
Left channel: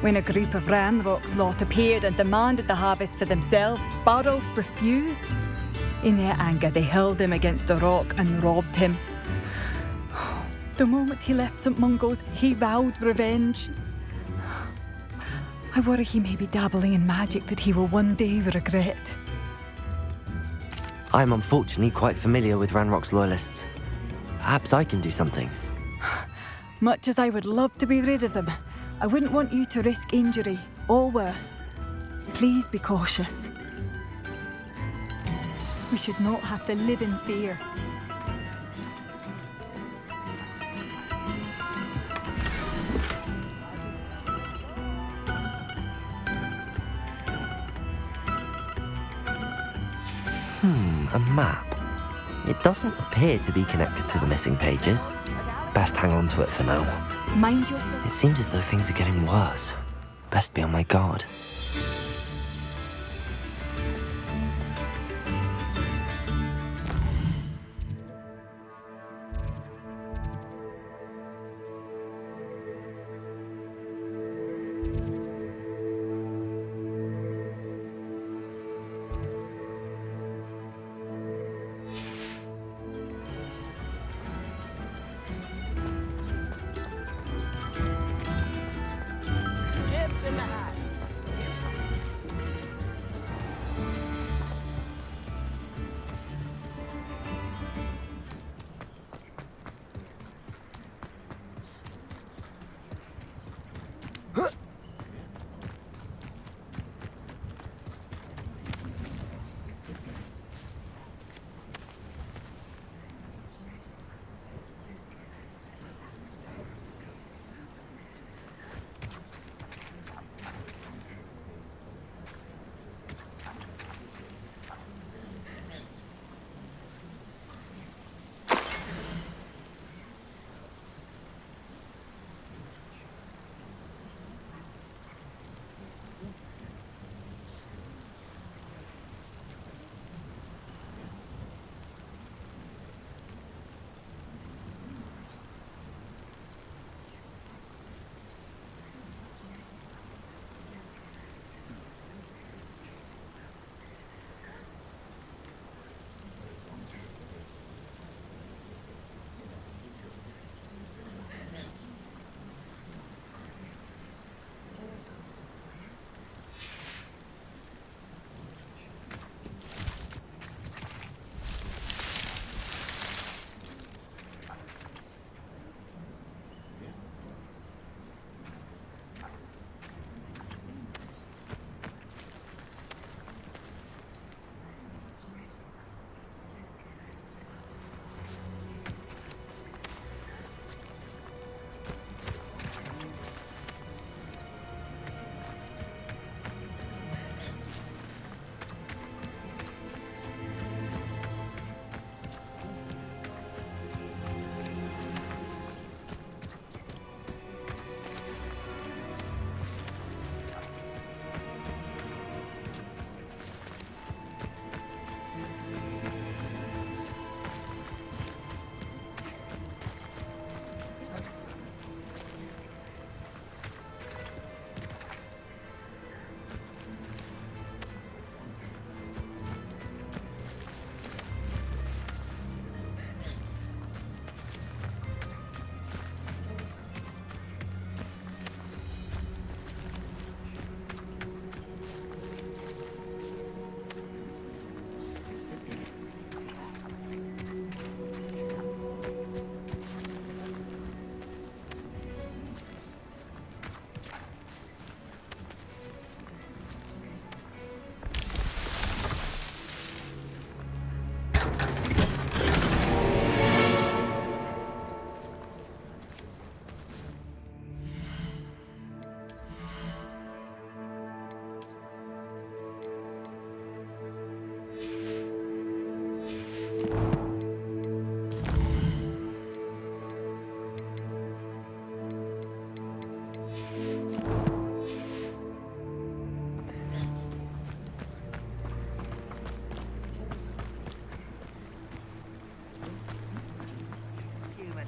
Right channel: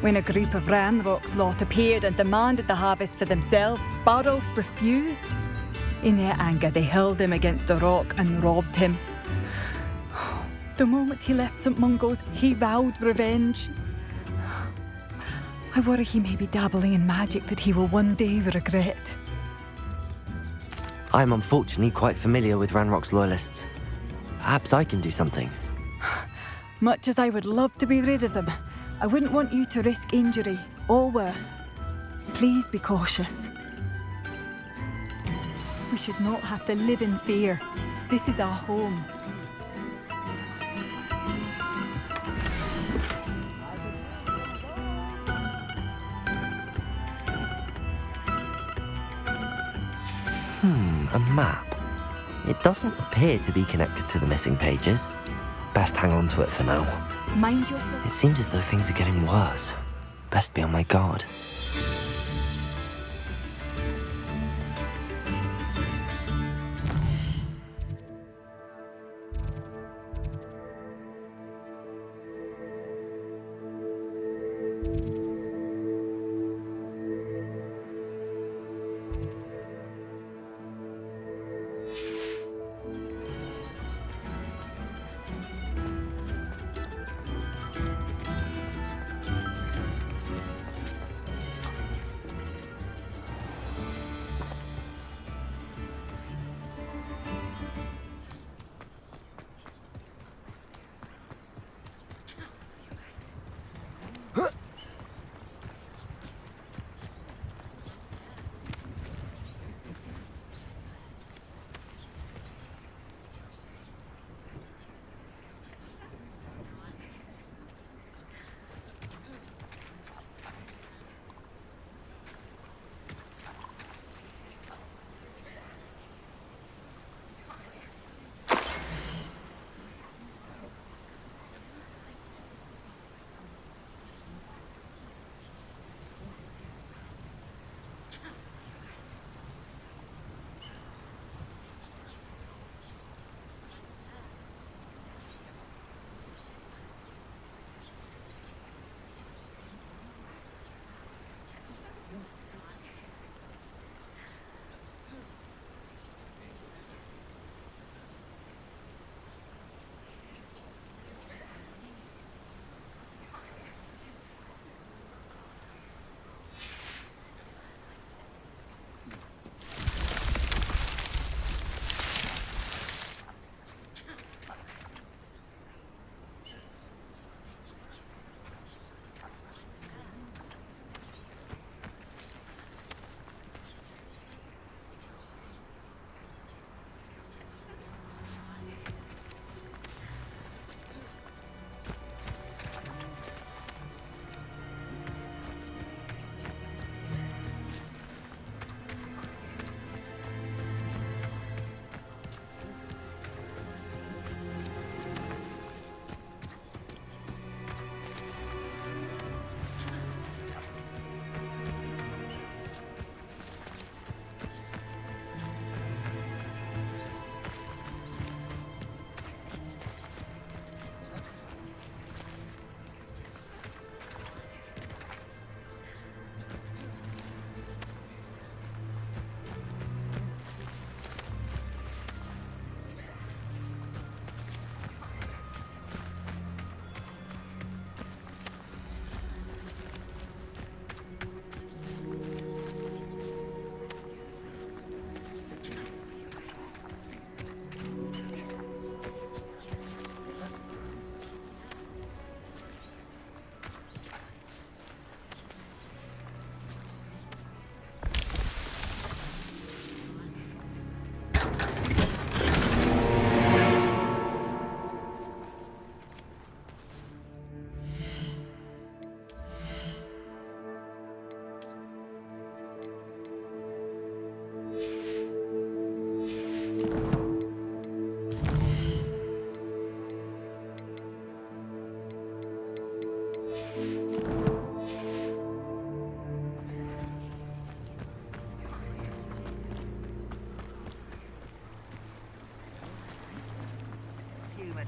When a group of Ranrock's lot appeared and demanded the harvest for themselves, Bardolph refused. In their anger, they hurled him against a rock and robbed him. The moment he left St. Mungo's, he vowed revenge. I worry he may be dabbling in magic that he will one day regret. I'm unfortunately quite familiar with Ranrock's loyalists. Perhaps I can do something. Much as I would love to be rid of them, I wouldn't want you to risk injury, or worse. Please be cautious. We should not have to live in fear. This is our home. A map. It doesn't appear to be connected to the missing pages. Best hang on to it for now. Mind yourself. It seems as though things are getting worse. Best be on my guard.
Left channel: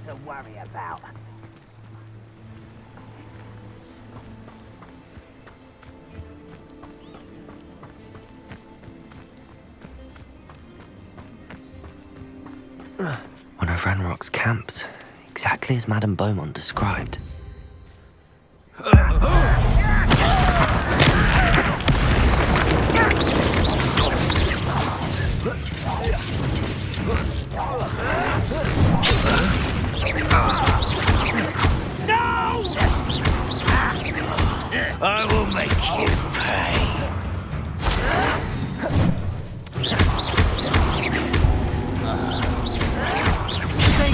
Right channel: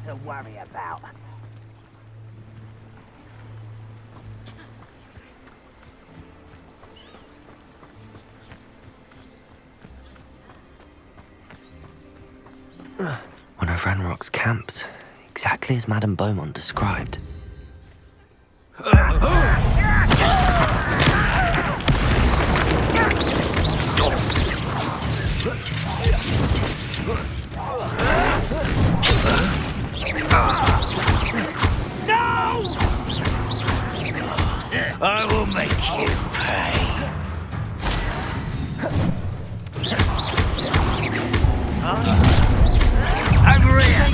to worry about. One of Ranrock's camps, exactly as Madame Beaumont described. No! I will make you pay.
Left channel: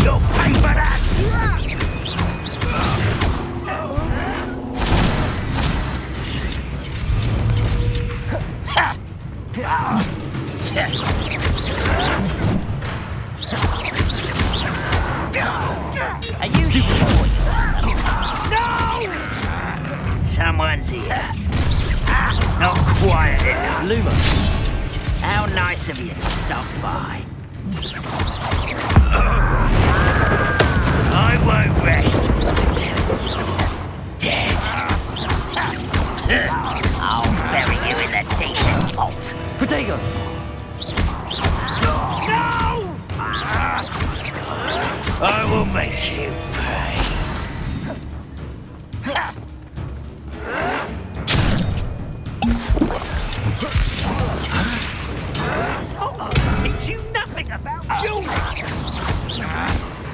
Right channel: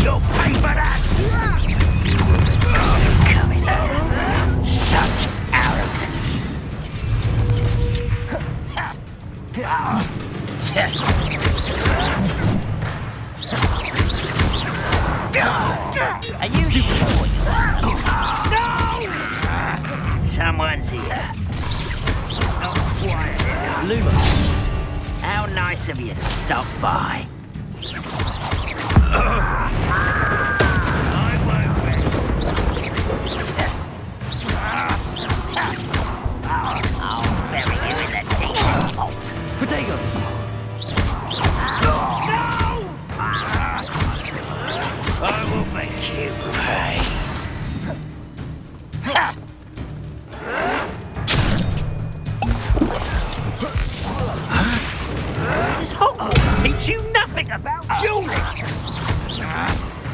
You'll pay for that! Are you sure? No! Someone's here. Not quiet enough. Luma. How nice of you to stop by. I won't rest until you're dead. I'll bury you in the deepest vault. Protego! No! I will make you pay. Does Hogwarts teach you nothing about dueling?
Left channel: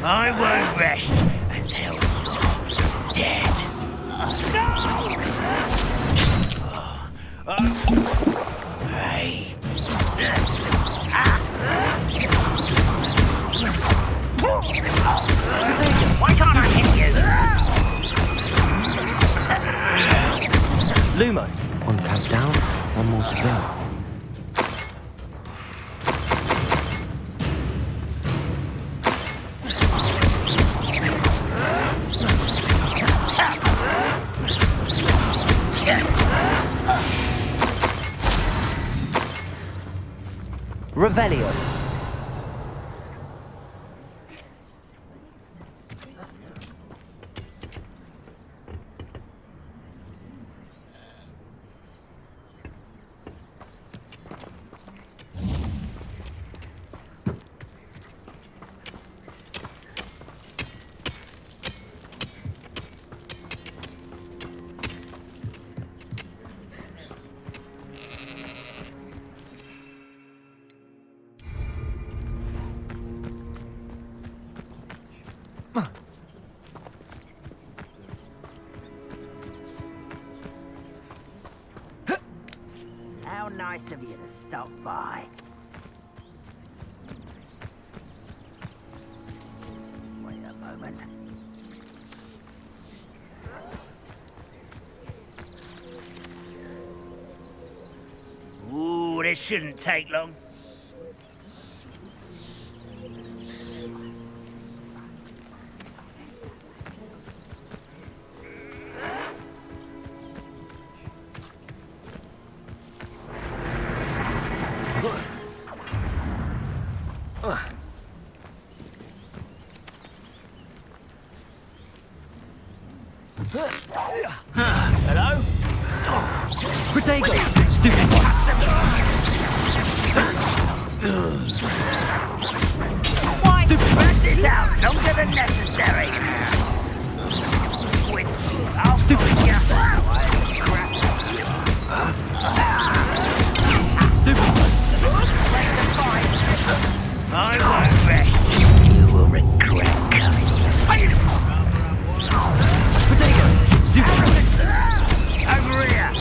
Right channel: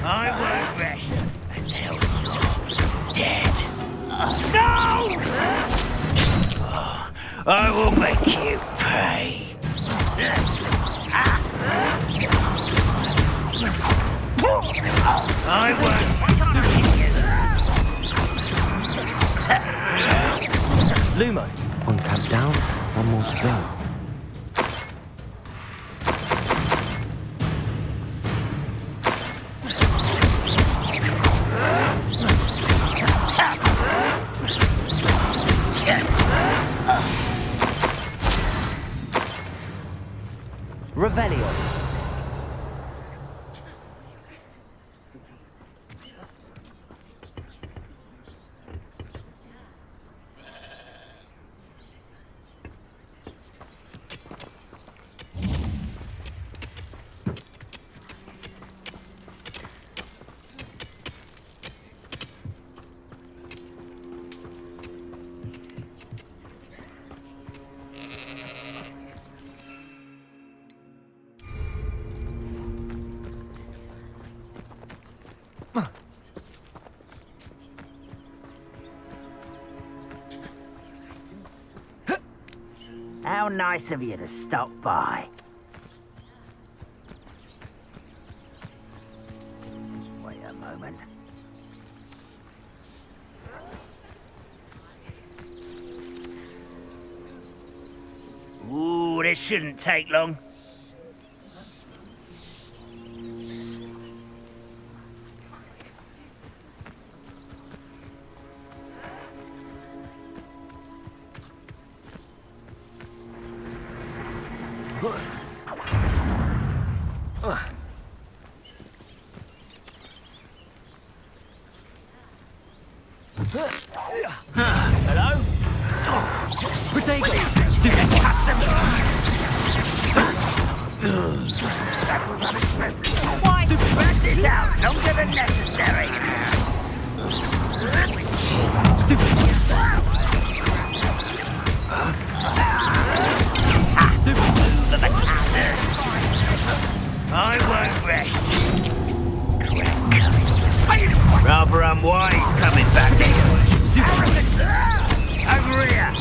I won't rest until you're dead. No! I will make you pay. Why can't I hit you? Lumo. One camp down, one more to go. Revelio. How nice of you to stop by. Wait a moment. Ooh, this shouldn't take long. Hello? Protego! Stupid Why spread this out longer than necessary? I won't rest. You will regret coming. Rather unwise coming back. Over here.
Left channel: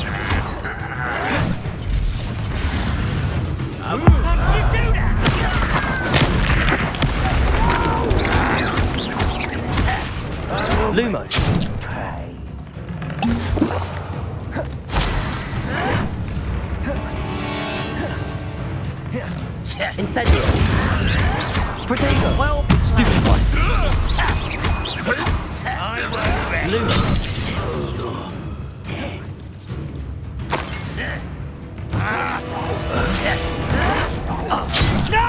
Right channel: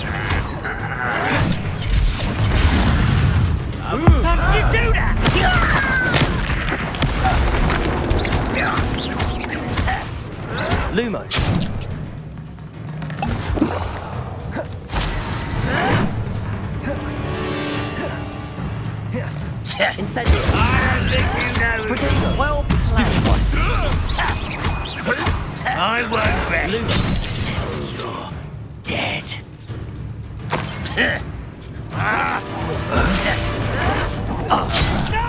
How did you do that? Lumo. Incendio. Protego. Well, stupid one. I won't rest. Lumo. You're dead. No!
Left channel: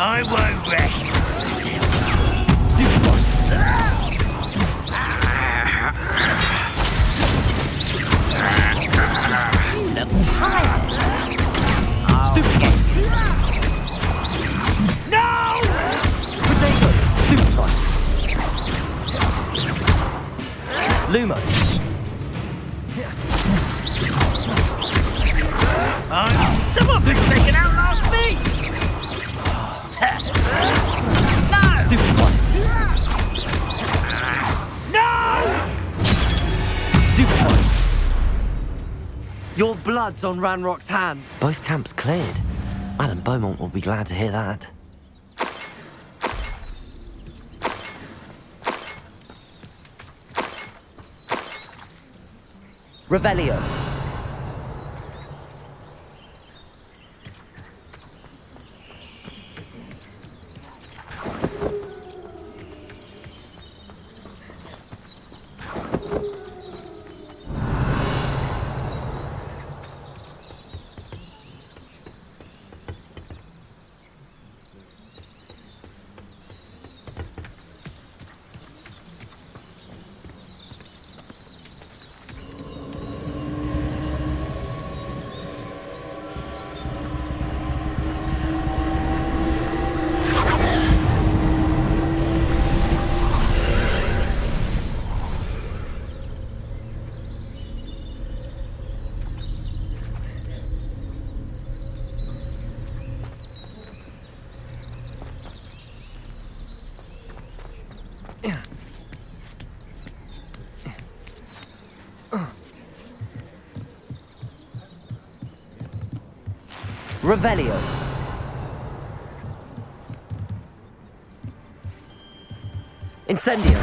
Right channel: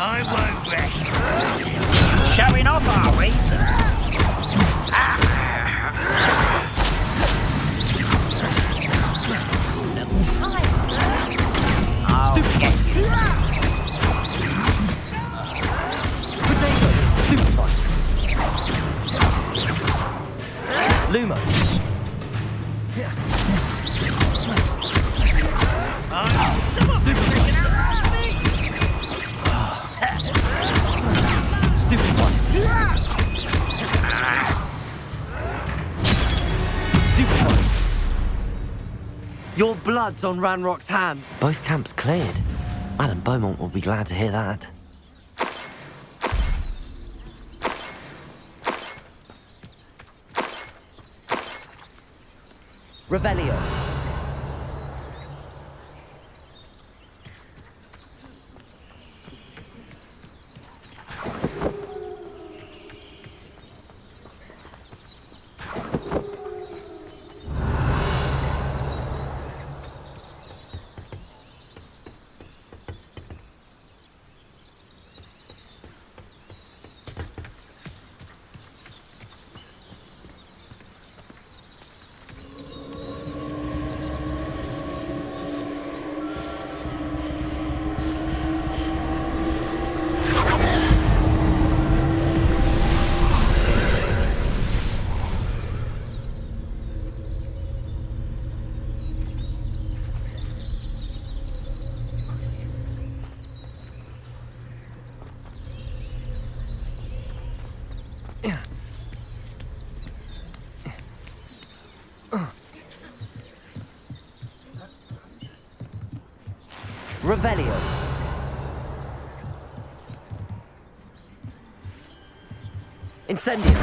I won't rest. Showing off, are we? Look tired. Stupid. No! Potato. Stupefy. Lumo. Someone's been taking out last meat! Stupefy. No! Stupefy. Your blood's on Ranrock's hand. Both camps cleared. Madame Beaumont will be glad to hear that. Revelio. Revelio. Incendio.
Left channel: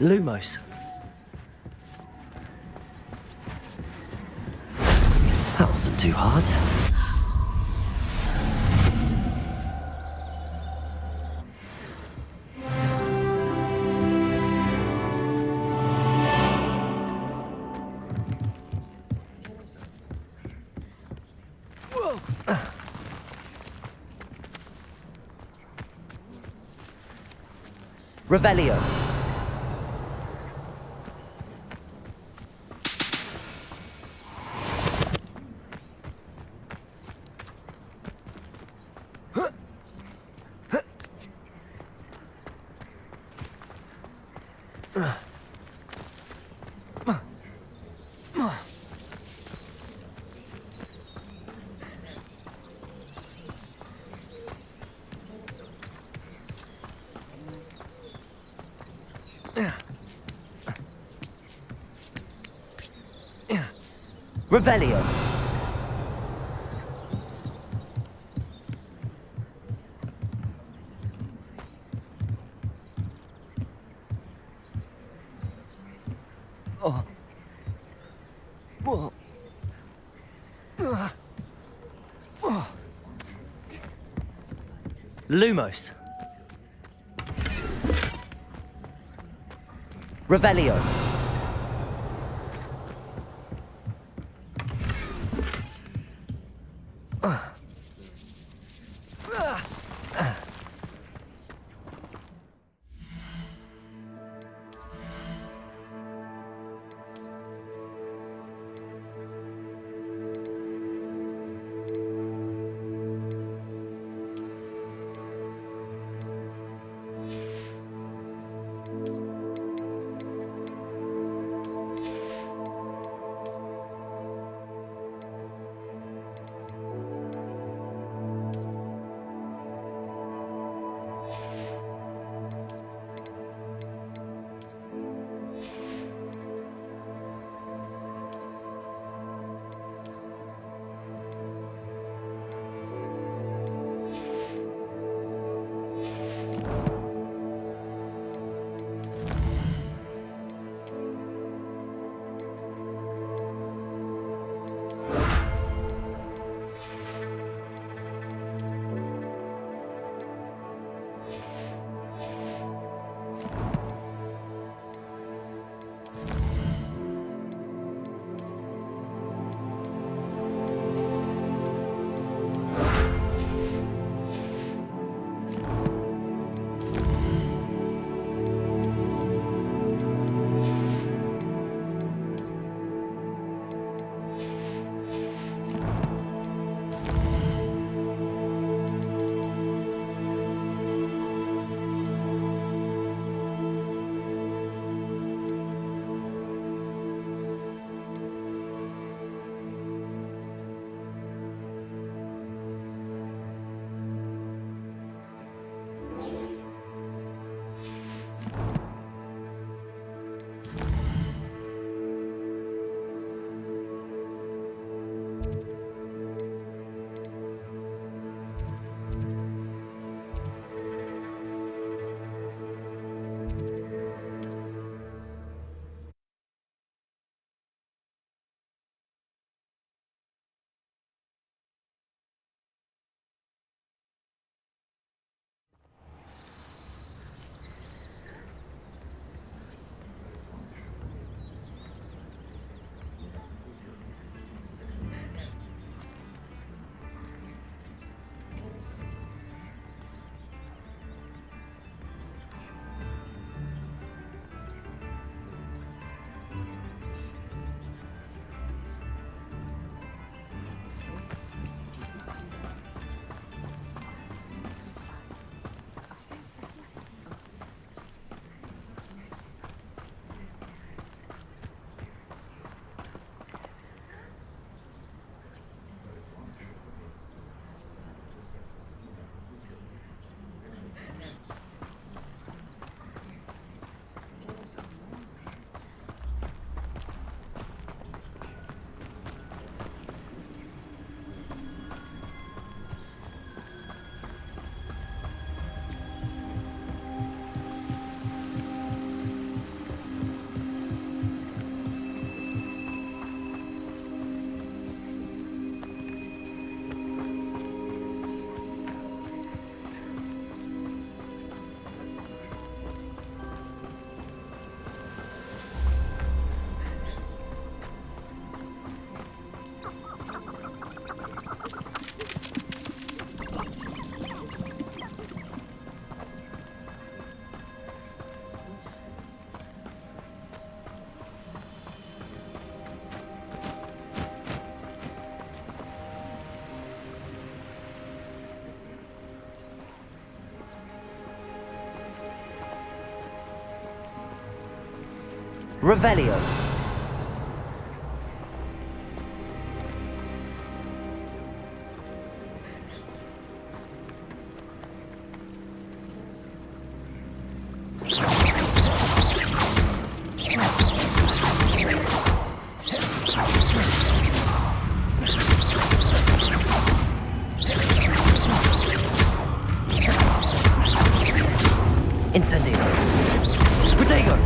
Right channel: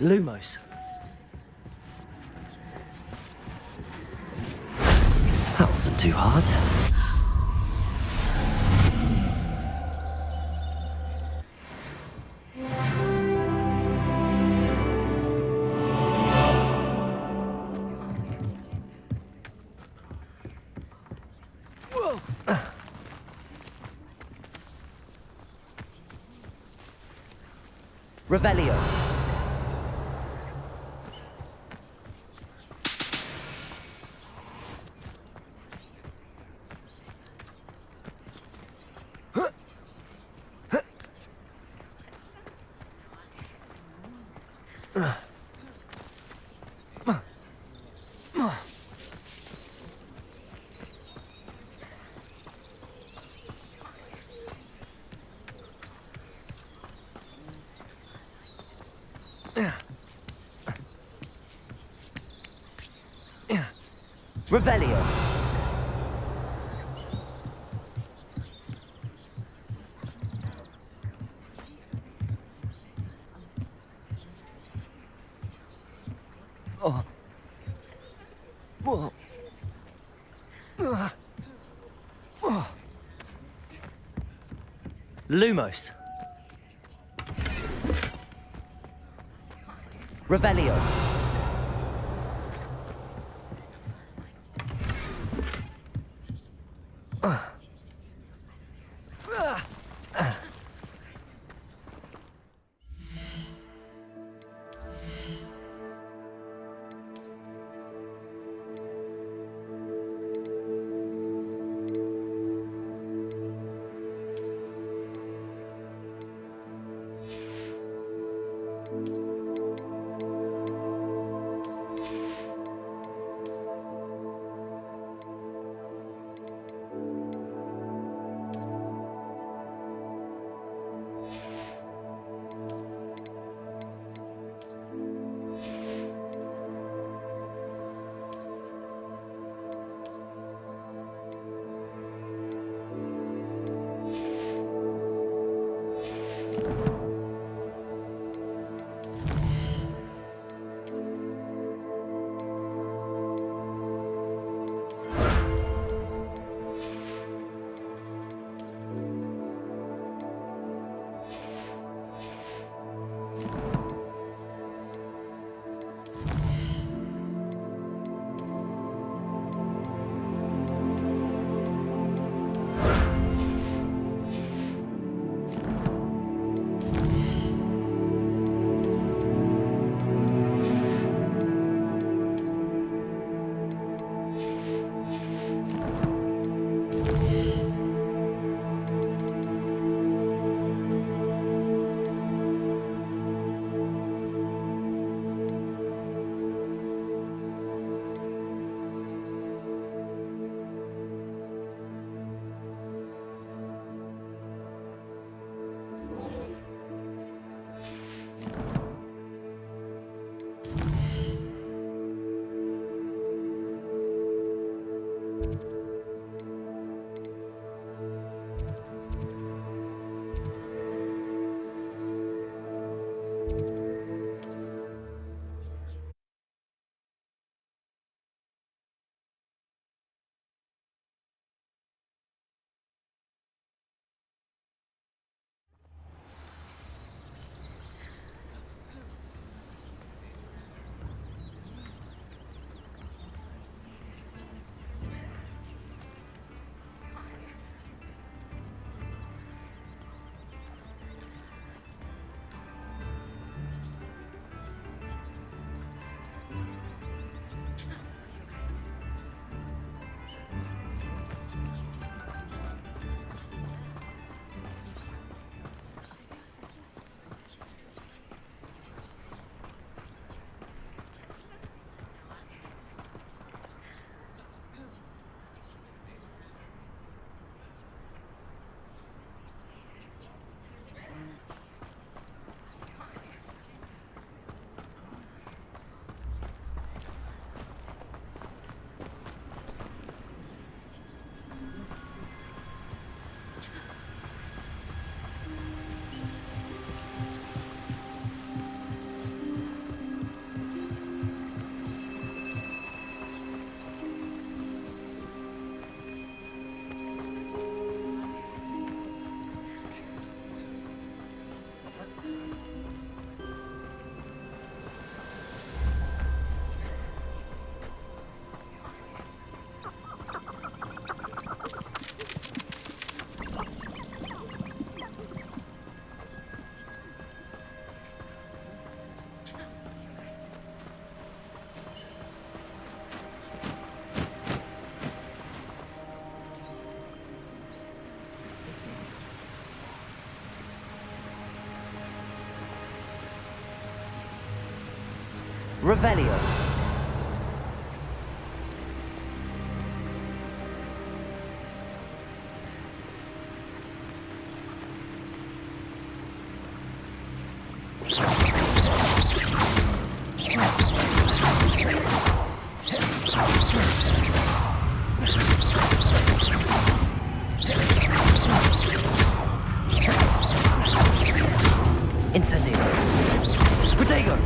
Lumos. That wasn't too hard. Revelio. Revelio. Oh. Whoa. Oh. Lumos. Revelio. Revelio. Incendio. Protego.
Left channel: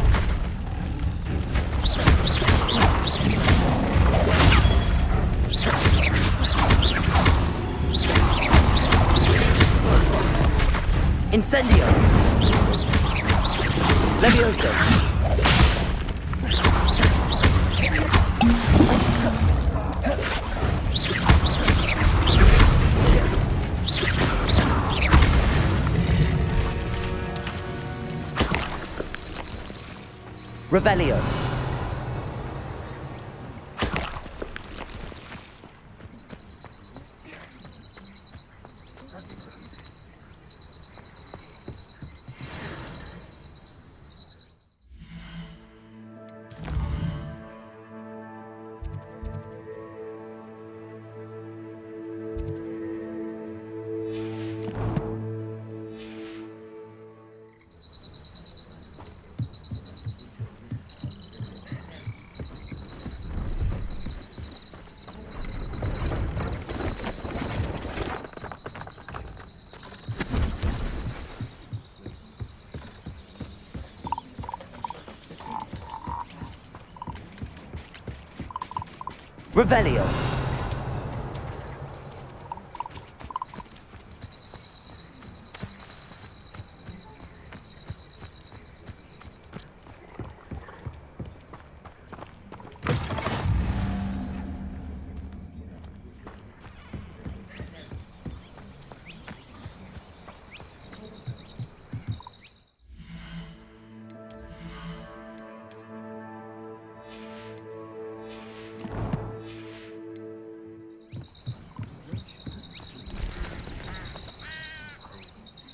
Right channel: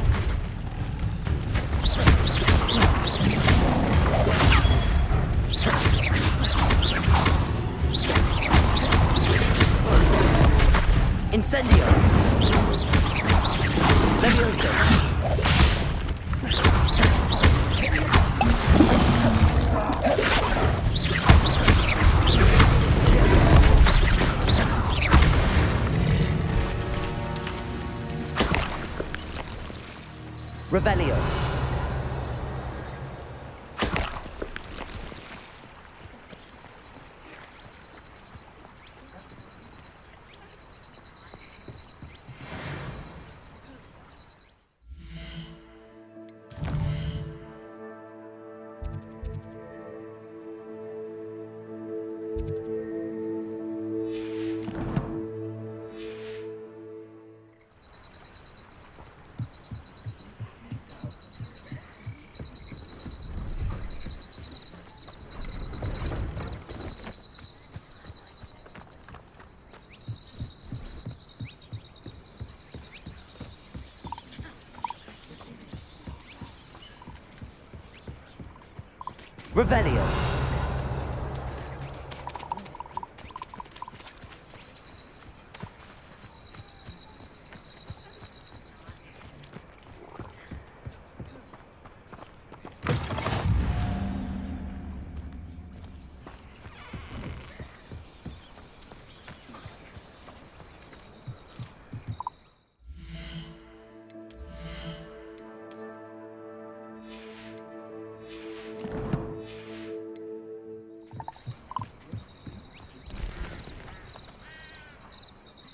Incendio. Levioso. Revelio. Revelio.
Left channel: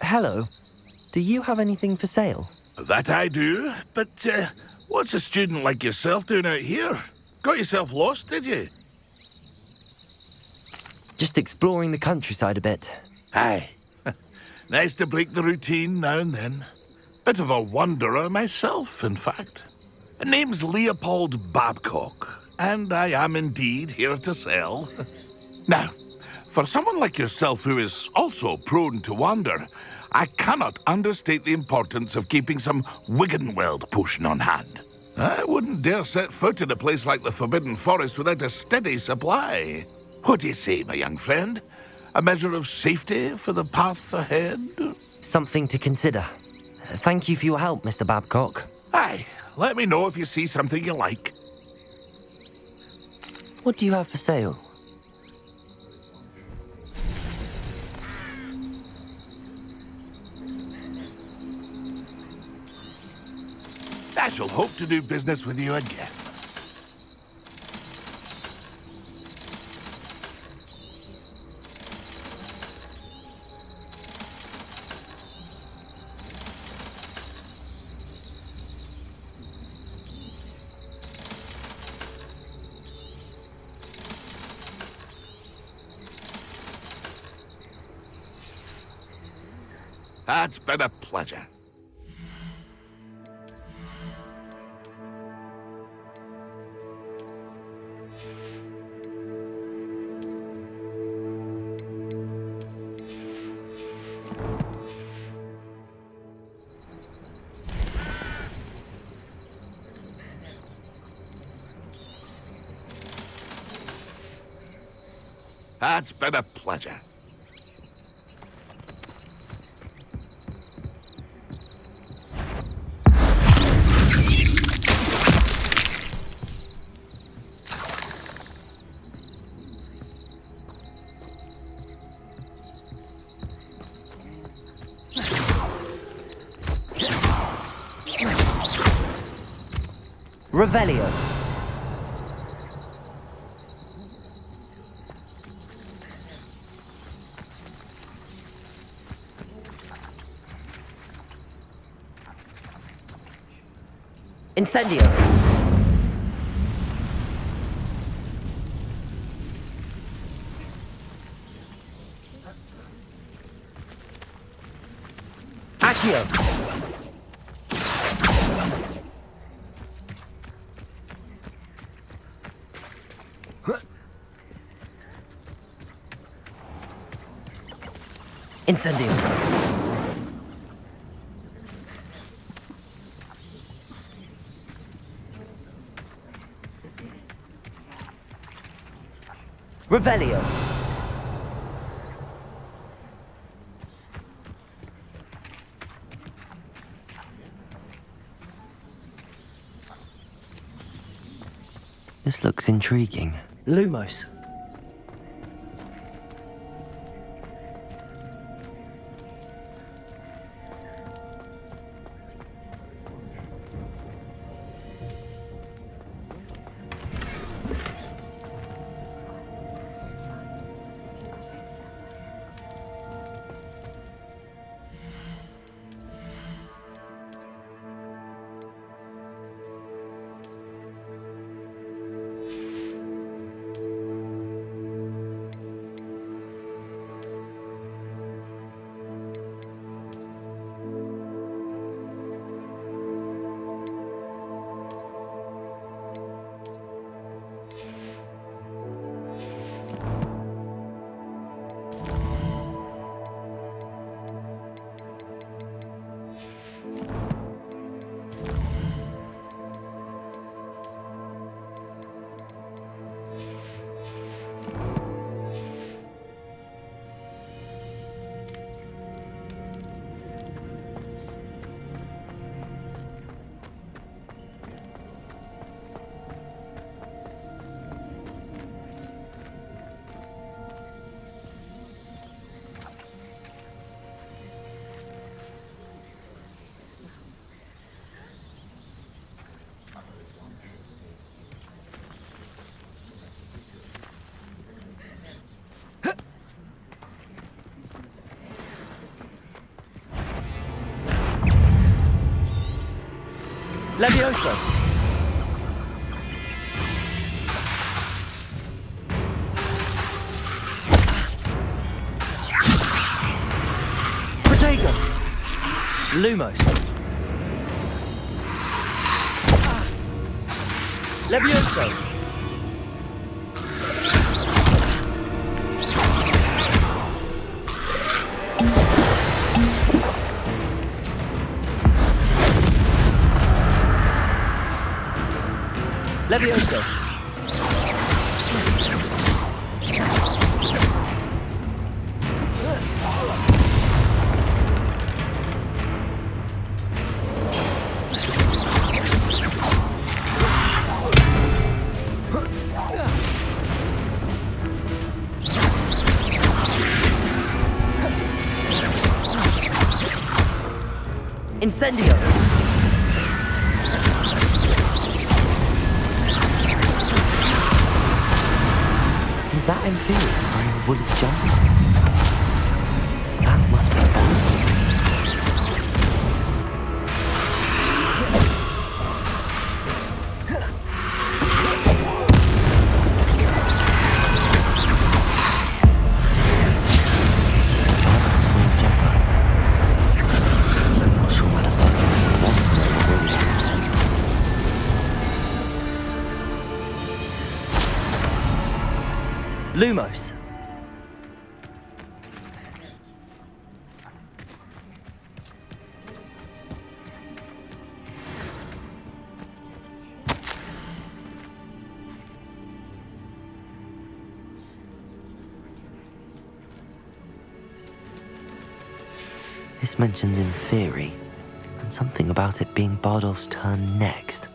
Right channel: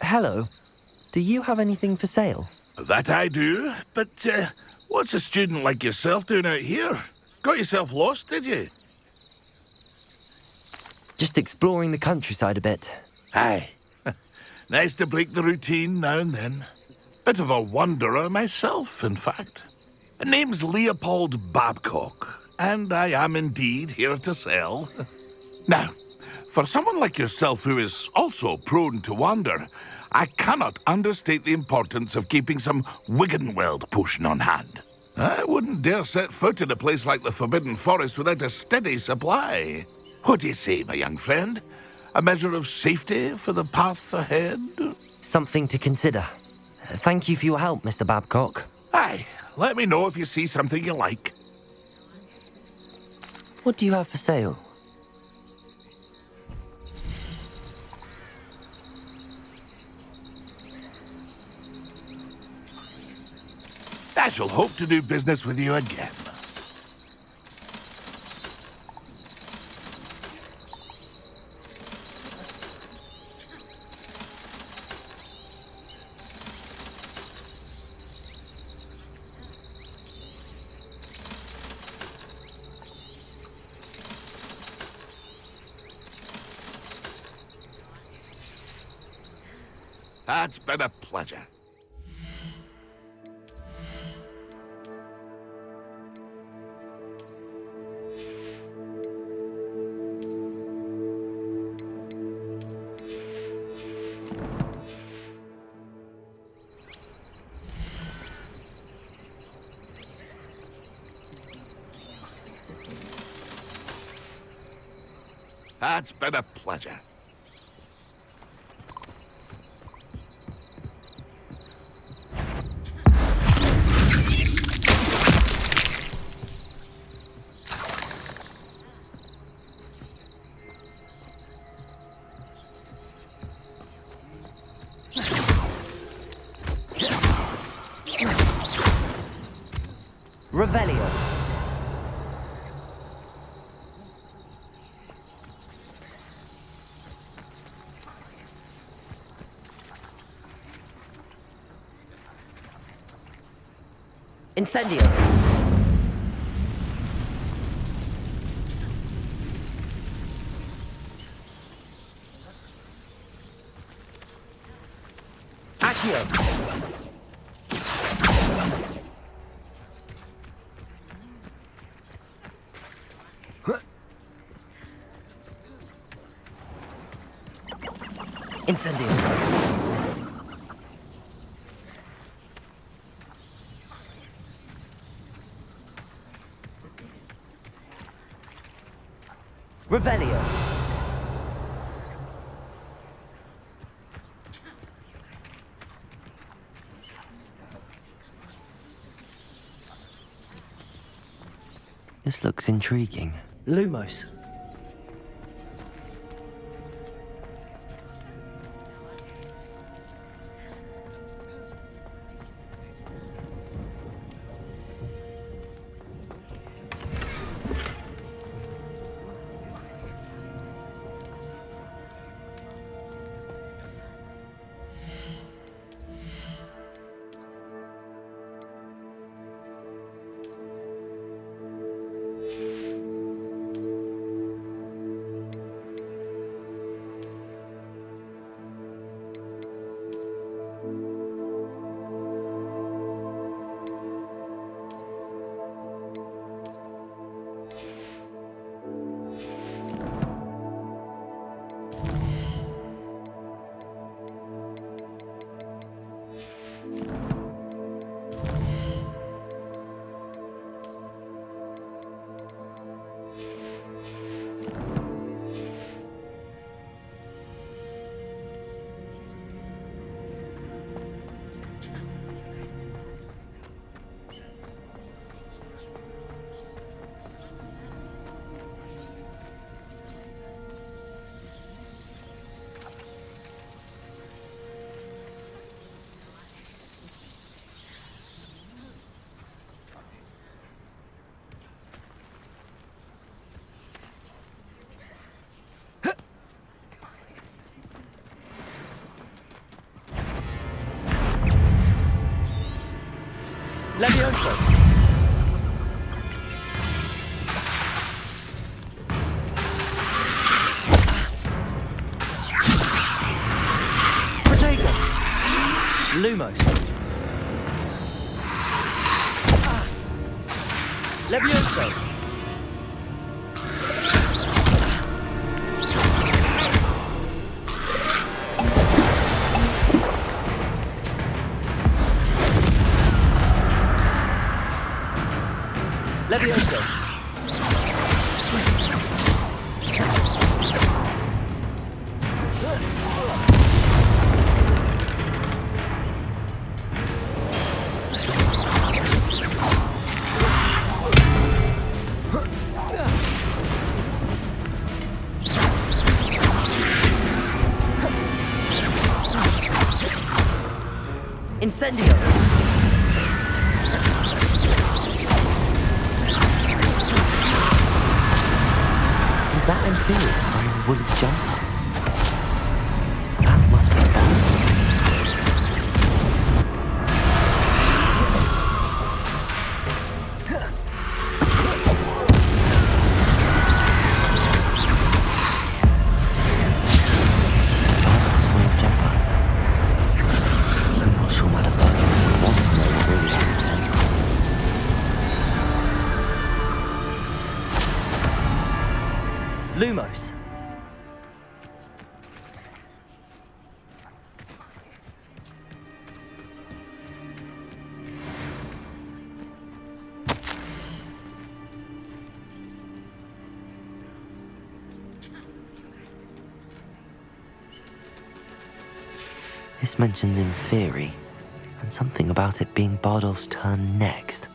Hello. Do you have anything for sale? That I do, but what's a student like yourself doing out here? Got yourself lost, did you? Just exploring the countryside a bit. Aye. Nice to break the routine now and then. Bit of a wanderer myself, in fact. Name's Leopold Babcock, and I am indeed here to sell. Now, for someone like yourself who is also prone to wander, I cannot understate the importance of keeping some Wiggenweld potion on hand. I wouldn't dare set foot in a place like the Forbidden Forest without a steady supply. What do you say, my young friend? A measure of safety for the path ahead? Something to consider. Thank you for your help, Mr. Babcock. Aye, let me know if you see something you like. What do you have for sale? I shall hope to do business with you again. It's been a pleasure. It's been a pleasure. Revelio. Incendio. Accio. Incendio. Revelio. This looks intriguing. Lumos. Levioso. Lumos. Levioso. Levioso. Incendio. Is that Amphibious wearing a woolly jumper? That must be bad. Lumos. This mentions in theory, and something about it being Bardolph's turn next.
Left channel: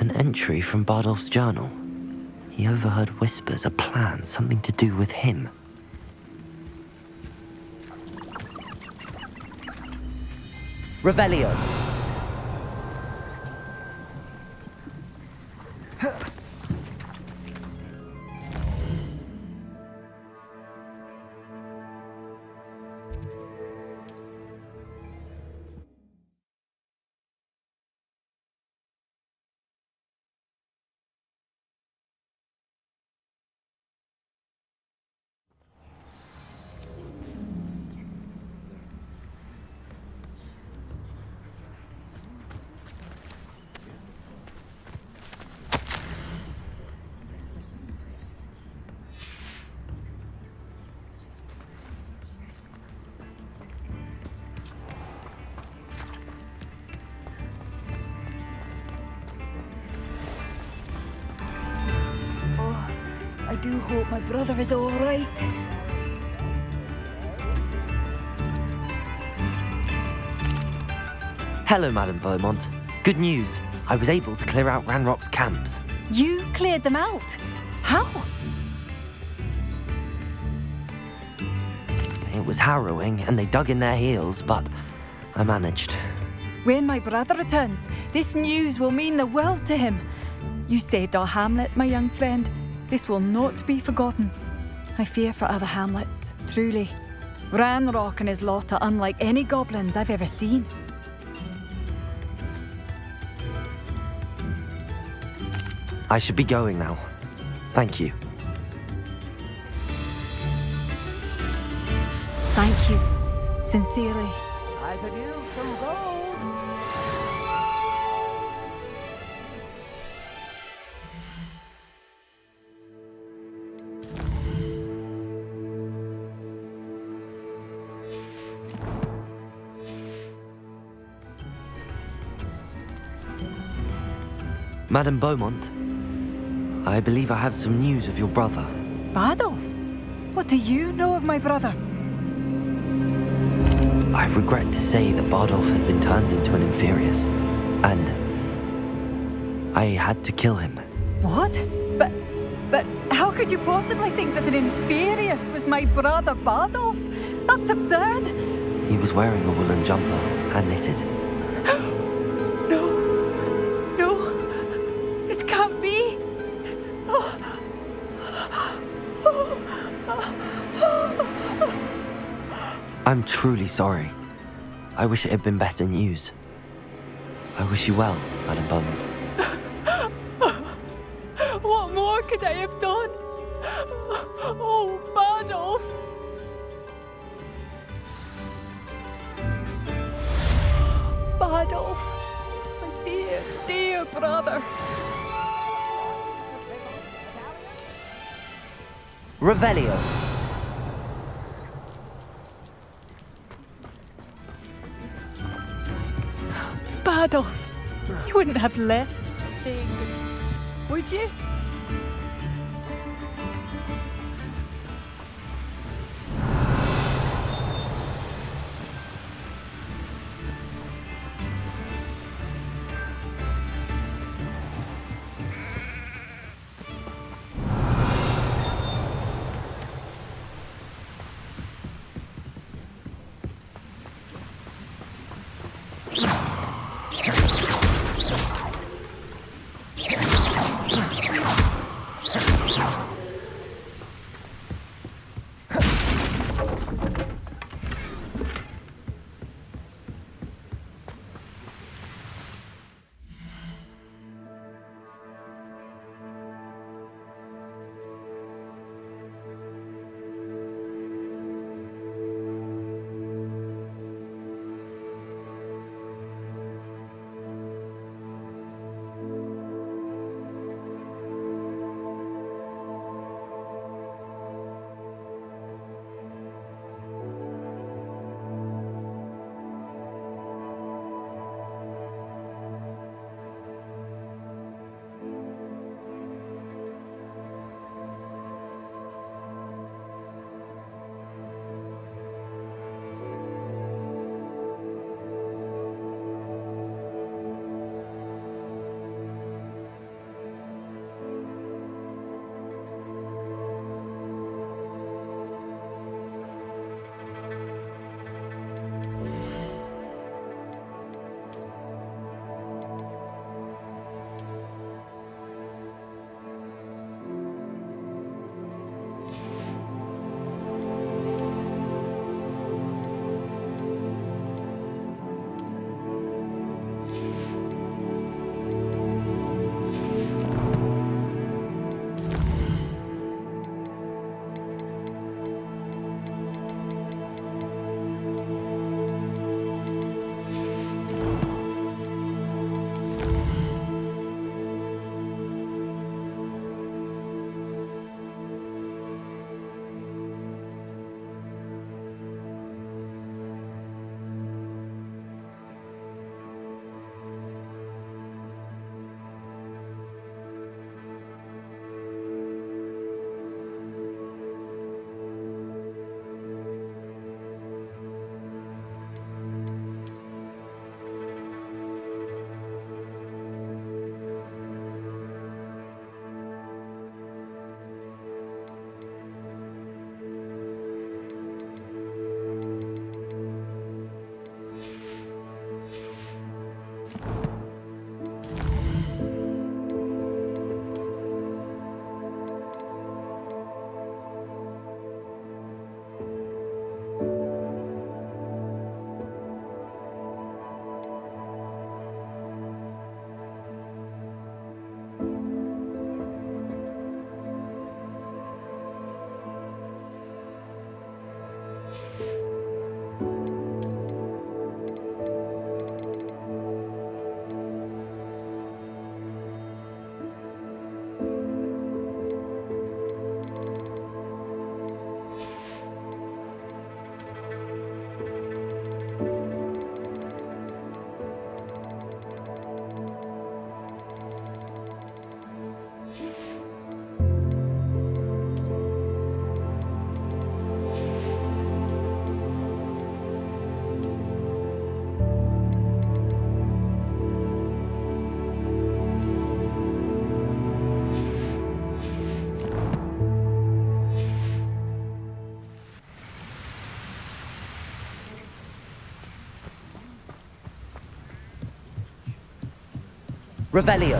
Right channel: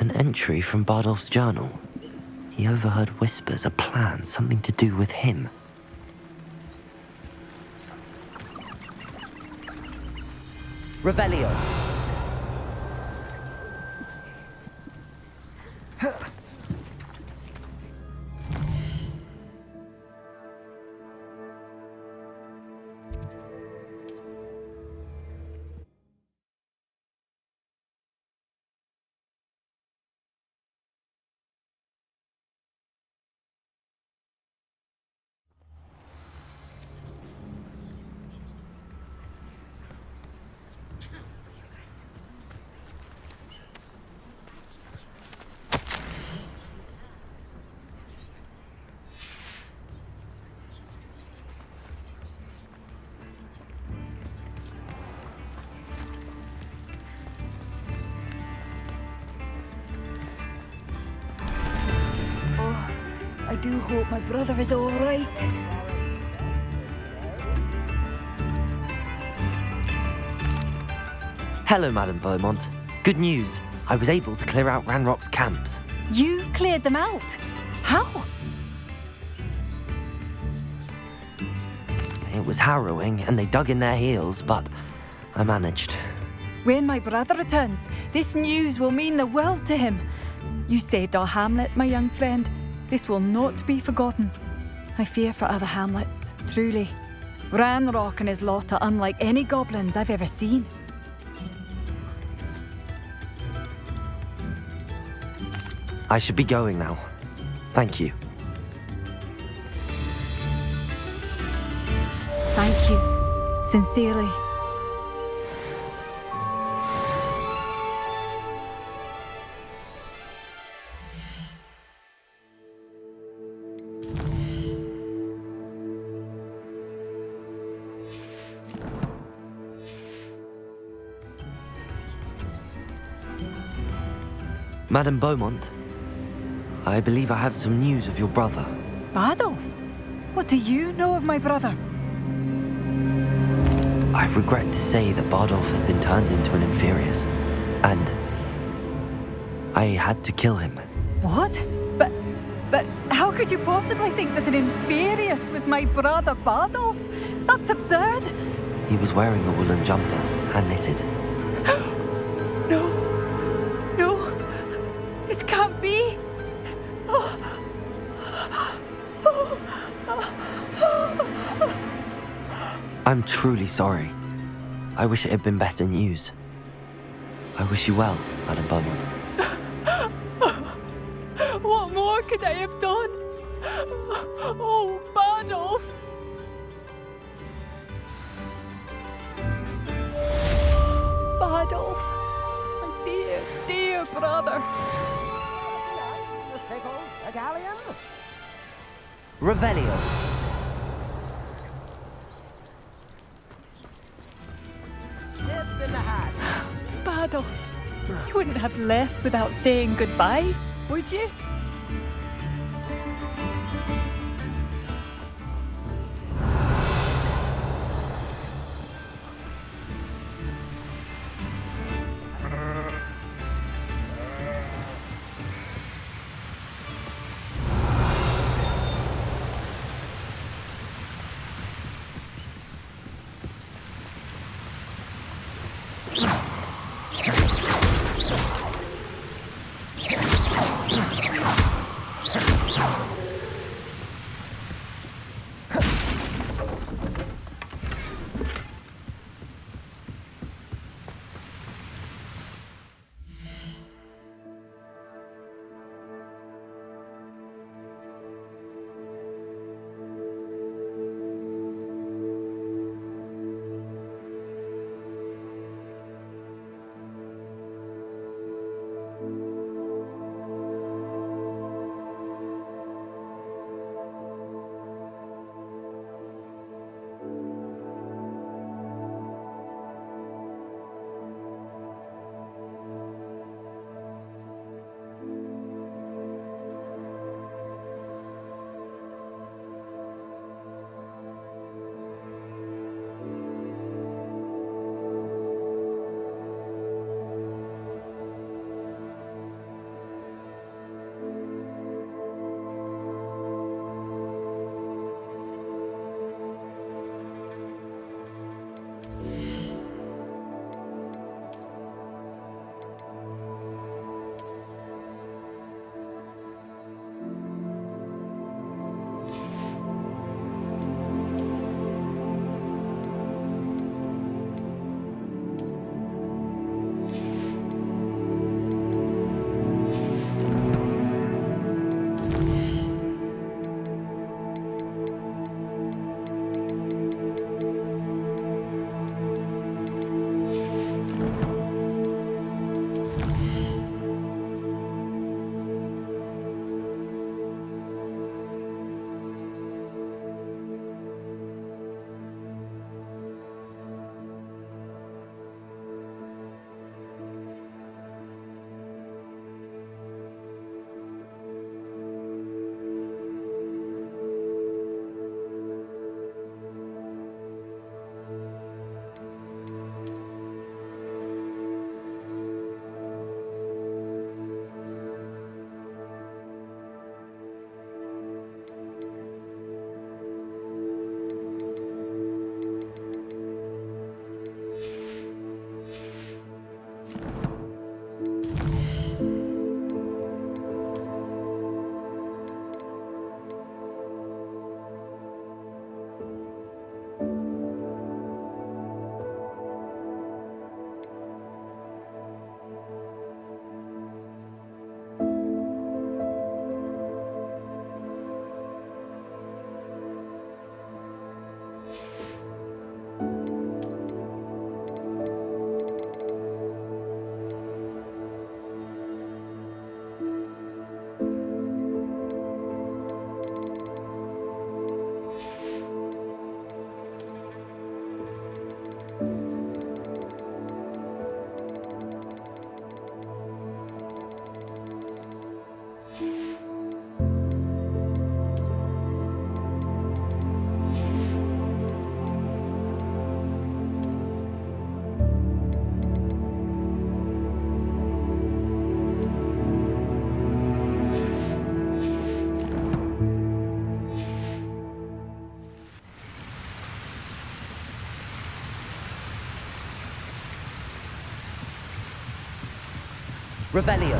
An entry from Bardolph's journal. He overheard whispers, a plan, something to do with him. Revelio. I do hope my brother is all right. Hello, Madame Beaumont. Good news. I was able to clear out Ranrock's camps. You cleared them out? How? It was harrowing, and they dug in their heels, but I managed. When my brother returns, this news will mean the world to him. You saved our hamlet, my young friend. This will not be forgotten. I fear for other hamlets, truly. Ranrock and his lot are unlike any goblins I've ever seen. I should be going now. Thank you. Thank you. Sincerely. Madame Beaumont, I believe I have some news of your brother. Bardolph? What do you know of my brother? I regret to say that Bardolph had been turned into an Inferius, and I had to kill him. What? But how could you possibly think that an Inferius was my brother Bardolph? That's absurd! He was wearing a woolen jumper, hand-knitted. I'm truly sorry. I wish it had been better news. I wish you well, Madam Beaumont. What more could I have done? Oh, Badolf! Badolf, my dear, dear brother. Revelio. Badolf, you wouldn't have left without saying goodbye, would you? Revelio.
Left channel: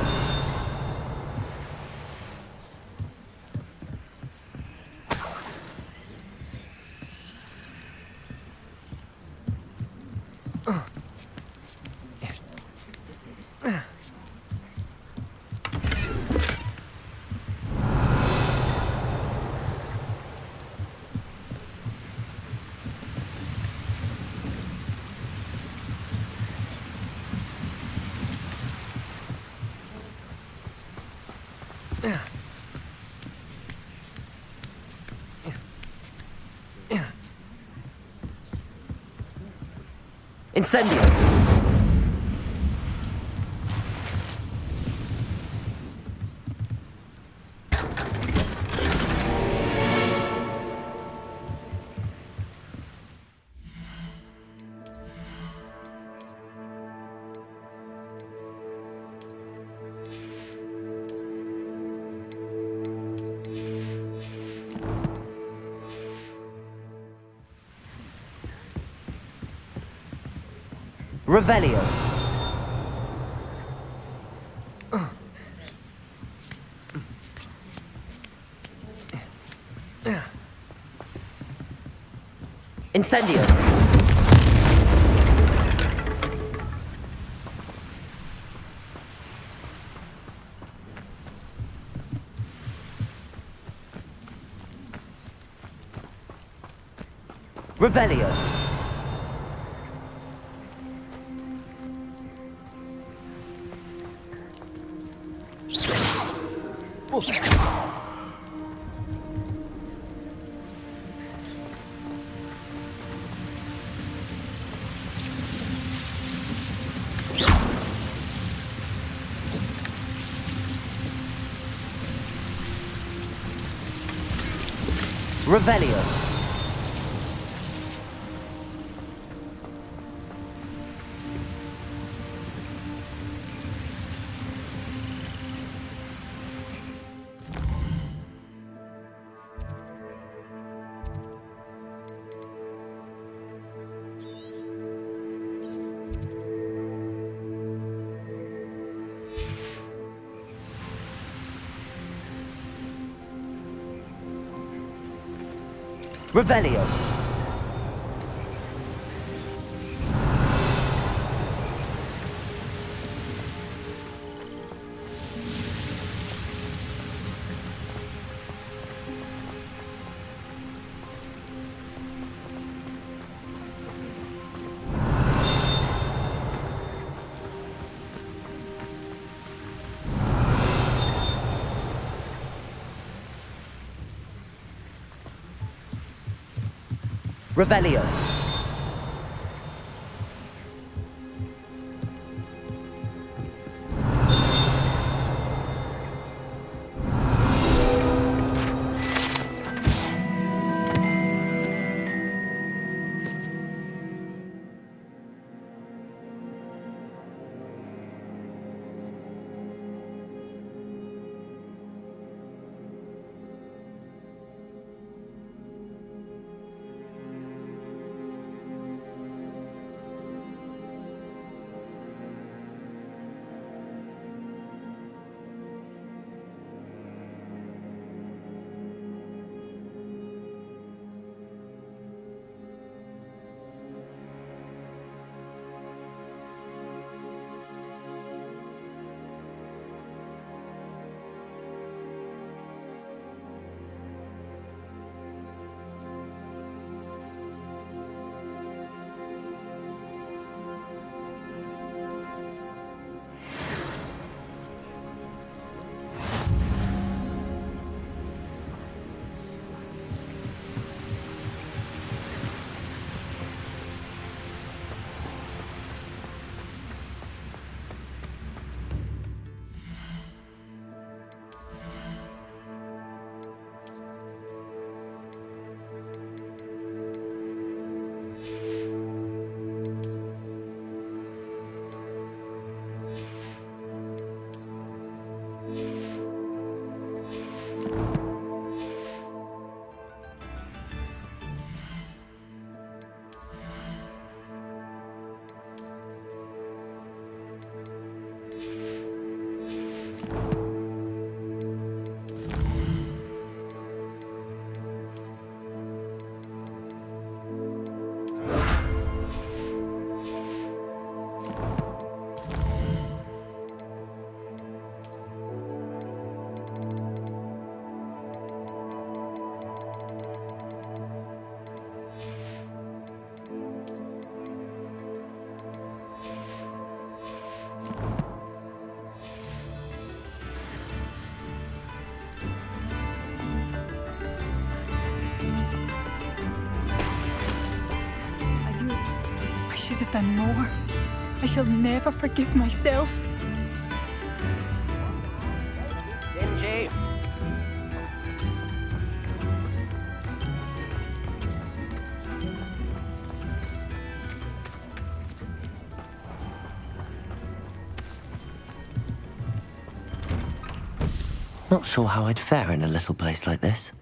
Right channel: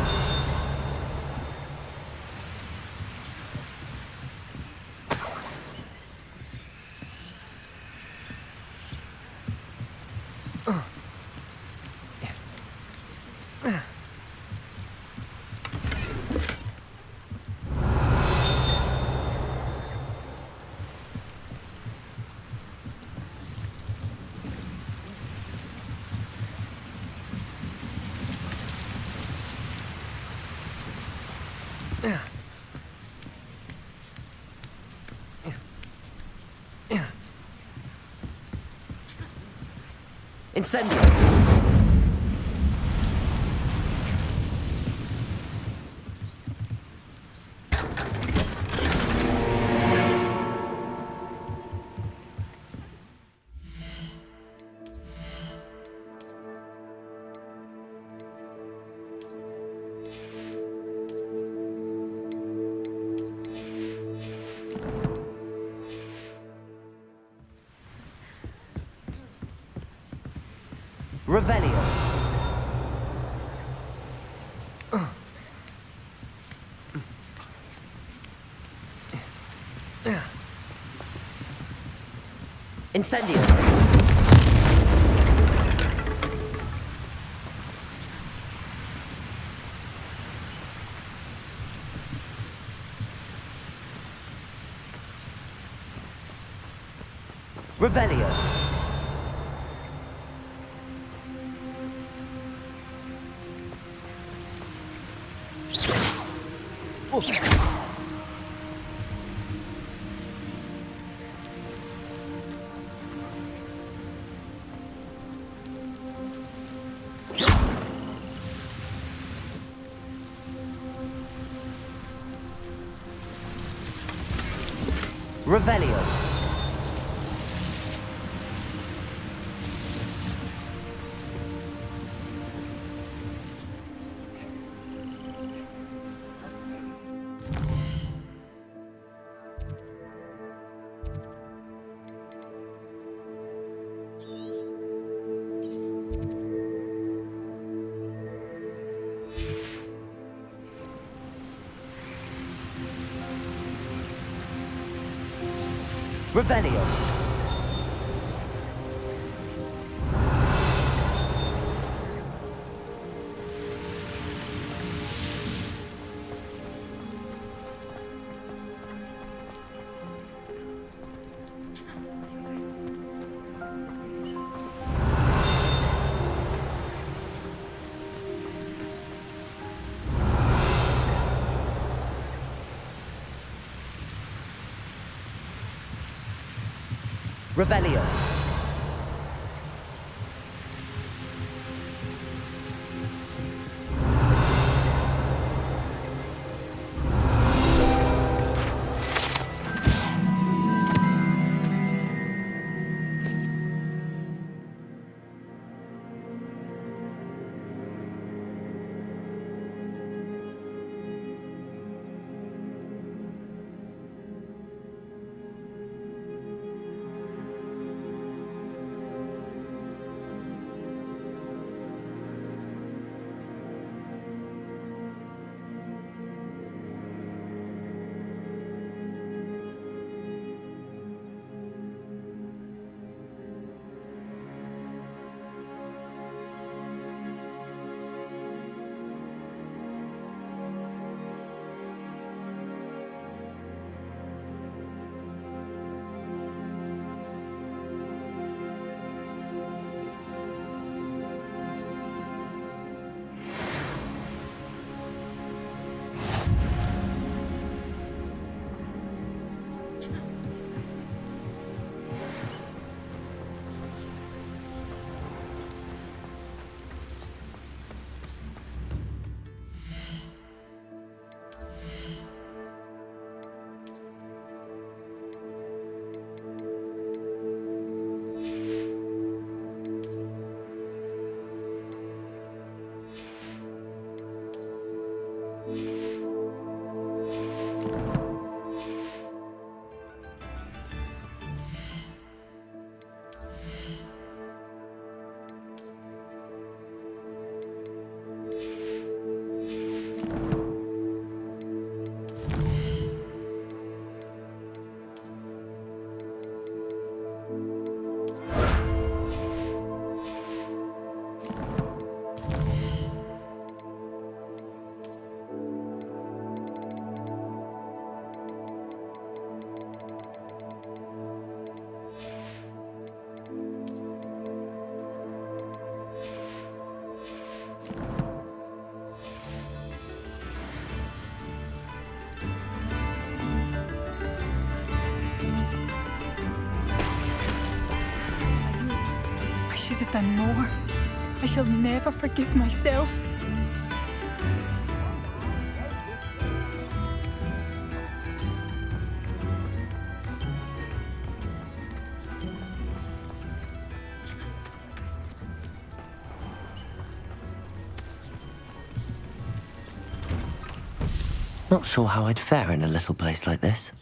Incendio! Revelio. Incendio. Revelio. Revelio. Revelio. Revelio. could have done more. I shall never forgive myself. Not sure how I'd fare in a little place like this.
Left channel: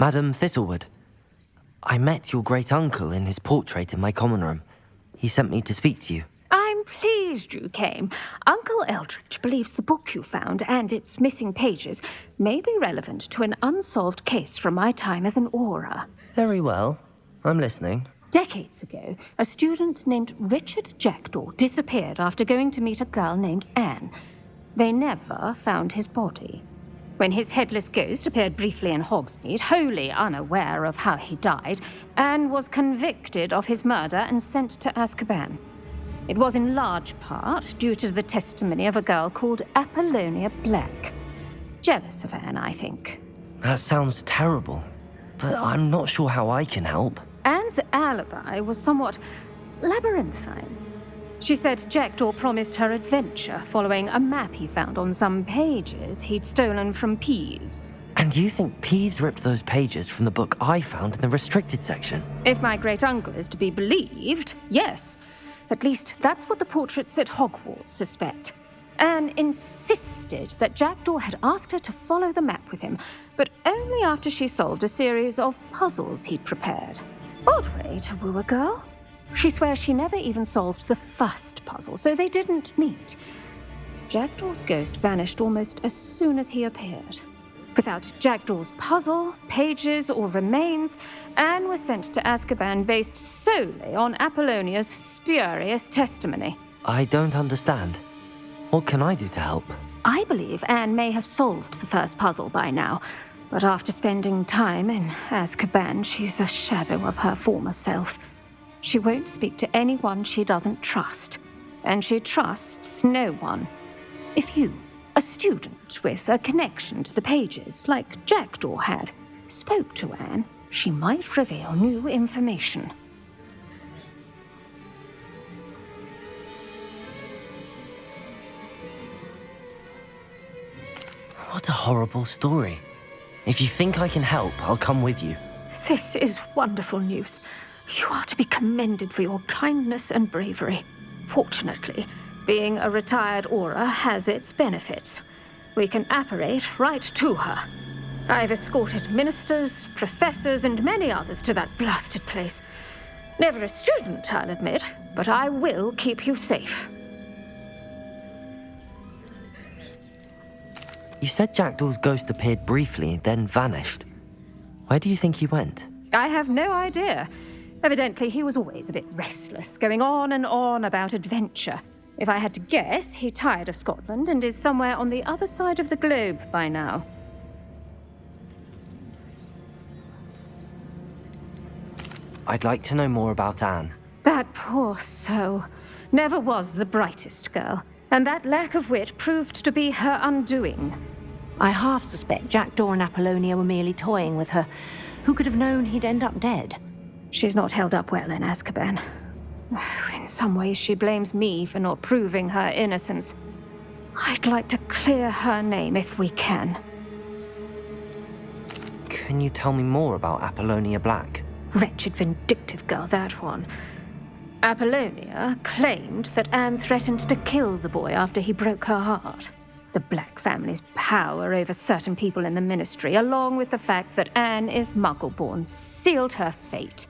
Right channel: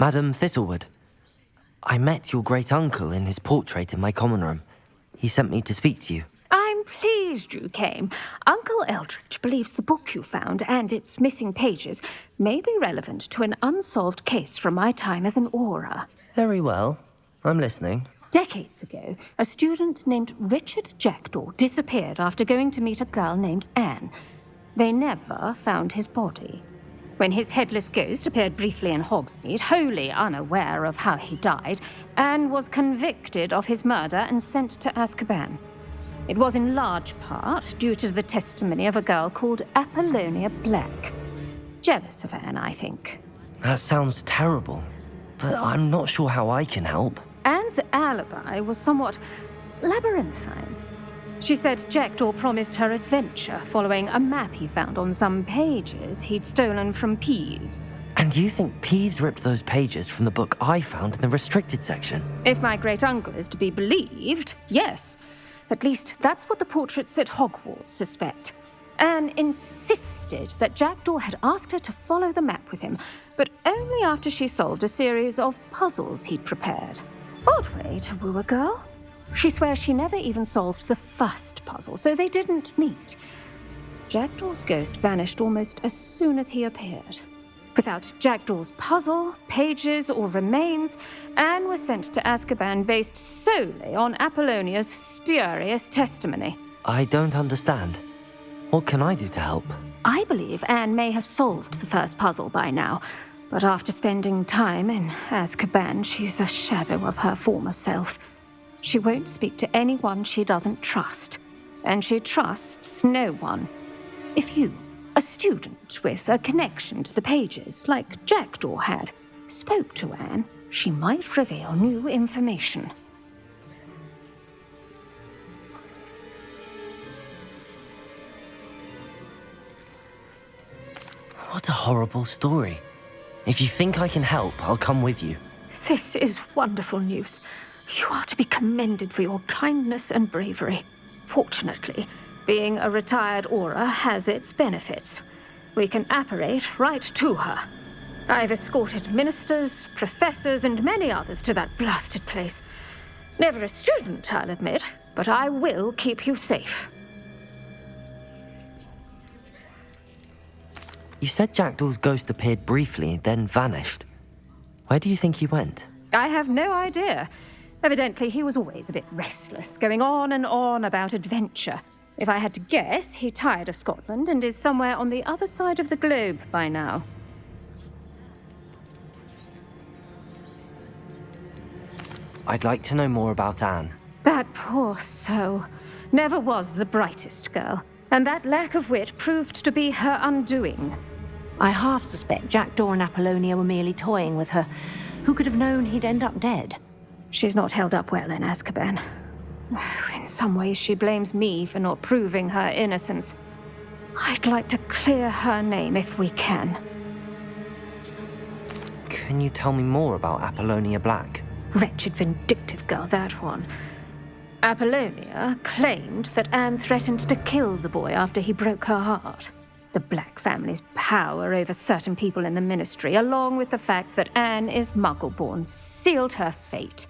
Madam Thistlewood, I met your great-uncle in his portrait in my common room. He sent me to speak to you. I'm pleased you came. Uncle Eldritch believes the book you found and its missing pages may be relevant to an unsolved case from my time as an aura. Very well. I'm listening. Decades ago, a student named Richard Jackdaw disappeared after going to meet a girl named Anne. They never found his body. When his headless ghost appeared briefly in Hogsmeade, wholly unaware of how he died, Anne was convicted of his murder and sent to Azkaban. It was in large part due to the testimony of a girl called Apollonia Black. Jealous of Anne, I think. That sounds terrible, but I'm not sure how I can help. Anne's alibi was somewhat labyrinthine. She said Jackdaw promised her adventure following a map he found on some pages he'd stolen from Peeves. And you think Peeves ripped those pages from the book I found in the restricted section? If my great-uncle is to be believed, yes. At least that's what the portraits at Hogwarts suspect. Anne insisted that Jackdaw had asked her to follow the map with him, but only after she solved a series of puzzles he'd prepared. Odd way to woo a girl. She swears she never even solved the first puzzle, so they didn't meet. Jackdaw's ghost vanished almost as soon as he appeared. Without Jackdaw's puzzle, pages, or remains, Anne was sent to Azkaban based solely on Apollonia's spurious testimony. I don't understand. What can I do to help? I believe Anne may have solved the first puzzle by now, but after spending time in Azkaban, she's a shadow of her former self. She won't speak to anyone she doesn't trust, and she trusts no one. If you, a student with a connection to the pages, like Jackdaw had, spoke to Anne, she might reveal new information. What a horrible story. If you think I can help, I'll come with you. This is wonderful news. You are to be commended for your kindness and bravery. Fortunately, being a retired aura has its benefits. We can apparate right to her. I've escorted ministers, professors, and many others to that blasted place. Never a student, I'll admit, but I will keep you safe. You said Jackdaw's ghost appeared briefly, then vanished. Where do you think he went? I have no idea. Evidently, he was always a bit restless, going on and on about adventure. If I had to guess, he tired of Scotland and is somewhere on the other side of the globe by now. I'd like to know more about Anne. That poor soul. Never was the brightest girl, and that lack of wit proved to be her undoing. I half suspect Jackdaw and Apollonia were merely toying with her. Who could have known he'd end up dead? She's not held up well in Azkaban. In some ways, she blames me for not proving her innocence. I'd like to clear her name if we can. Can you tell me more about Apollonia Black? Wretched, vindictive girl, that one. Apollonia claimed that Anne threatened to kill the boy after he broke her heart. The Black family's power over certain people in the ministry, along with the fact that Anne is Muggle-born, sealed her fate.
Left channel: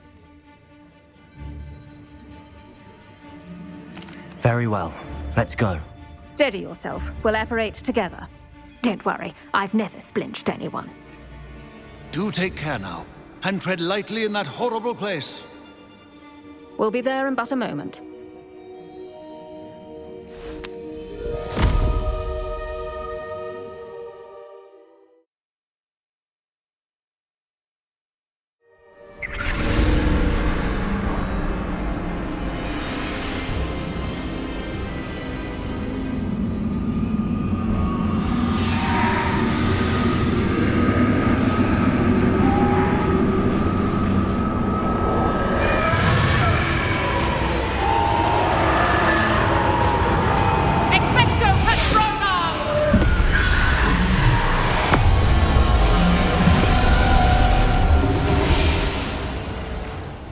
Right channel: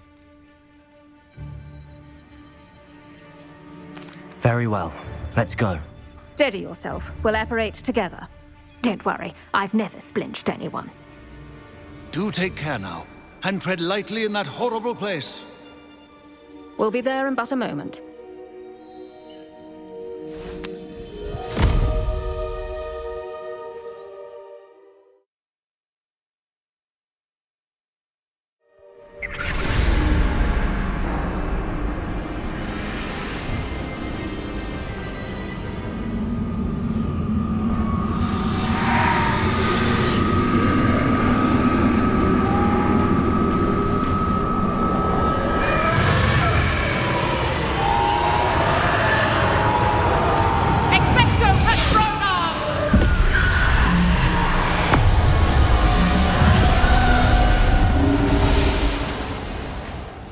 Very well. Let's go. Steady yourself. We'll apparate together. Don't worry, I've never splinched anyone. Do take care now, and tread lightly in that horrible place. We'll be there in but a moment.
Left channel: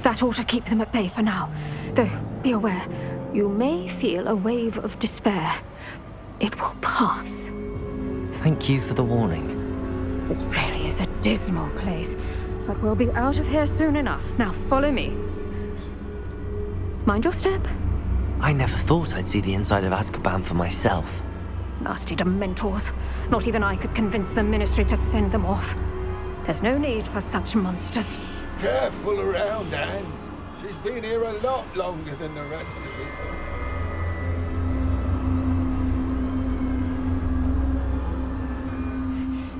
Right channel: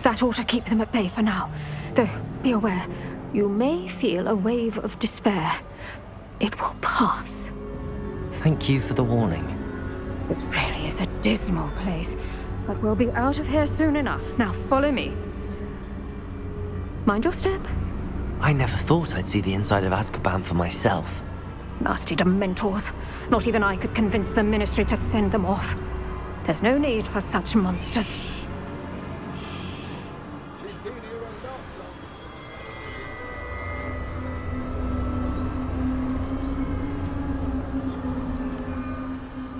That ought to keep them at bay for now. Though, be aware, you may feel a wave of despair. It will pass. Thank you for the warning. This really is a dismal place, but we'll be out of here soon enough. Now follow me. Mind your step. I never thought I'd see the inside of Azkaban for myself. Nasty Dementors. Not even I could convince the Ministry to send them off. There's no need for such monsters. Careful around, Anne. She's been here a lot longer than the rest of you.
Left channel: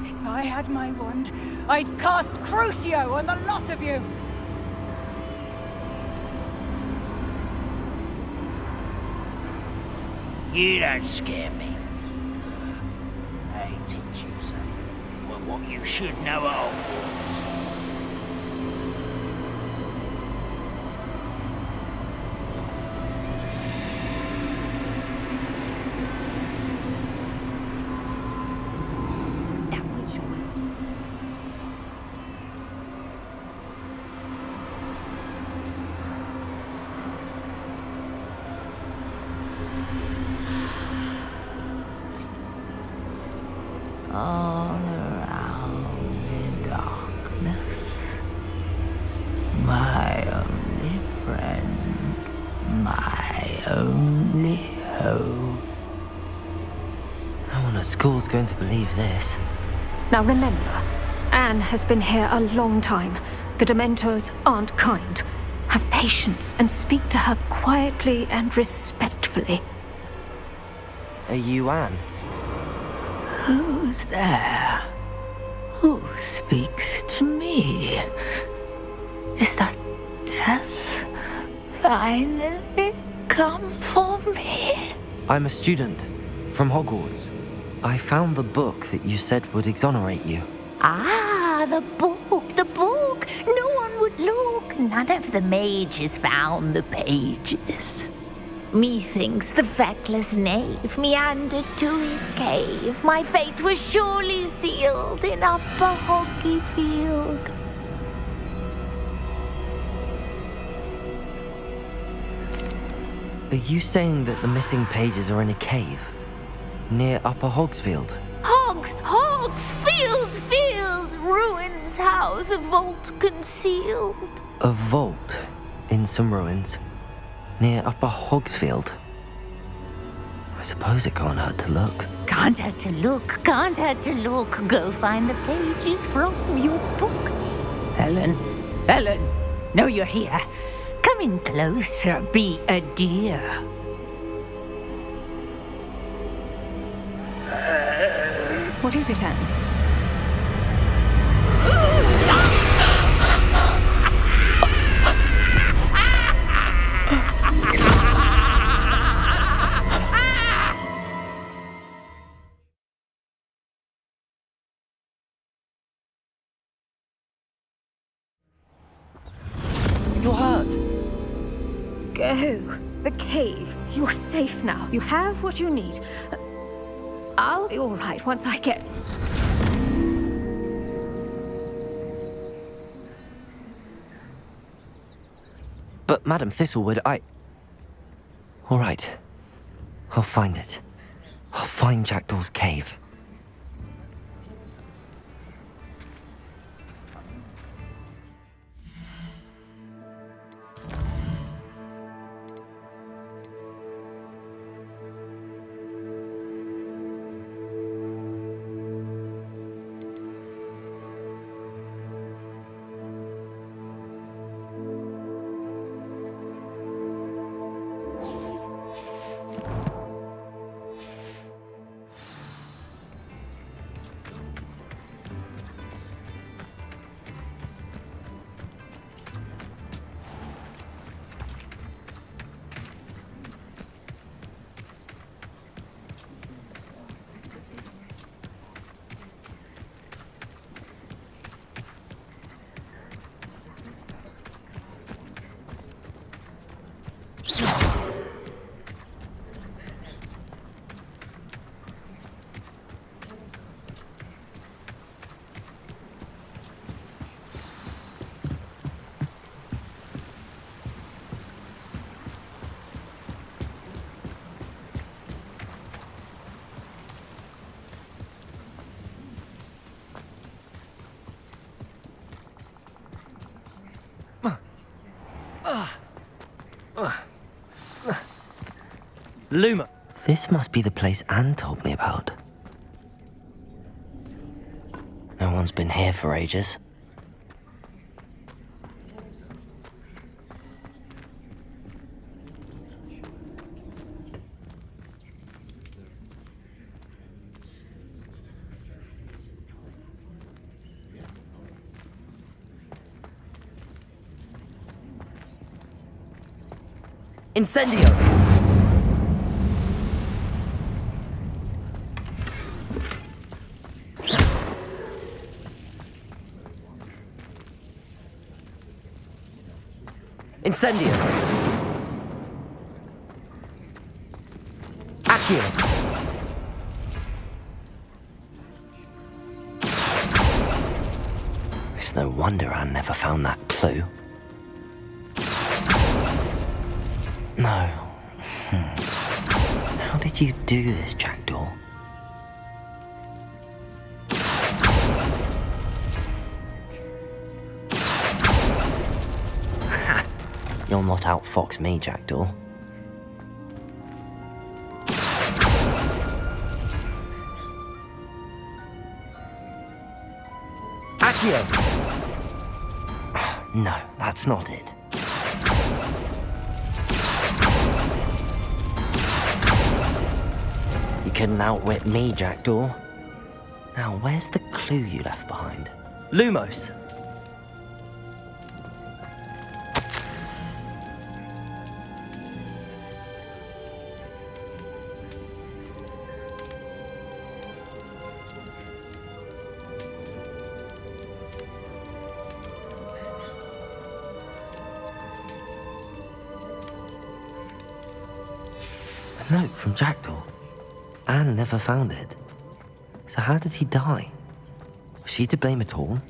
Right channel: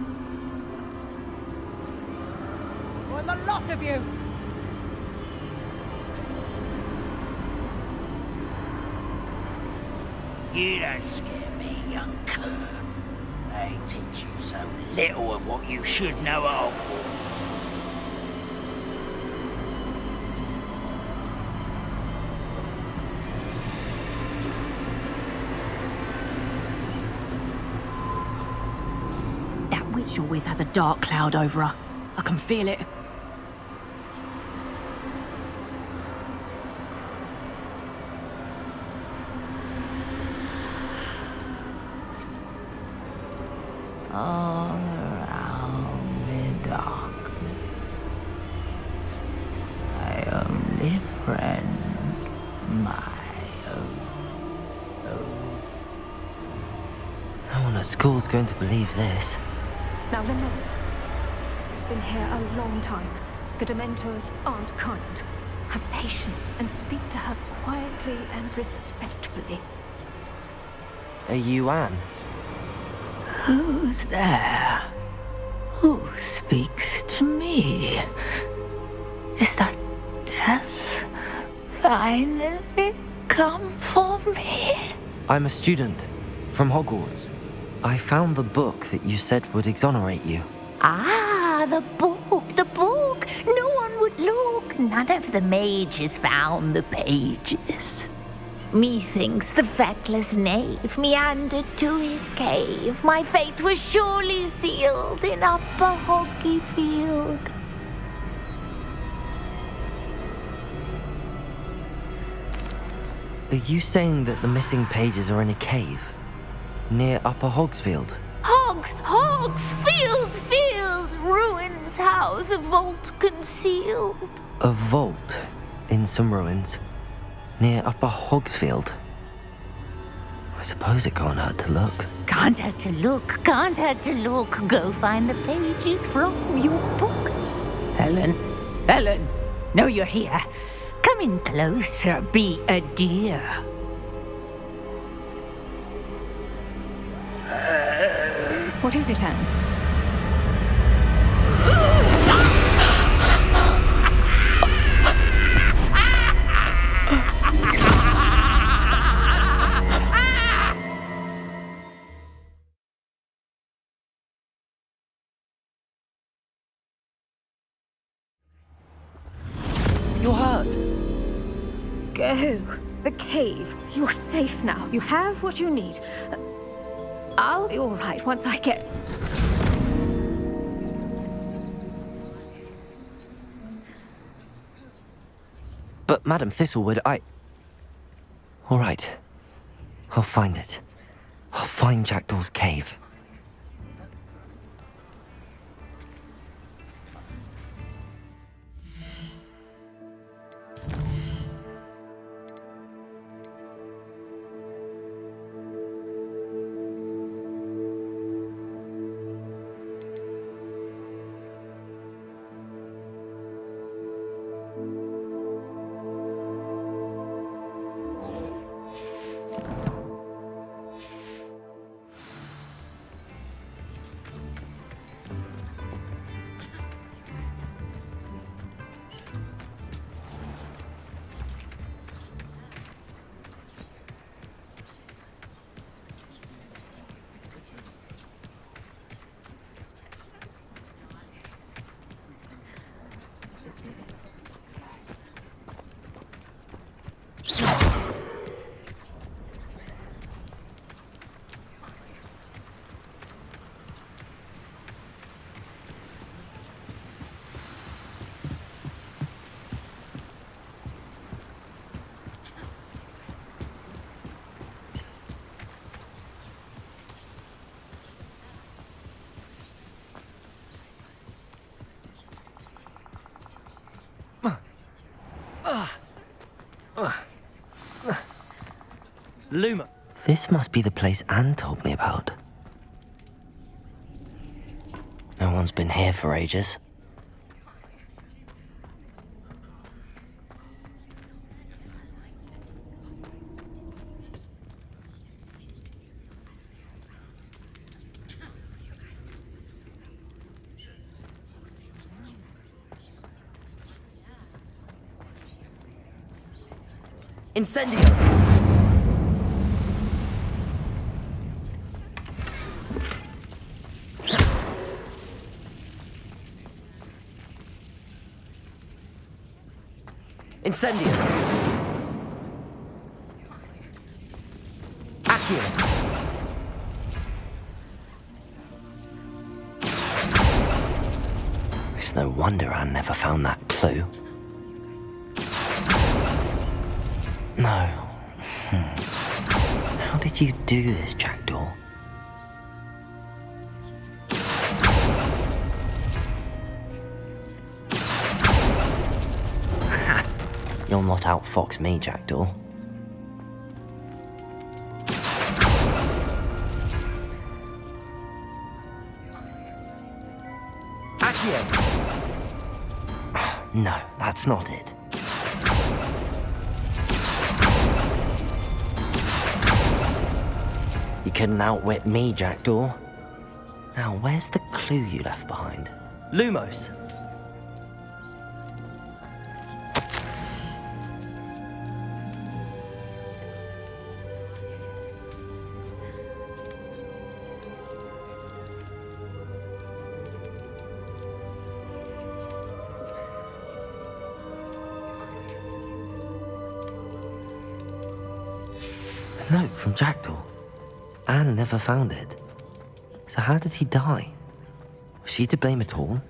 If I had my wand, I'd cast Crucio on the lot of you! You don't scare me, young cur. They teach you so little of what you should know at Hogwarts. That witch you're with has a dark cloud over her. I can feel it. All around in darkness, my only friend, my only hope. No one at school's going to believe this. Now remember, Anne has been here a long time. The Dementors aren't kind. Have patience and speak to her quietly and respectfully. Are you Anne? Who's there? Who speaks to me? Is that death finally come for me? I'm a student from Hogwarts. I found the book that you said would exonerate you. Ah, the book, the book. No one would look. None of the mages found the pages. Methinks the feckless knave meandered to his cave. My fate was surely sealed in Upper Hoggyfield. Are you saying that the missing pages are in a cave? Near Upper Hogsfield? Field, ruins house, a vault concealed. A vault in some ruins? Near Upper Hogsfield? I suppose it can't hurt to look. Can't hurt to look, can't hurt to look. Go find the pages from your book. Helen, know you're here. Come in closer, be a dear. What is it, Anne? You're hurt. Go. The cave. You're safe now. You have what you need. I'll be all right once I get... But Madam Thistlewood, All right. I'll find it. I'll find Jackdaw's cave. Luma! This must be the place Anne told me about. No one's been here for ages. Incendio! Incendio! Accio! It's no wonder Anne never found that clue. No. How did you do this, Jackdaw? You'll not outfox me, Jackdaw. Accio! No, that's not it. You couldn't outwit me, Jackdaw. Now, where's the clue you left behind? Lumos! A note from Jackdaw. Anne never found it. So how did he die? Was she to blame at all?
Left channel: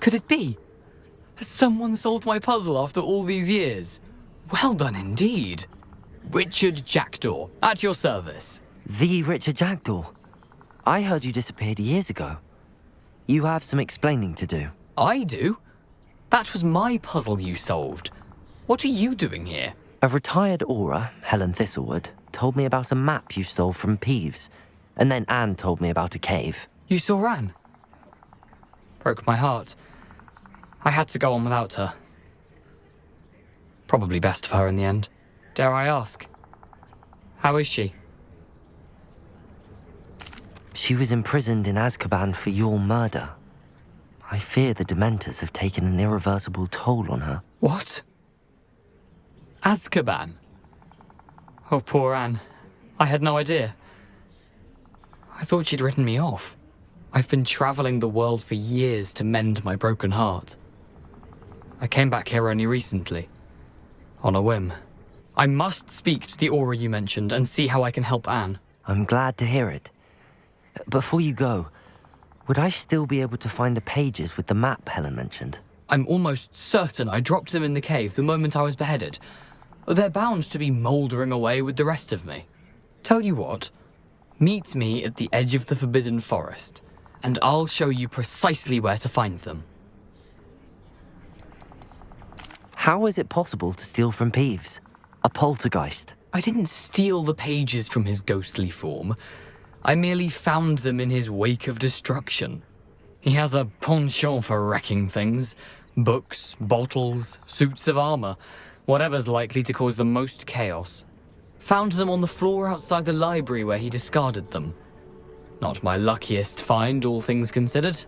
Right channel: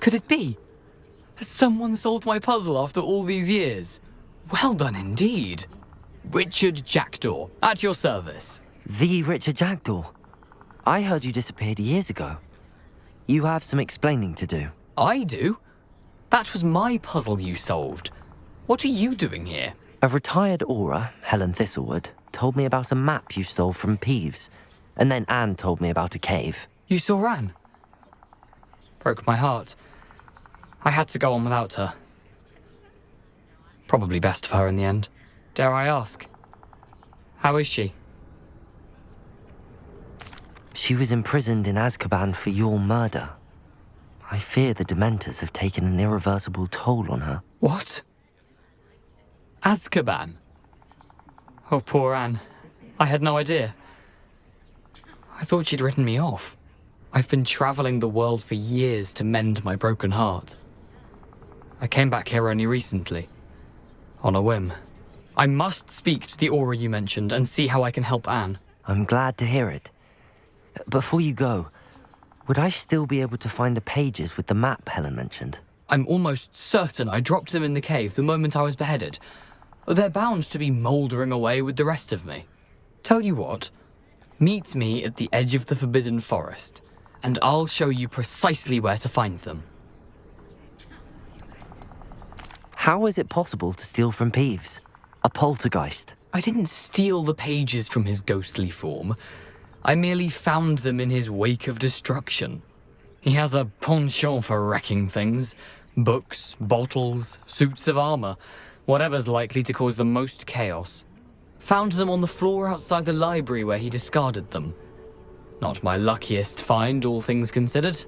Could it be? Has someone solved my puzzle after all these years? Well done indeed. Richard Jackdaw, at your service. The Richard Jackdaw? I heard you disappeared years ago. You have some explaining to do. I do? That was my puzzle you solved. What are you doing here? A retired aura, Helen Thistlewood, told me about a map you stole from Peeves, and then Anne told me about a cave. You saw Anne? Broke my heart. I had to go on without her. Probably best for her in the end. Dare I ask? How is she? She was imprisoned in Azkaban for your murder. I fear the Dementors have taken an irreversible toll on her. What? Azkaban? Oh, poor Anne. I had no idea. I thought she'd written me off. I've been travelling the world for years to mend my broken heart. I came back here only recently. On a whim. I must speak to the aura you mentioned and see how I can help Anne. I'm glad to hear it. Before you go, would I still be able to find the pages with the map Helen mentioned? I'm almost certain I dropped them in the cave the moment I was beheaded. They're bound to be mouldering away with the rest of me. Tell you what, meet me at the edge of the Forbidden Forest, and I'll show you precisely where to find them. How is it possible to steal from Peeves? A poltergeist? I didn't steal the pages from his ghostly form. I merely found them in his wake of destruction. He has a penchant for wrecking things. Books, bottles, suits of armor, whatever's likely to cause the most chaos. Found them on the floor outside the library where he discarded them. Not my luckiest find, all things considered.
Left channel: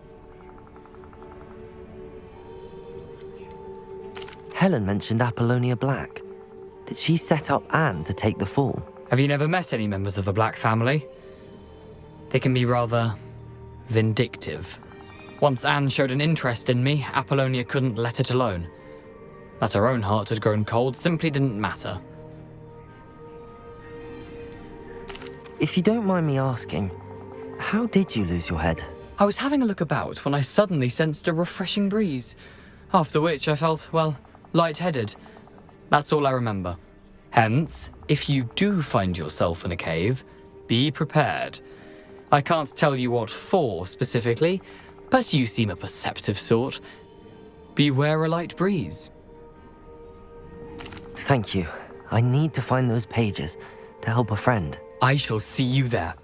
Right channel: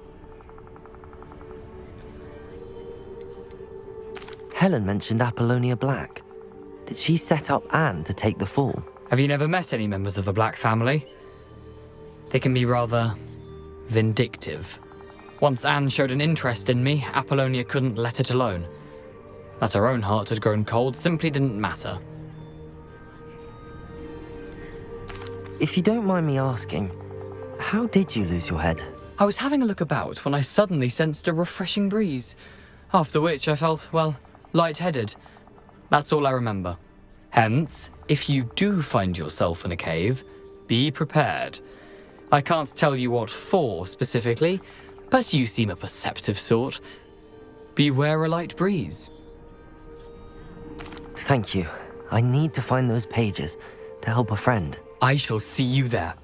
Helen mentioned Apollonia Black. Did she set up Anne to take the fall? Have you never met any members of the Black family? They can be rather vindictive. Once Anne showed an interest in me, Apollonia couldn't let it alone. That her own heart had grown cold simply didn't matter. If you don't mind me asking, how did you lose your head? I was having a look about when I suddenly sensed a refreshing breeze, after which I felt, well, lightheaded. That's all I remember. Hence, if you do find yourself in a cave, be prepared. I can't tell you what for specifically, but you seem a perceptive sort. Beware a light breeze. Thank you. I need to find those pages to help a friend. I shall see you there.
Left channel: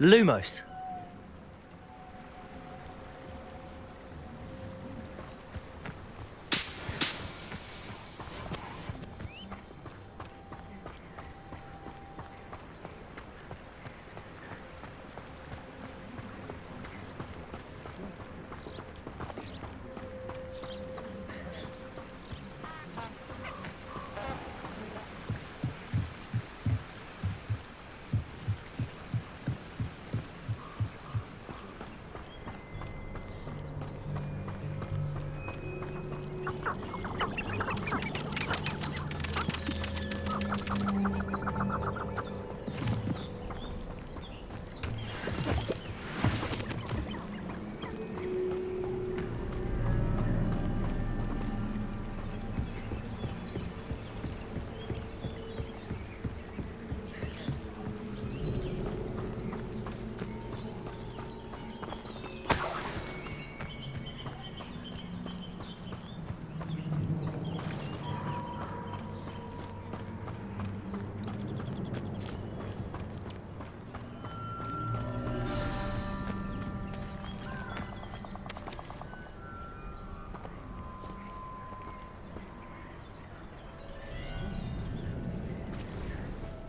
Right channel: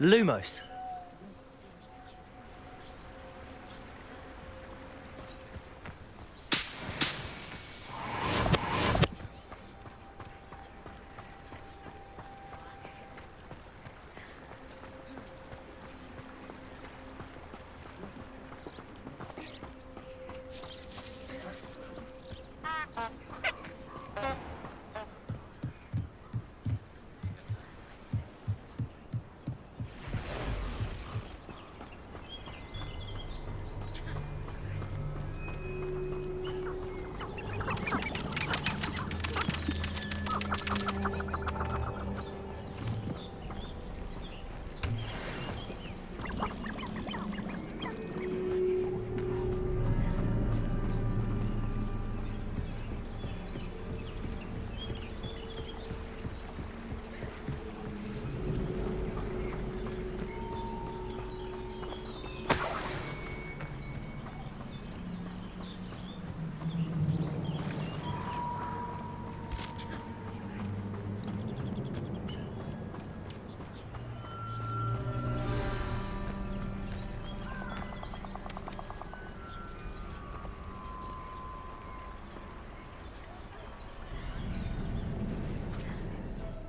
Lumos.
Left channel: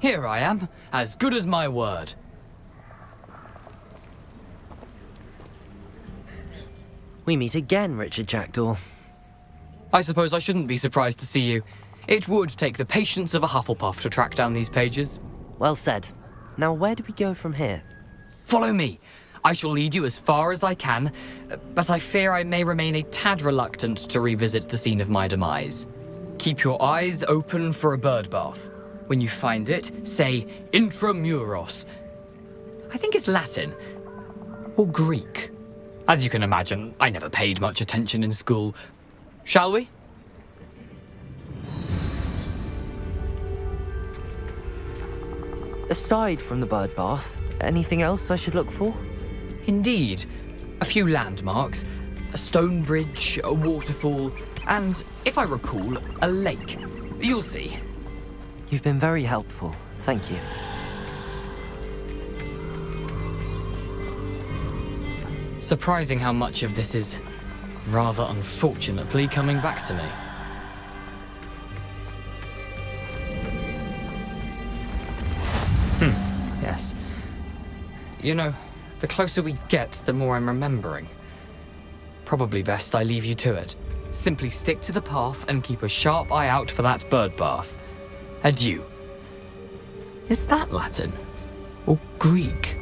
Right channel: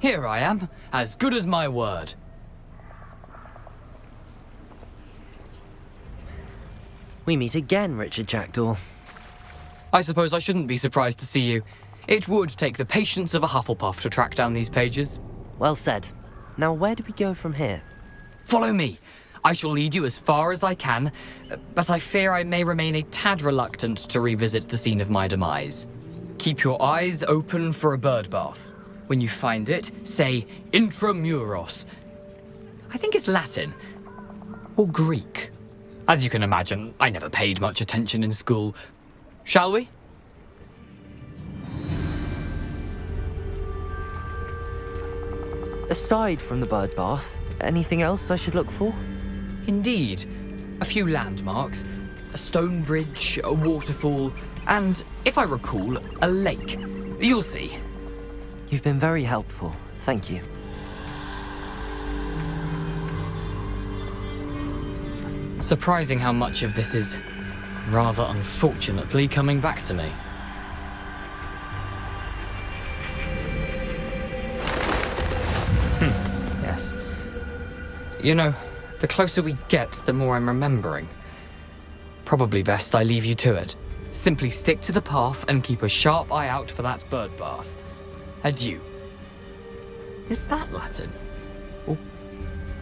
Here I am, as good as my word. We meet again, Richard Jackdaw. I suppose I shouldn't be surprised to see you. It would take the patience of a Hufflepuff to track down these pages. Well said. Now where do we go from here? Follow me. I shall lead you as far as I can, but I fear I may remain a tad reluctant to revisit the scene of my demise. Keep your eyes open for a bird bath. When you find it, say intramuros. I think it's Latin. Or Greek. As you can imagine, I never paid much attention in school. Shall we? Aside from the bird bath, anything else I should look for? Indeed. A few landmarks, a stone bridge, a waterfall, and, if I recall, a lake. You'll see. You've been very helpful. Thank you. Surprising how much of this is, rather unfortunately, coming back to me. Yes. You know, the closer we get, the more I'm remembering. Probably best I leave you to it. Simply stick to the path and keep a sharp eye out for that bird bath. Adieu. Is that Latin? Or Greek?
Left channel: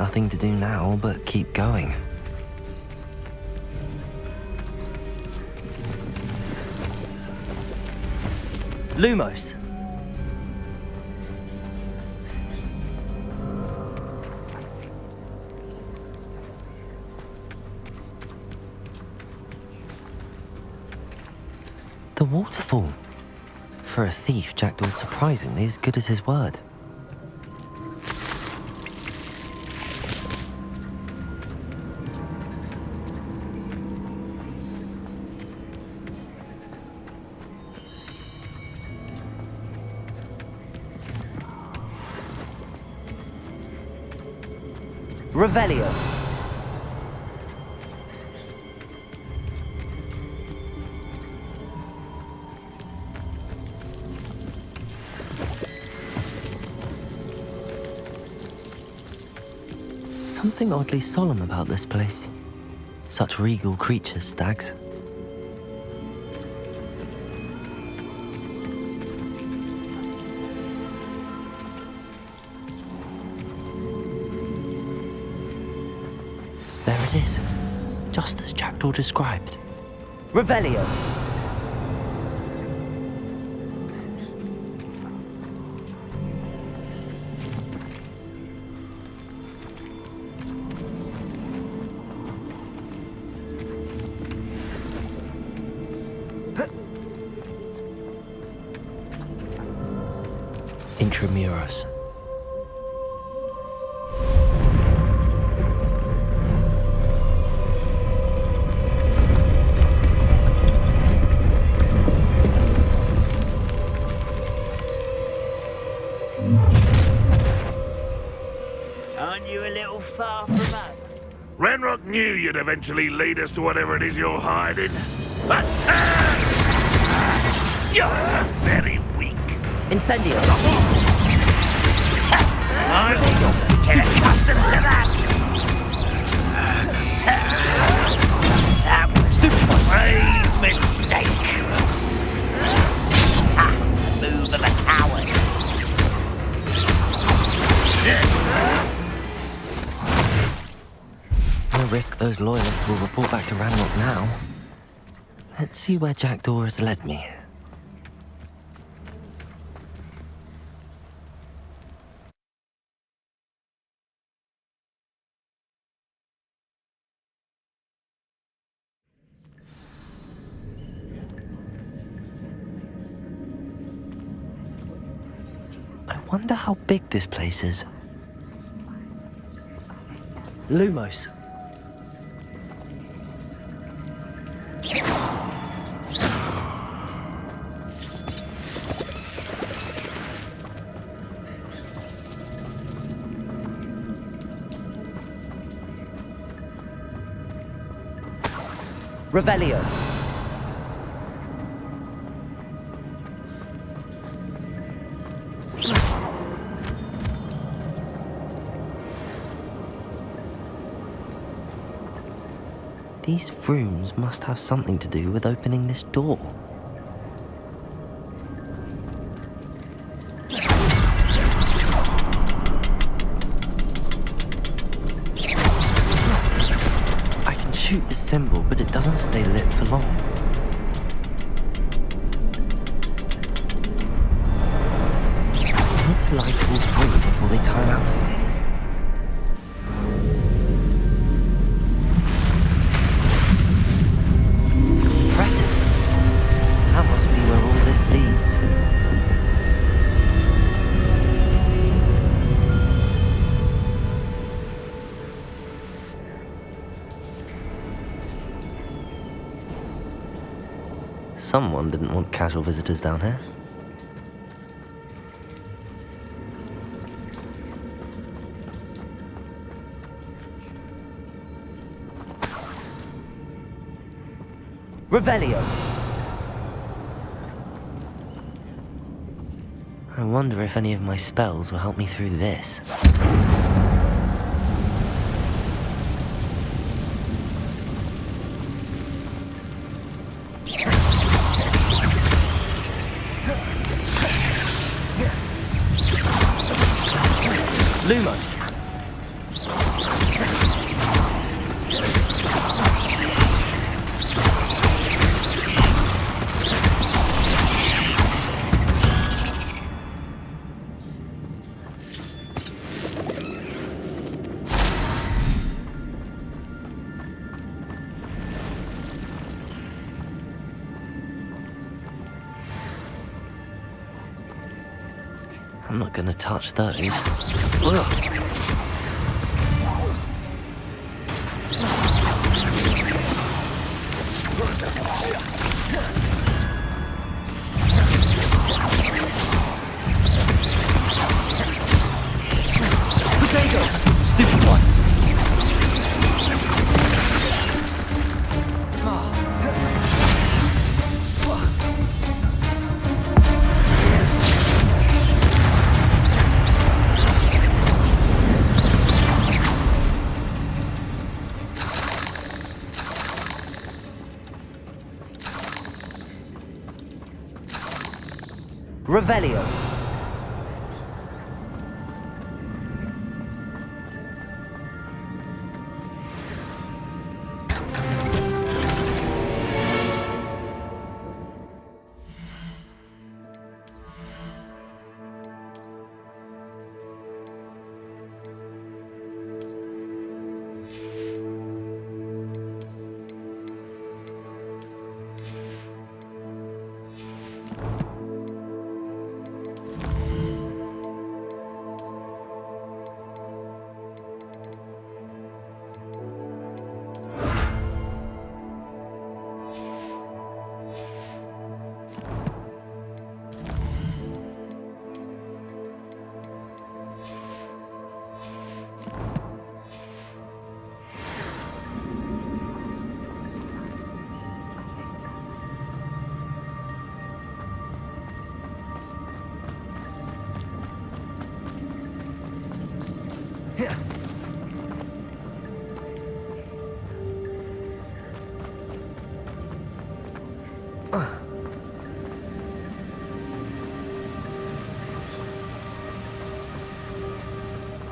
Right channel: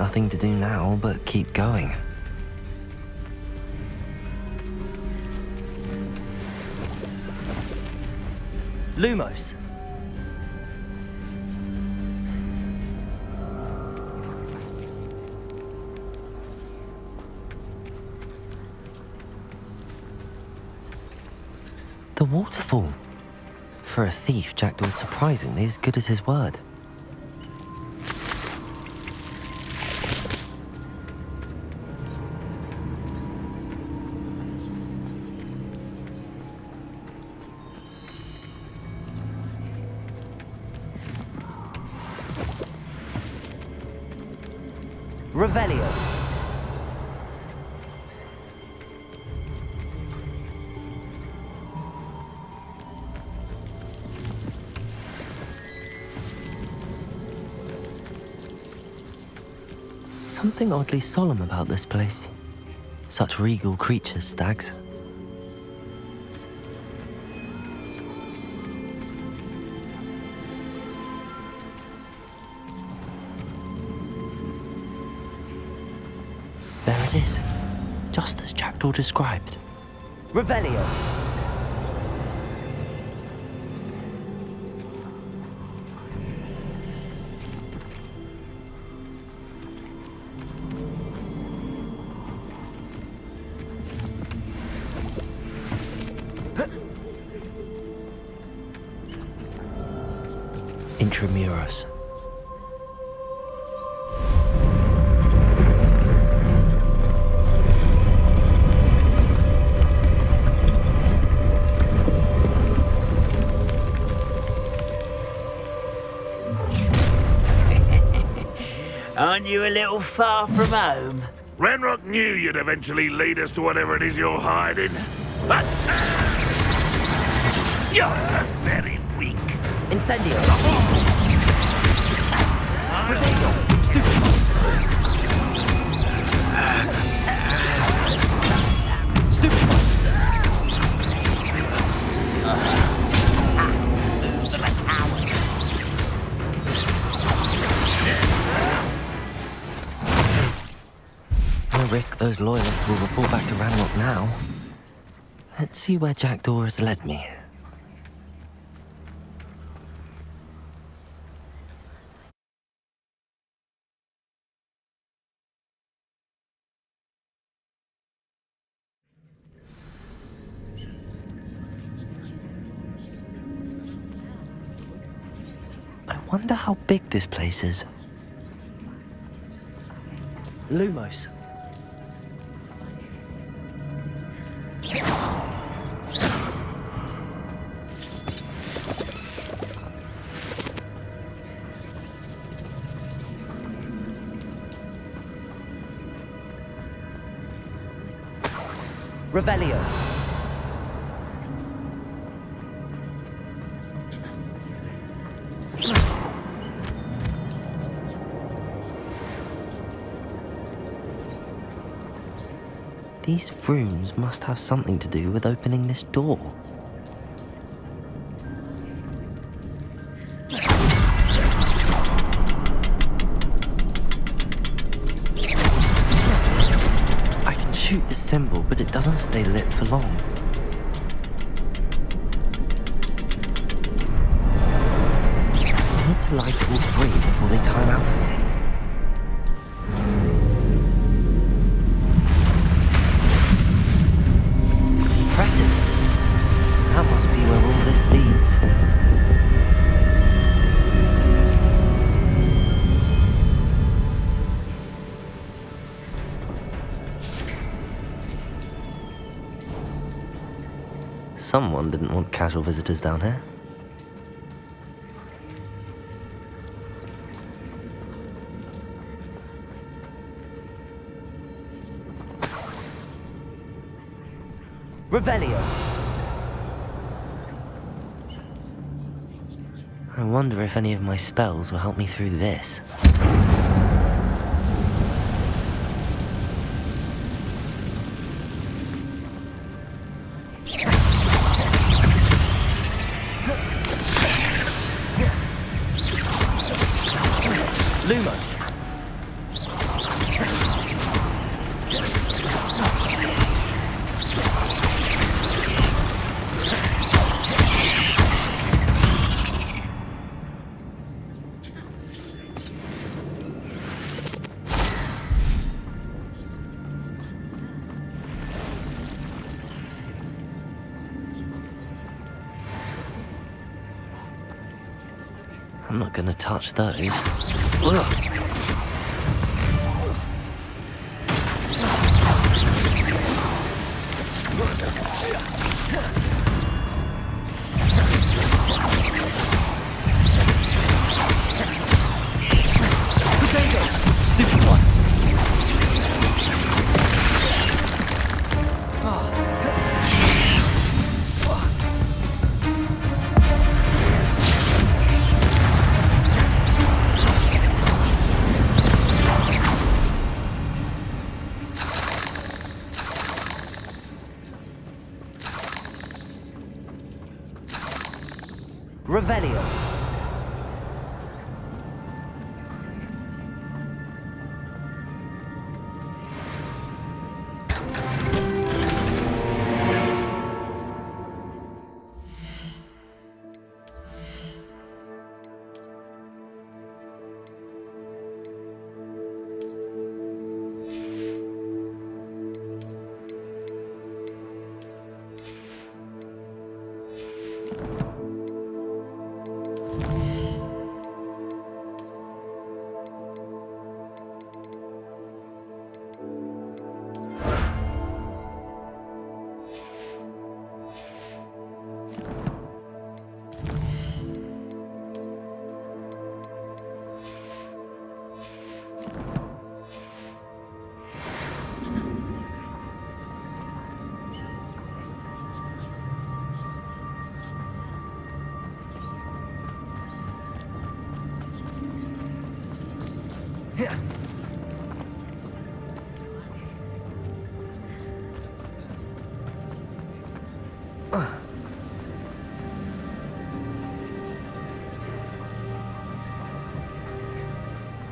Nothing to do now but keep going. Lumos. The waterfall. For a thief, Jackdaw's surprisingly as good as his word. Revelio. Something oddly solemn about this place. Such regal creatures, stags. There it is, just as Jackdaw described. Revelio. Intramuros. Aren't you a little far from home? Renrock knew you'd eventually lead us to whatever it is you're hiding. But you're so very weak. Incendio. Stupid mistake. Move of a coward. No risk those loyalists will report back to Ranrock now. Let's see where Jackdaw has led me. I wonder how big this place is. Lumos. Revelio. These rooms must have something to do with opening this door. I can shoot the symbol, but it doesn't stay lit for long. I need to light all three before they time out on me. Impressive. That must be where all this leads. Someone didn't want casual visitors down here. Revelio. I wonder if any of my spells will help me through this. Lumos. I'm not gonna touch those. Ugh. Potato! Stupid one. Revelio.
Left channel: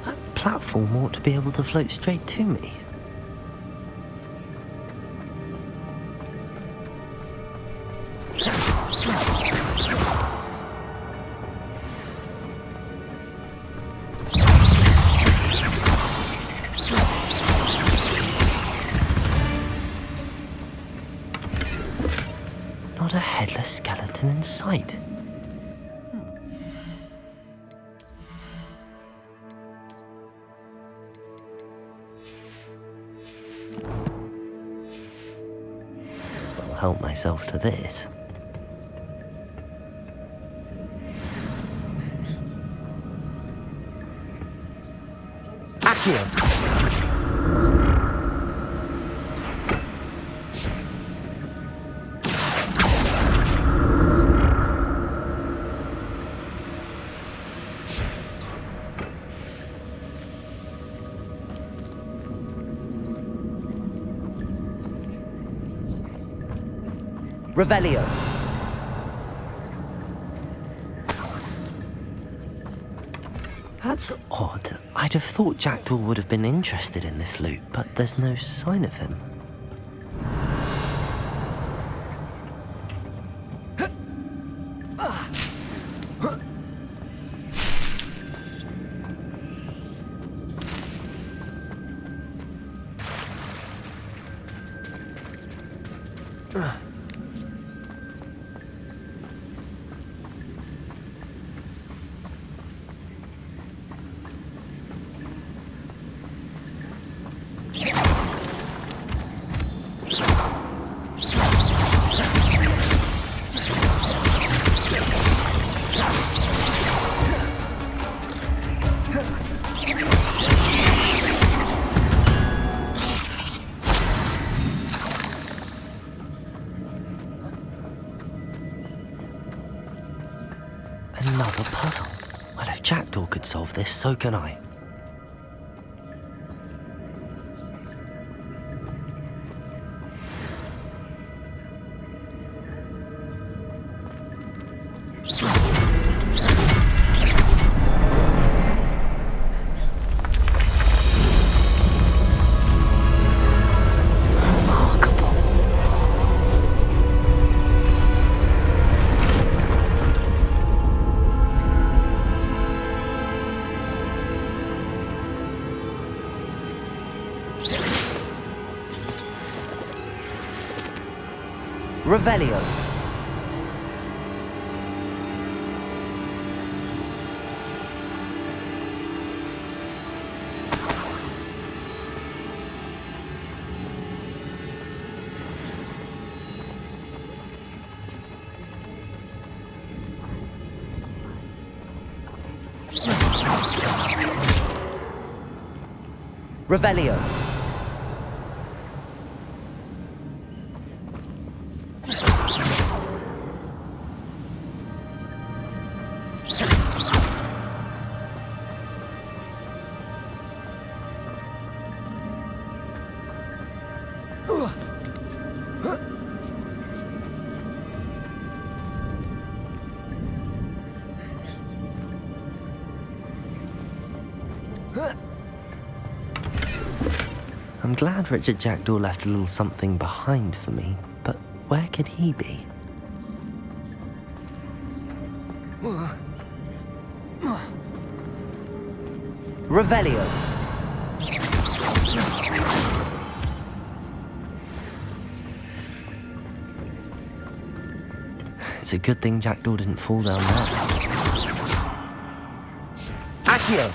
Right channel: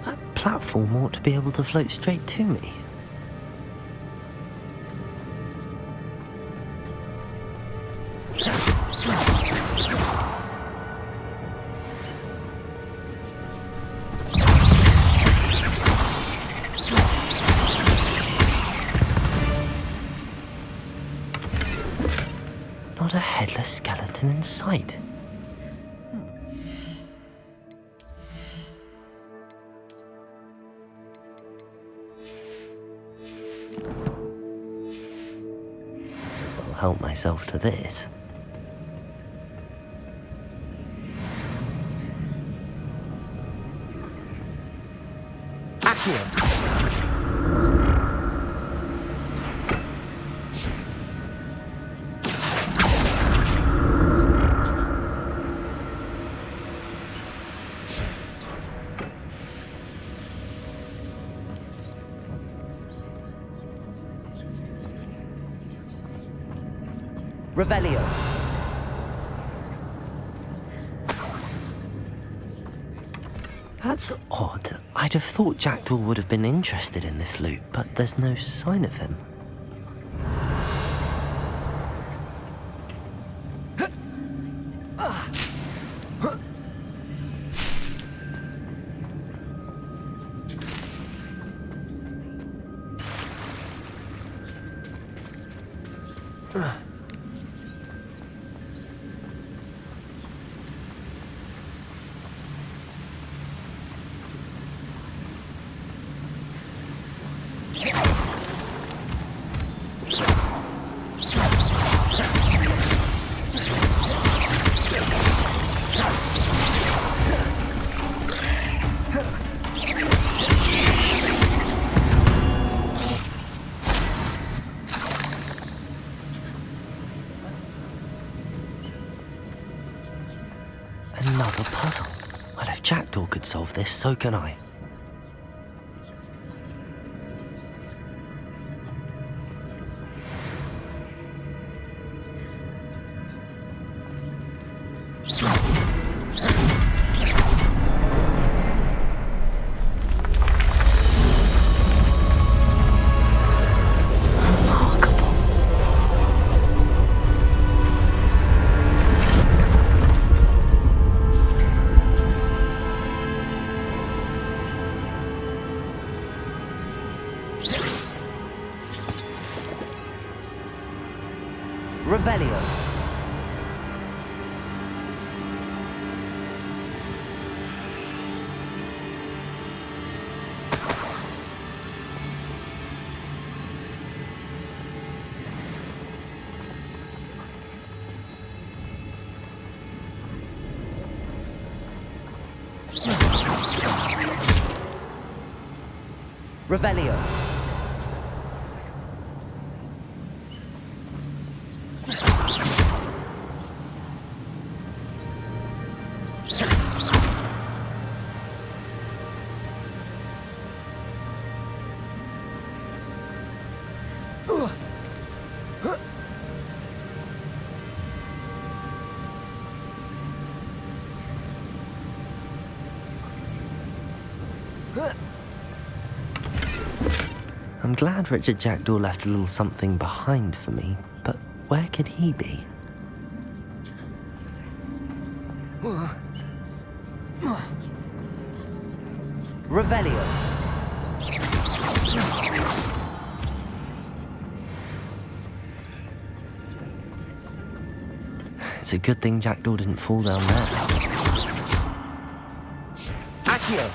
That platform ought to be able to float straight to me. Not a headless skeleton in sight. As well help myself to this. Accio. Revelio. That's odd. I'd have thought Jackdaw would have been interested in this loot, but there's no sign of him. Another puzzle. Well, if Jackdaw could solve this, so can I. Revelio. Revelio. I'm glad Richard Jackdaw left a little something behind for me, but where could he be? Revelio. It's a good thing Jackdaw didn't fall down there. Accio.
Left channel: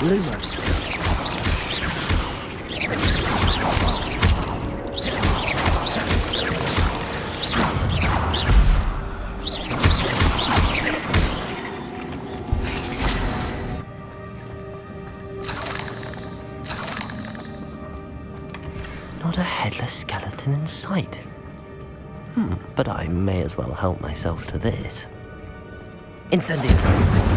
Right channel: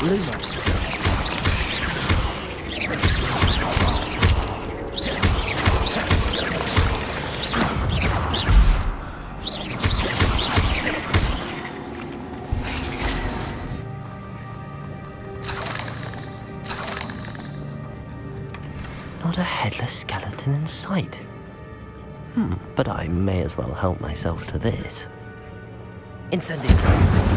Lumos. Not a headless skeleton in sight. But I may as well help myself to this. Incendio.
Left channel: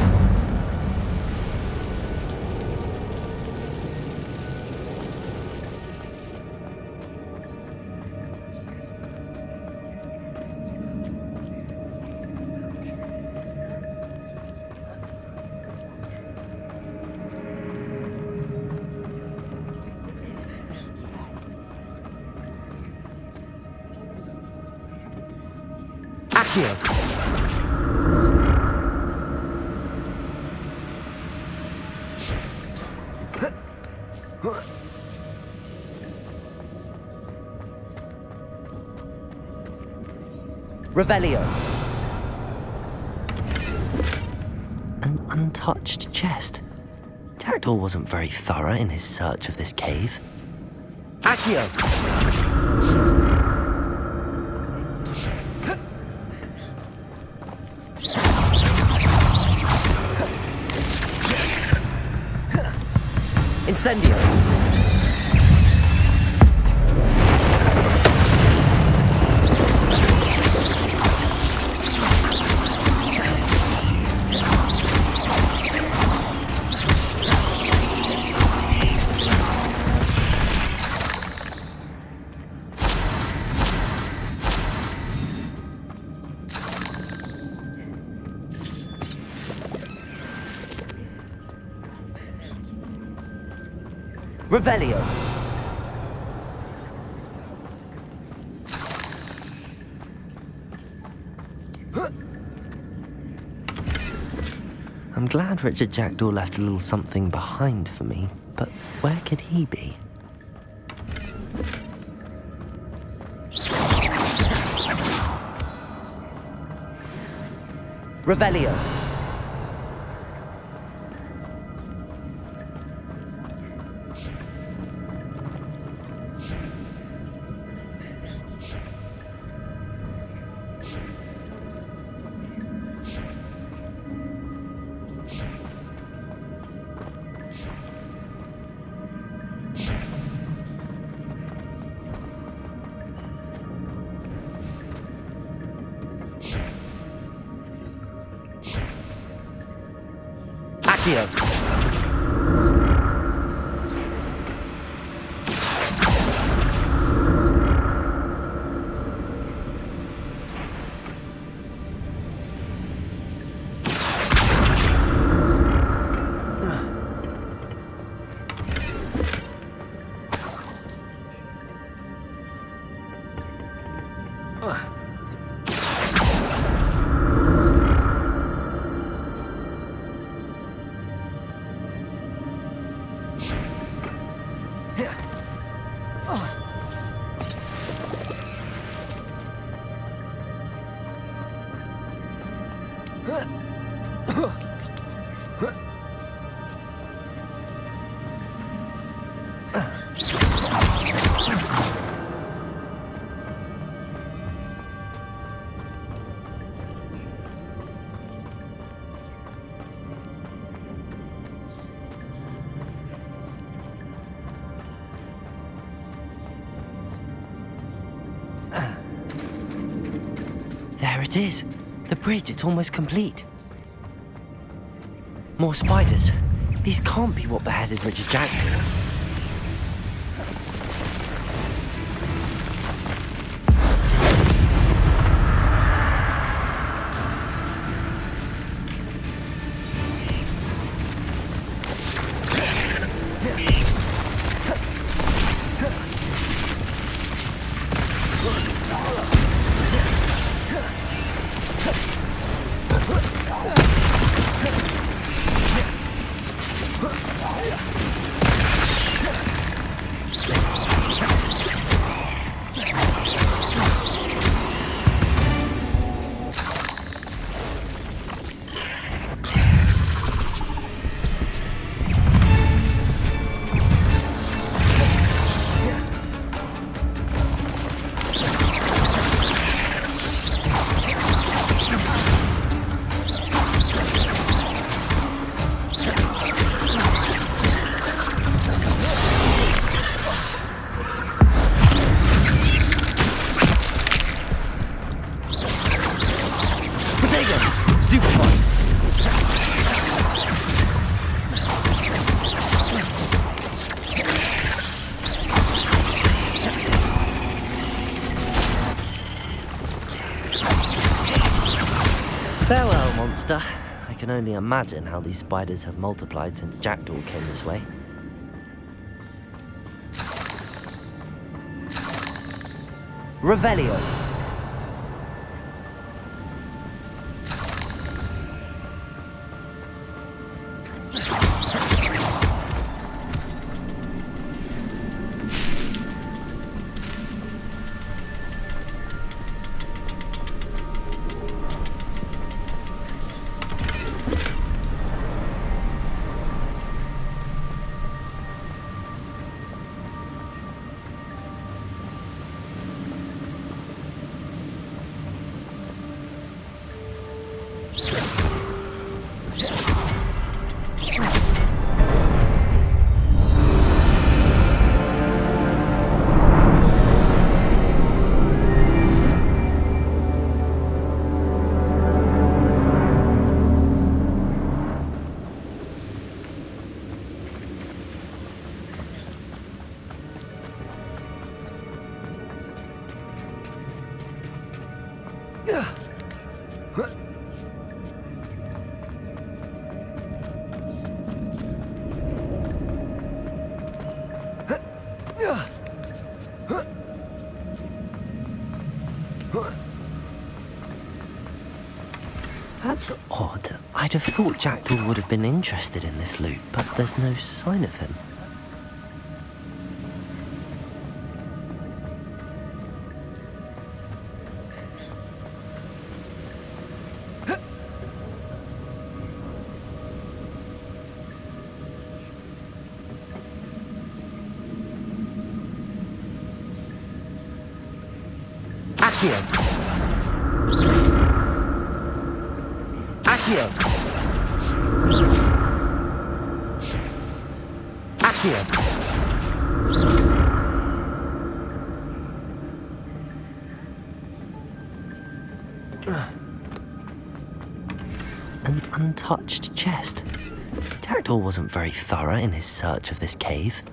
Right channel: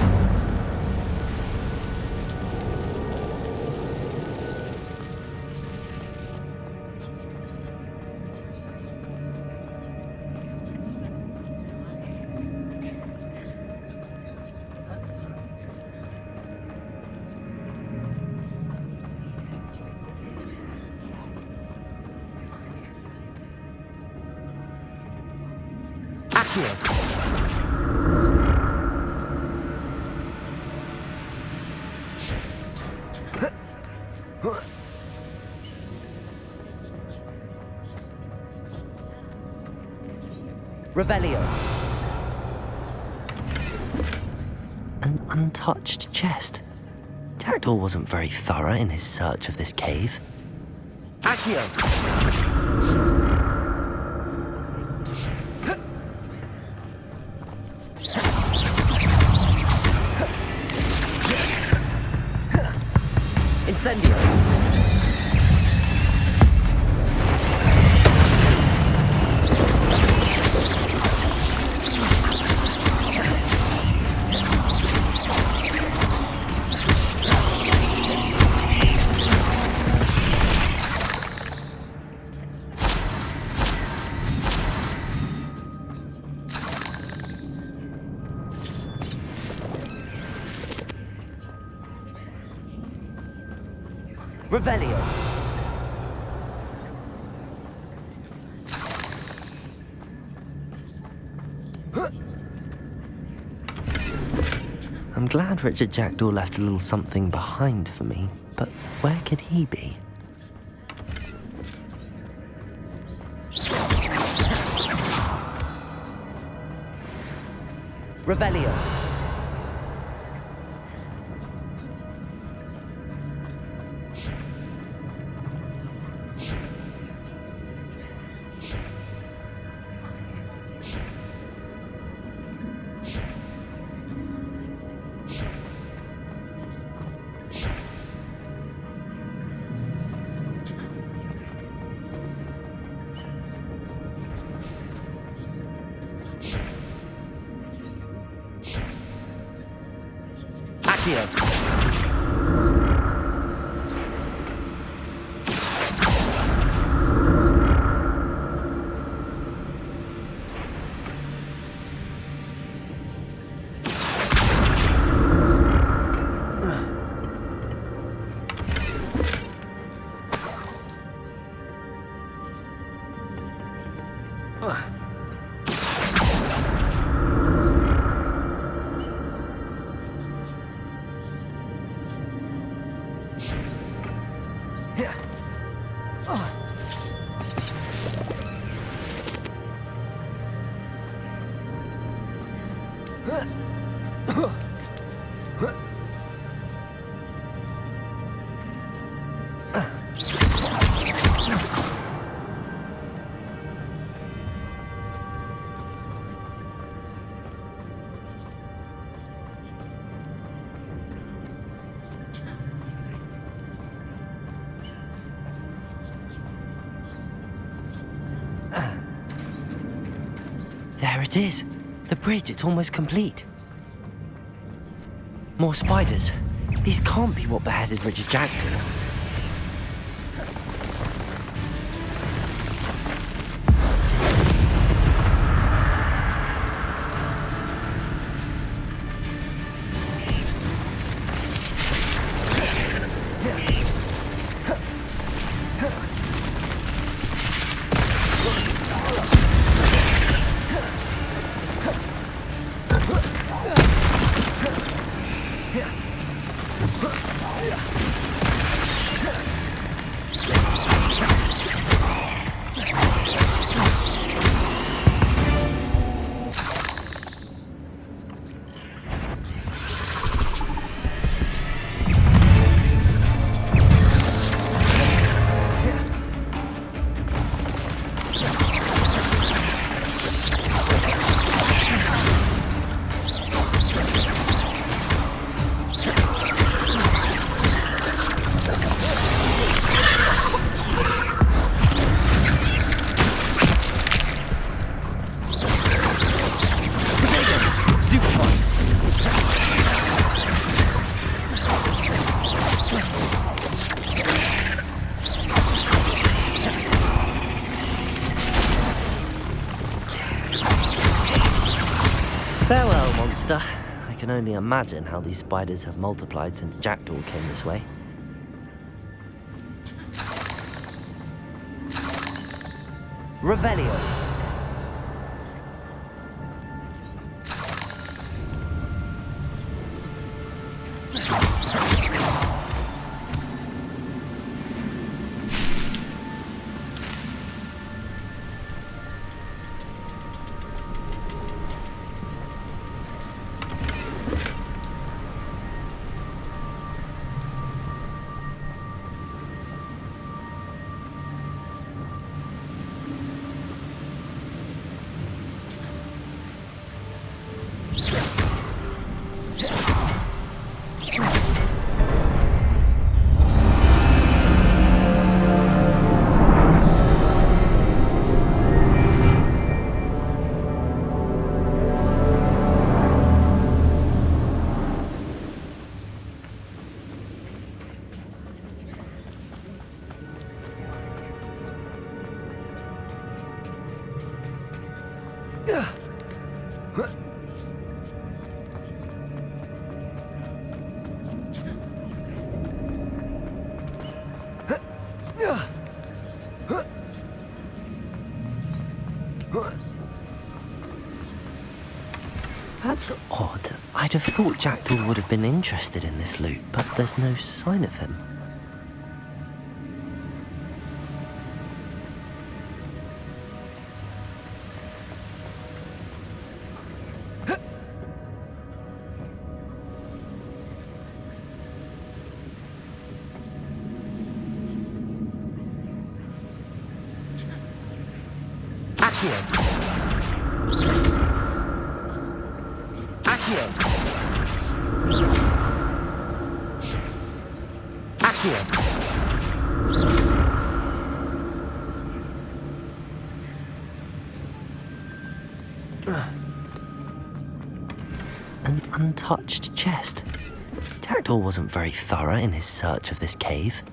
Accio! Revelio. An untouched chest. Jackdaw wasn't very thorough in his search of this cave. Accio! Incendio! Revelio. I'm glad Richard Jackdaw left a little something behind for me, but where could he be? Revelio. Accio. There it is. The bridge, it's almost complete. More spiders. These can't be what beheaded Richard Jackdaw. Farewell, monster. I can only imagine how these spiders have multiplied since Jackdaw came this way. Revelio. That's odd. I'd have thought Jackdaw would have been interested in this loot, but there's no sign of him. An untouched chest. Jackdaw wasn't very thorough in his search of this cave.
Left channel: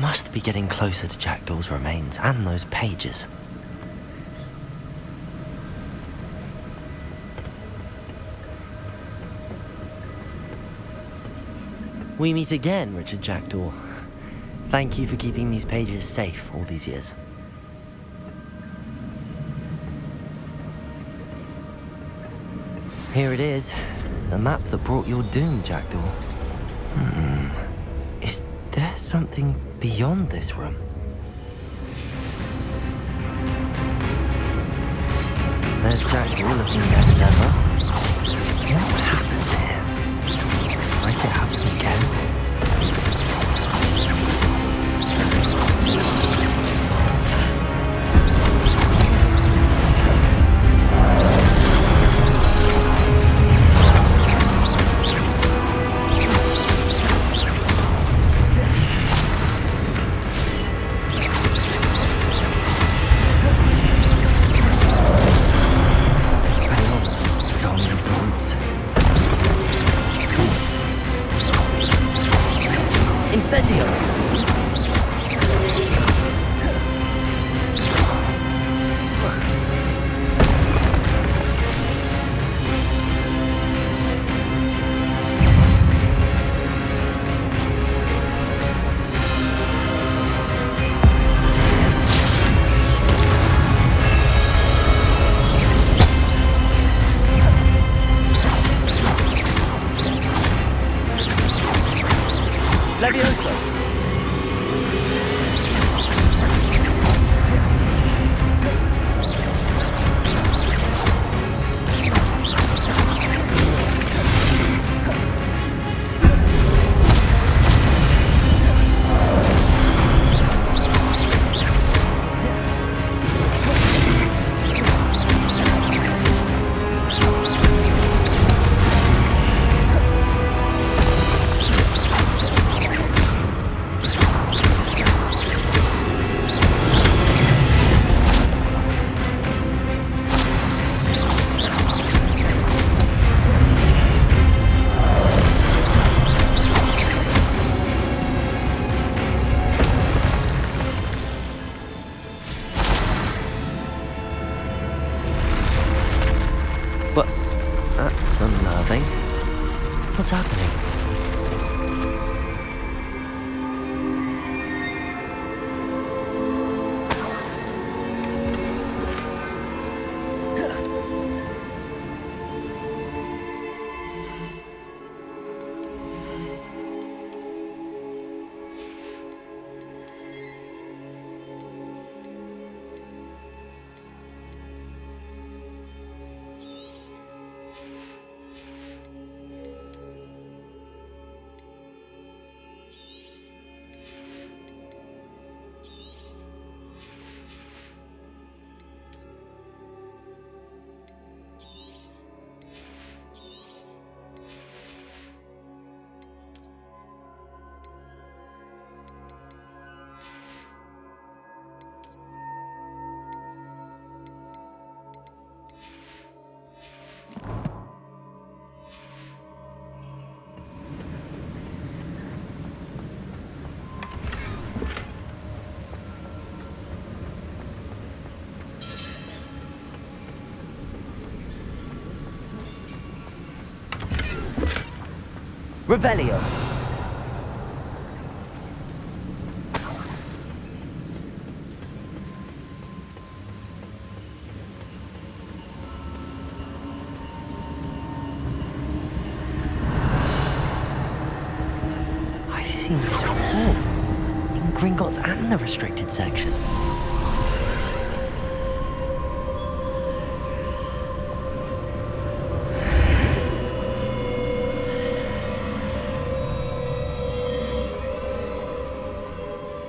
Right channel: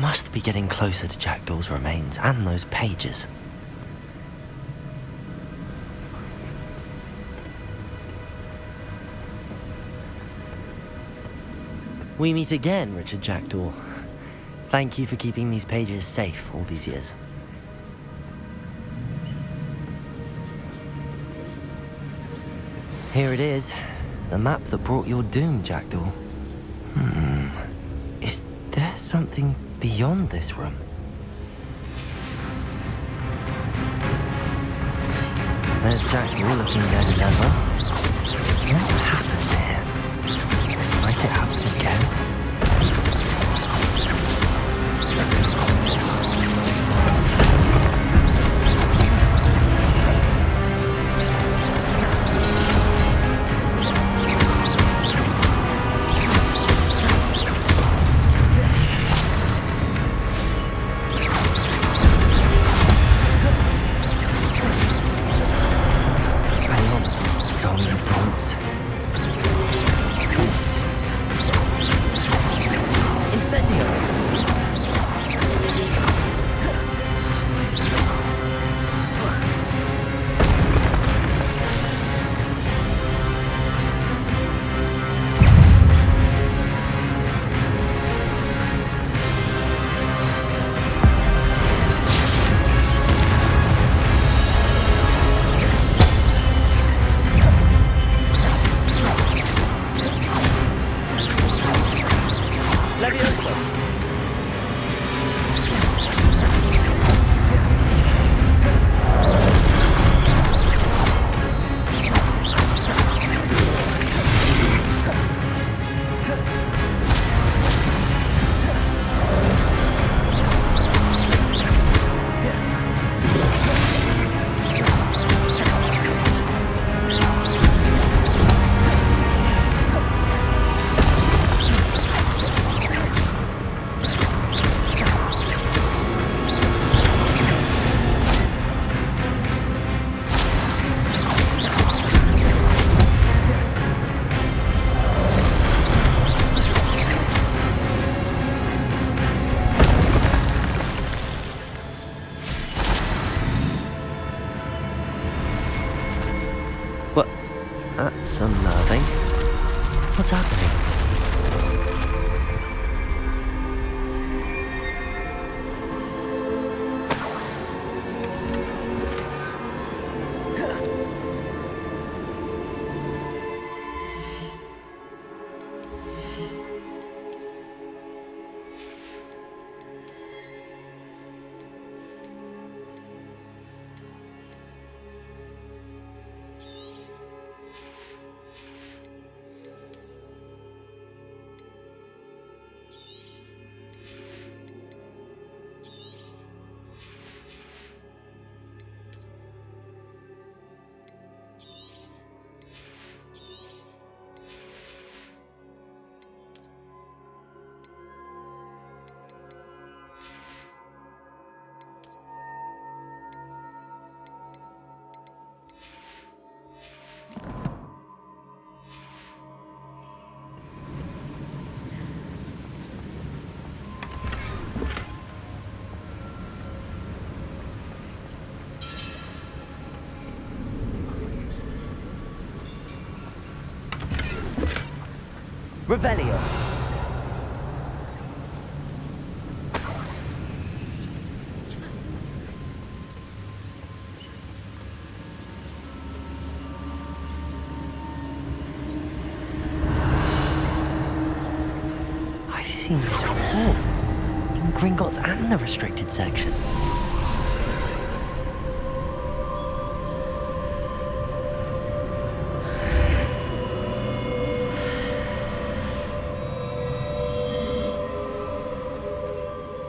Must be getting closer to Jackdaw's remains and those pages. We meet again, Richard Jackdaw. Thank you for keeping these pages safe all these years. Here it is, the map that brought your doom, Jackdaw. Is there something beyond this room? There's Jackdaw looking dead as ever. What happened here? Might it happen again? Levioso! That's unnerving. What's happening? Revelio. I've seen this before. In Gringotts and the restricted section.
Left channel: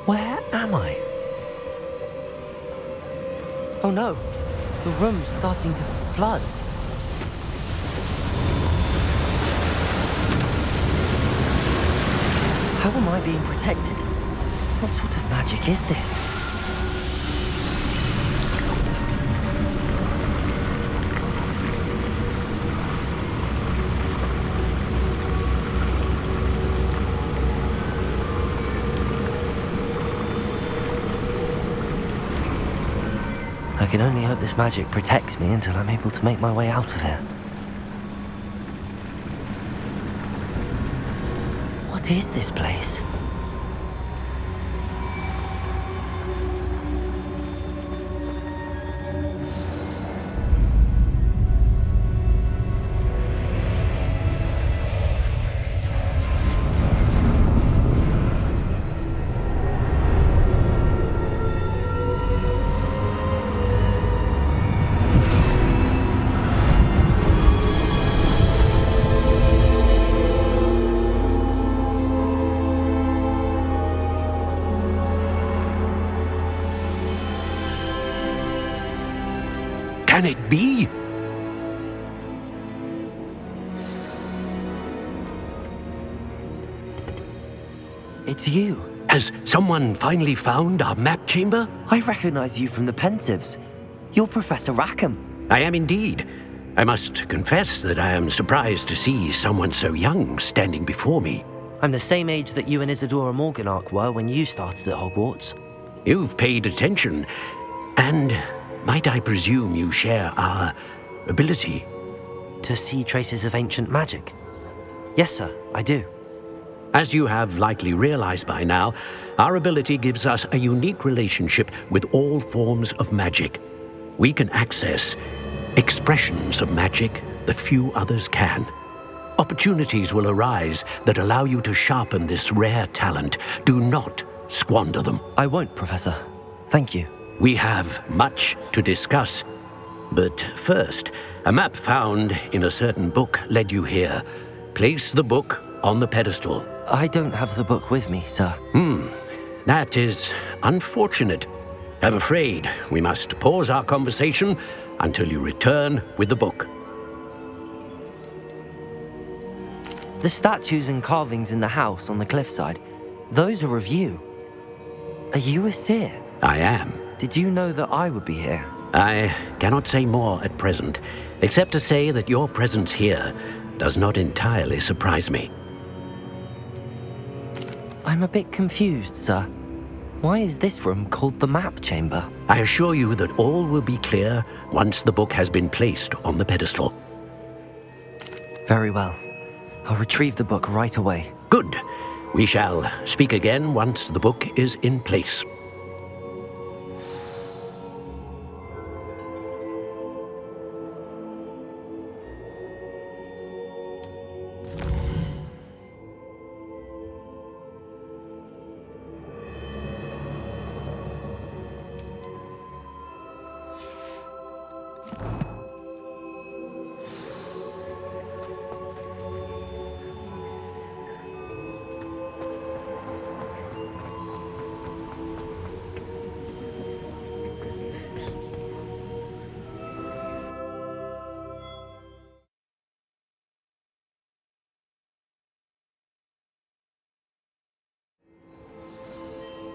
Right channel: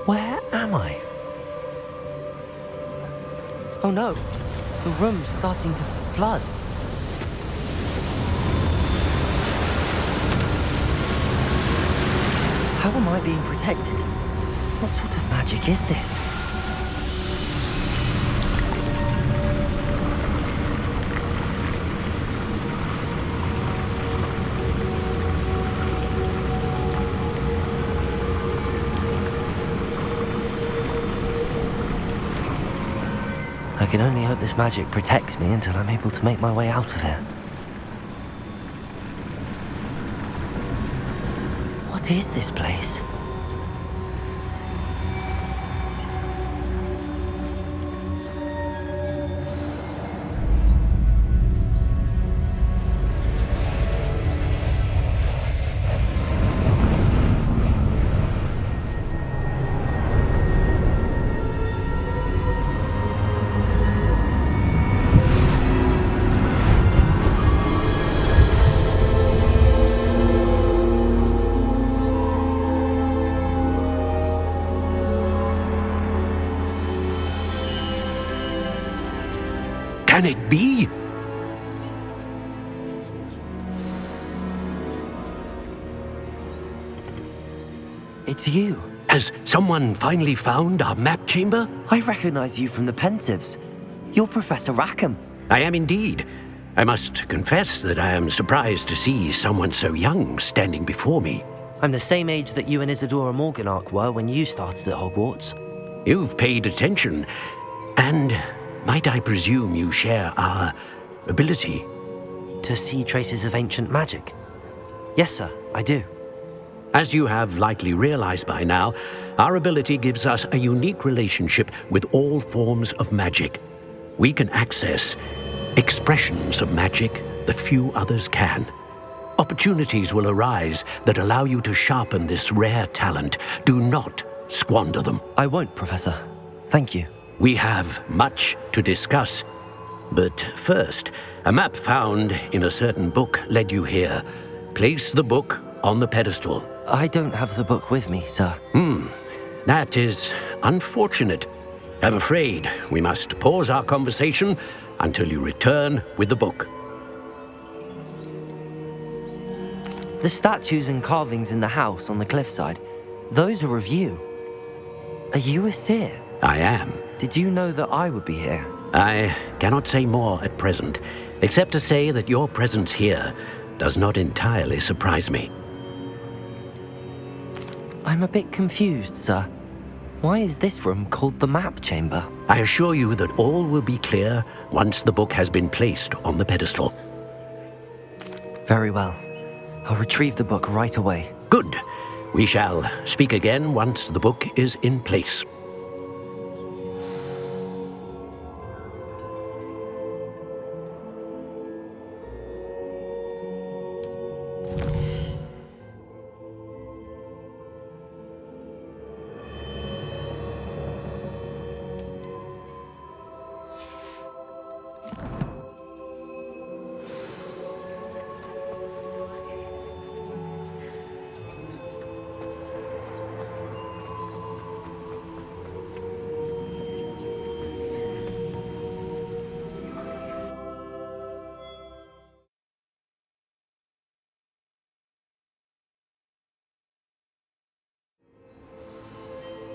Where am I? Oh no, the room's starting to flood. How am I being protected? What sort of magic is this? I can only hope this magic protects me until I'm able to make my way out of here. What is this place? Can it be? It's you. Has someone finally found our map chamber? I recognize you from the Pensives. You're Professor Rackham. I am indeed. I must confess that I am surprised to see someone so young standing before me. I'm the same age that you and Isadora Morganach were when you started at Hogwarts. You've paid attention, and might I presume you share our ability? To see traces of ancient magic? Yes, sir, I do. As you have likely realized by now, our ability gives us a unique relationship with all forms of magic. We can access expressions of magic that few others can. Opportunities will arise that allow you to sharpen this rare talent. Do not squander them. I won't, Professor. Thank you. We have much to discuss. But first, a map found in a certain book led you here. Place the book on the pedestal. I don't have the book with me, sir. That is unfortunate. I'm afraid we must pause our conversation until you return with the book. The statues and carvings in the house on the cliffside, those are of you. Are you a seer? I am. Did you know that I would be here? I cannot say more at present, except to say that your presence here does not entirely surprise me. I'm a bit confused, sir. Why is this room called the map chamber? I assure you that all will be clear once the book has been placed on the pedestal. Very well. I'll retrieve the book right away. Good. We shall speak again once the book is in place.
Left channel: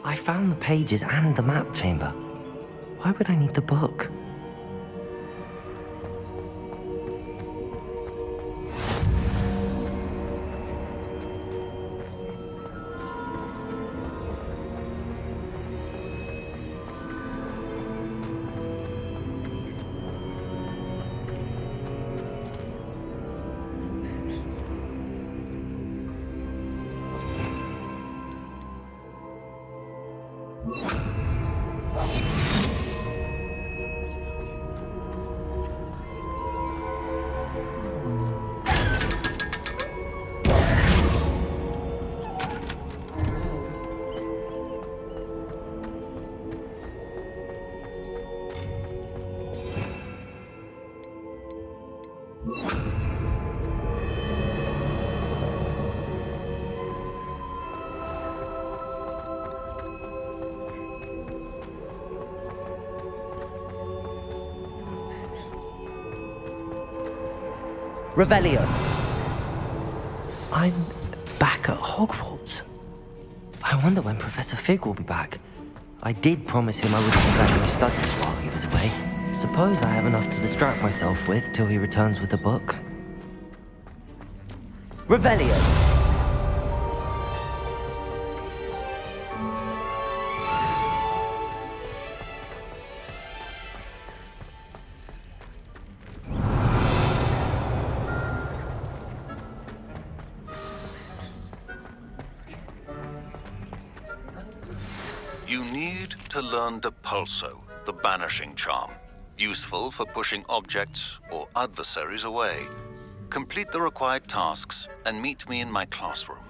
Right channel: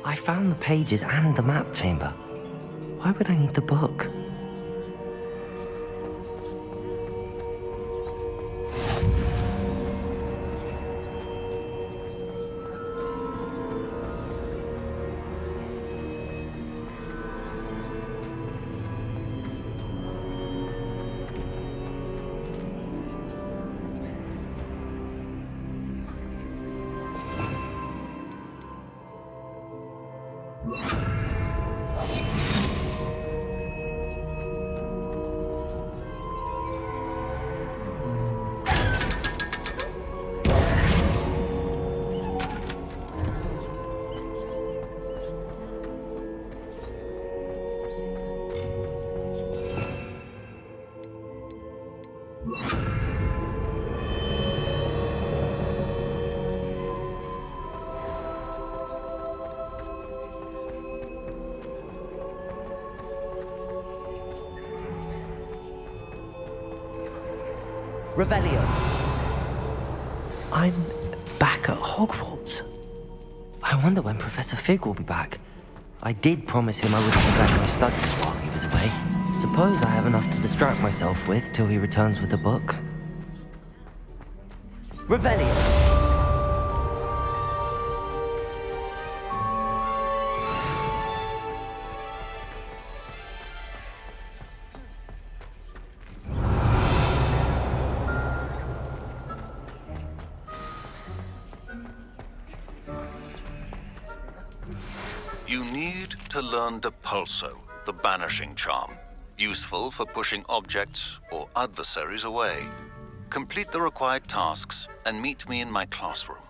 I found the pages and the map chamber. Why would I need the book? Revelio. I'm back at Hogwarts. I wonder when Professor Fig will be back. I did promise him I wouldn't neglect my studies while he was away. Suppose I have enough to distract myself with till he returns with the book. Revelio. You need to learn Depulso, the banishing charm. Useful for pushing objects or adversaries away. Complete the required tasks and meet me in my classroom.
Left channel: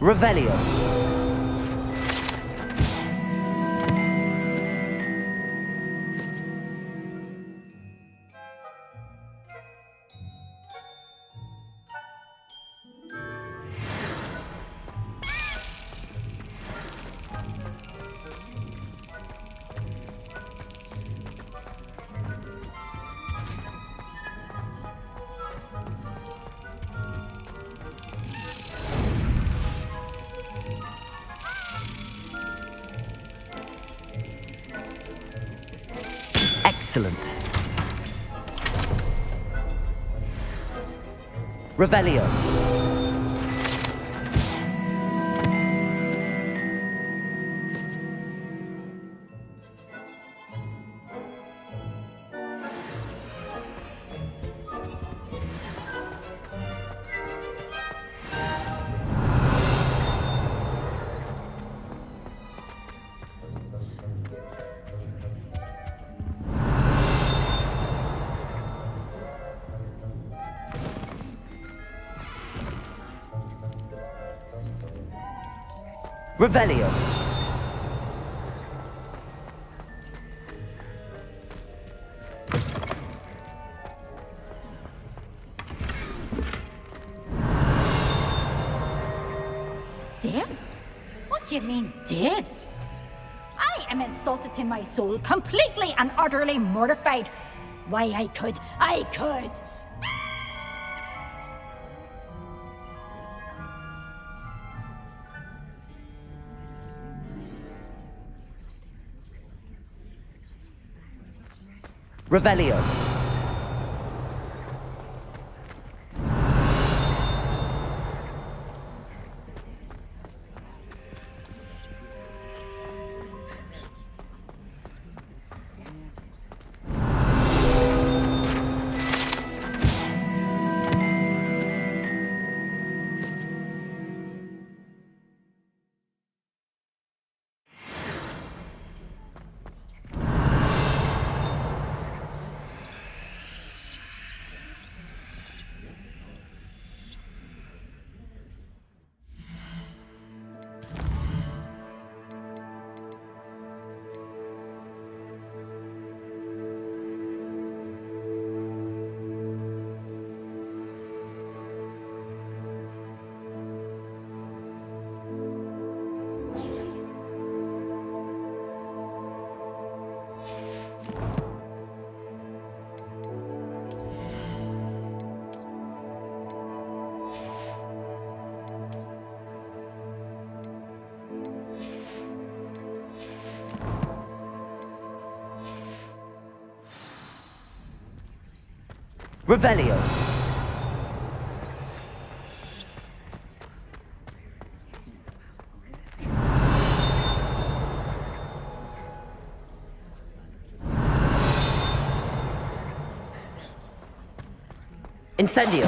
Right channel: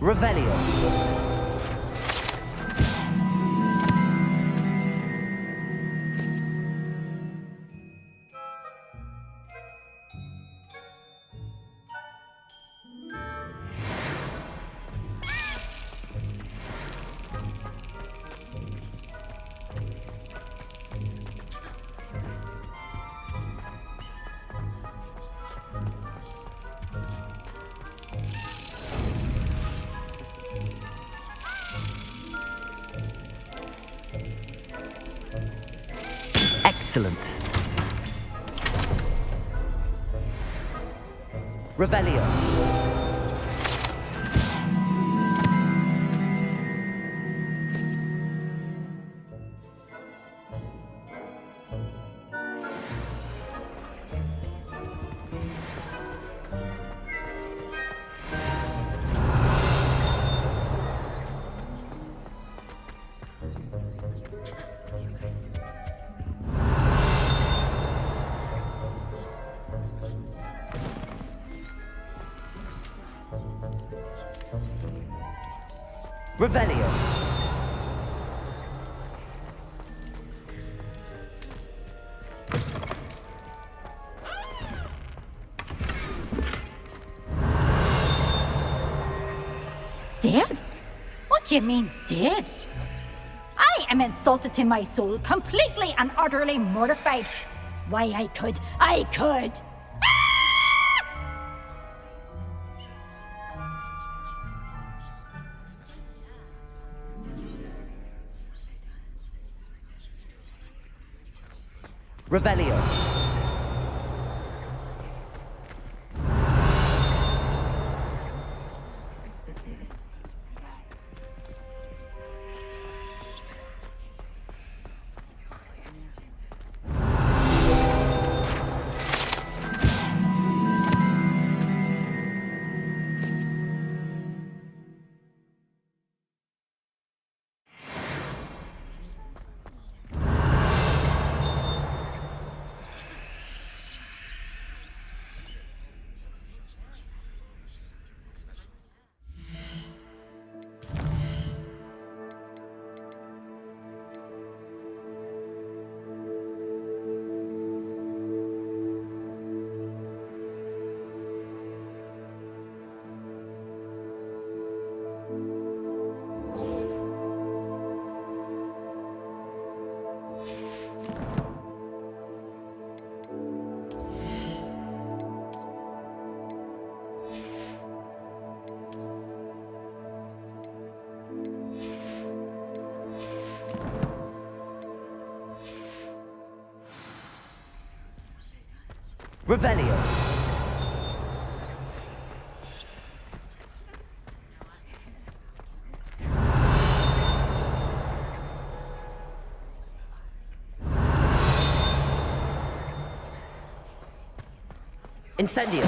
Revelio. Excellent. Revelio. Revelio. Dead? What do you mean, dead? I am insulted to my soul, completely and utterly mortified. Why, I could. Revelio. Revelio. Incendio.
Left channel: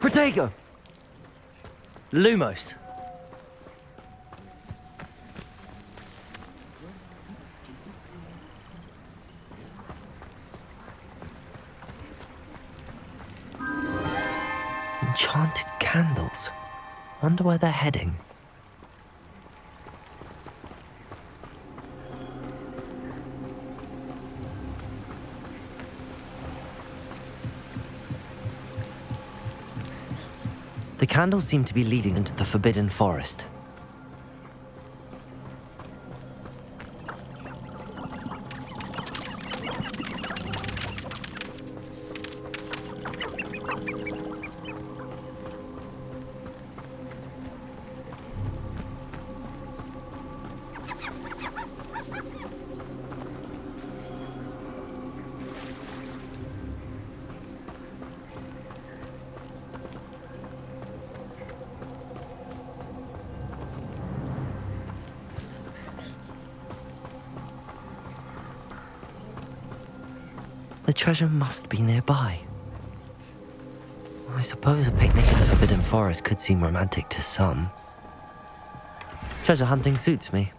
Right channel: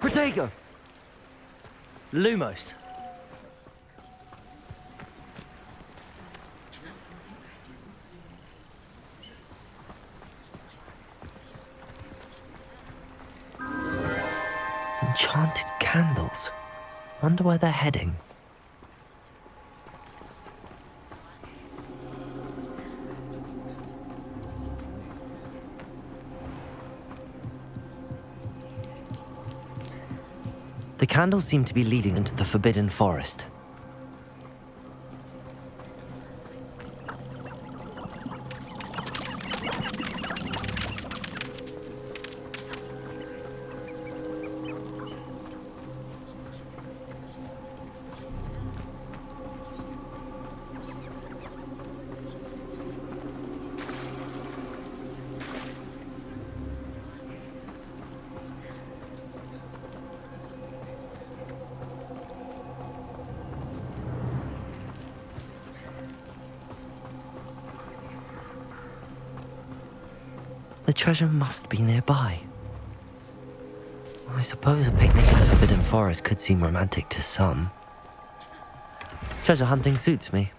Protego. Lumos. Enchanted candles. Wonder where they're heading. The candles seem to be leading into the Forbidden Forest. The treasure must be nearby. I suppose a picnic in the Forbidden Forest could seem romantic to some. Treasure hunting suits me.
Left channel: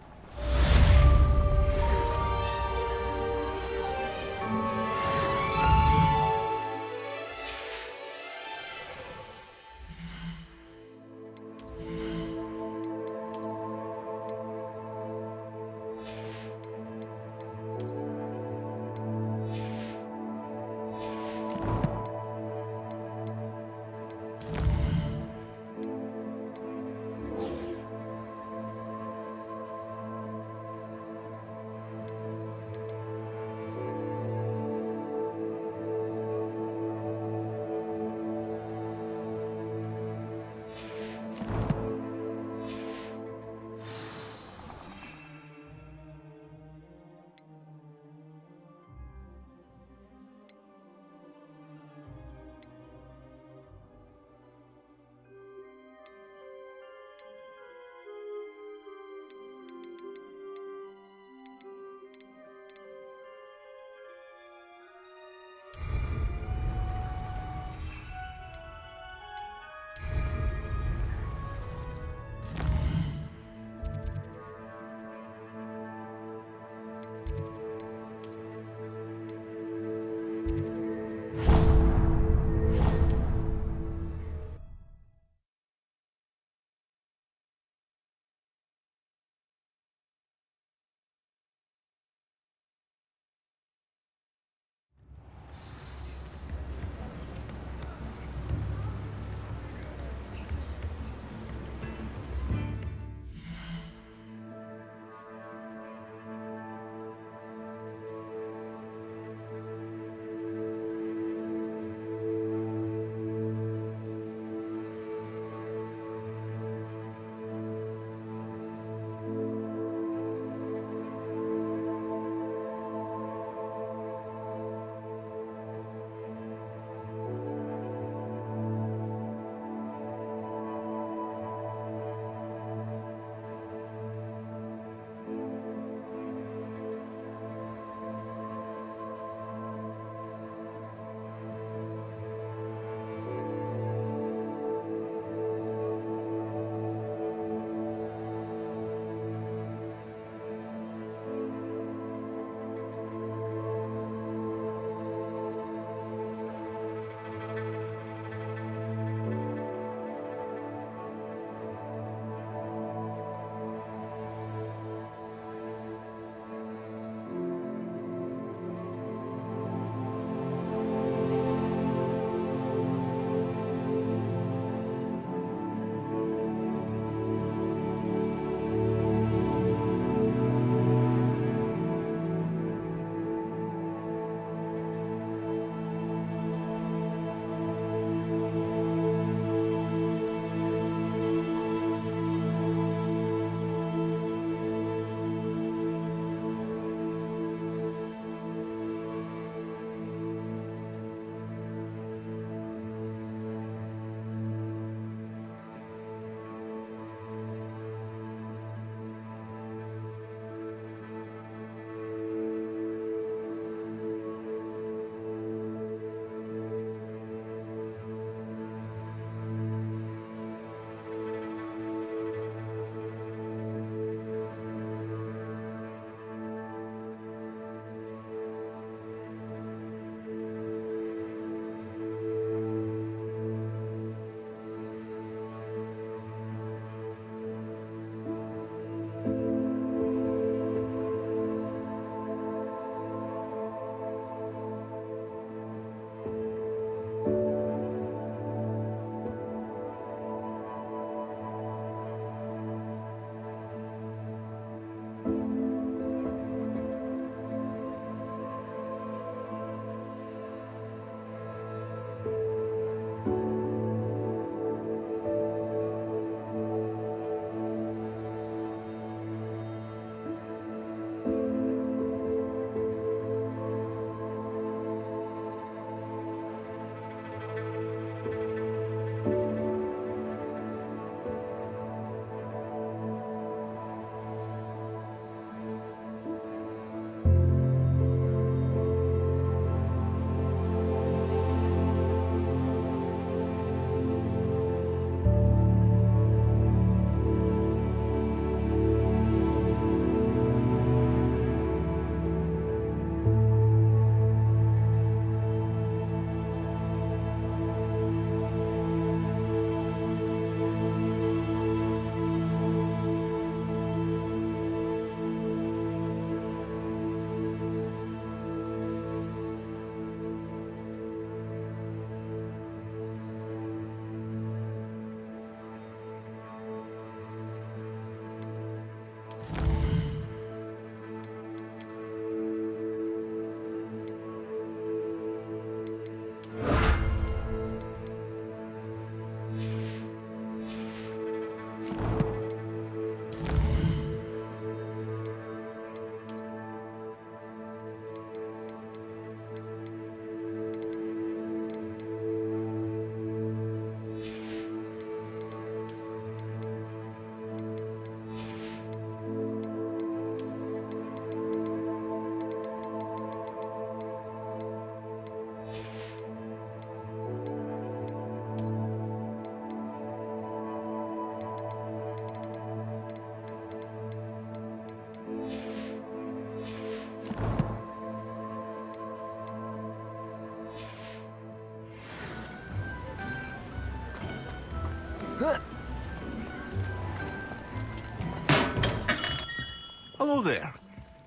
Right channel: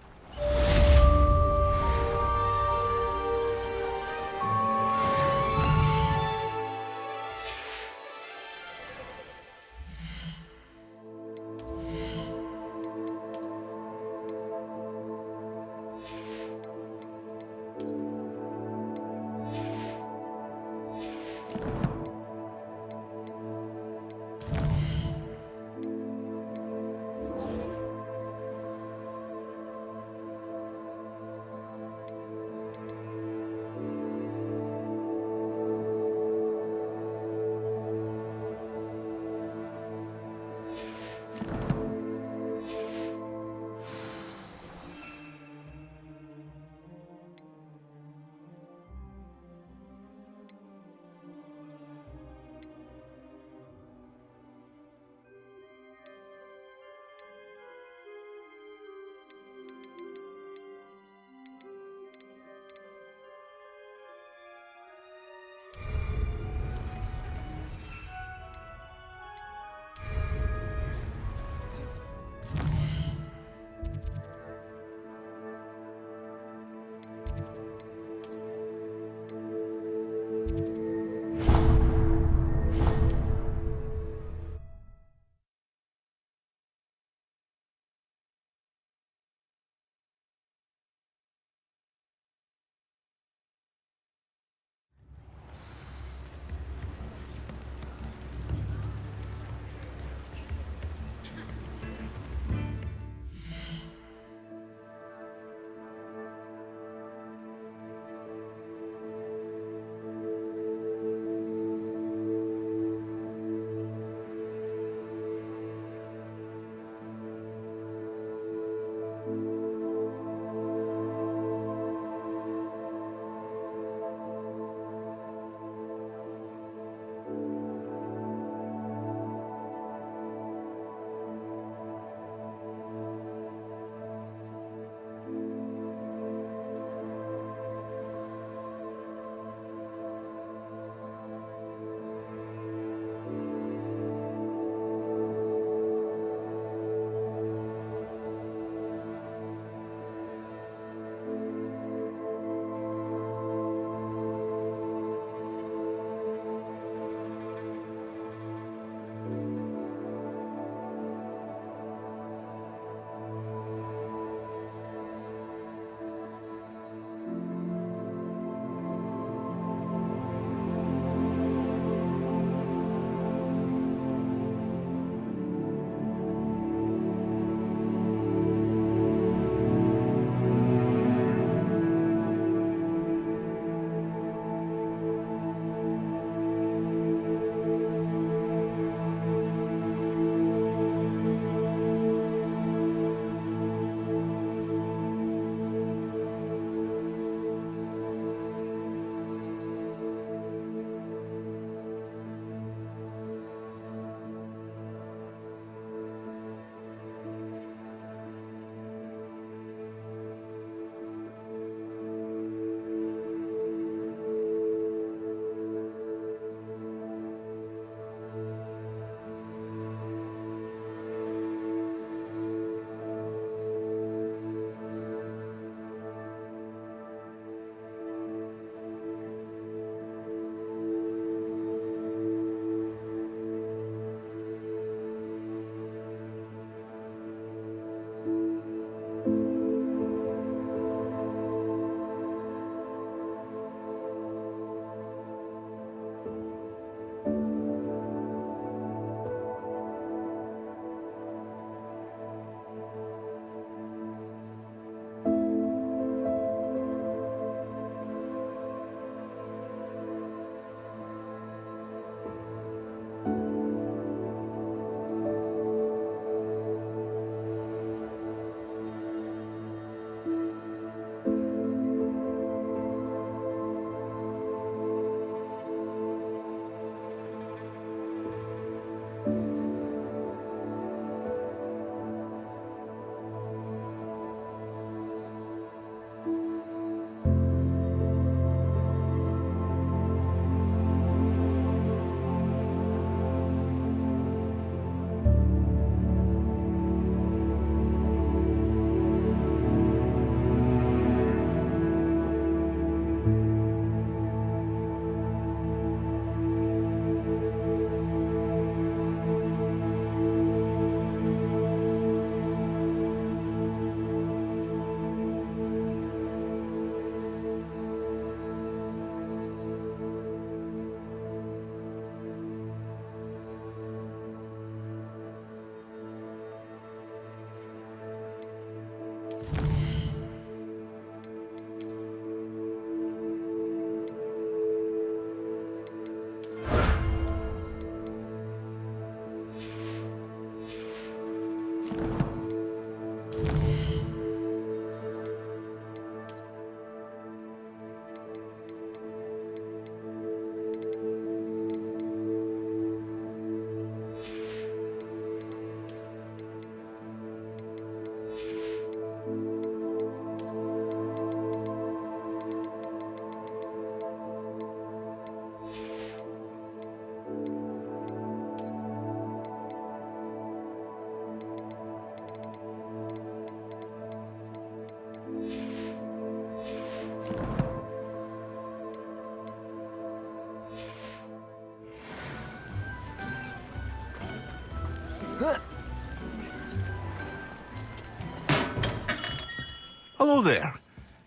Hello there.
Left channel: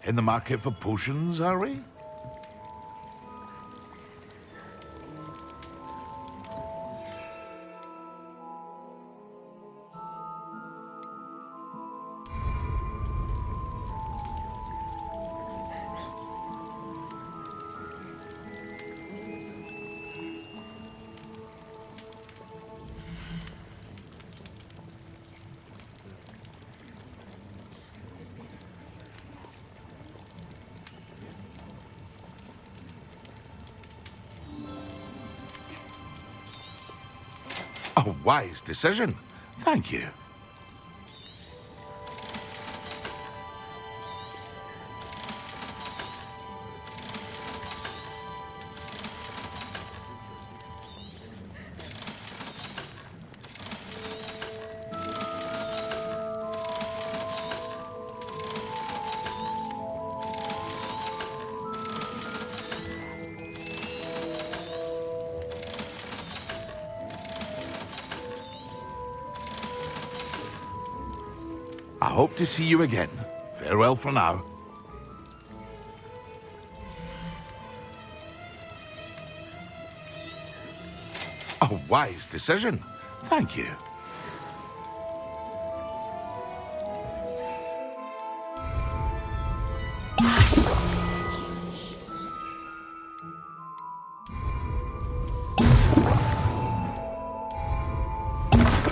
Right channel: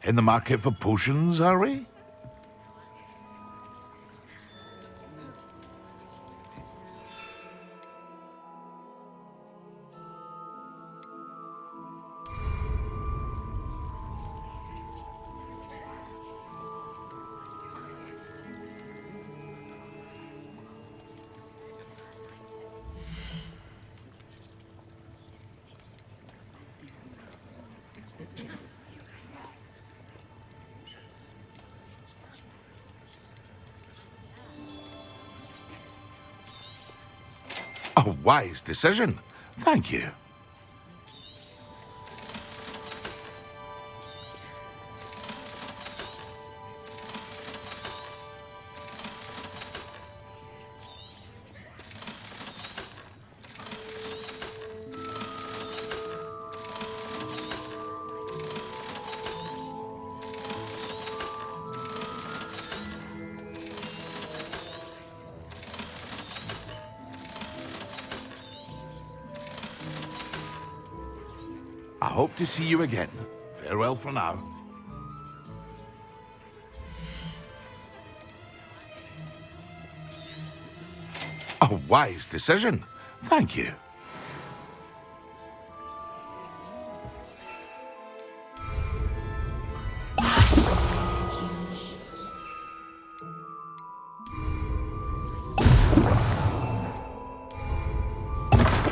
In the market for potions, are we? A wise decision. Thank you. I hope to see you again. Farewell for now. A wise decision. Thank you.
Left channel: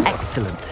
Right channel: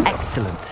Excellent.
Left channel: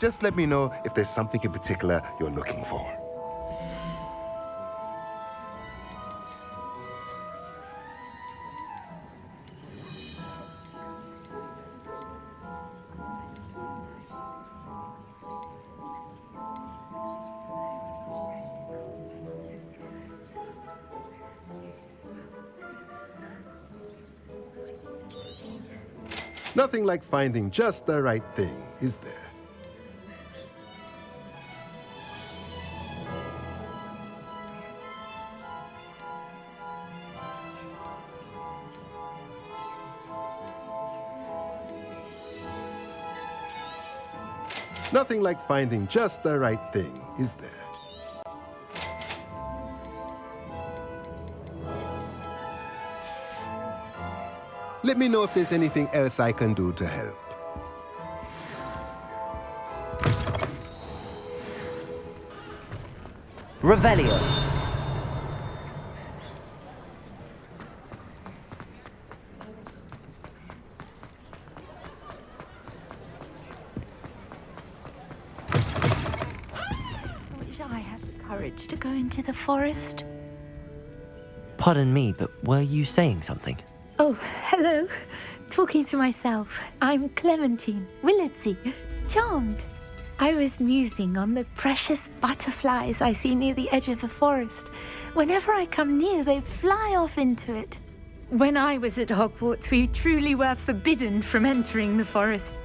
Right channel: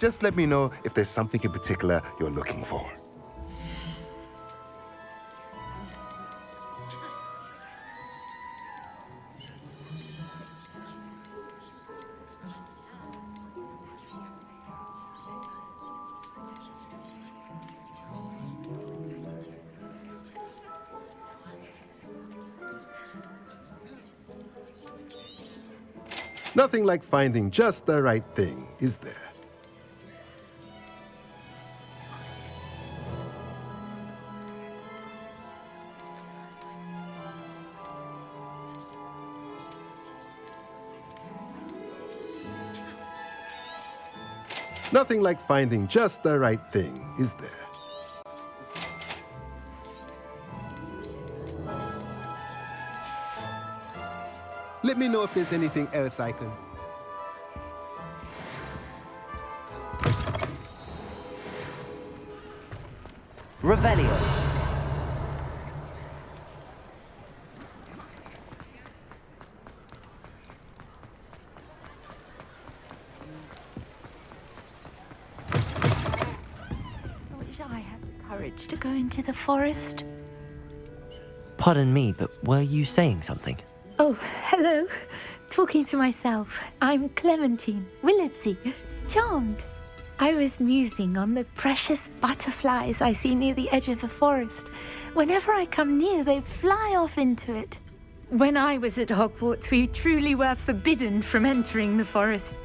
Just let me know if there's something in particular you're looking for. Nothing like finding just the right thing, is there? Nothing like finding just the right thing, is there? Let me know if there's anything else I can do to help. Revelio. I wish I had the courage to go into the forest. Pardon me, but were you saying something? Oh, hello. Talking to myself. I'm Clementine Willardsey. Charmed. I was musing on the precious butterflies I see near the edge of the forest. Whenever I come near, they fly off into it. When I was at Hogwarts, we truly were forbidden from entering the forest.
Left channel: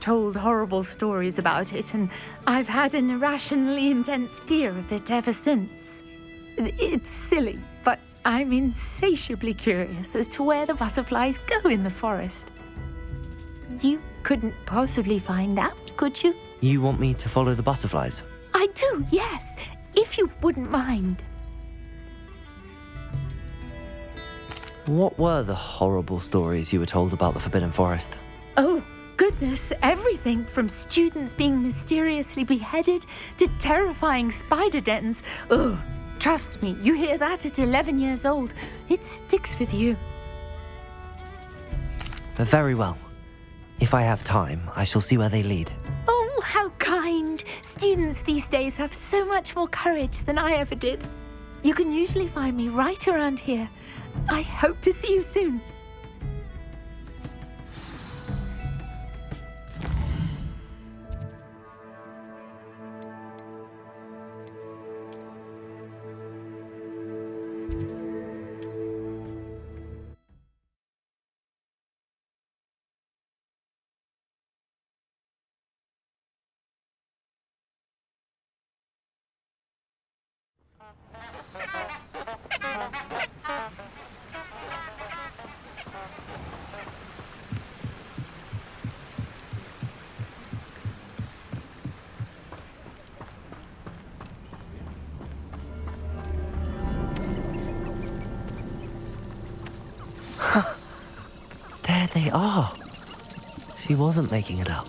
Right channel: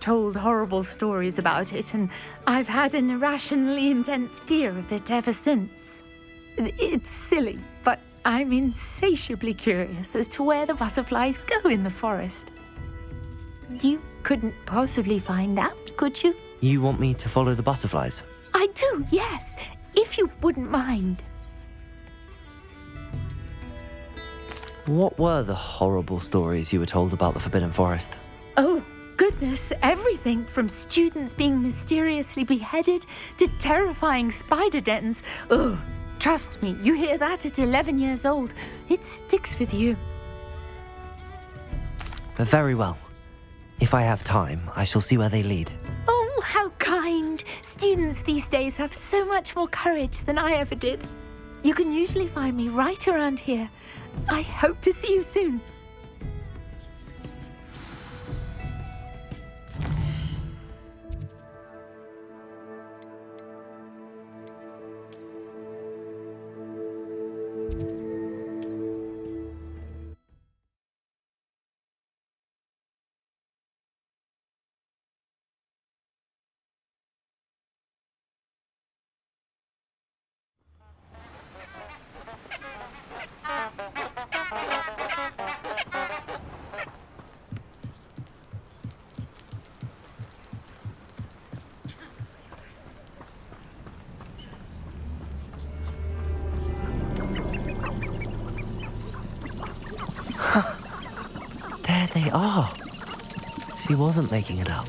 Told horrible stories about it, and I've had an irrationally intense fear of it ever since. It's silly, but I'm insatiably curious as to where the butterflies go in the forest. You couldn't possibly find out, could you? You want me to follow the butterflies? I do, yes, if you wouldn't mind. What were the horrible stories you were told about the Forbidden Forest? Oh, goodness, everything from students being mysteriously beheaded to terrifying spider dens. Ugh. Trust me, you hear that at 11 years old, it sticks with you. Very well. If I have time, I shall see where they lead. Oh, how kind. Students these days have so much more courage than I ever did. You can usually find me right around here. I hope to see you soon. There they are. She wasn't making it up.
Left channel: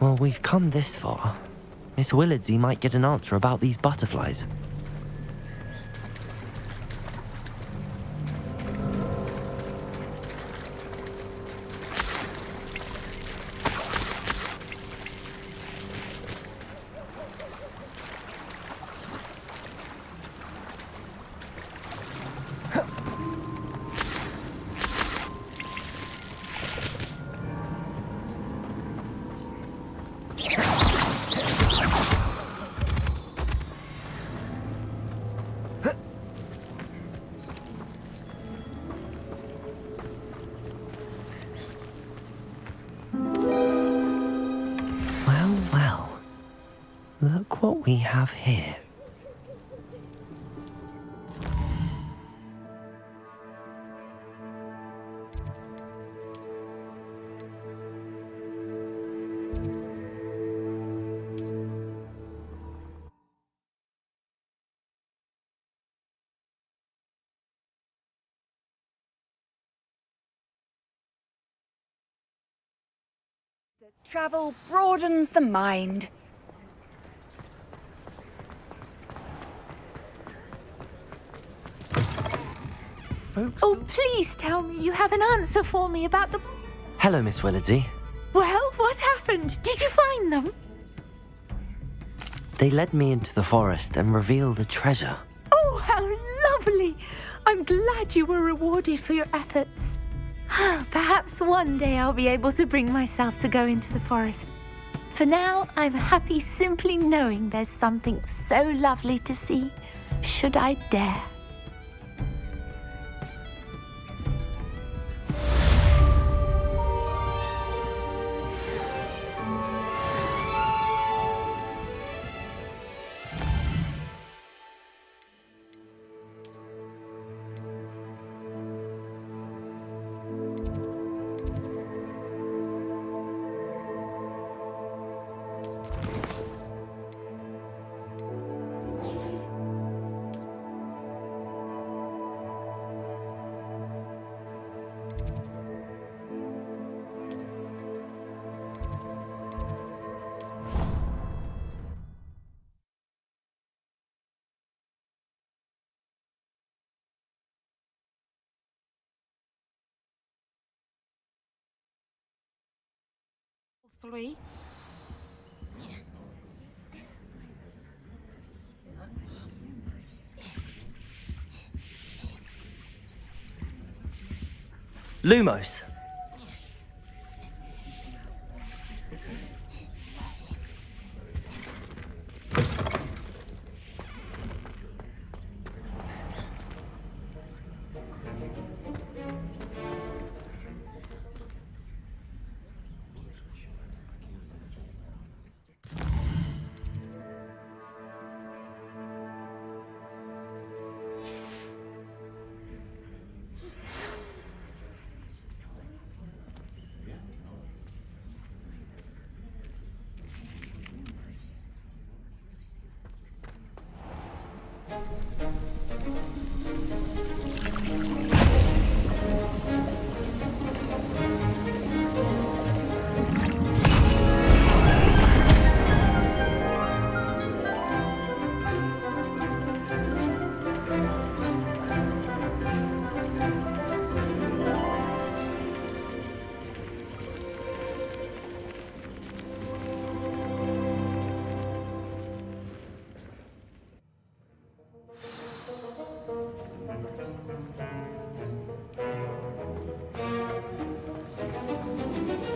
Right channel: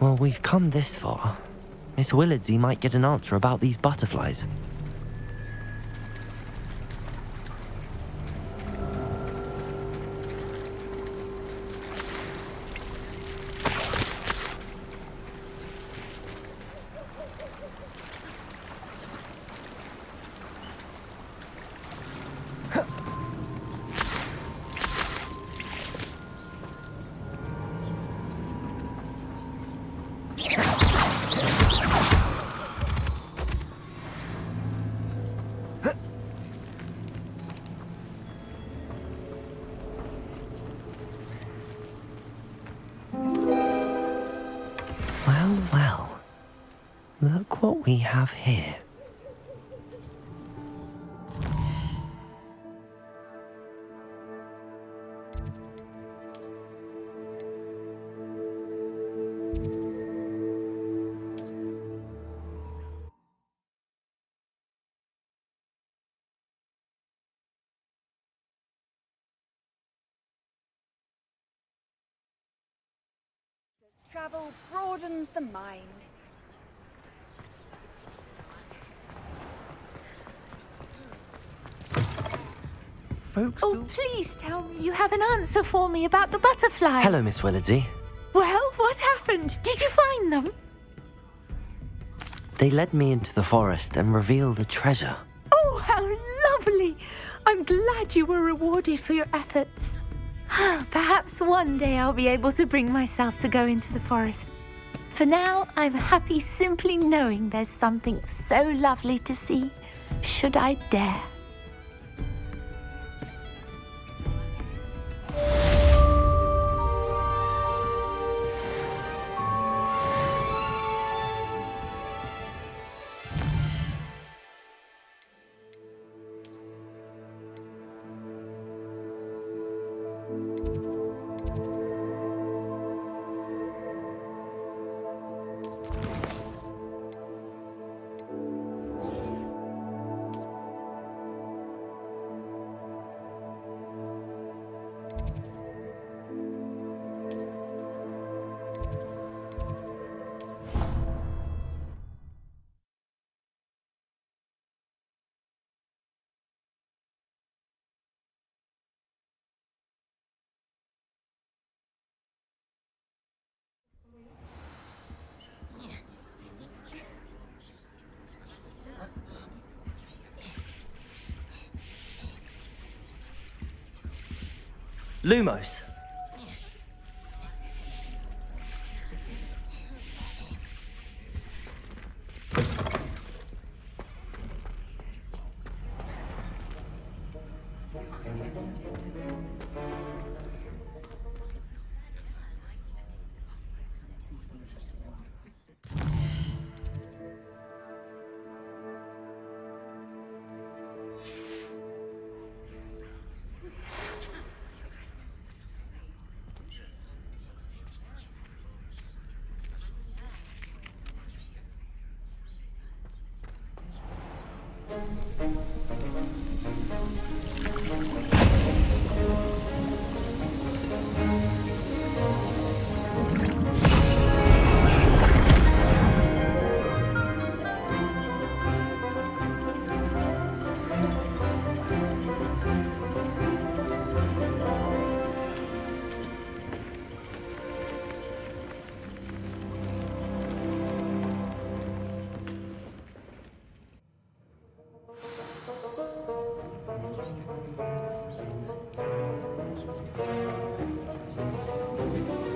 Well, we've come this far. Miss Willardsey might get an answer about these butterflies. Well, well. Look what we have here. Travel broadens the mind. Oh, please tell me you have an answer for me about the butterfly. Hello, Miss Willardsey. Well, what happened? Did you find them? They led me into the forest and revealed a treasure. Oh, how lovely! I'm glad you were rewarded for your efforts. Perhaps one day I'll be able to bring myself to go into the forest. For now, I'm happy simply knowing there's something so lovely to see, should I dare. Three. Lumos.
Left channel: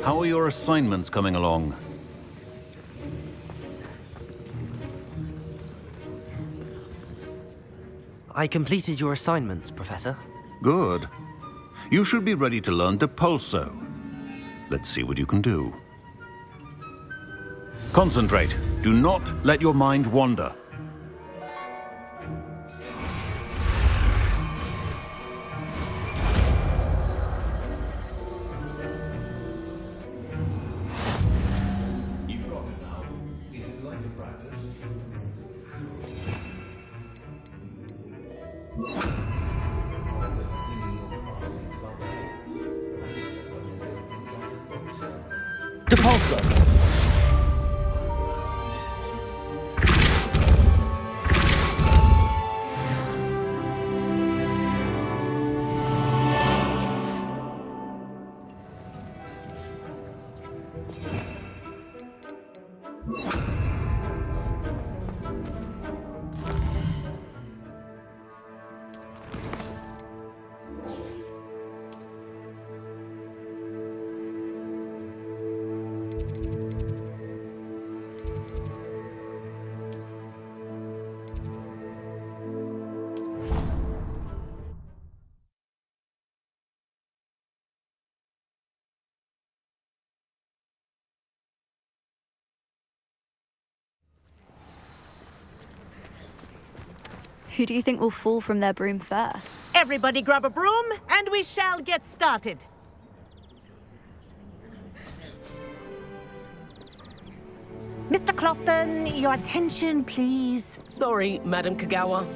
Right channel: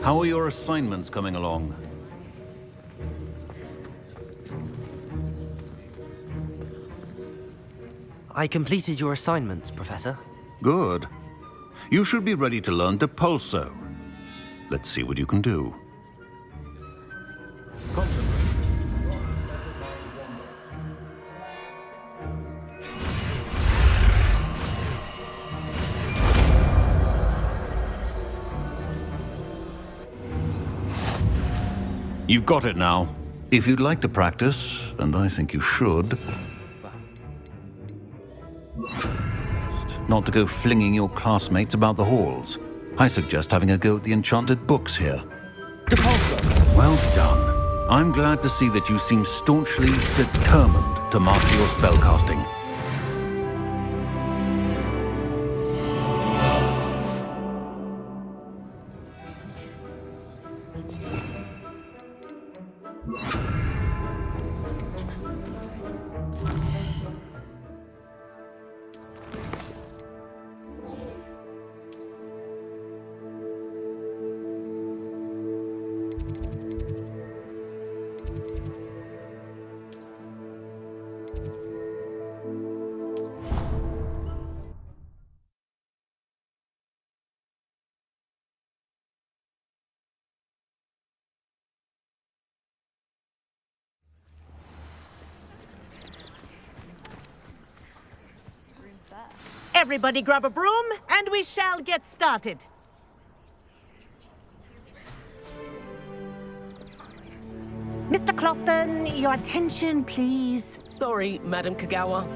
How are your assignments coming along? I completed your assignments, Professor. Good. You should be ready to learn Depulso. Let's see what you can do. Concentrate. Do not let your mind wander. You've got it now. If you'd like to practice, and I think you should, not to go flinging your classmates about the halls. I suggest having a go at the enchanted books here. Depulso! Well done. I'm glad to see that you seem staunchly determined to master your spellcasting. Who do you think will fall from their broom first? Everybody grab a broom, and we shall get started. Mr. Clopton, your attention, please. Sorry, Madam Kagawa.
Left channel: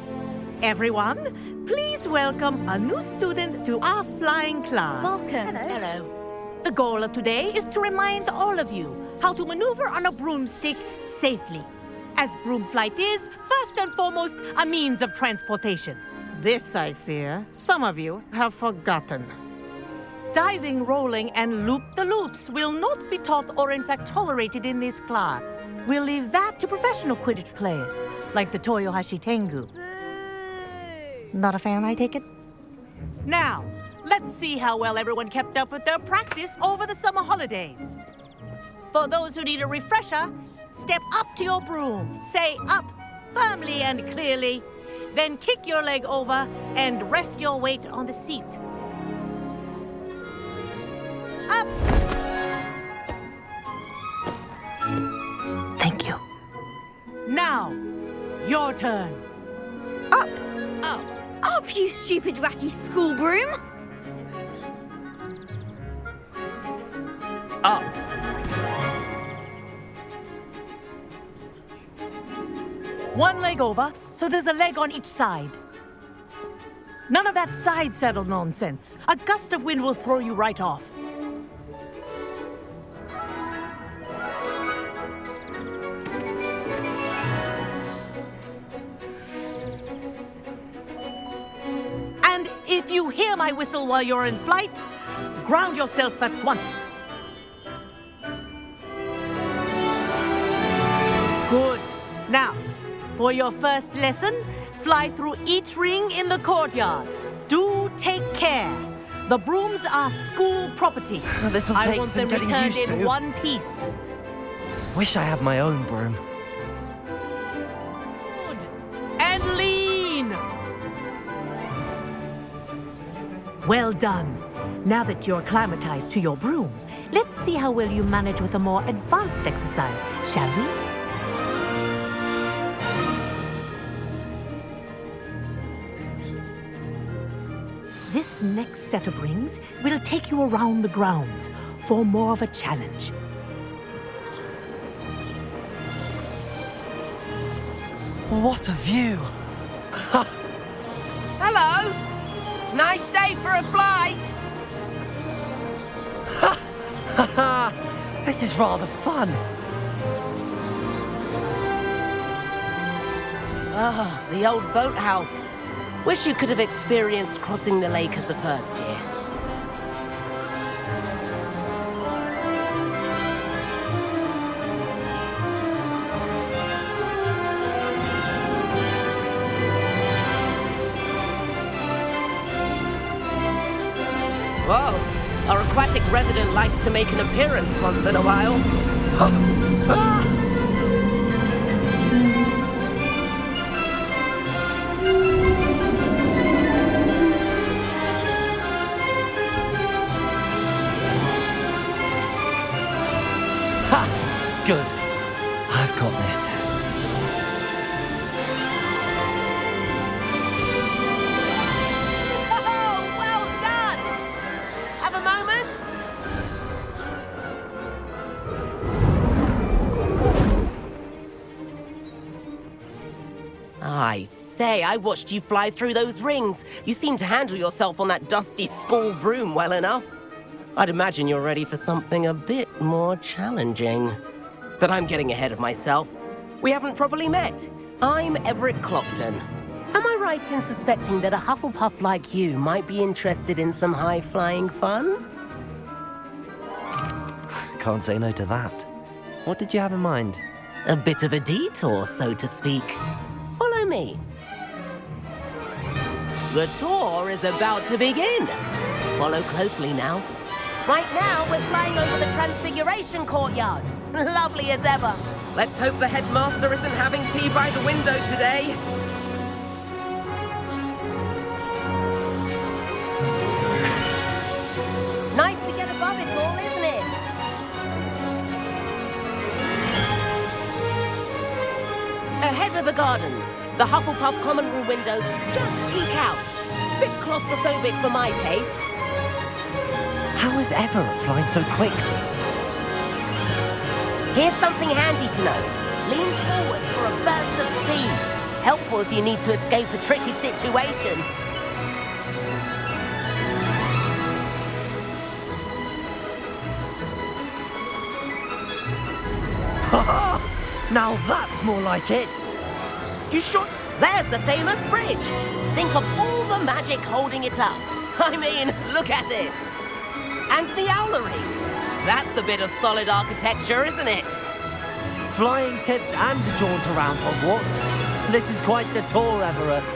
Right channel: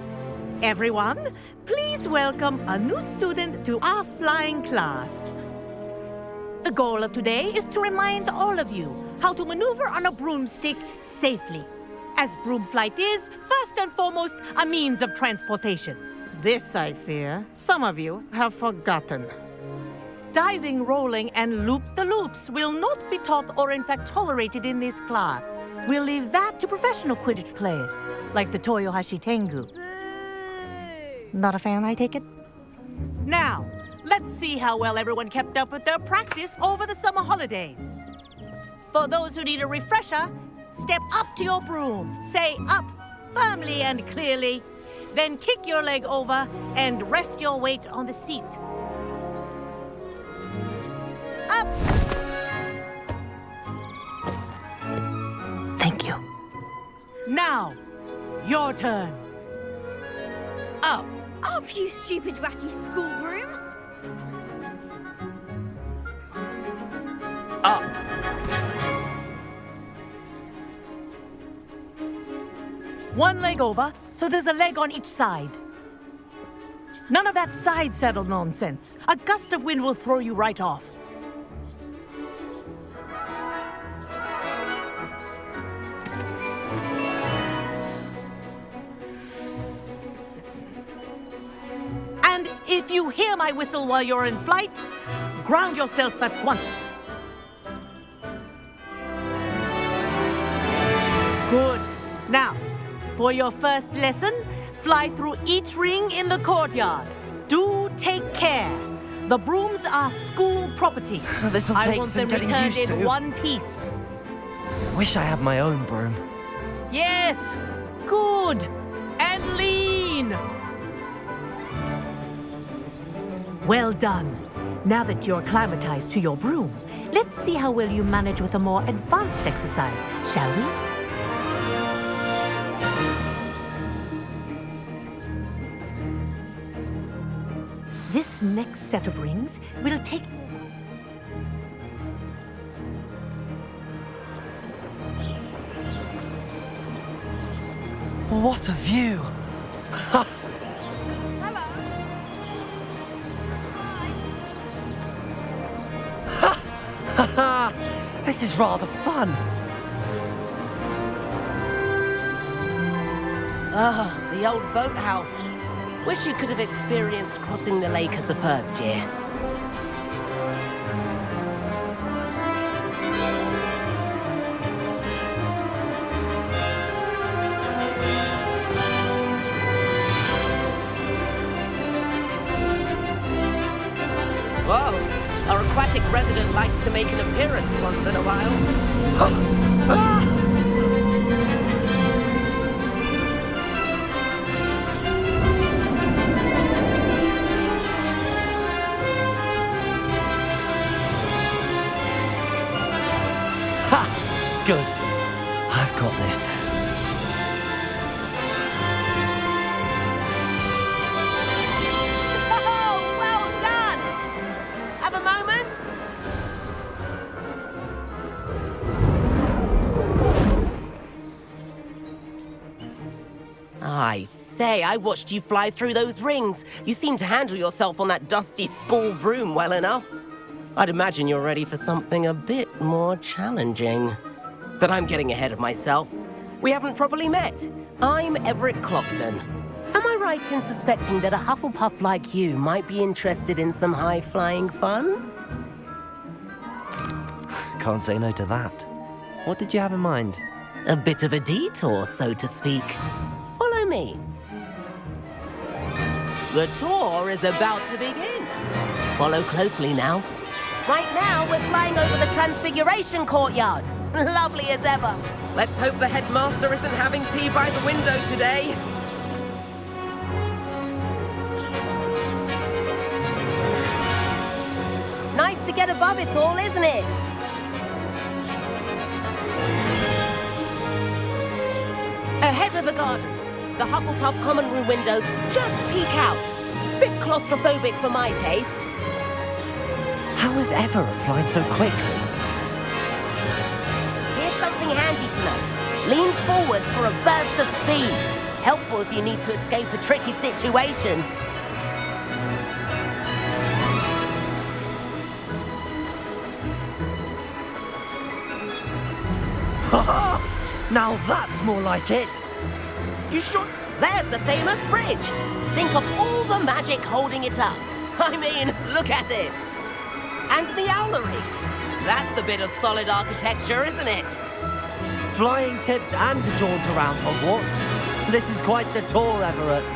Everyone, please welcome a new student to our flying class. Welcome. Hello. The goal of today is to remind all of you how to maneuver on a broomstick safely, as broom flight is, first and foremost, a means of transportation. This, I fear, some of you have forgotten. Diving, rolling, and loop-the-loops will not be taught or in fact tolerated in this class. We'll leave that to professional Quidditch players, like the Toyohashi Tengu. Not a fan, I take it? Now, let's see how well everyone kept up with their practice over the summer holidays. For those who need a refresher, step up to your broom, say up firmly and clearly, then kick your leg over and rest your weight on the seat. Up! Thank you. Now, your turn. Up! Up! Up, you stupid ratty school broom! Up! One leg over, so there's a leg on each side. None of that side saddle nonsense. A gust of wind will throw you right off. And if you hear my whistle while you're in flight, ground yourself at once. Good. Now, for your first lesson, fly through each ring in the courtyard. Do take care. The brooms are school property. This'll I take want some them getting returned used in to. one piece. Wish I had my own broom. Yes. Good. And lean. Well done. Now that you're acclimatized to your broom, let's see how well you manage with a more advanced exercise, shall we? This next set of rings will take you around the grounds for more of a challenge. What a view! Hello! Nice day for a flight! This is rather fun. Ah, the old boathouse. Wish you could have experienced crossing the lake as a first year. Whoa, our aquatic resident likes to make an appearance once in a while. Ha! Good. I've got this. Oh, well done! Have a moment? I say, I watched you fly through those rings. You seem to handle yourself on that dusty school broom well enough. I'd imagine you're ready for something a bit more challenging. But I'm getting ahead of myself. We haven't properly met. I'm Everett Clopton. Am I right in suspecting that a Hufflepuff like you might be interested in some high-flying fun? Can't say no to that. What did you have in mind? A bit of a detour, so to speak. Follow me. The tour is about to begin. Follow closely now. Right now, we're flying over the Transfiguration Courtyard. Lovely as ever. Let's hope the headmaster isn't having tea by the window today. Nice to get above it all, isn't it? Ahead of the gardens, the Hufflepuff common room windows just peek out. Bit claustrophobic for my taste. How is Everett flying so quickly? Here's something handy to know. Lean forward for a burst of speed. Helpful if you need to escape a tricky situation. Now that's more like it. You sure? There's the famous bridge. Think of all the magic holding it up. I mean, look at it. And Meowlery. That's a bit of solid architecture, isn't it? Flying tips and a jaunt around Hogwarts. This is quite the tour, Everett.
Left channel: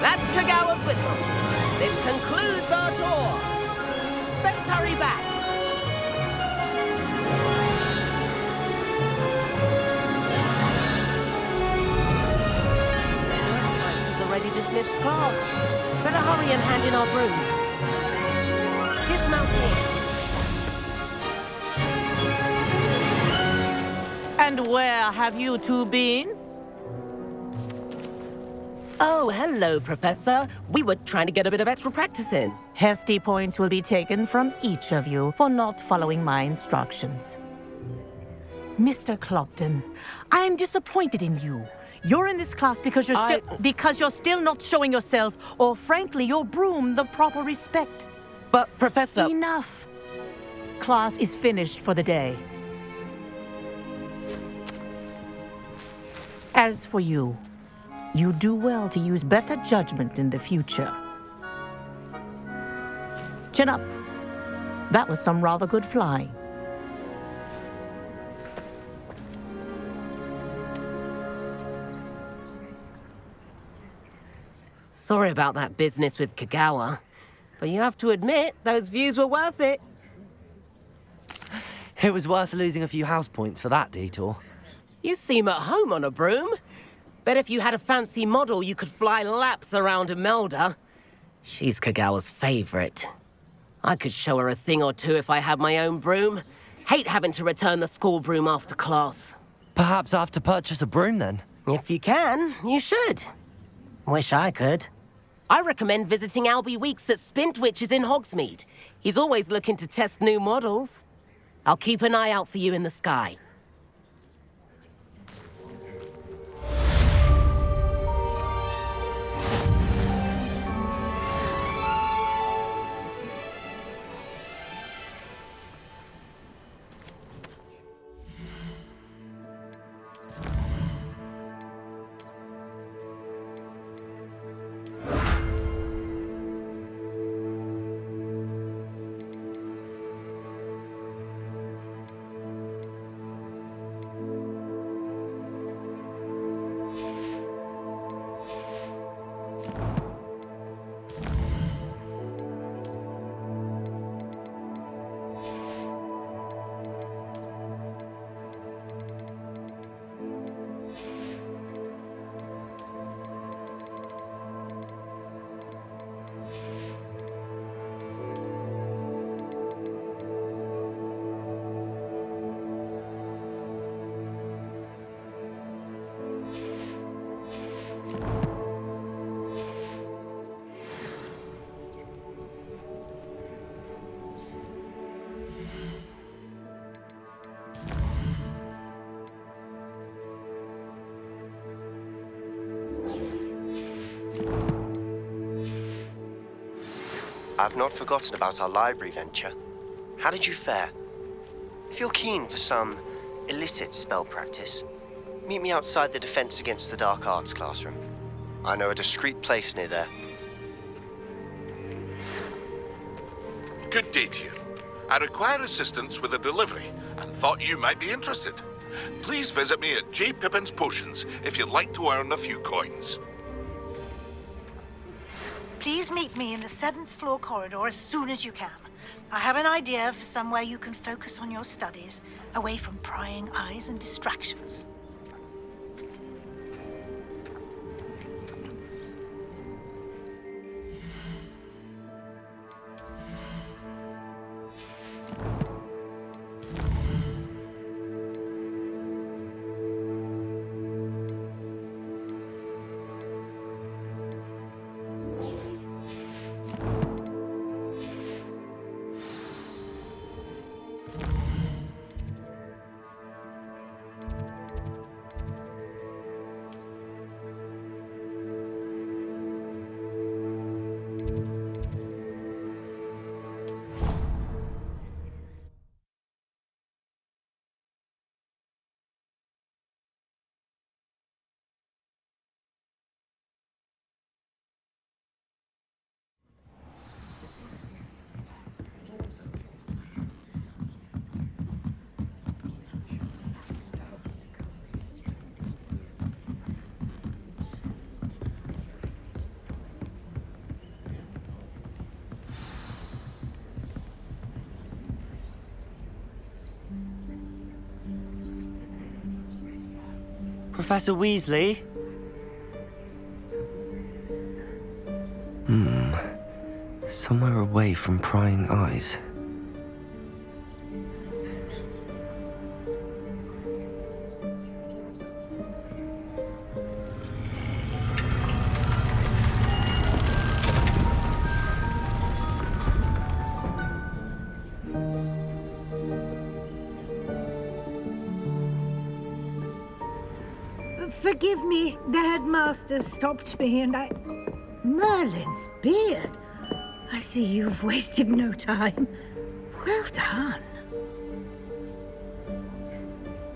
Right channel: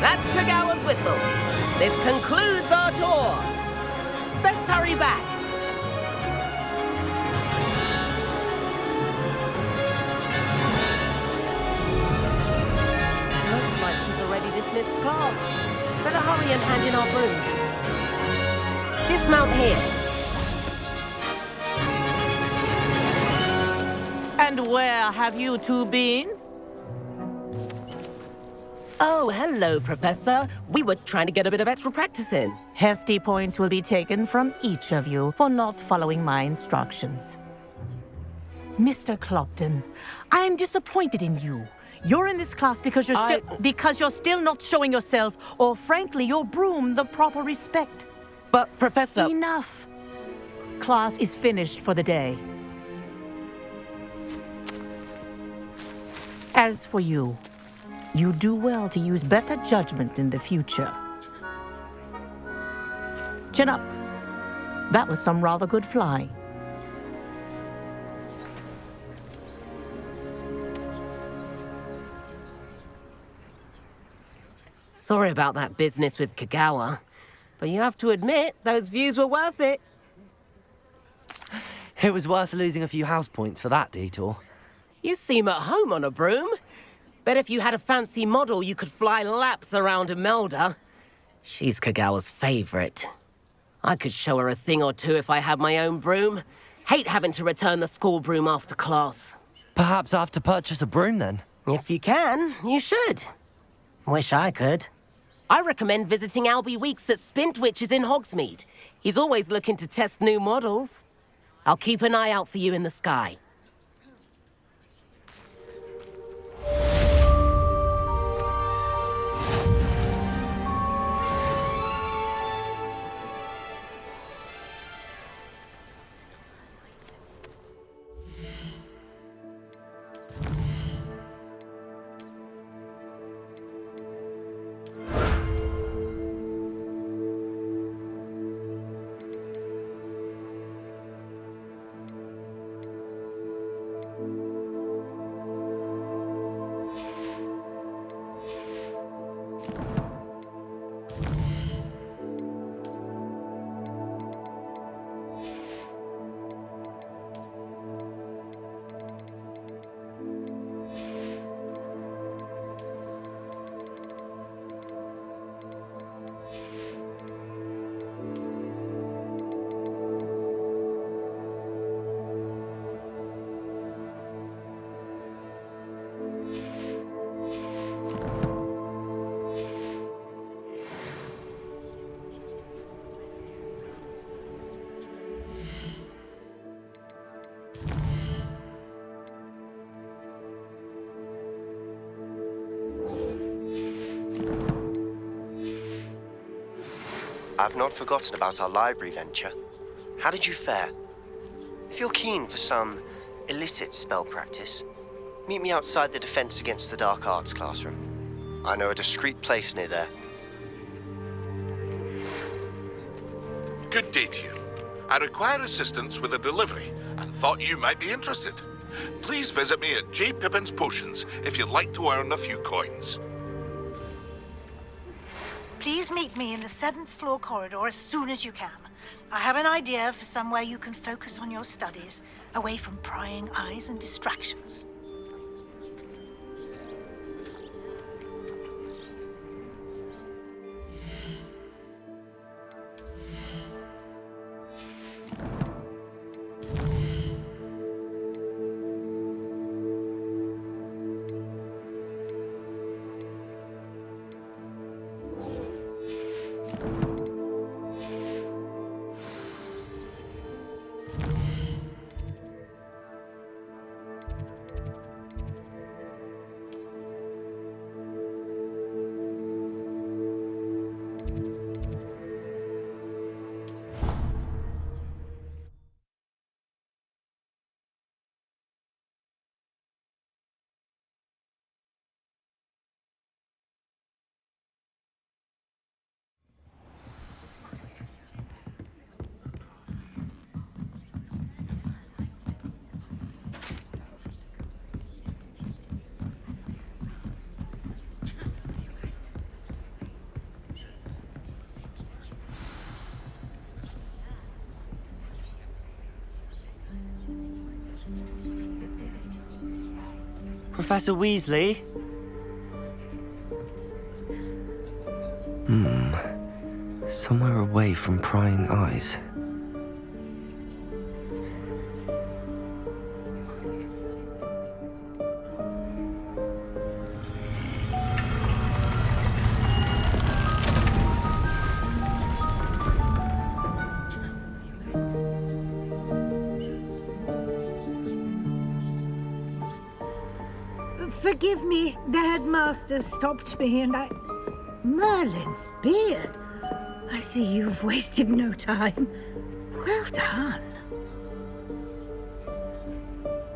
That's Kagawa's whistle. This concludes our tour. Best hurry back. Looks like he's already dismissed class. Better hurry and hand in our brooms. Dismount here. And where have you two been? Oh, hello, Professor. We were trying to get a bit of extra practice in. Hefty points will be taken from each of you for not following my instructions. Mr. Clopton, I'm disappointed in you. You're in this class because you're still not showing yourself, or frankly, your broom the proper respect. But, Professor... Enough. Class is finished for the day. As for you, you do well to use better judgment in the future. Chin up. That was some rather good flying. Sorry about that business with Kagawa, but you have to admit, those views were worth it. It was worth losing a few house points for that detour. You seem at home on a broom. Bet if you had a fancy model, you could fly laps around Imelda. She's Kagawa's favorite. I could show her a thing or two if I had my own broom. Hate having to return the school broom after class. Perhaps I have to purchase a broom then? If you can, you should. Wish I could. I recommend visiting Albie Weeks at Spintwitches in Hogsmeade. He's always looking to test new models. I'll keep an eye out for you in the sky. I've not forgotten about our library venture. How did you fare? If you're keen for some illicit spell practice, meet me outside the Defense Against the Dark Arts classroom. I know a discreet place near there. Good day to you. I require assistance with a delivery and thought you might be interested. Please visit me at J. Pippin's Potions if you'd like to earn a few coins. Please meet me in the 7th floor corridor as soon as you can. I have an idea for somewhere you can focus on your studies, away from prying eyes and distractions. Professor Weasley? Somewhere away from prying eyes. Forgive me, the headmaster stopped me and I... Merlin's beard. I see you've wasted no time. Well done.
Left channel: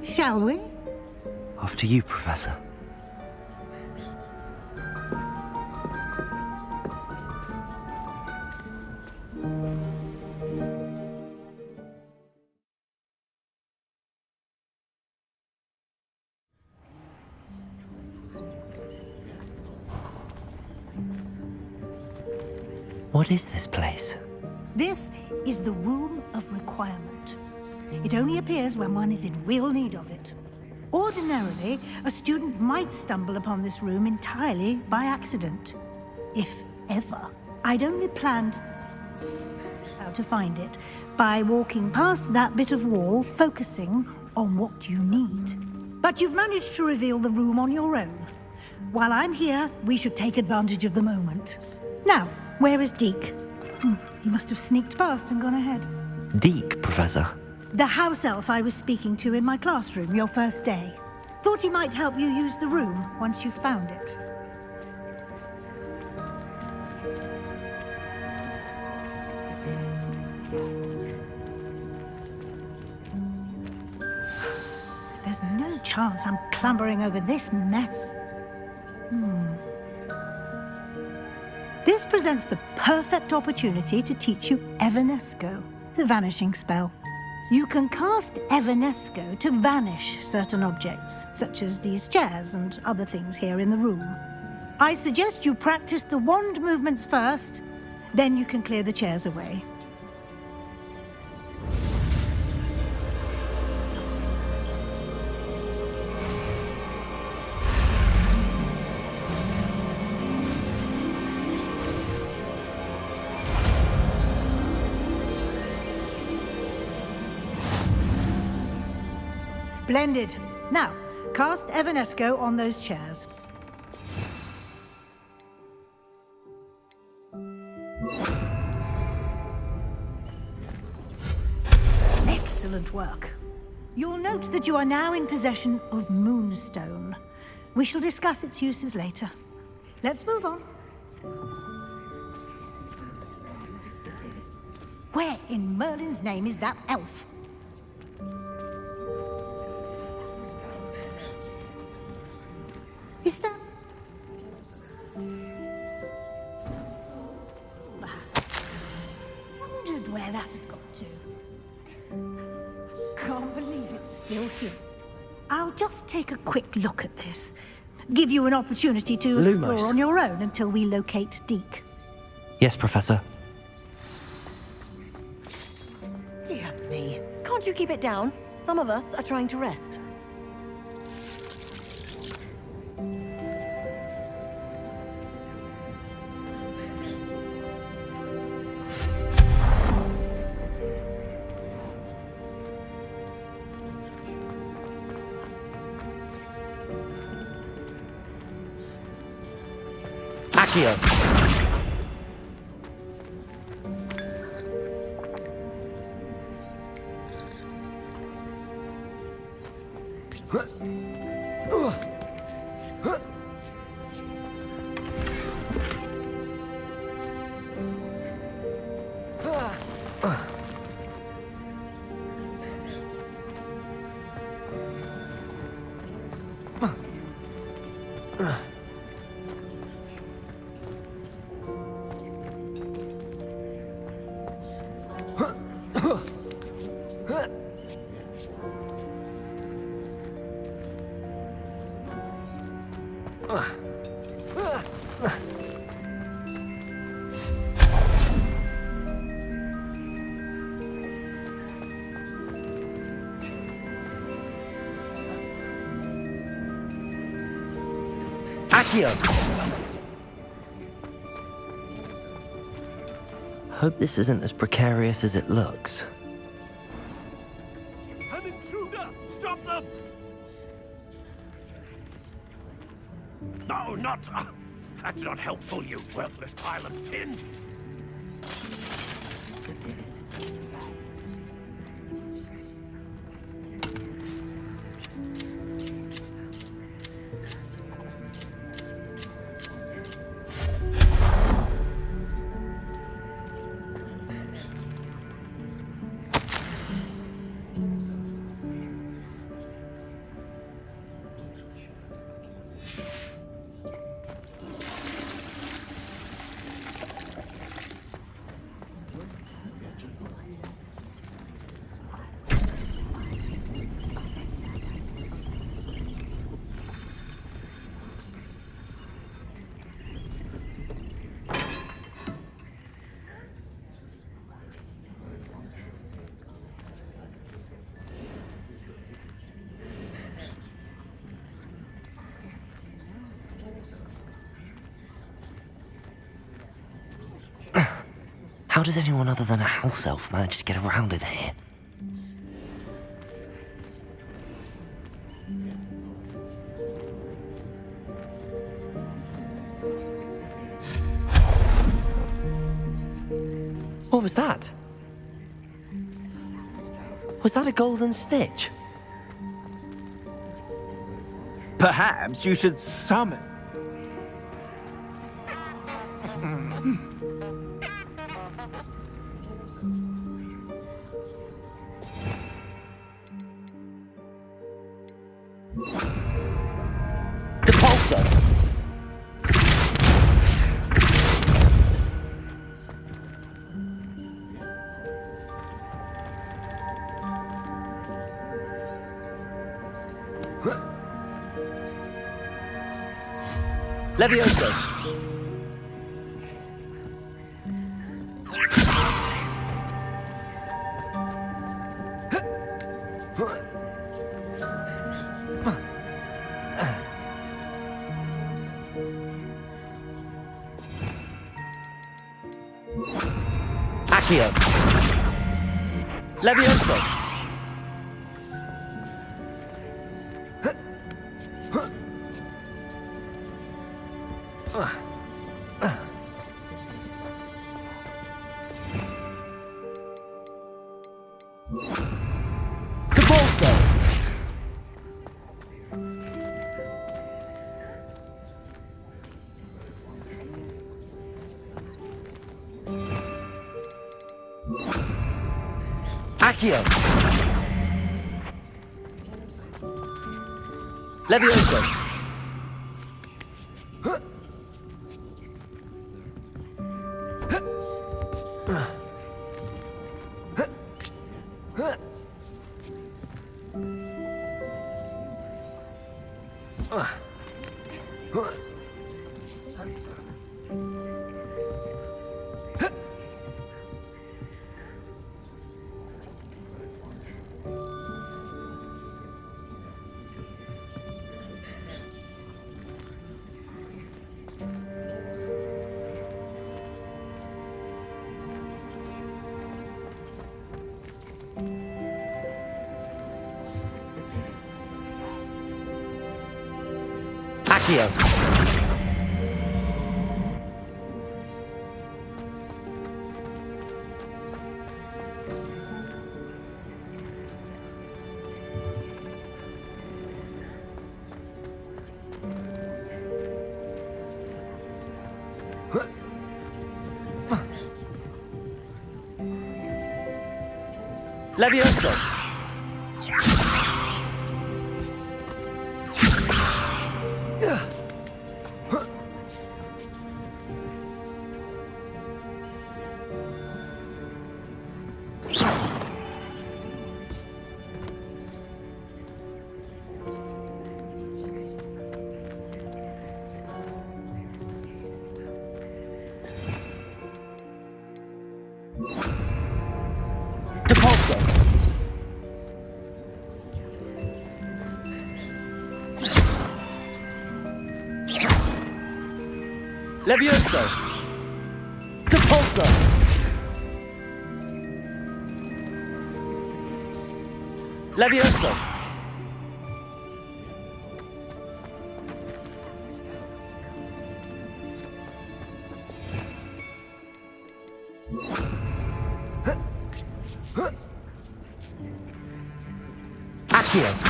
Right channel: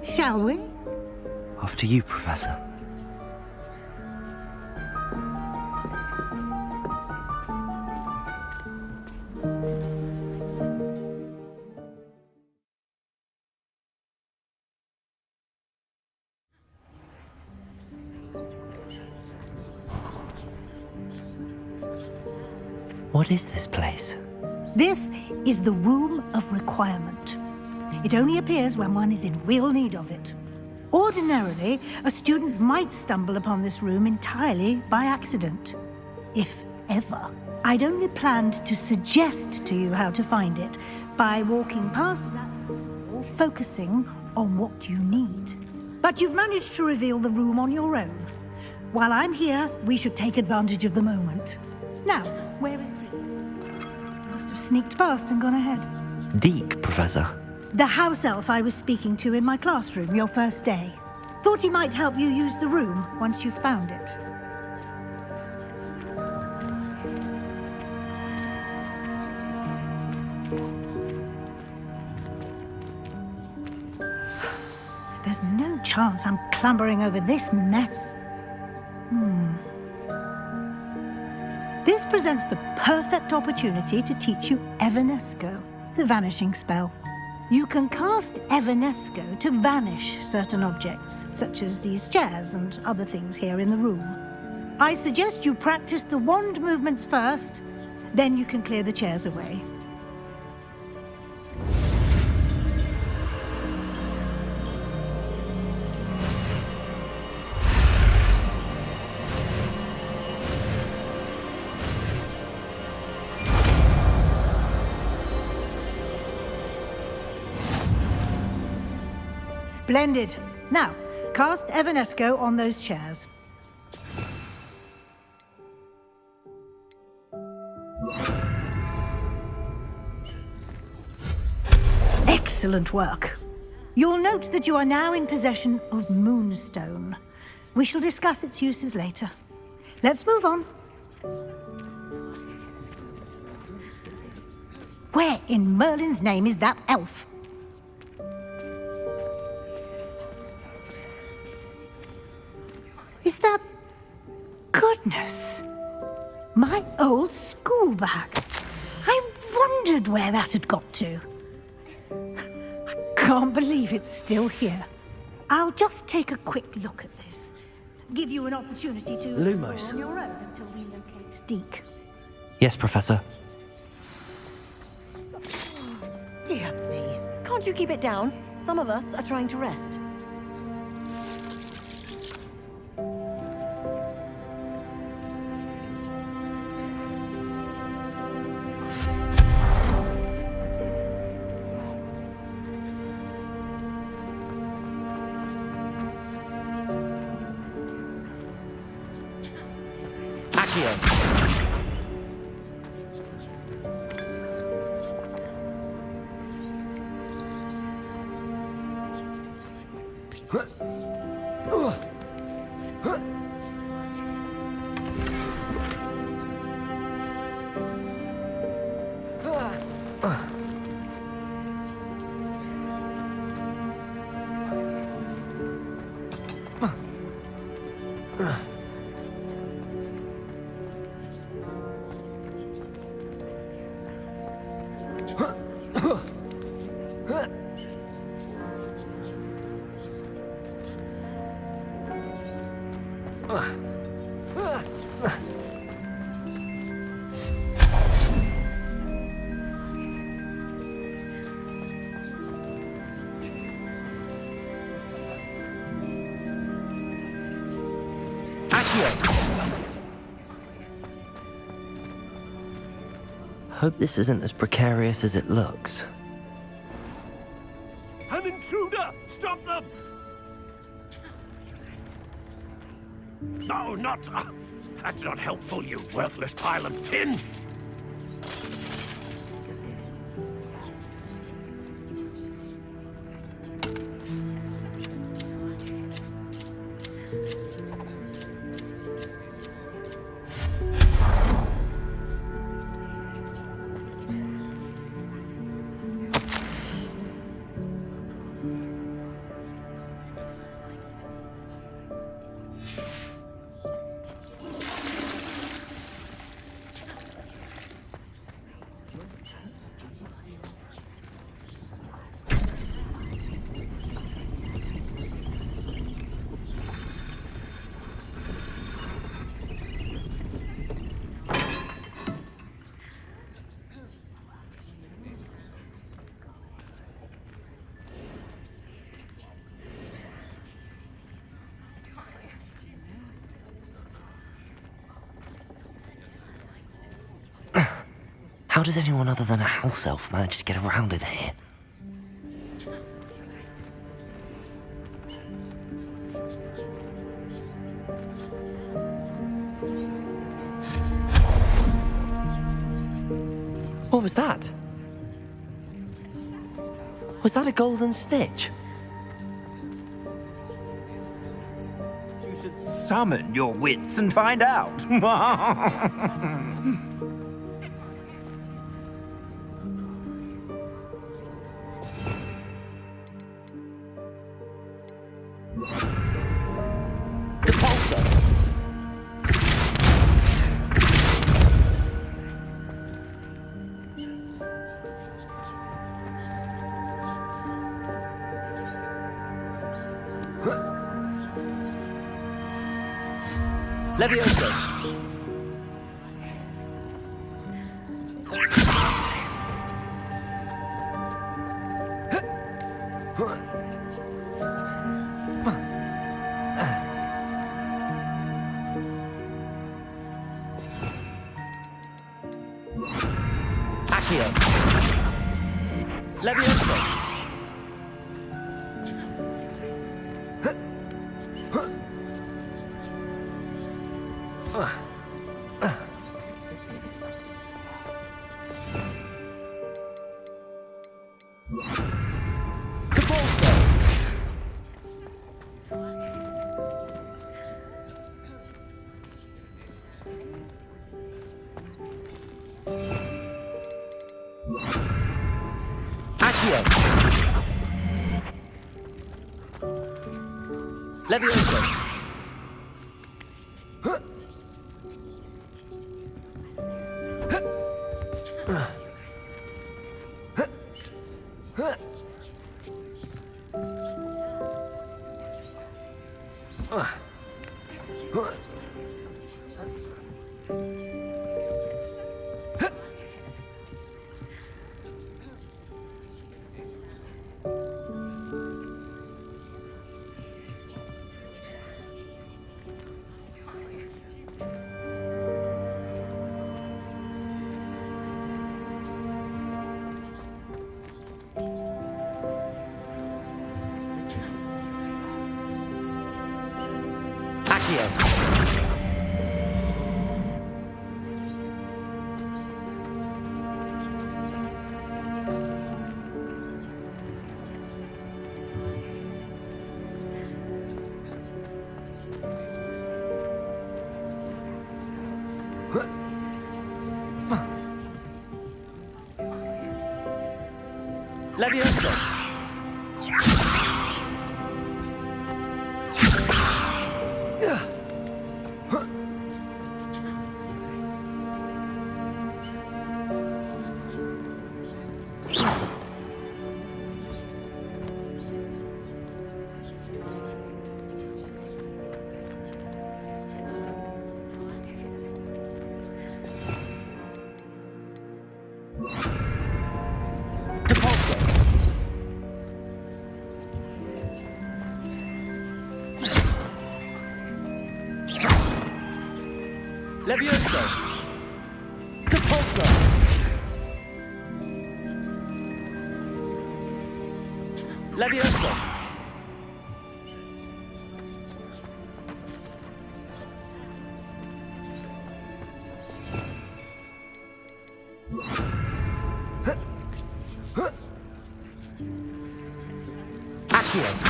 Shall we? After you, Professor. What is this place? This is the Room of Requirement. It only appears when one is in real need of it. Ordinarily, a student might stumble upon this room entirely by accident. If ever. I'd only planned to suggest to you how to find it by walking past that bit of wall, focusing on what you need. But you've managed to reveal the room on your own. While I'm here, we should take advantage of the moment. Now, where is Deke? He must have sneaked past and gone ahead. Deke, Professor. The house elf I was speaking to in my classroom your first day. Thought he might help you use the room once you've found it. There's no chance I'm clambering over this mess. This presents the perfect opportunity to teach you Evanesco, the vanishing spell. You can cast Evanesco to vanish certain objects, such as these chairs and other things here in the room. I suggest you practice the wand movements first, then you can clear the chairs away. Splendid. Now, cast Evanesco on those chairs. Excellent work. You'll note that you are now in possession of Moonstone. We shall discuss its uses later. Let's move on. Where in Merlin's name is that elf? Is that... Goodness. My old school bag. I wondered where that had got to. I can't believe it's still here. I'll just take a quick look at this. Give you an opportunity to Lumos. explore on your own until we locate Deke. Yes, Professor. Dear me. Can't you keep it down? Some of us are trying to rest. Accio. Hope this isn't as precarious as it looks. An intruder! Stop them! No, not... that's not helpful, you worthless pile of tin! How does anyone other than a house elf manage to get around in here? What was that? Was that a golden snitch? Perhaps you should summon your wits and find out. Depulso! Levioso! Accio! Levioso! Depulso! Accio! Levioso! Accio! Levioso! Depulso! Levioso! Depulso! Levioso! Accio!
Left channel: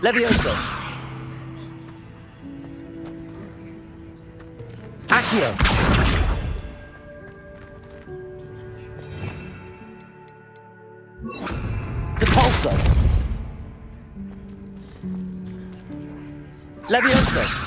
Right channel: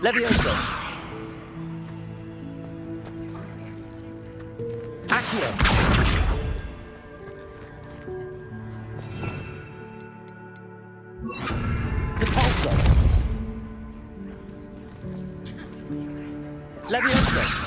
Levioso! Accio! Depulso! Levioso!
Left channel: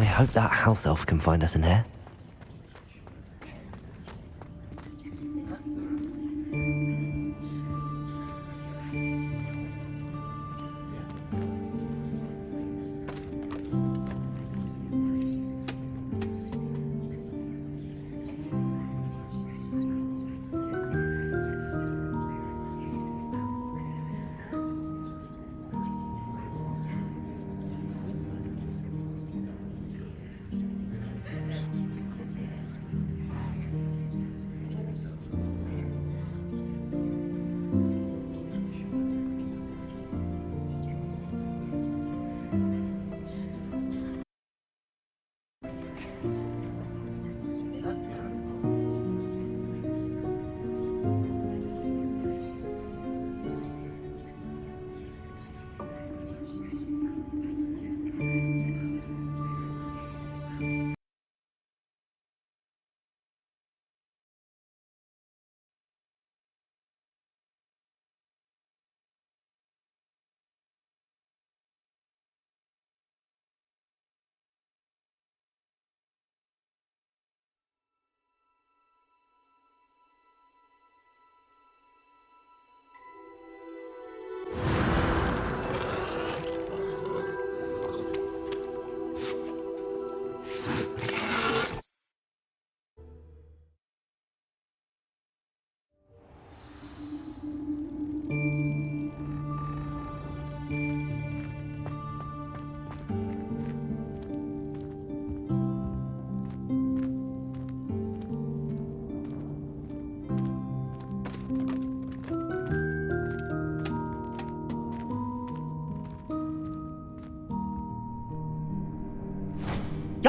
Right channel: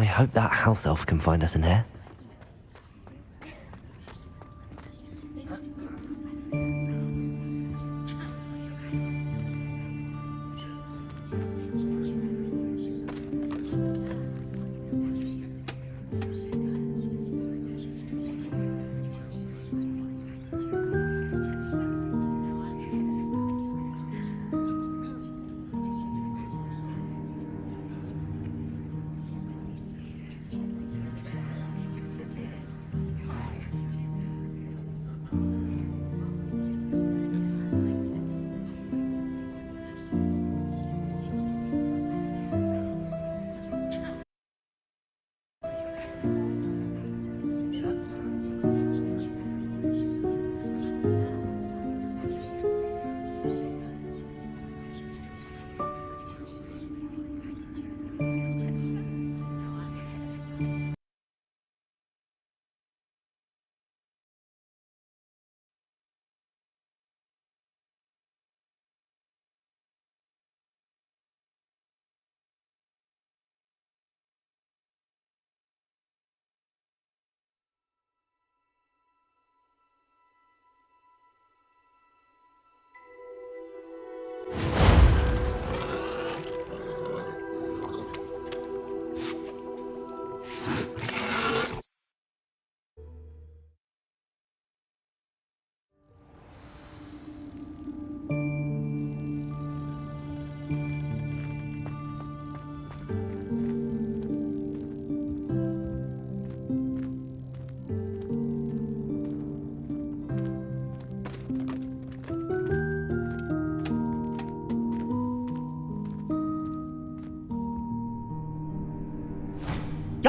I hope that house elf can find us in here.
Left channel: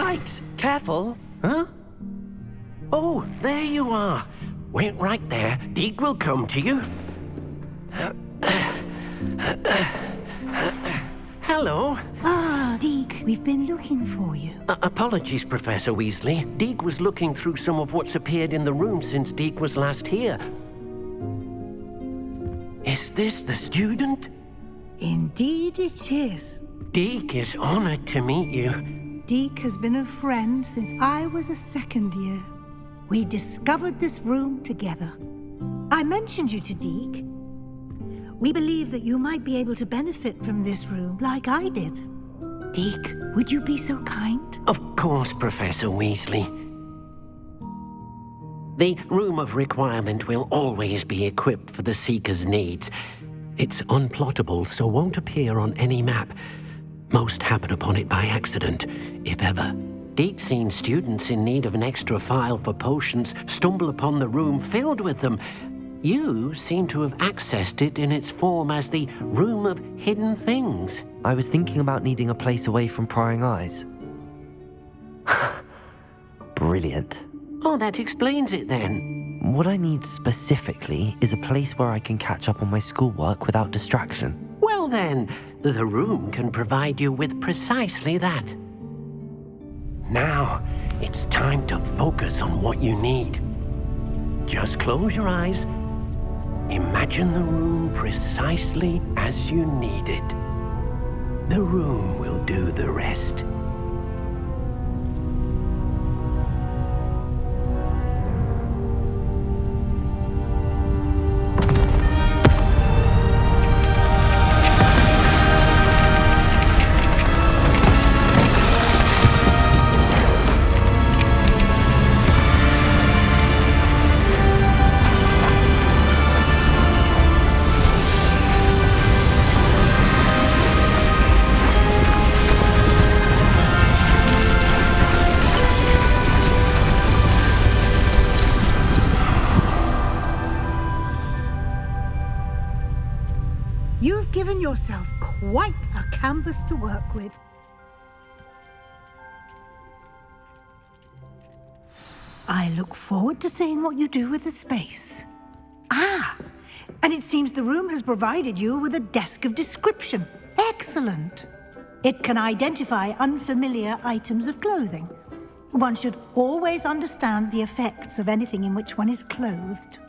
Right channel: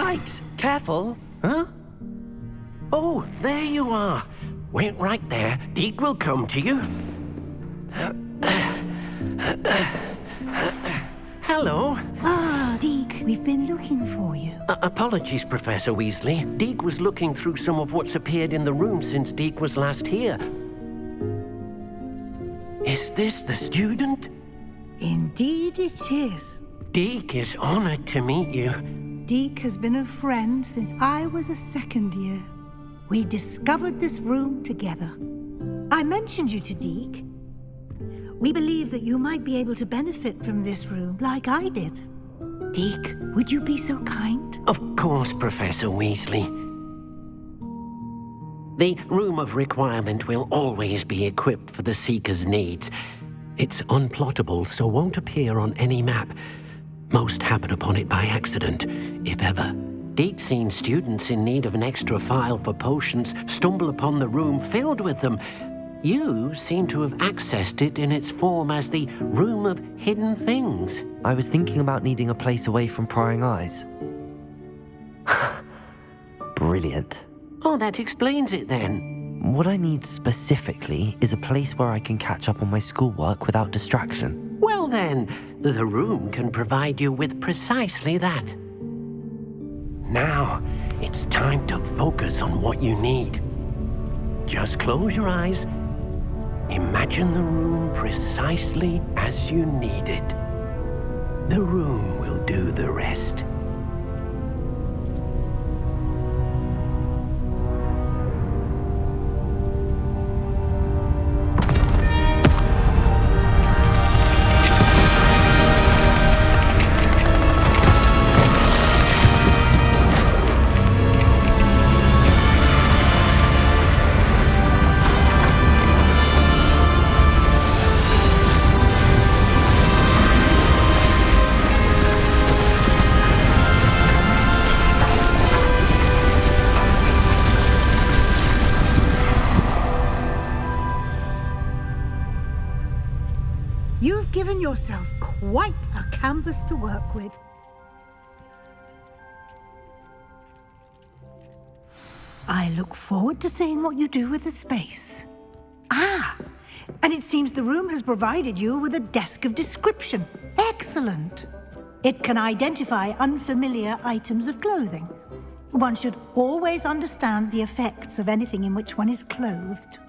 Yikes! Careful! Huh? Oh, there you are. Wait right there. Deke will come to you. Hello. Ah, Deke, we've been looking for you. Apologies, Professor Weasley. Deke was looking through some of what's appeared in the room since Deke was last here. Is this the student? Indeed it is. Deke is honored to meet you. Deke has been a friend since I was a second year. We discovered this room together. I mentioned you to Deke. We believe that you might be able to benefit from this room like I did. Deke, would you be so kind? Of course, Professor Weasley. The Room of Requirement will always be equipped for the Seeker's needs. It's unplottable, so won't appear on any map. Most happen upon it by accident, if ever. Deke's seen students in need of an extra file for potions stumble upon the room filled with them. You seem to have accessed it in its form as the Room of Hidden Things. I was thinking about needing a place away from prying eyes. Brilliant. Oh, that explains it then. What I need specifically is a place where I can catch up on my schoolwork without distraction. Well then, the room can provide you with precisely that. Now, it's time to focus on what you need. Just close your eyes. Imagine the room precisely as you need it. The room will do the rest. You've given yourself quite a canvas to work with. I look forward to seeing what you do with the space. Ah, and it seems the room has provided you with a desk of description. Excellent. It can identify unfamiliar items of clothing. One should always understand the effects of anything in which one is clothed.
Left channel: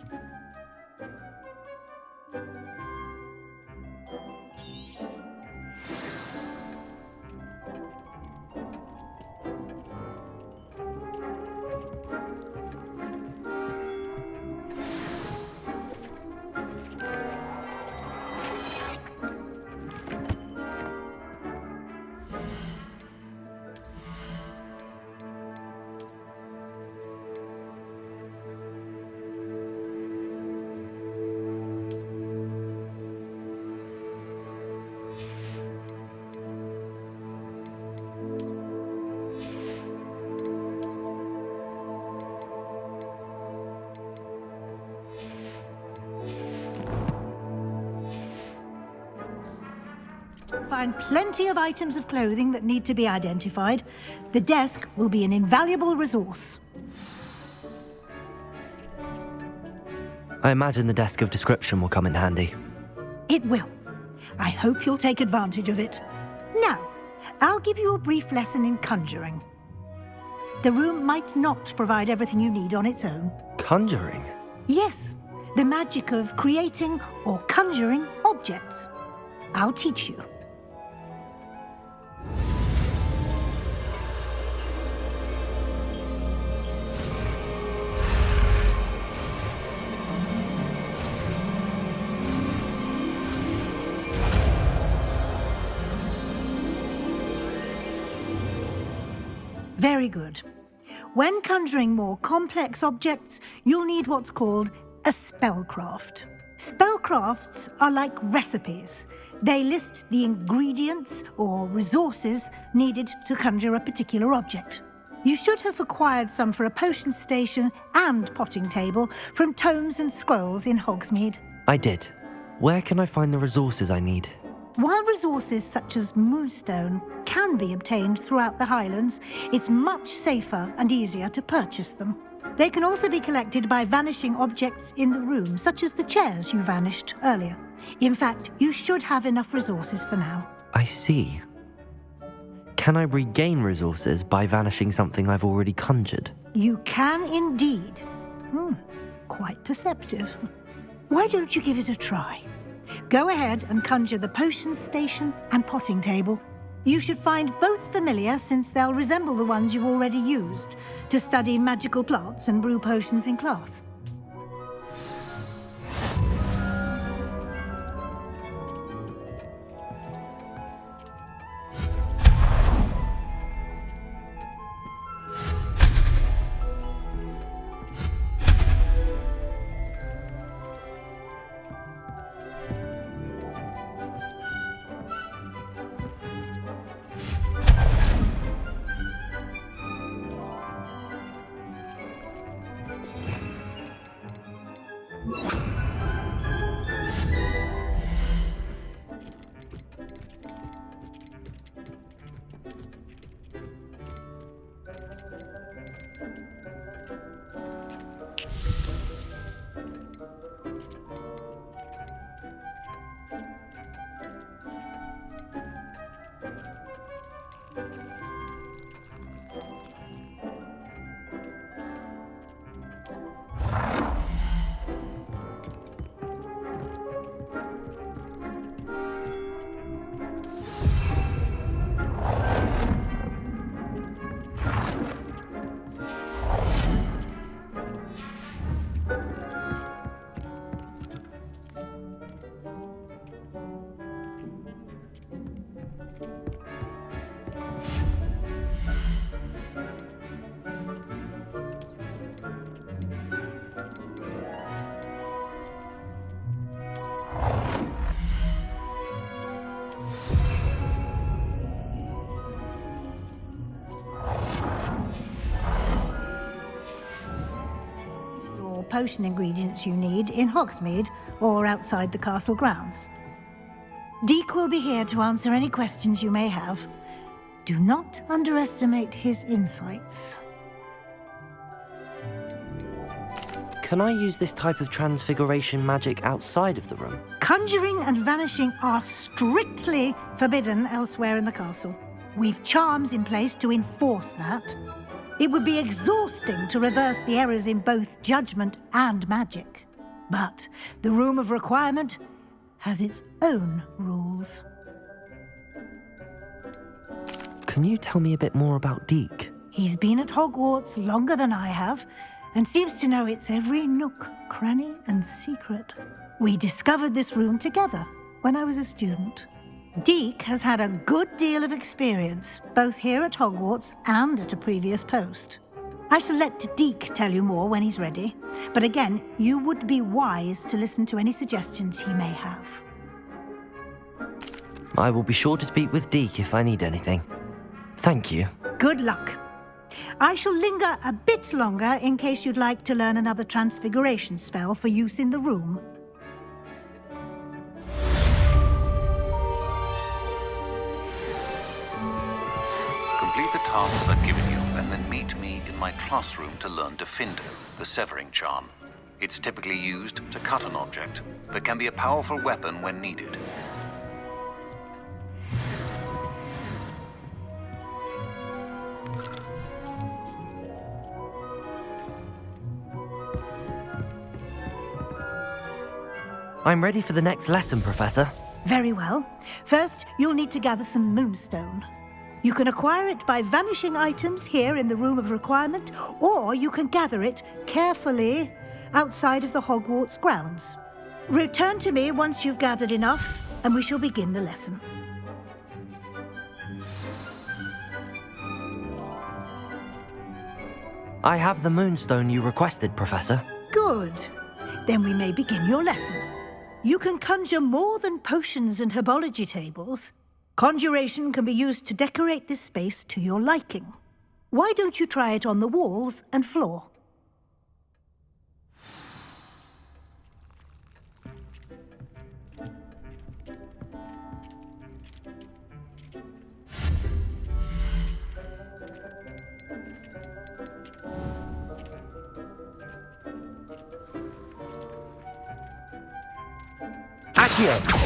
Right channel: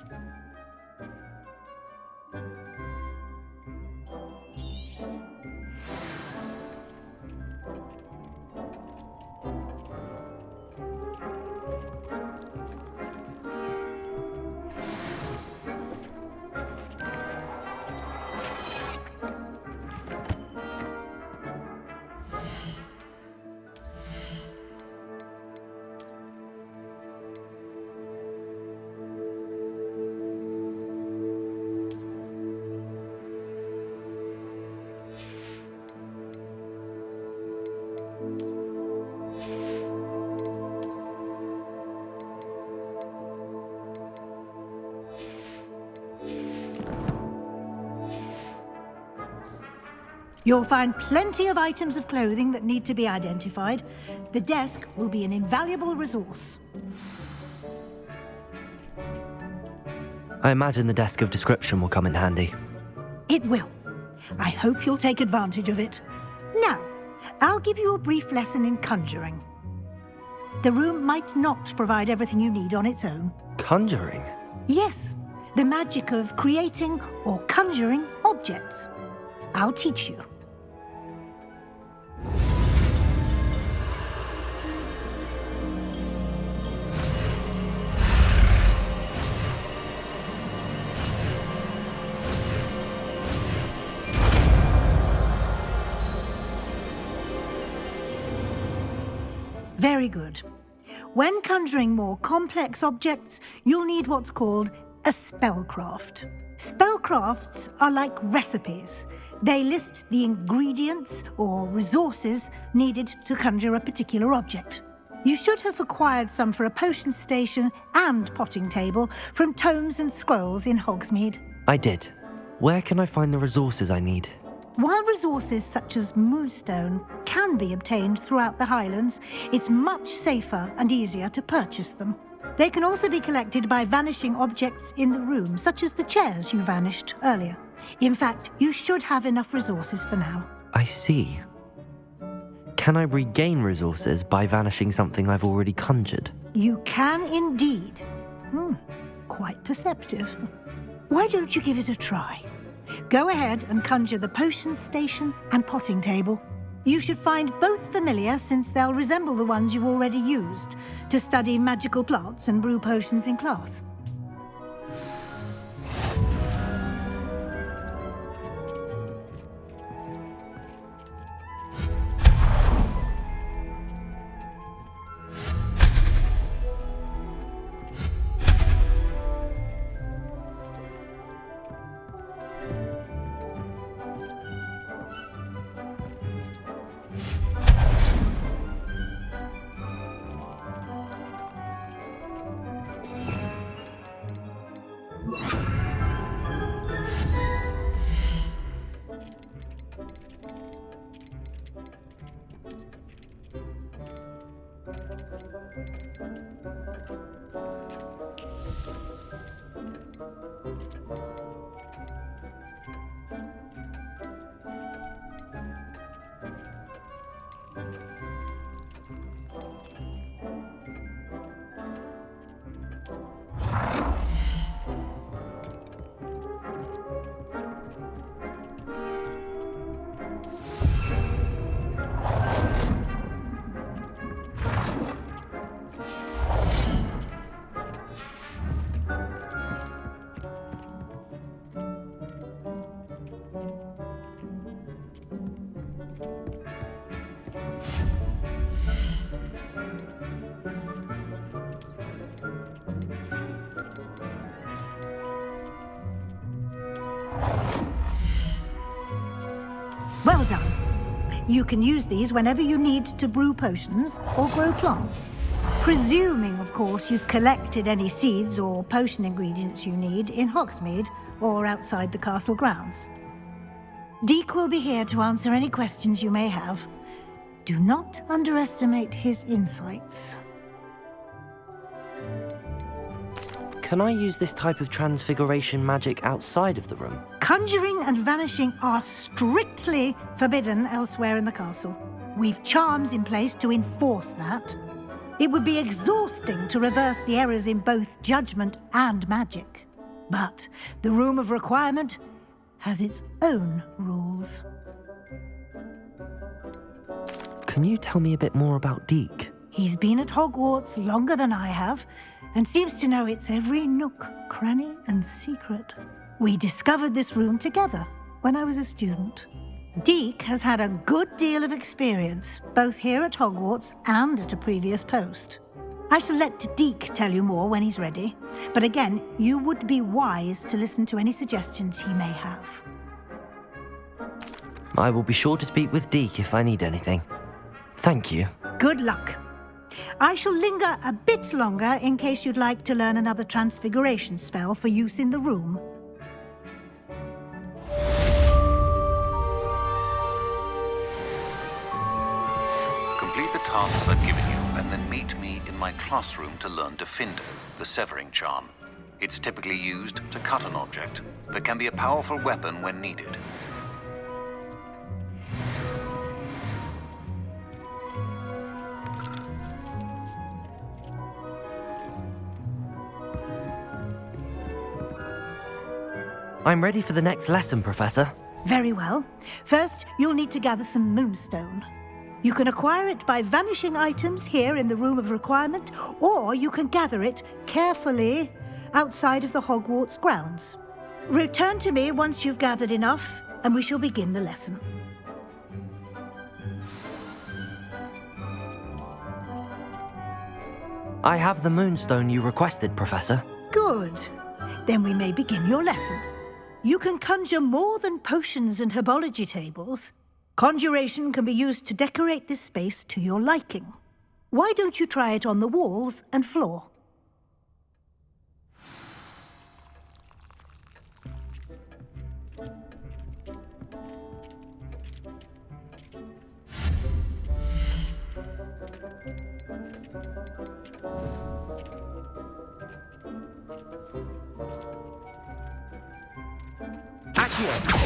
You'll find plenty of items of clothing that need to be identified. The desk will be an invaluable resource. I imagine the desk of description will come in handy. It will. I hope you'll take advantage of it. Now, I'll give you a brief lesson in conjuring. The room might not provide everything you need on its own. Conjuring? Yes, the magic of creating or conjuring objects. I'll teach you. Very good. When conjuring more complex objects, you'll need what's called a spellcraft. Spellcrafts are like recipes. They list the ingredients or resources needed to conjure a particular object. You should have acquired some for a potion station and potting table from tomes and scrolls in Hogsmeade. I did. Where can I find the resources I need? While resources such as moonstone can be obtained throughout the Highlands, it's much safer and easier to purchase them. They can also be collected by vanishing objects in the room, such as the chairs you vanished earlier. In fact, you should have enough resources for now. I see. Can I regain resources by vanishing something I've already conjured? You can indeed. Quite perceptive. Why don't you give it a try? Go ahead and conjure the potions station and potting table. You should find both familiar, since they'll resemble the ones you've already used to study magical plants and brew potions in class. Well done. You can use these whenever you need to brew potions or grow plants. Presuming, of course, you've collected any seeds or potion ingredients you need in Hogsmeade or outside the castle grounds. Deek will be here to answer any questions you may have. Do not underestimate his insights. Can I use this type of transfiguration magic outside of the room? Conjuring and vanishing are strictly forbidden elsewhere in the castle. We've charms in place to enforce that. It would be exhausting to reverse the errors in both judgment and magic. But the Room of Requirement has its own rules. Can you tell me a bit more about Deek? He's been at Hogwarts longer than I have, and seems to know its every nook, cranny, and secret. We discovered this room together when I was a student. Deek has had a good deal of experience, both here at Hogwarts and at a previous post. I shall let Deek tell you more when he's ready, but again, you would be wise to listen to any suggestions he may have. I will be sure to speak with Deek if I need anything. Thank you. Good luck. I shall linger a bit longer in case you'd like to learn another transfiguration spell for use in the room. Complete the tasks I've given you, and then meet me in my classroom to learn Defindo, the severing charm. It's typically used to cut an object, but can be a powerful weapon when needed. I'm ready for the next lesson, Professor. Very well. First, you'll need to gather some moonstone. You can acquire it by vanishing items here in the Room of Requirement, or you can gather it carefully outside of the Hogwarts grounds. Return to me once you've gathered enough, and we shall begin the lesson. I have the moonstone you requested, Professor. Good. Then we may begin your lesson. You can conjure more than potions and herbology tables. Conjuration can be used to decorate this space to your liking. Why don't you try it on the walls and floor? Accio!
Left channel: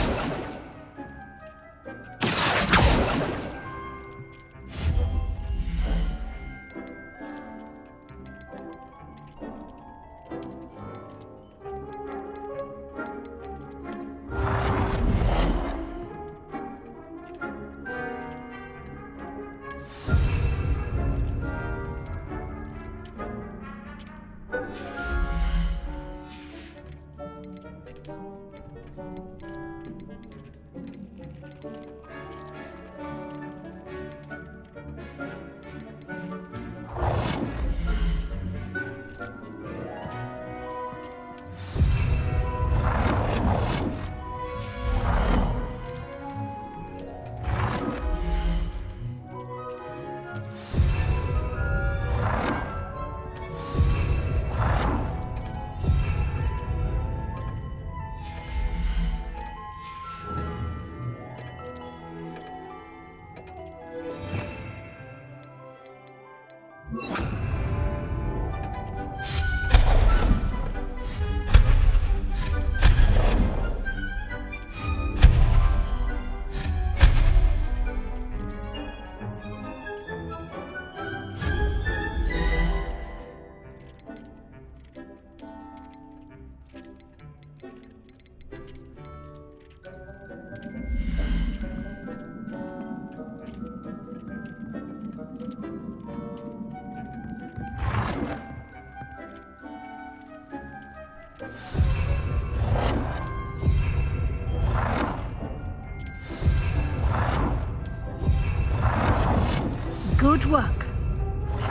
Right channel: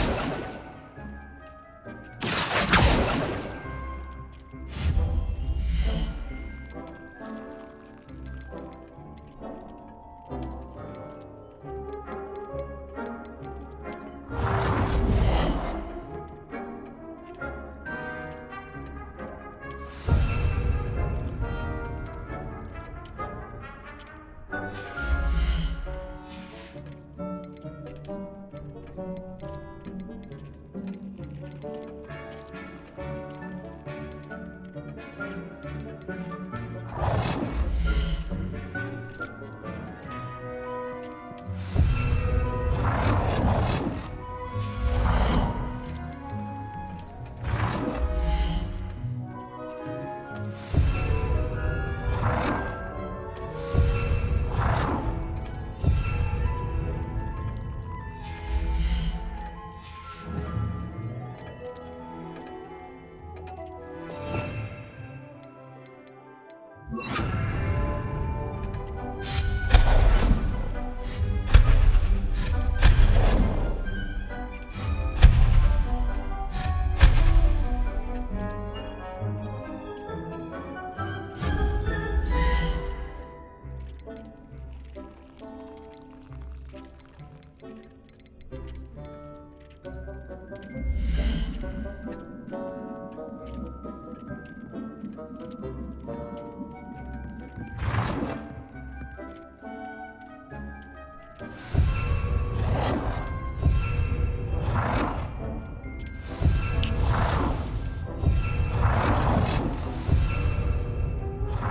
Good work.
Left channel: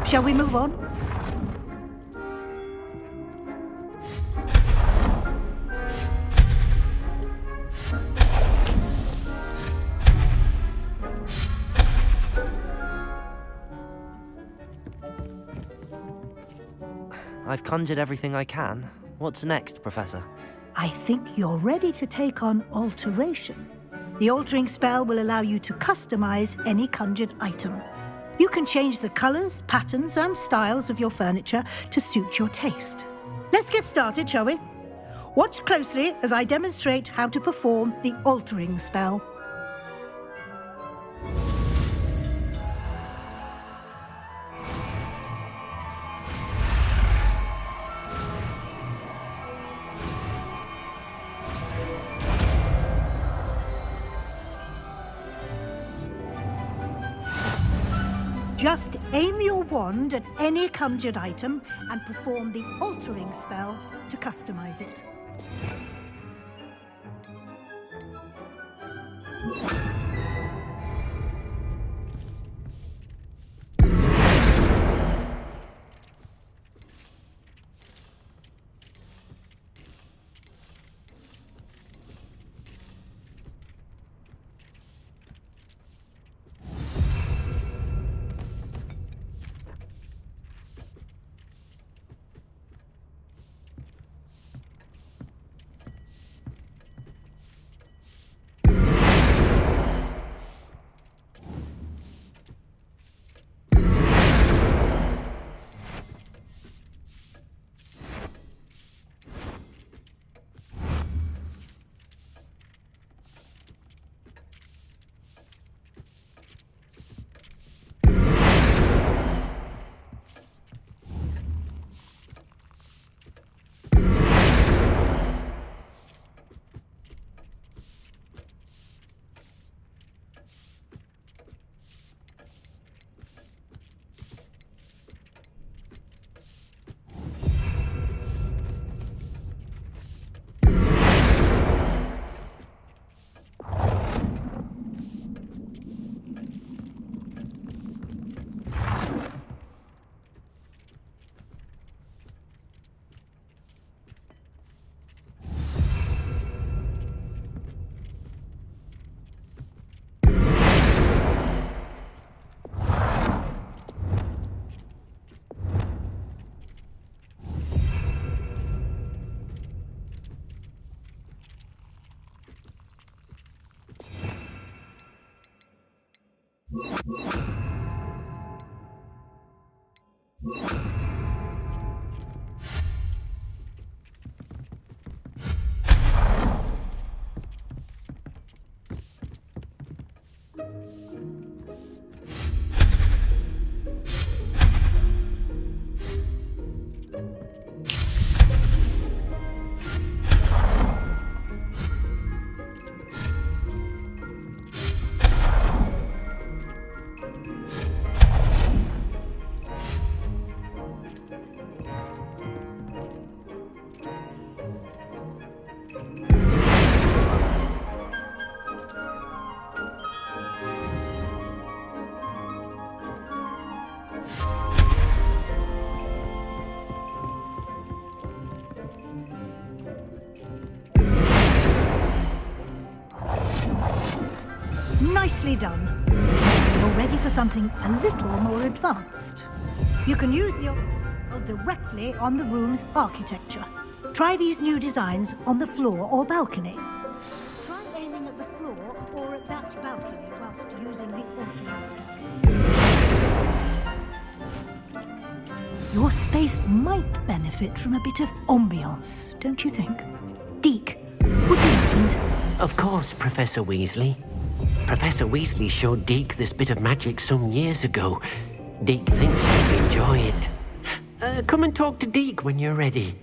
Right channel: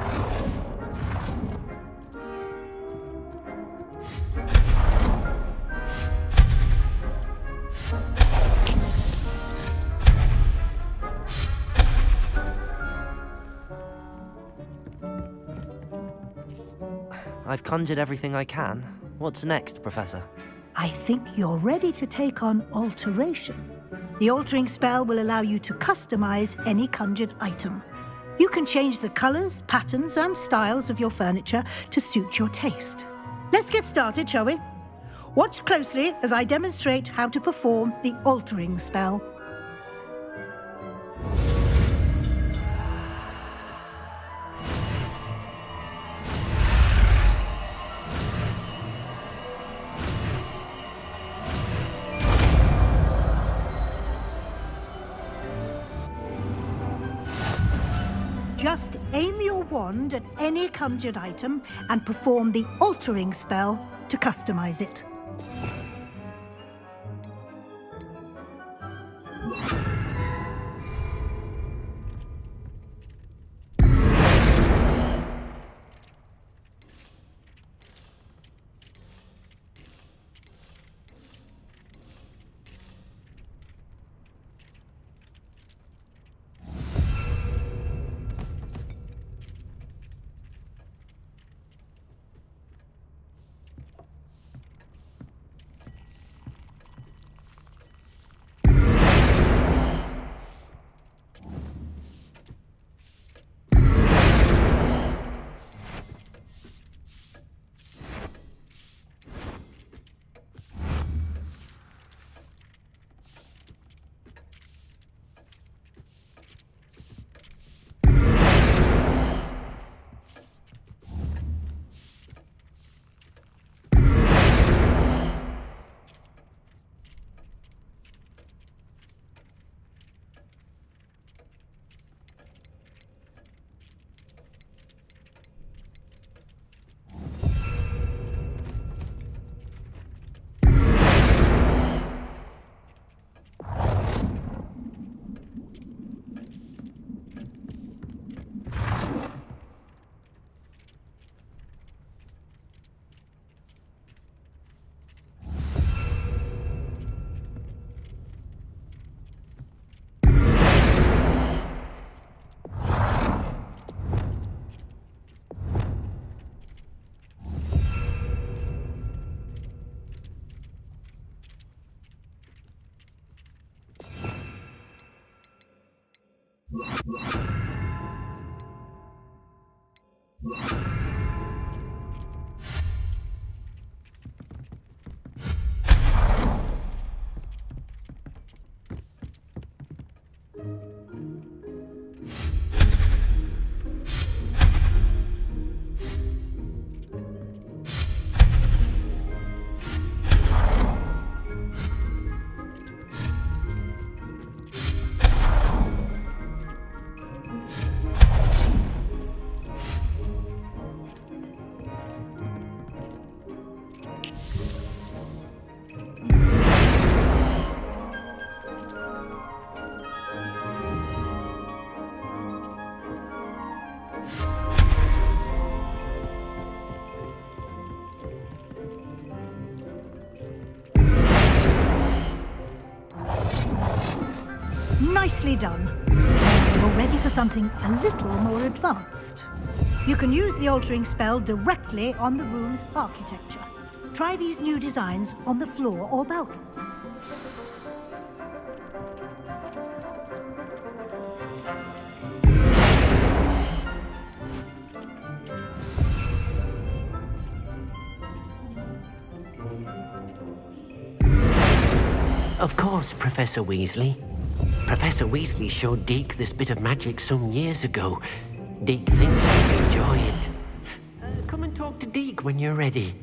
Shall we move on? I've conjured everything I can. What's next, Professor? I think you're ready to take on alteration. The altering spell will allow you to customize any conjured item. You can change the colors, patterns, and styles of your furniture to suit your taste. Let's get started, shall we? Watch closely as I demonstrate how to perform the altering spell. Just aim your wand at any conjured item and perform the altering spell to customize it. Nicely done. You're ready for something a little more advanced. You can use the altering spell directly on the room's architecture. Try these new designs on the floor or balcony. Try aiming at the floor or at that balcony whilst using the altering spell. Your space might benefit from a bit of ambiance, don't you think? Deek, Of course, Professor Weasley. Professor Weasley showed Deke this bit of magic some years ago. Deke thinks he'll enjoy it. Come and talk to Deke when you're ready.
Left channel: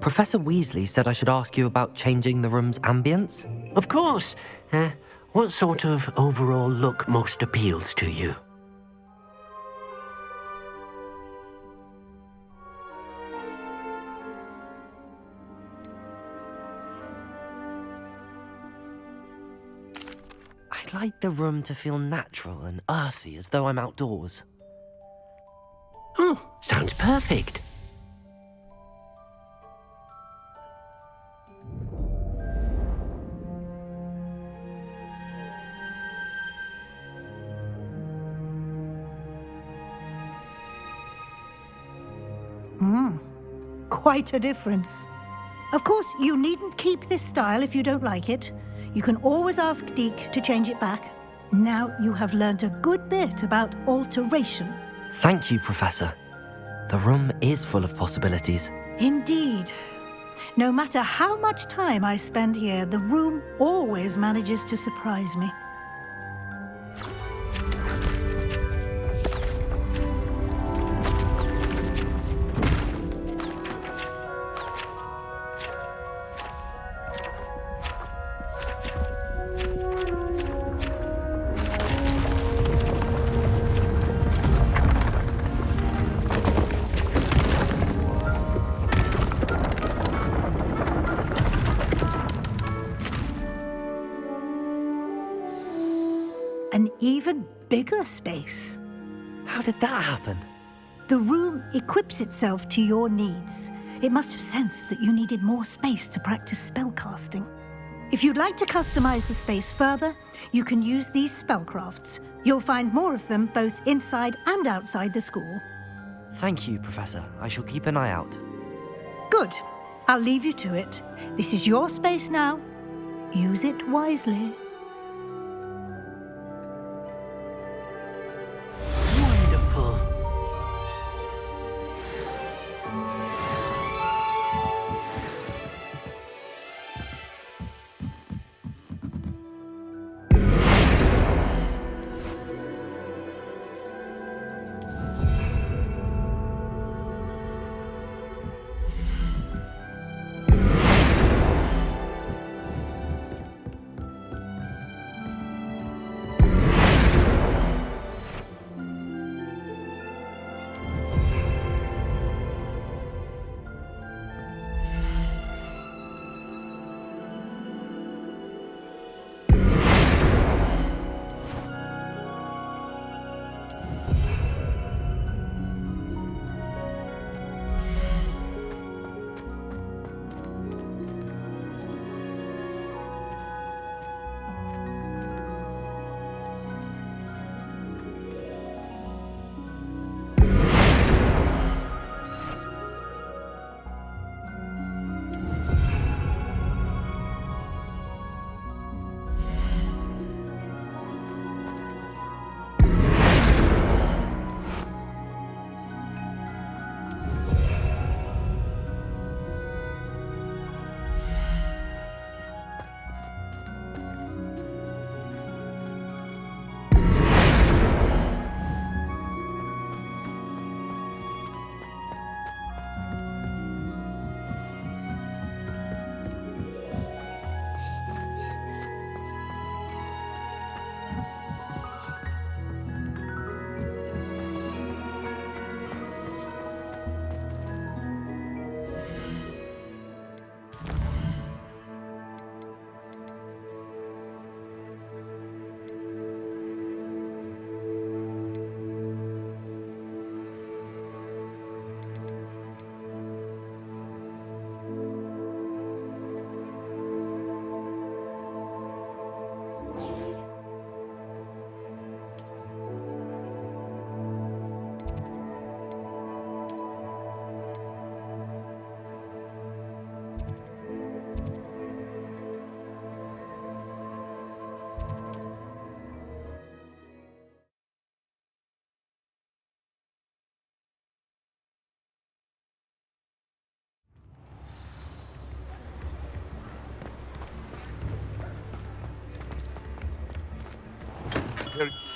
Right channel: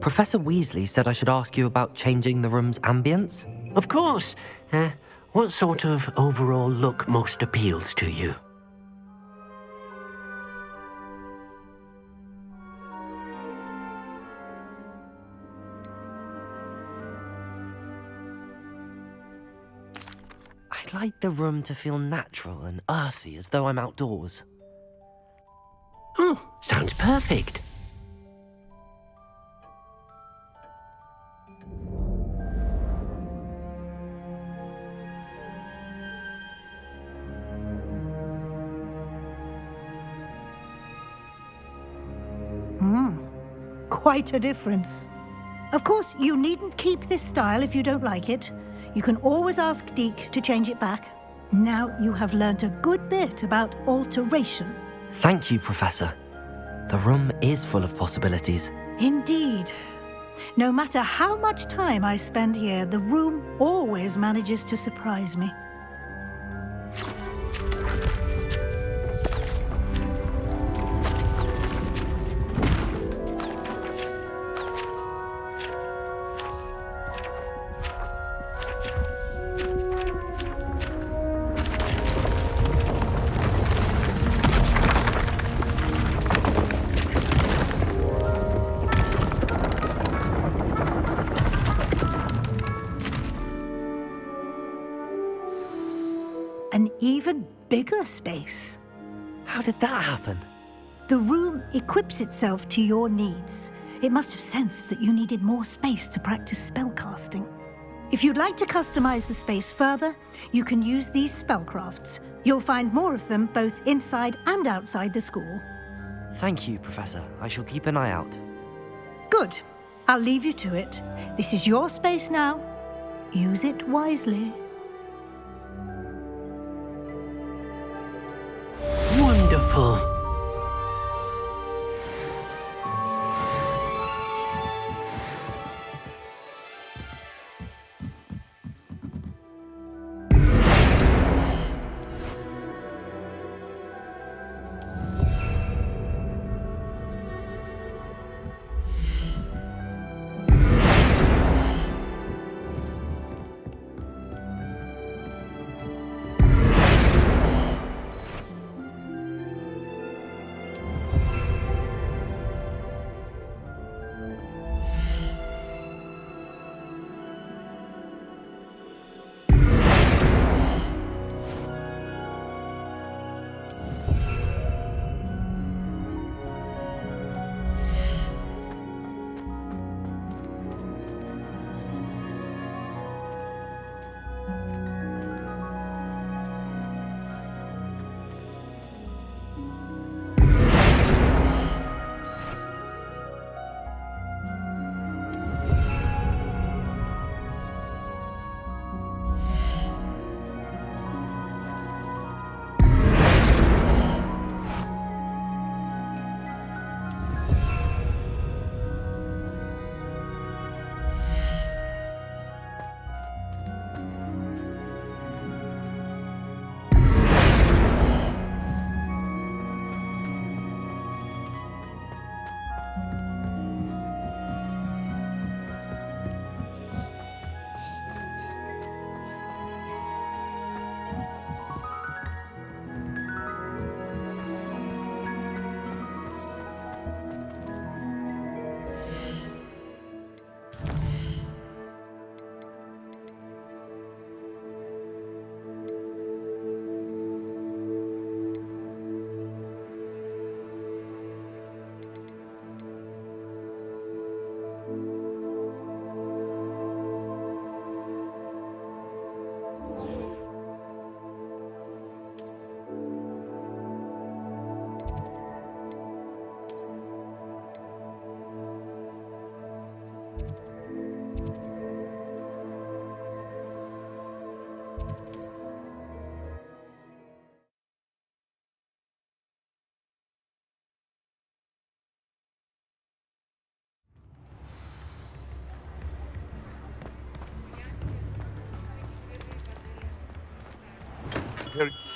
Professor Weasley said I should ask you about changing the room's ambience? Of course. What sort of overall look most appeals to you? I'd like the room to feel natural and earthy, as though I'm outdoors. Oh, sounds perfect. Quite a difference. Of course, you needn't keep this style if you don't like it. You can always ask Deke to change it back. Now you have learnt a good bit about alteration. Thank you, Professor. The room is full of possibilities. Indeed. No matter how much time I spend here, the room always manages to surprise me. An even bigger space. How did that happen? The room equips itself to your needs. It must have sensed that you needed more space to practice spellcasting. If you'd like to customize the space further, you can use these spellcrafts. You'll find more of them both inside and outside the school. Thank you, Professor. I shall keep an eye out. Good. I'll leave you to it. This is your space now. Use it wisely. Wonderful.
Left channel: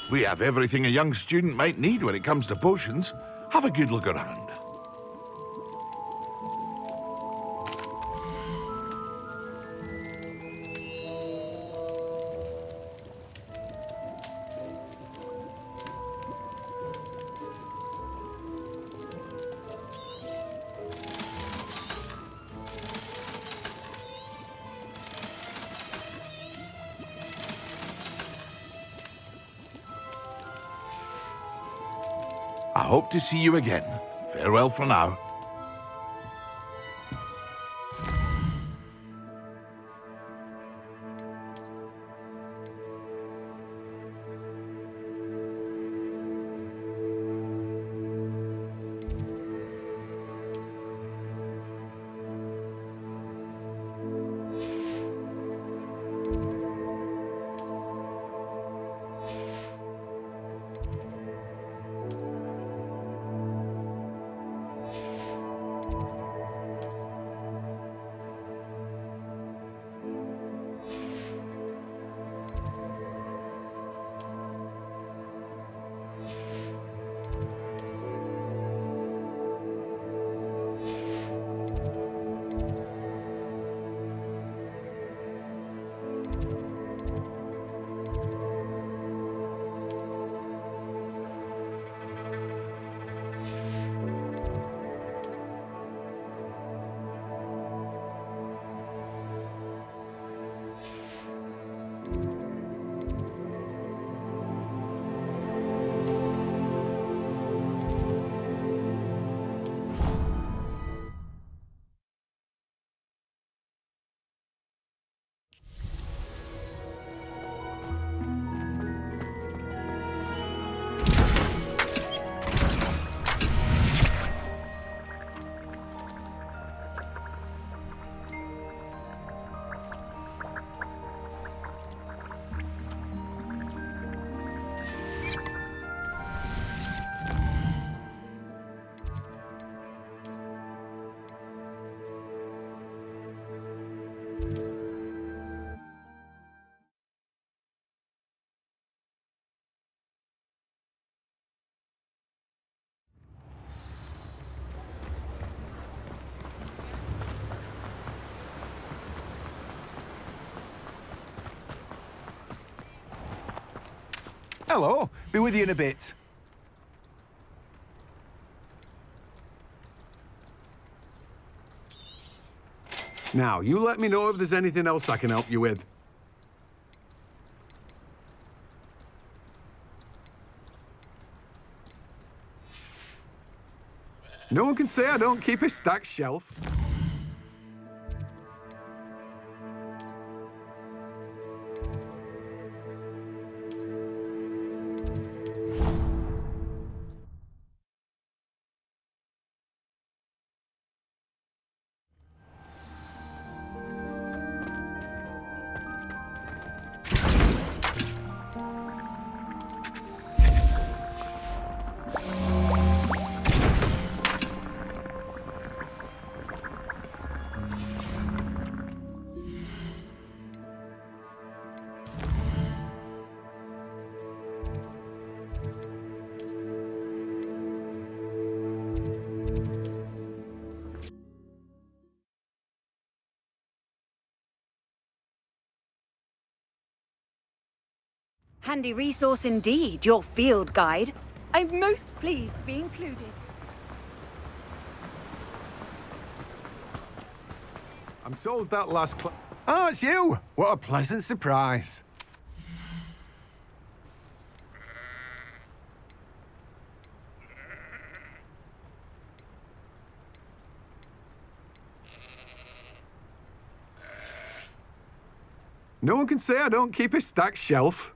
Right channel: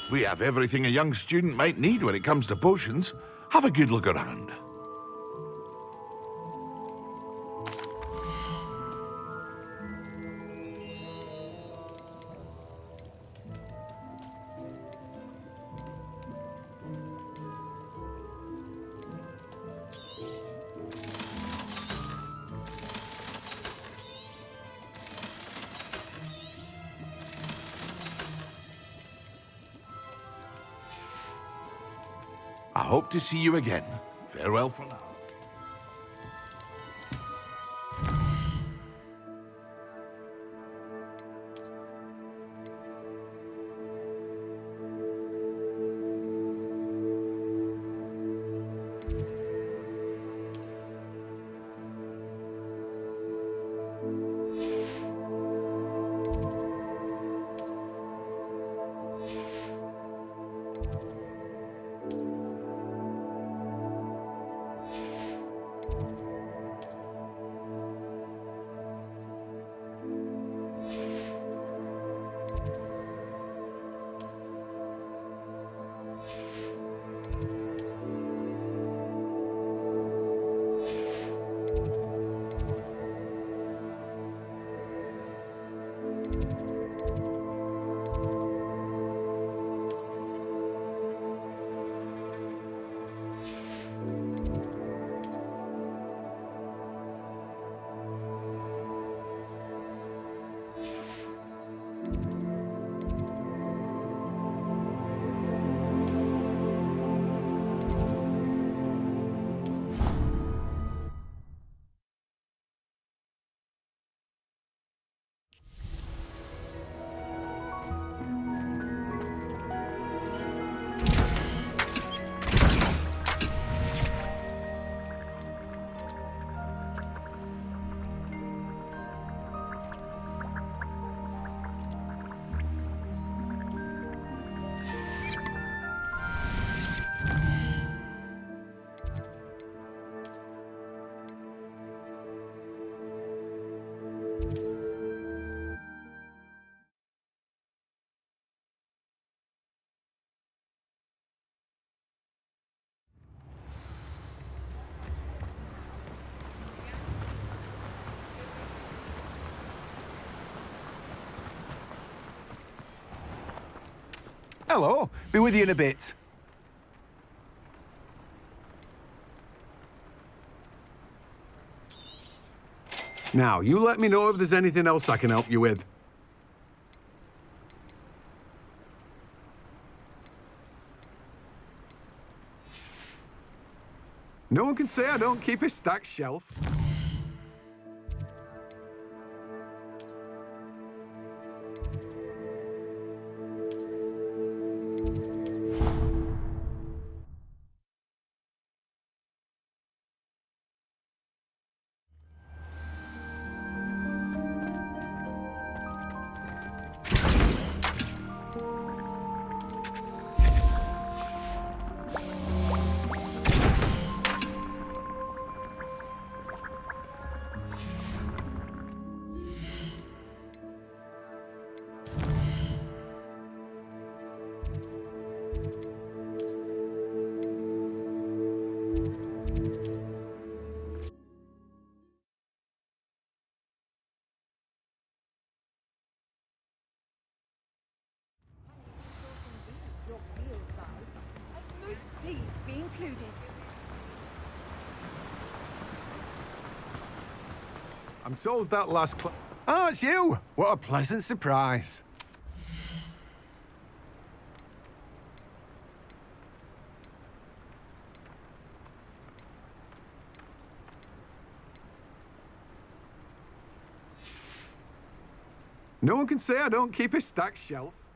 We have everything a young student might need when it comes to potions. Have a good look around. I hope to see you again. Farewell for now. Hello. Be with you in a bit. Now, you let me know if there's anything else I can help you with. No one can say I don't keep a stacked shelf. Handy resource indeed, your field guide. I'm most pleased to be included. I'm told that last Oh, it's you! What a pleasant surprise. No one can say I don't keep a stacked shelf.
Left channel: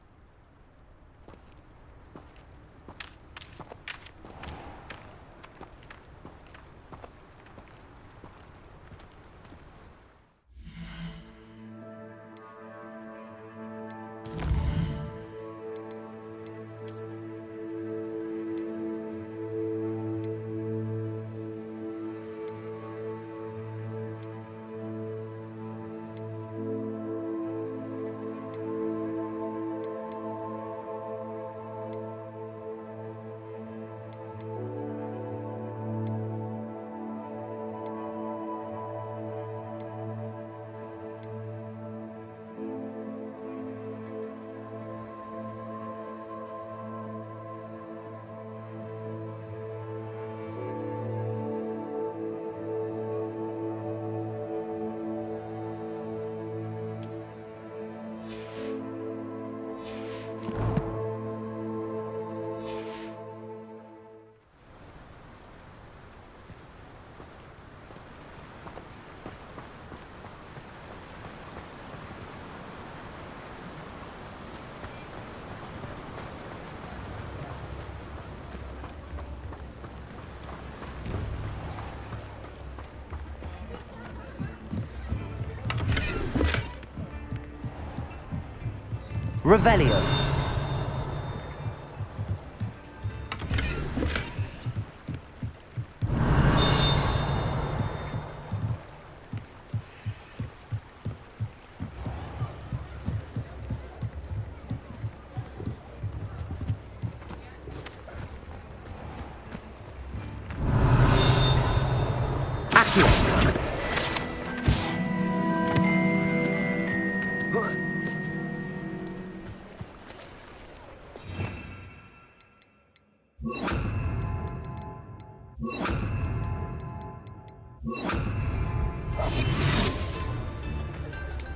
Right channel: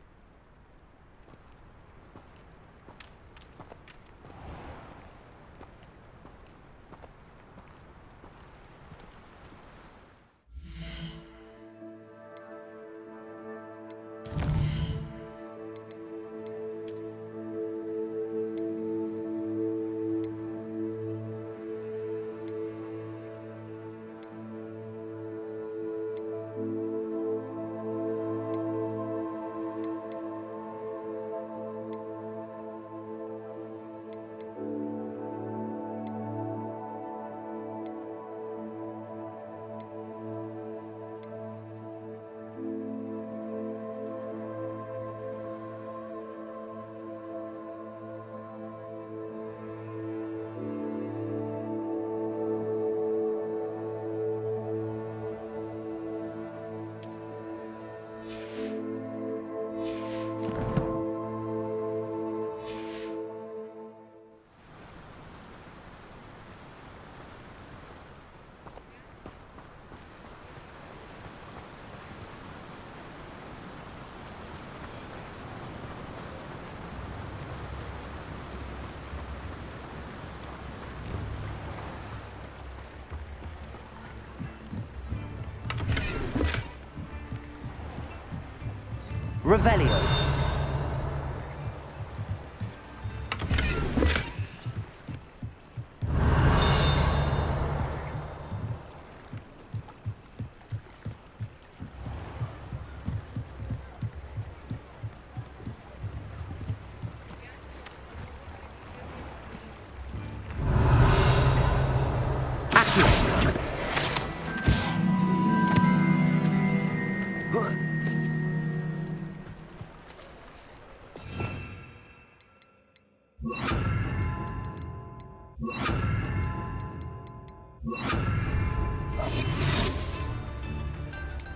Revelio.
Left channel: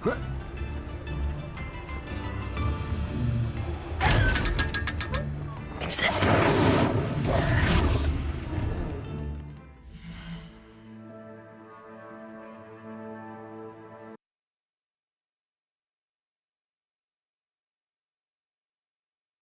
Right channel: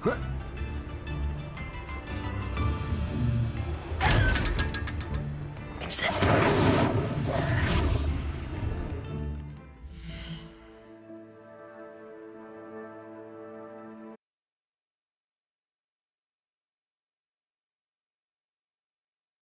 Huh.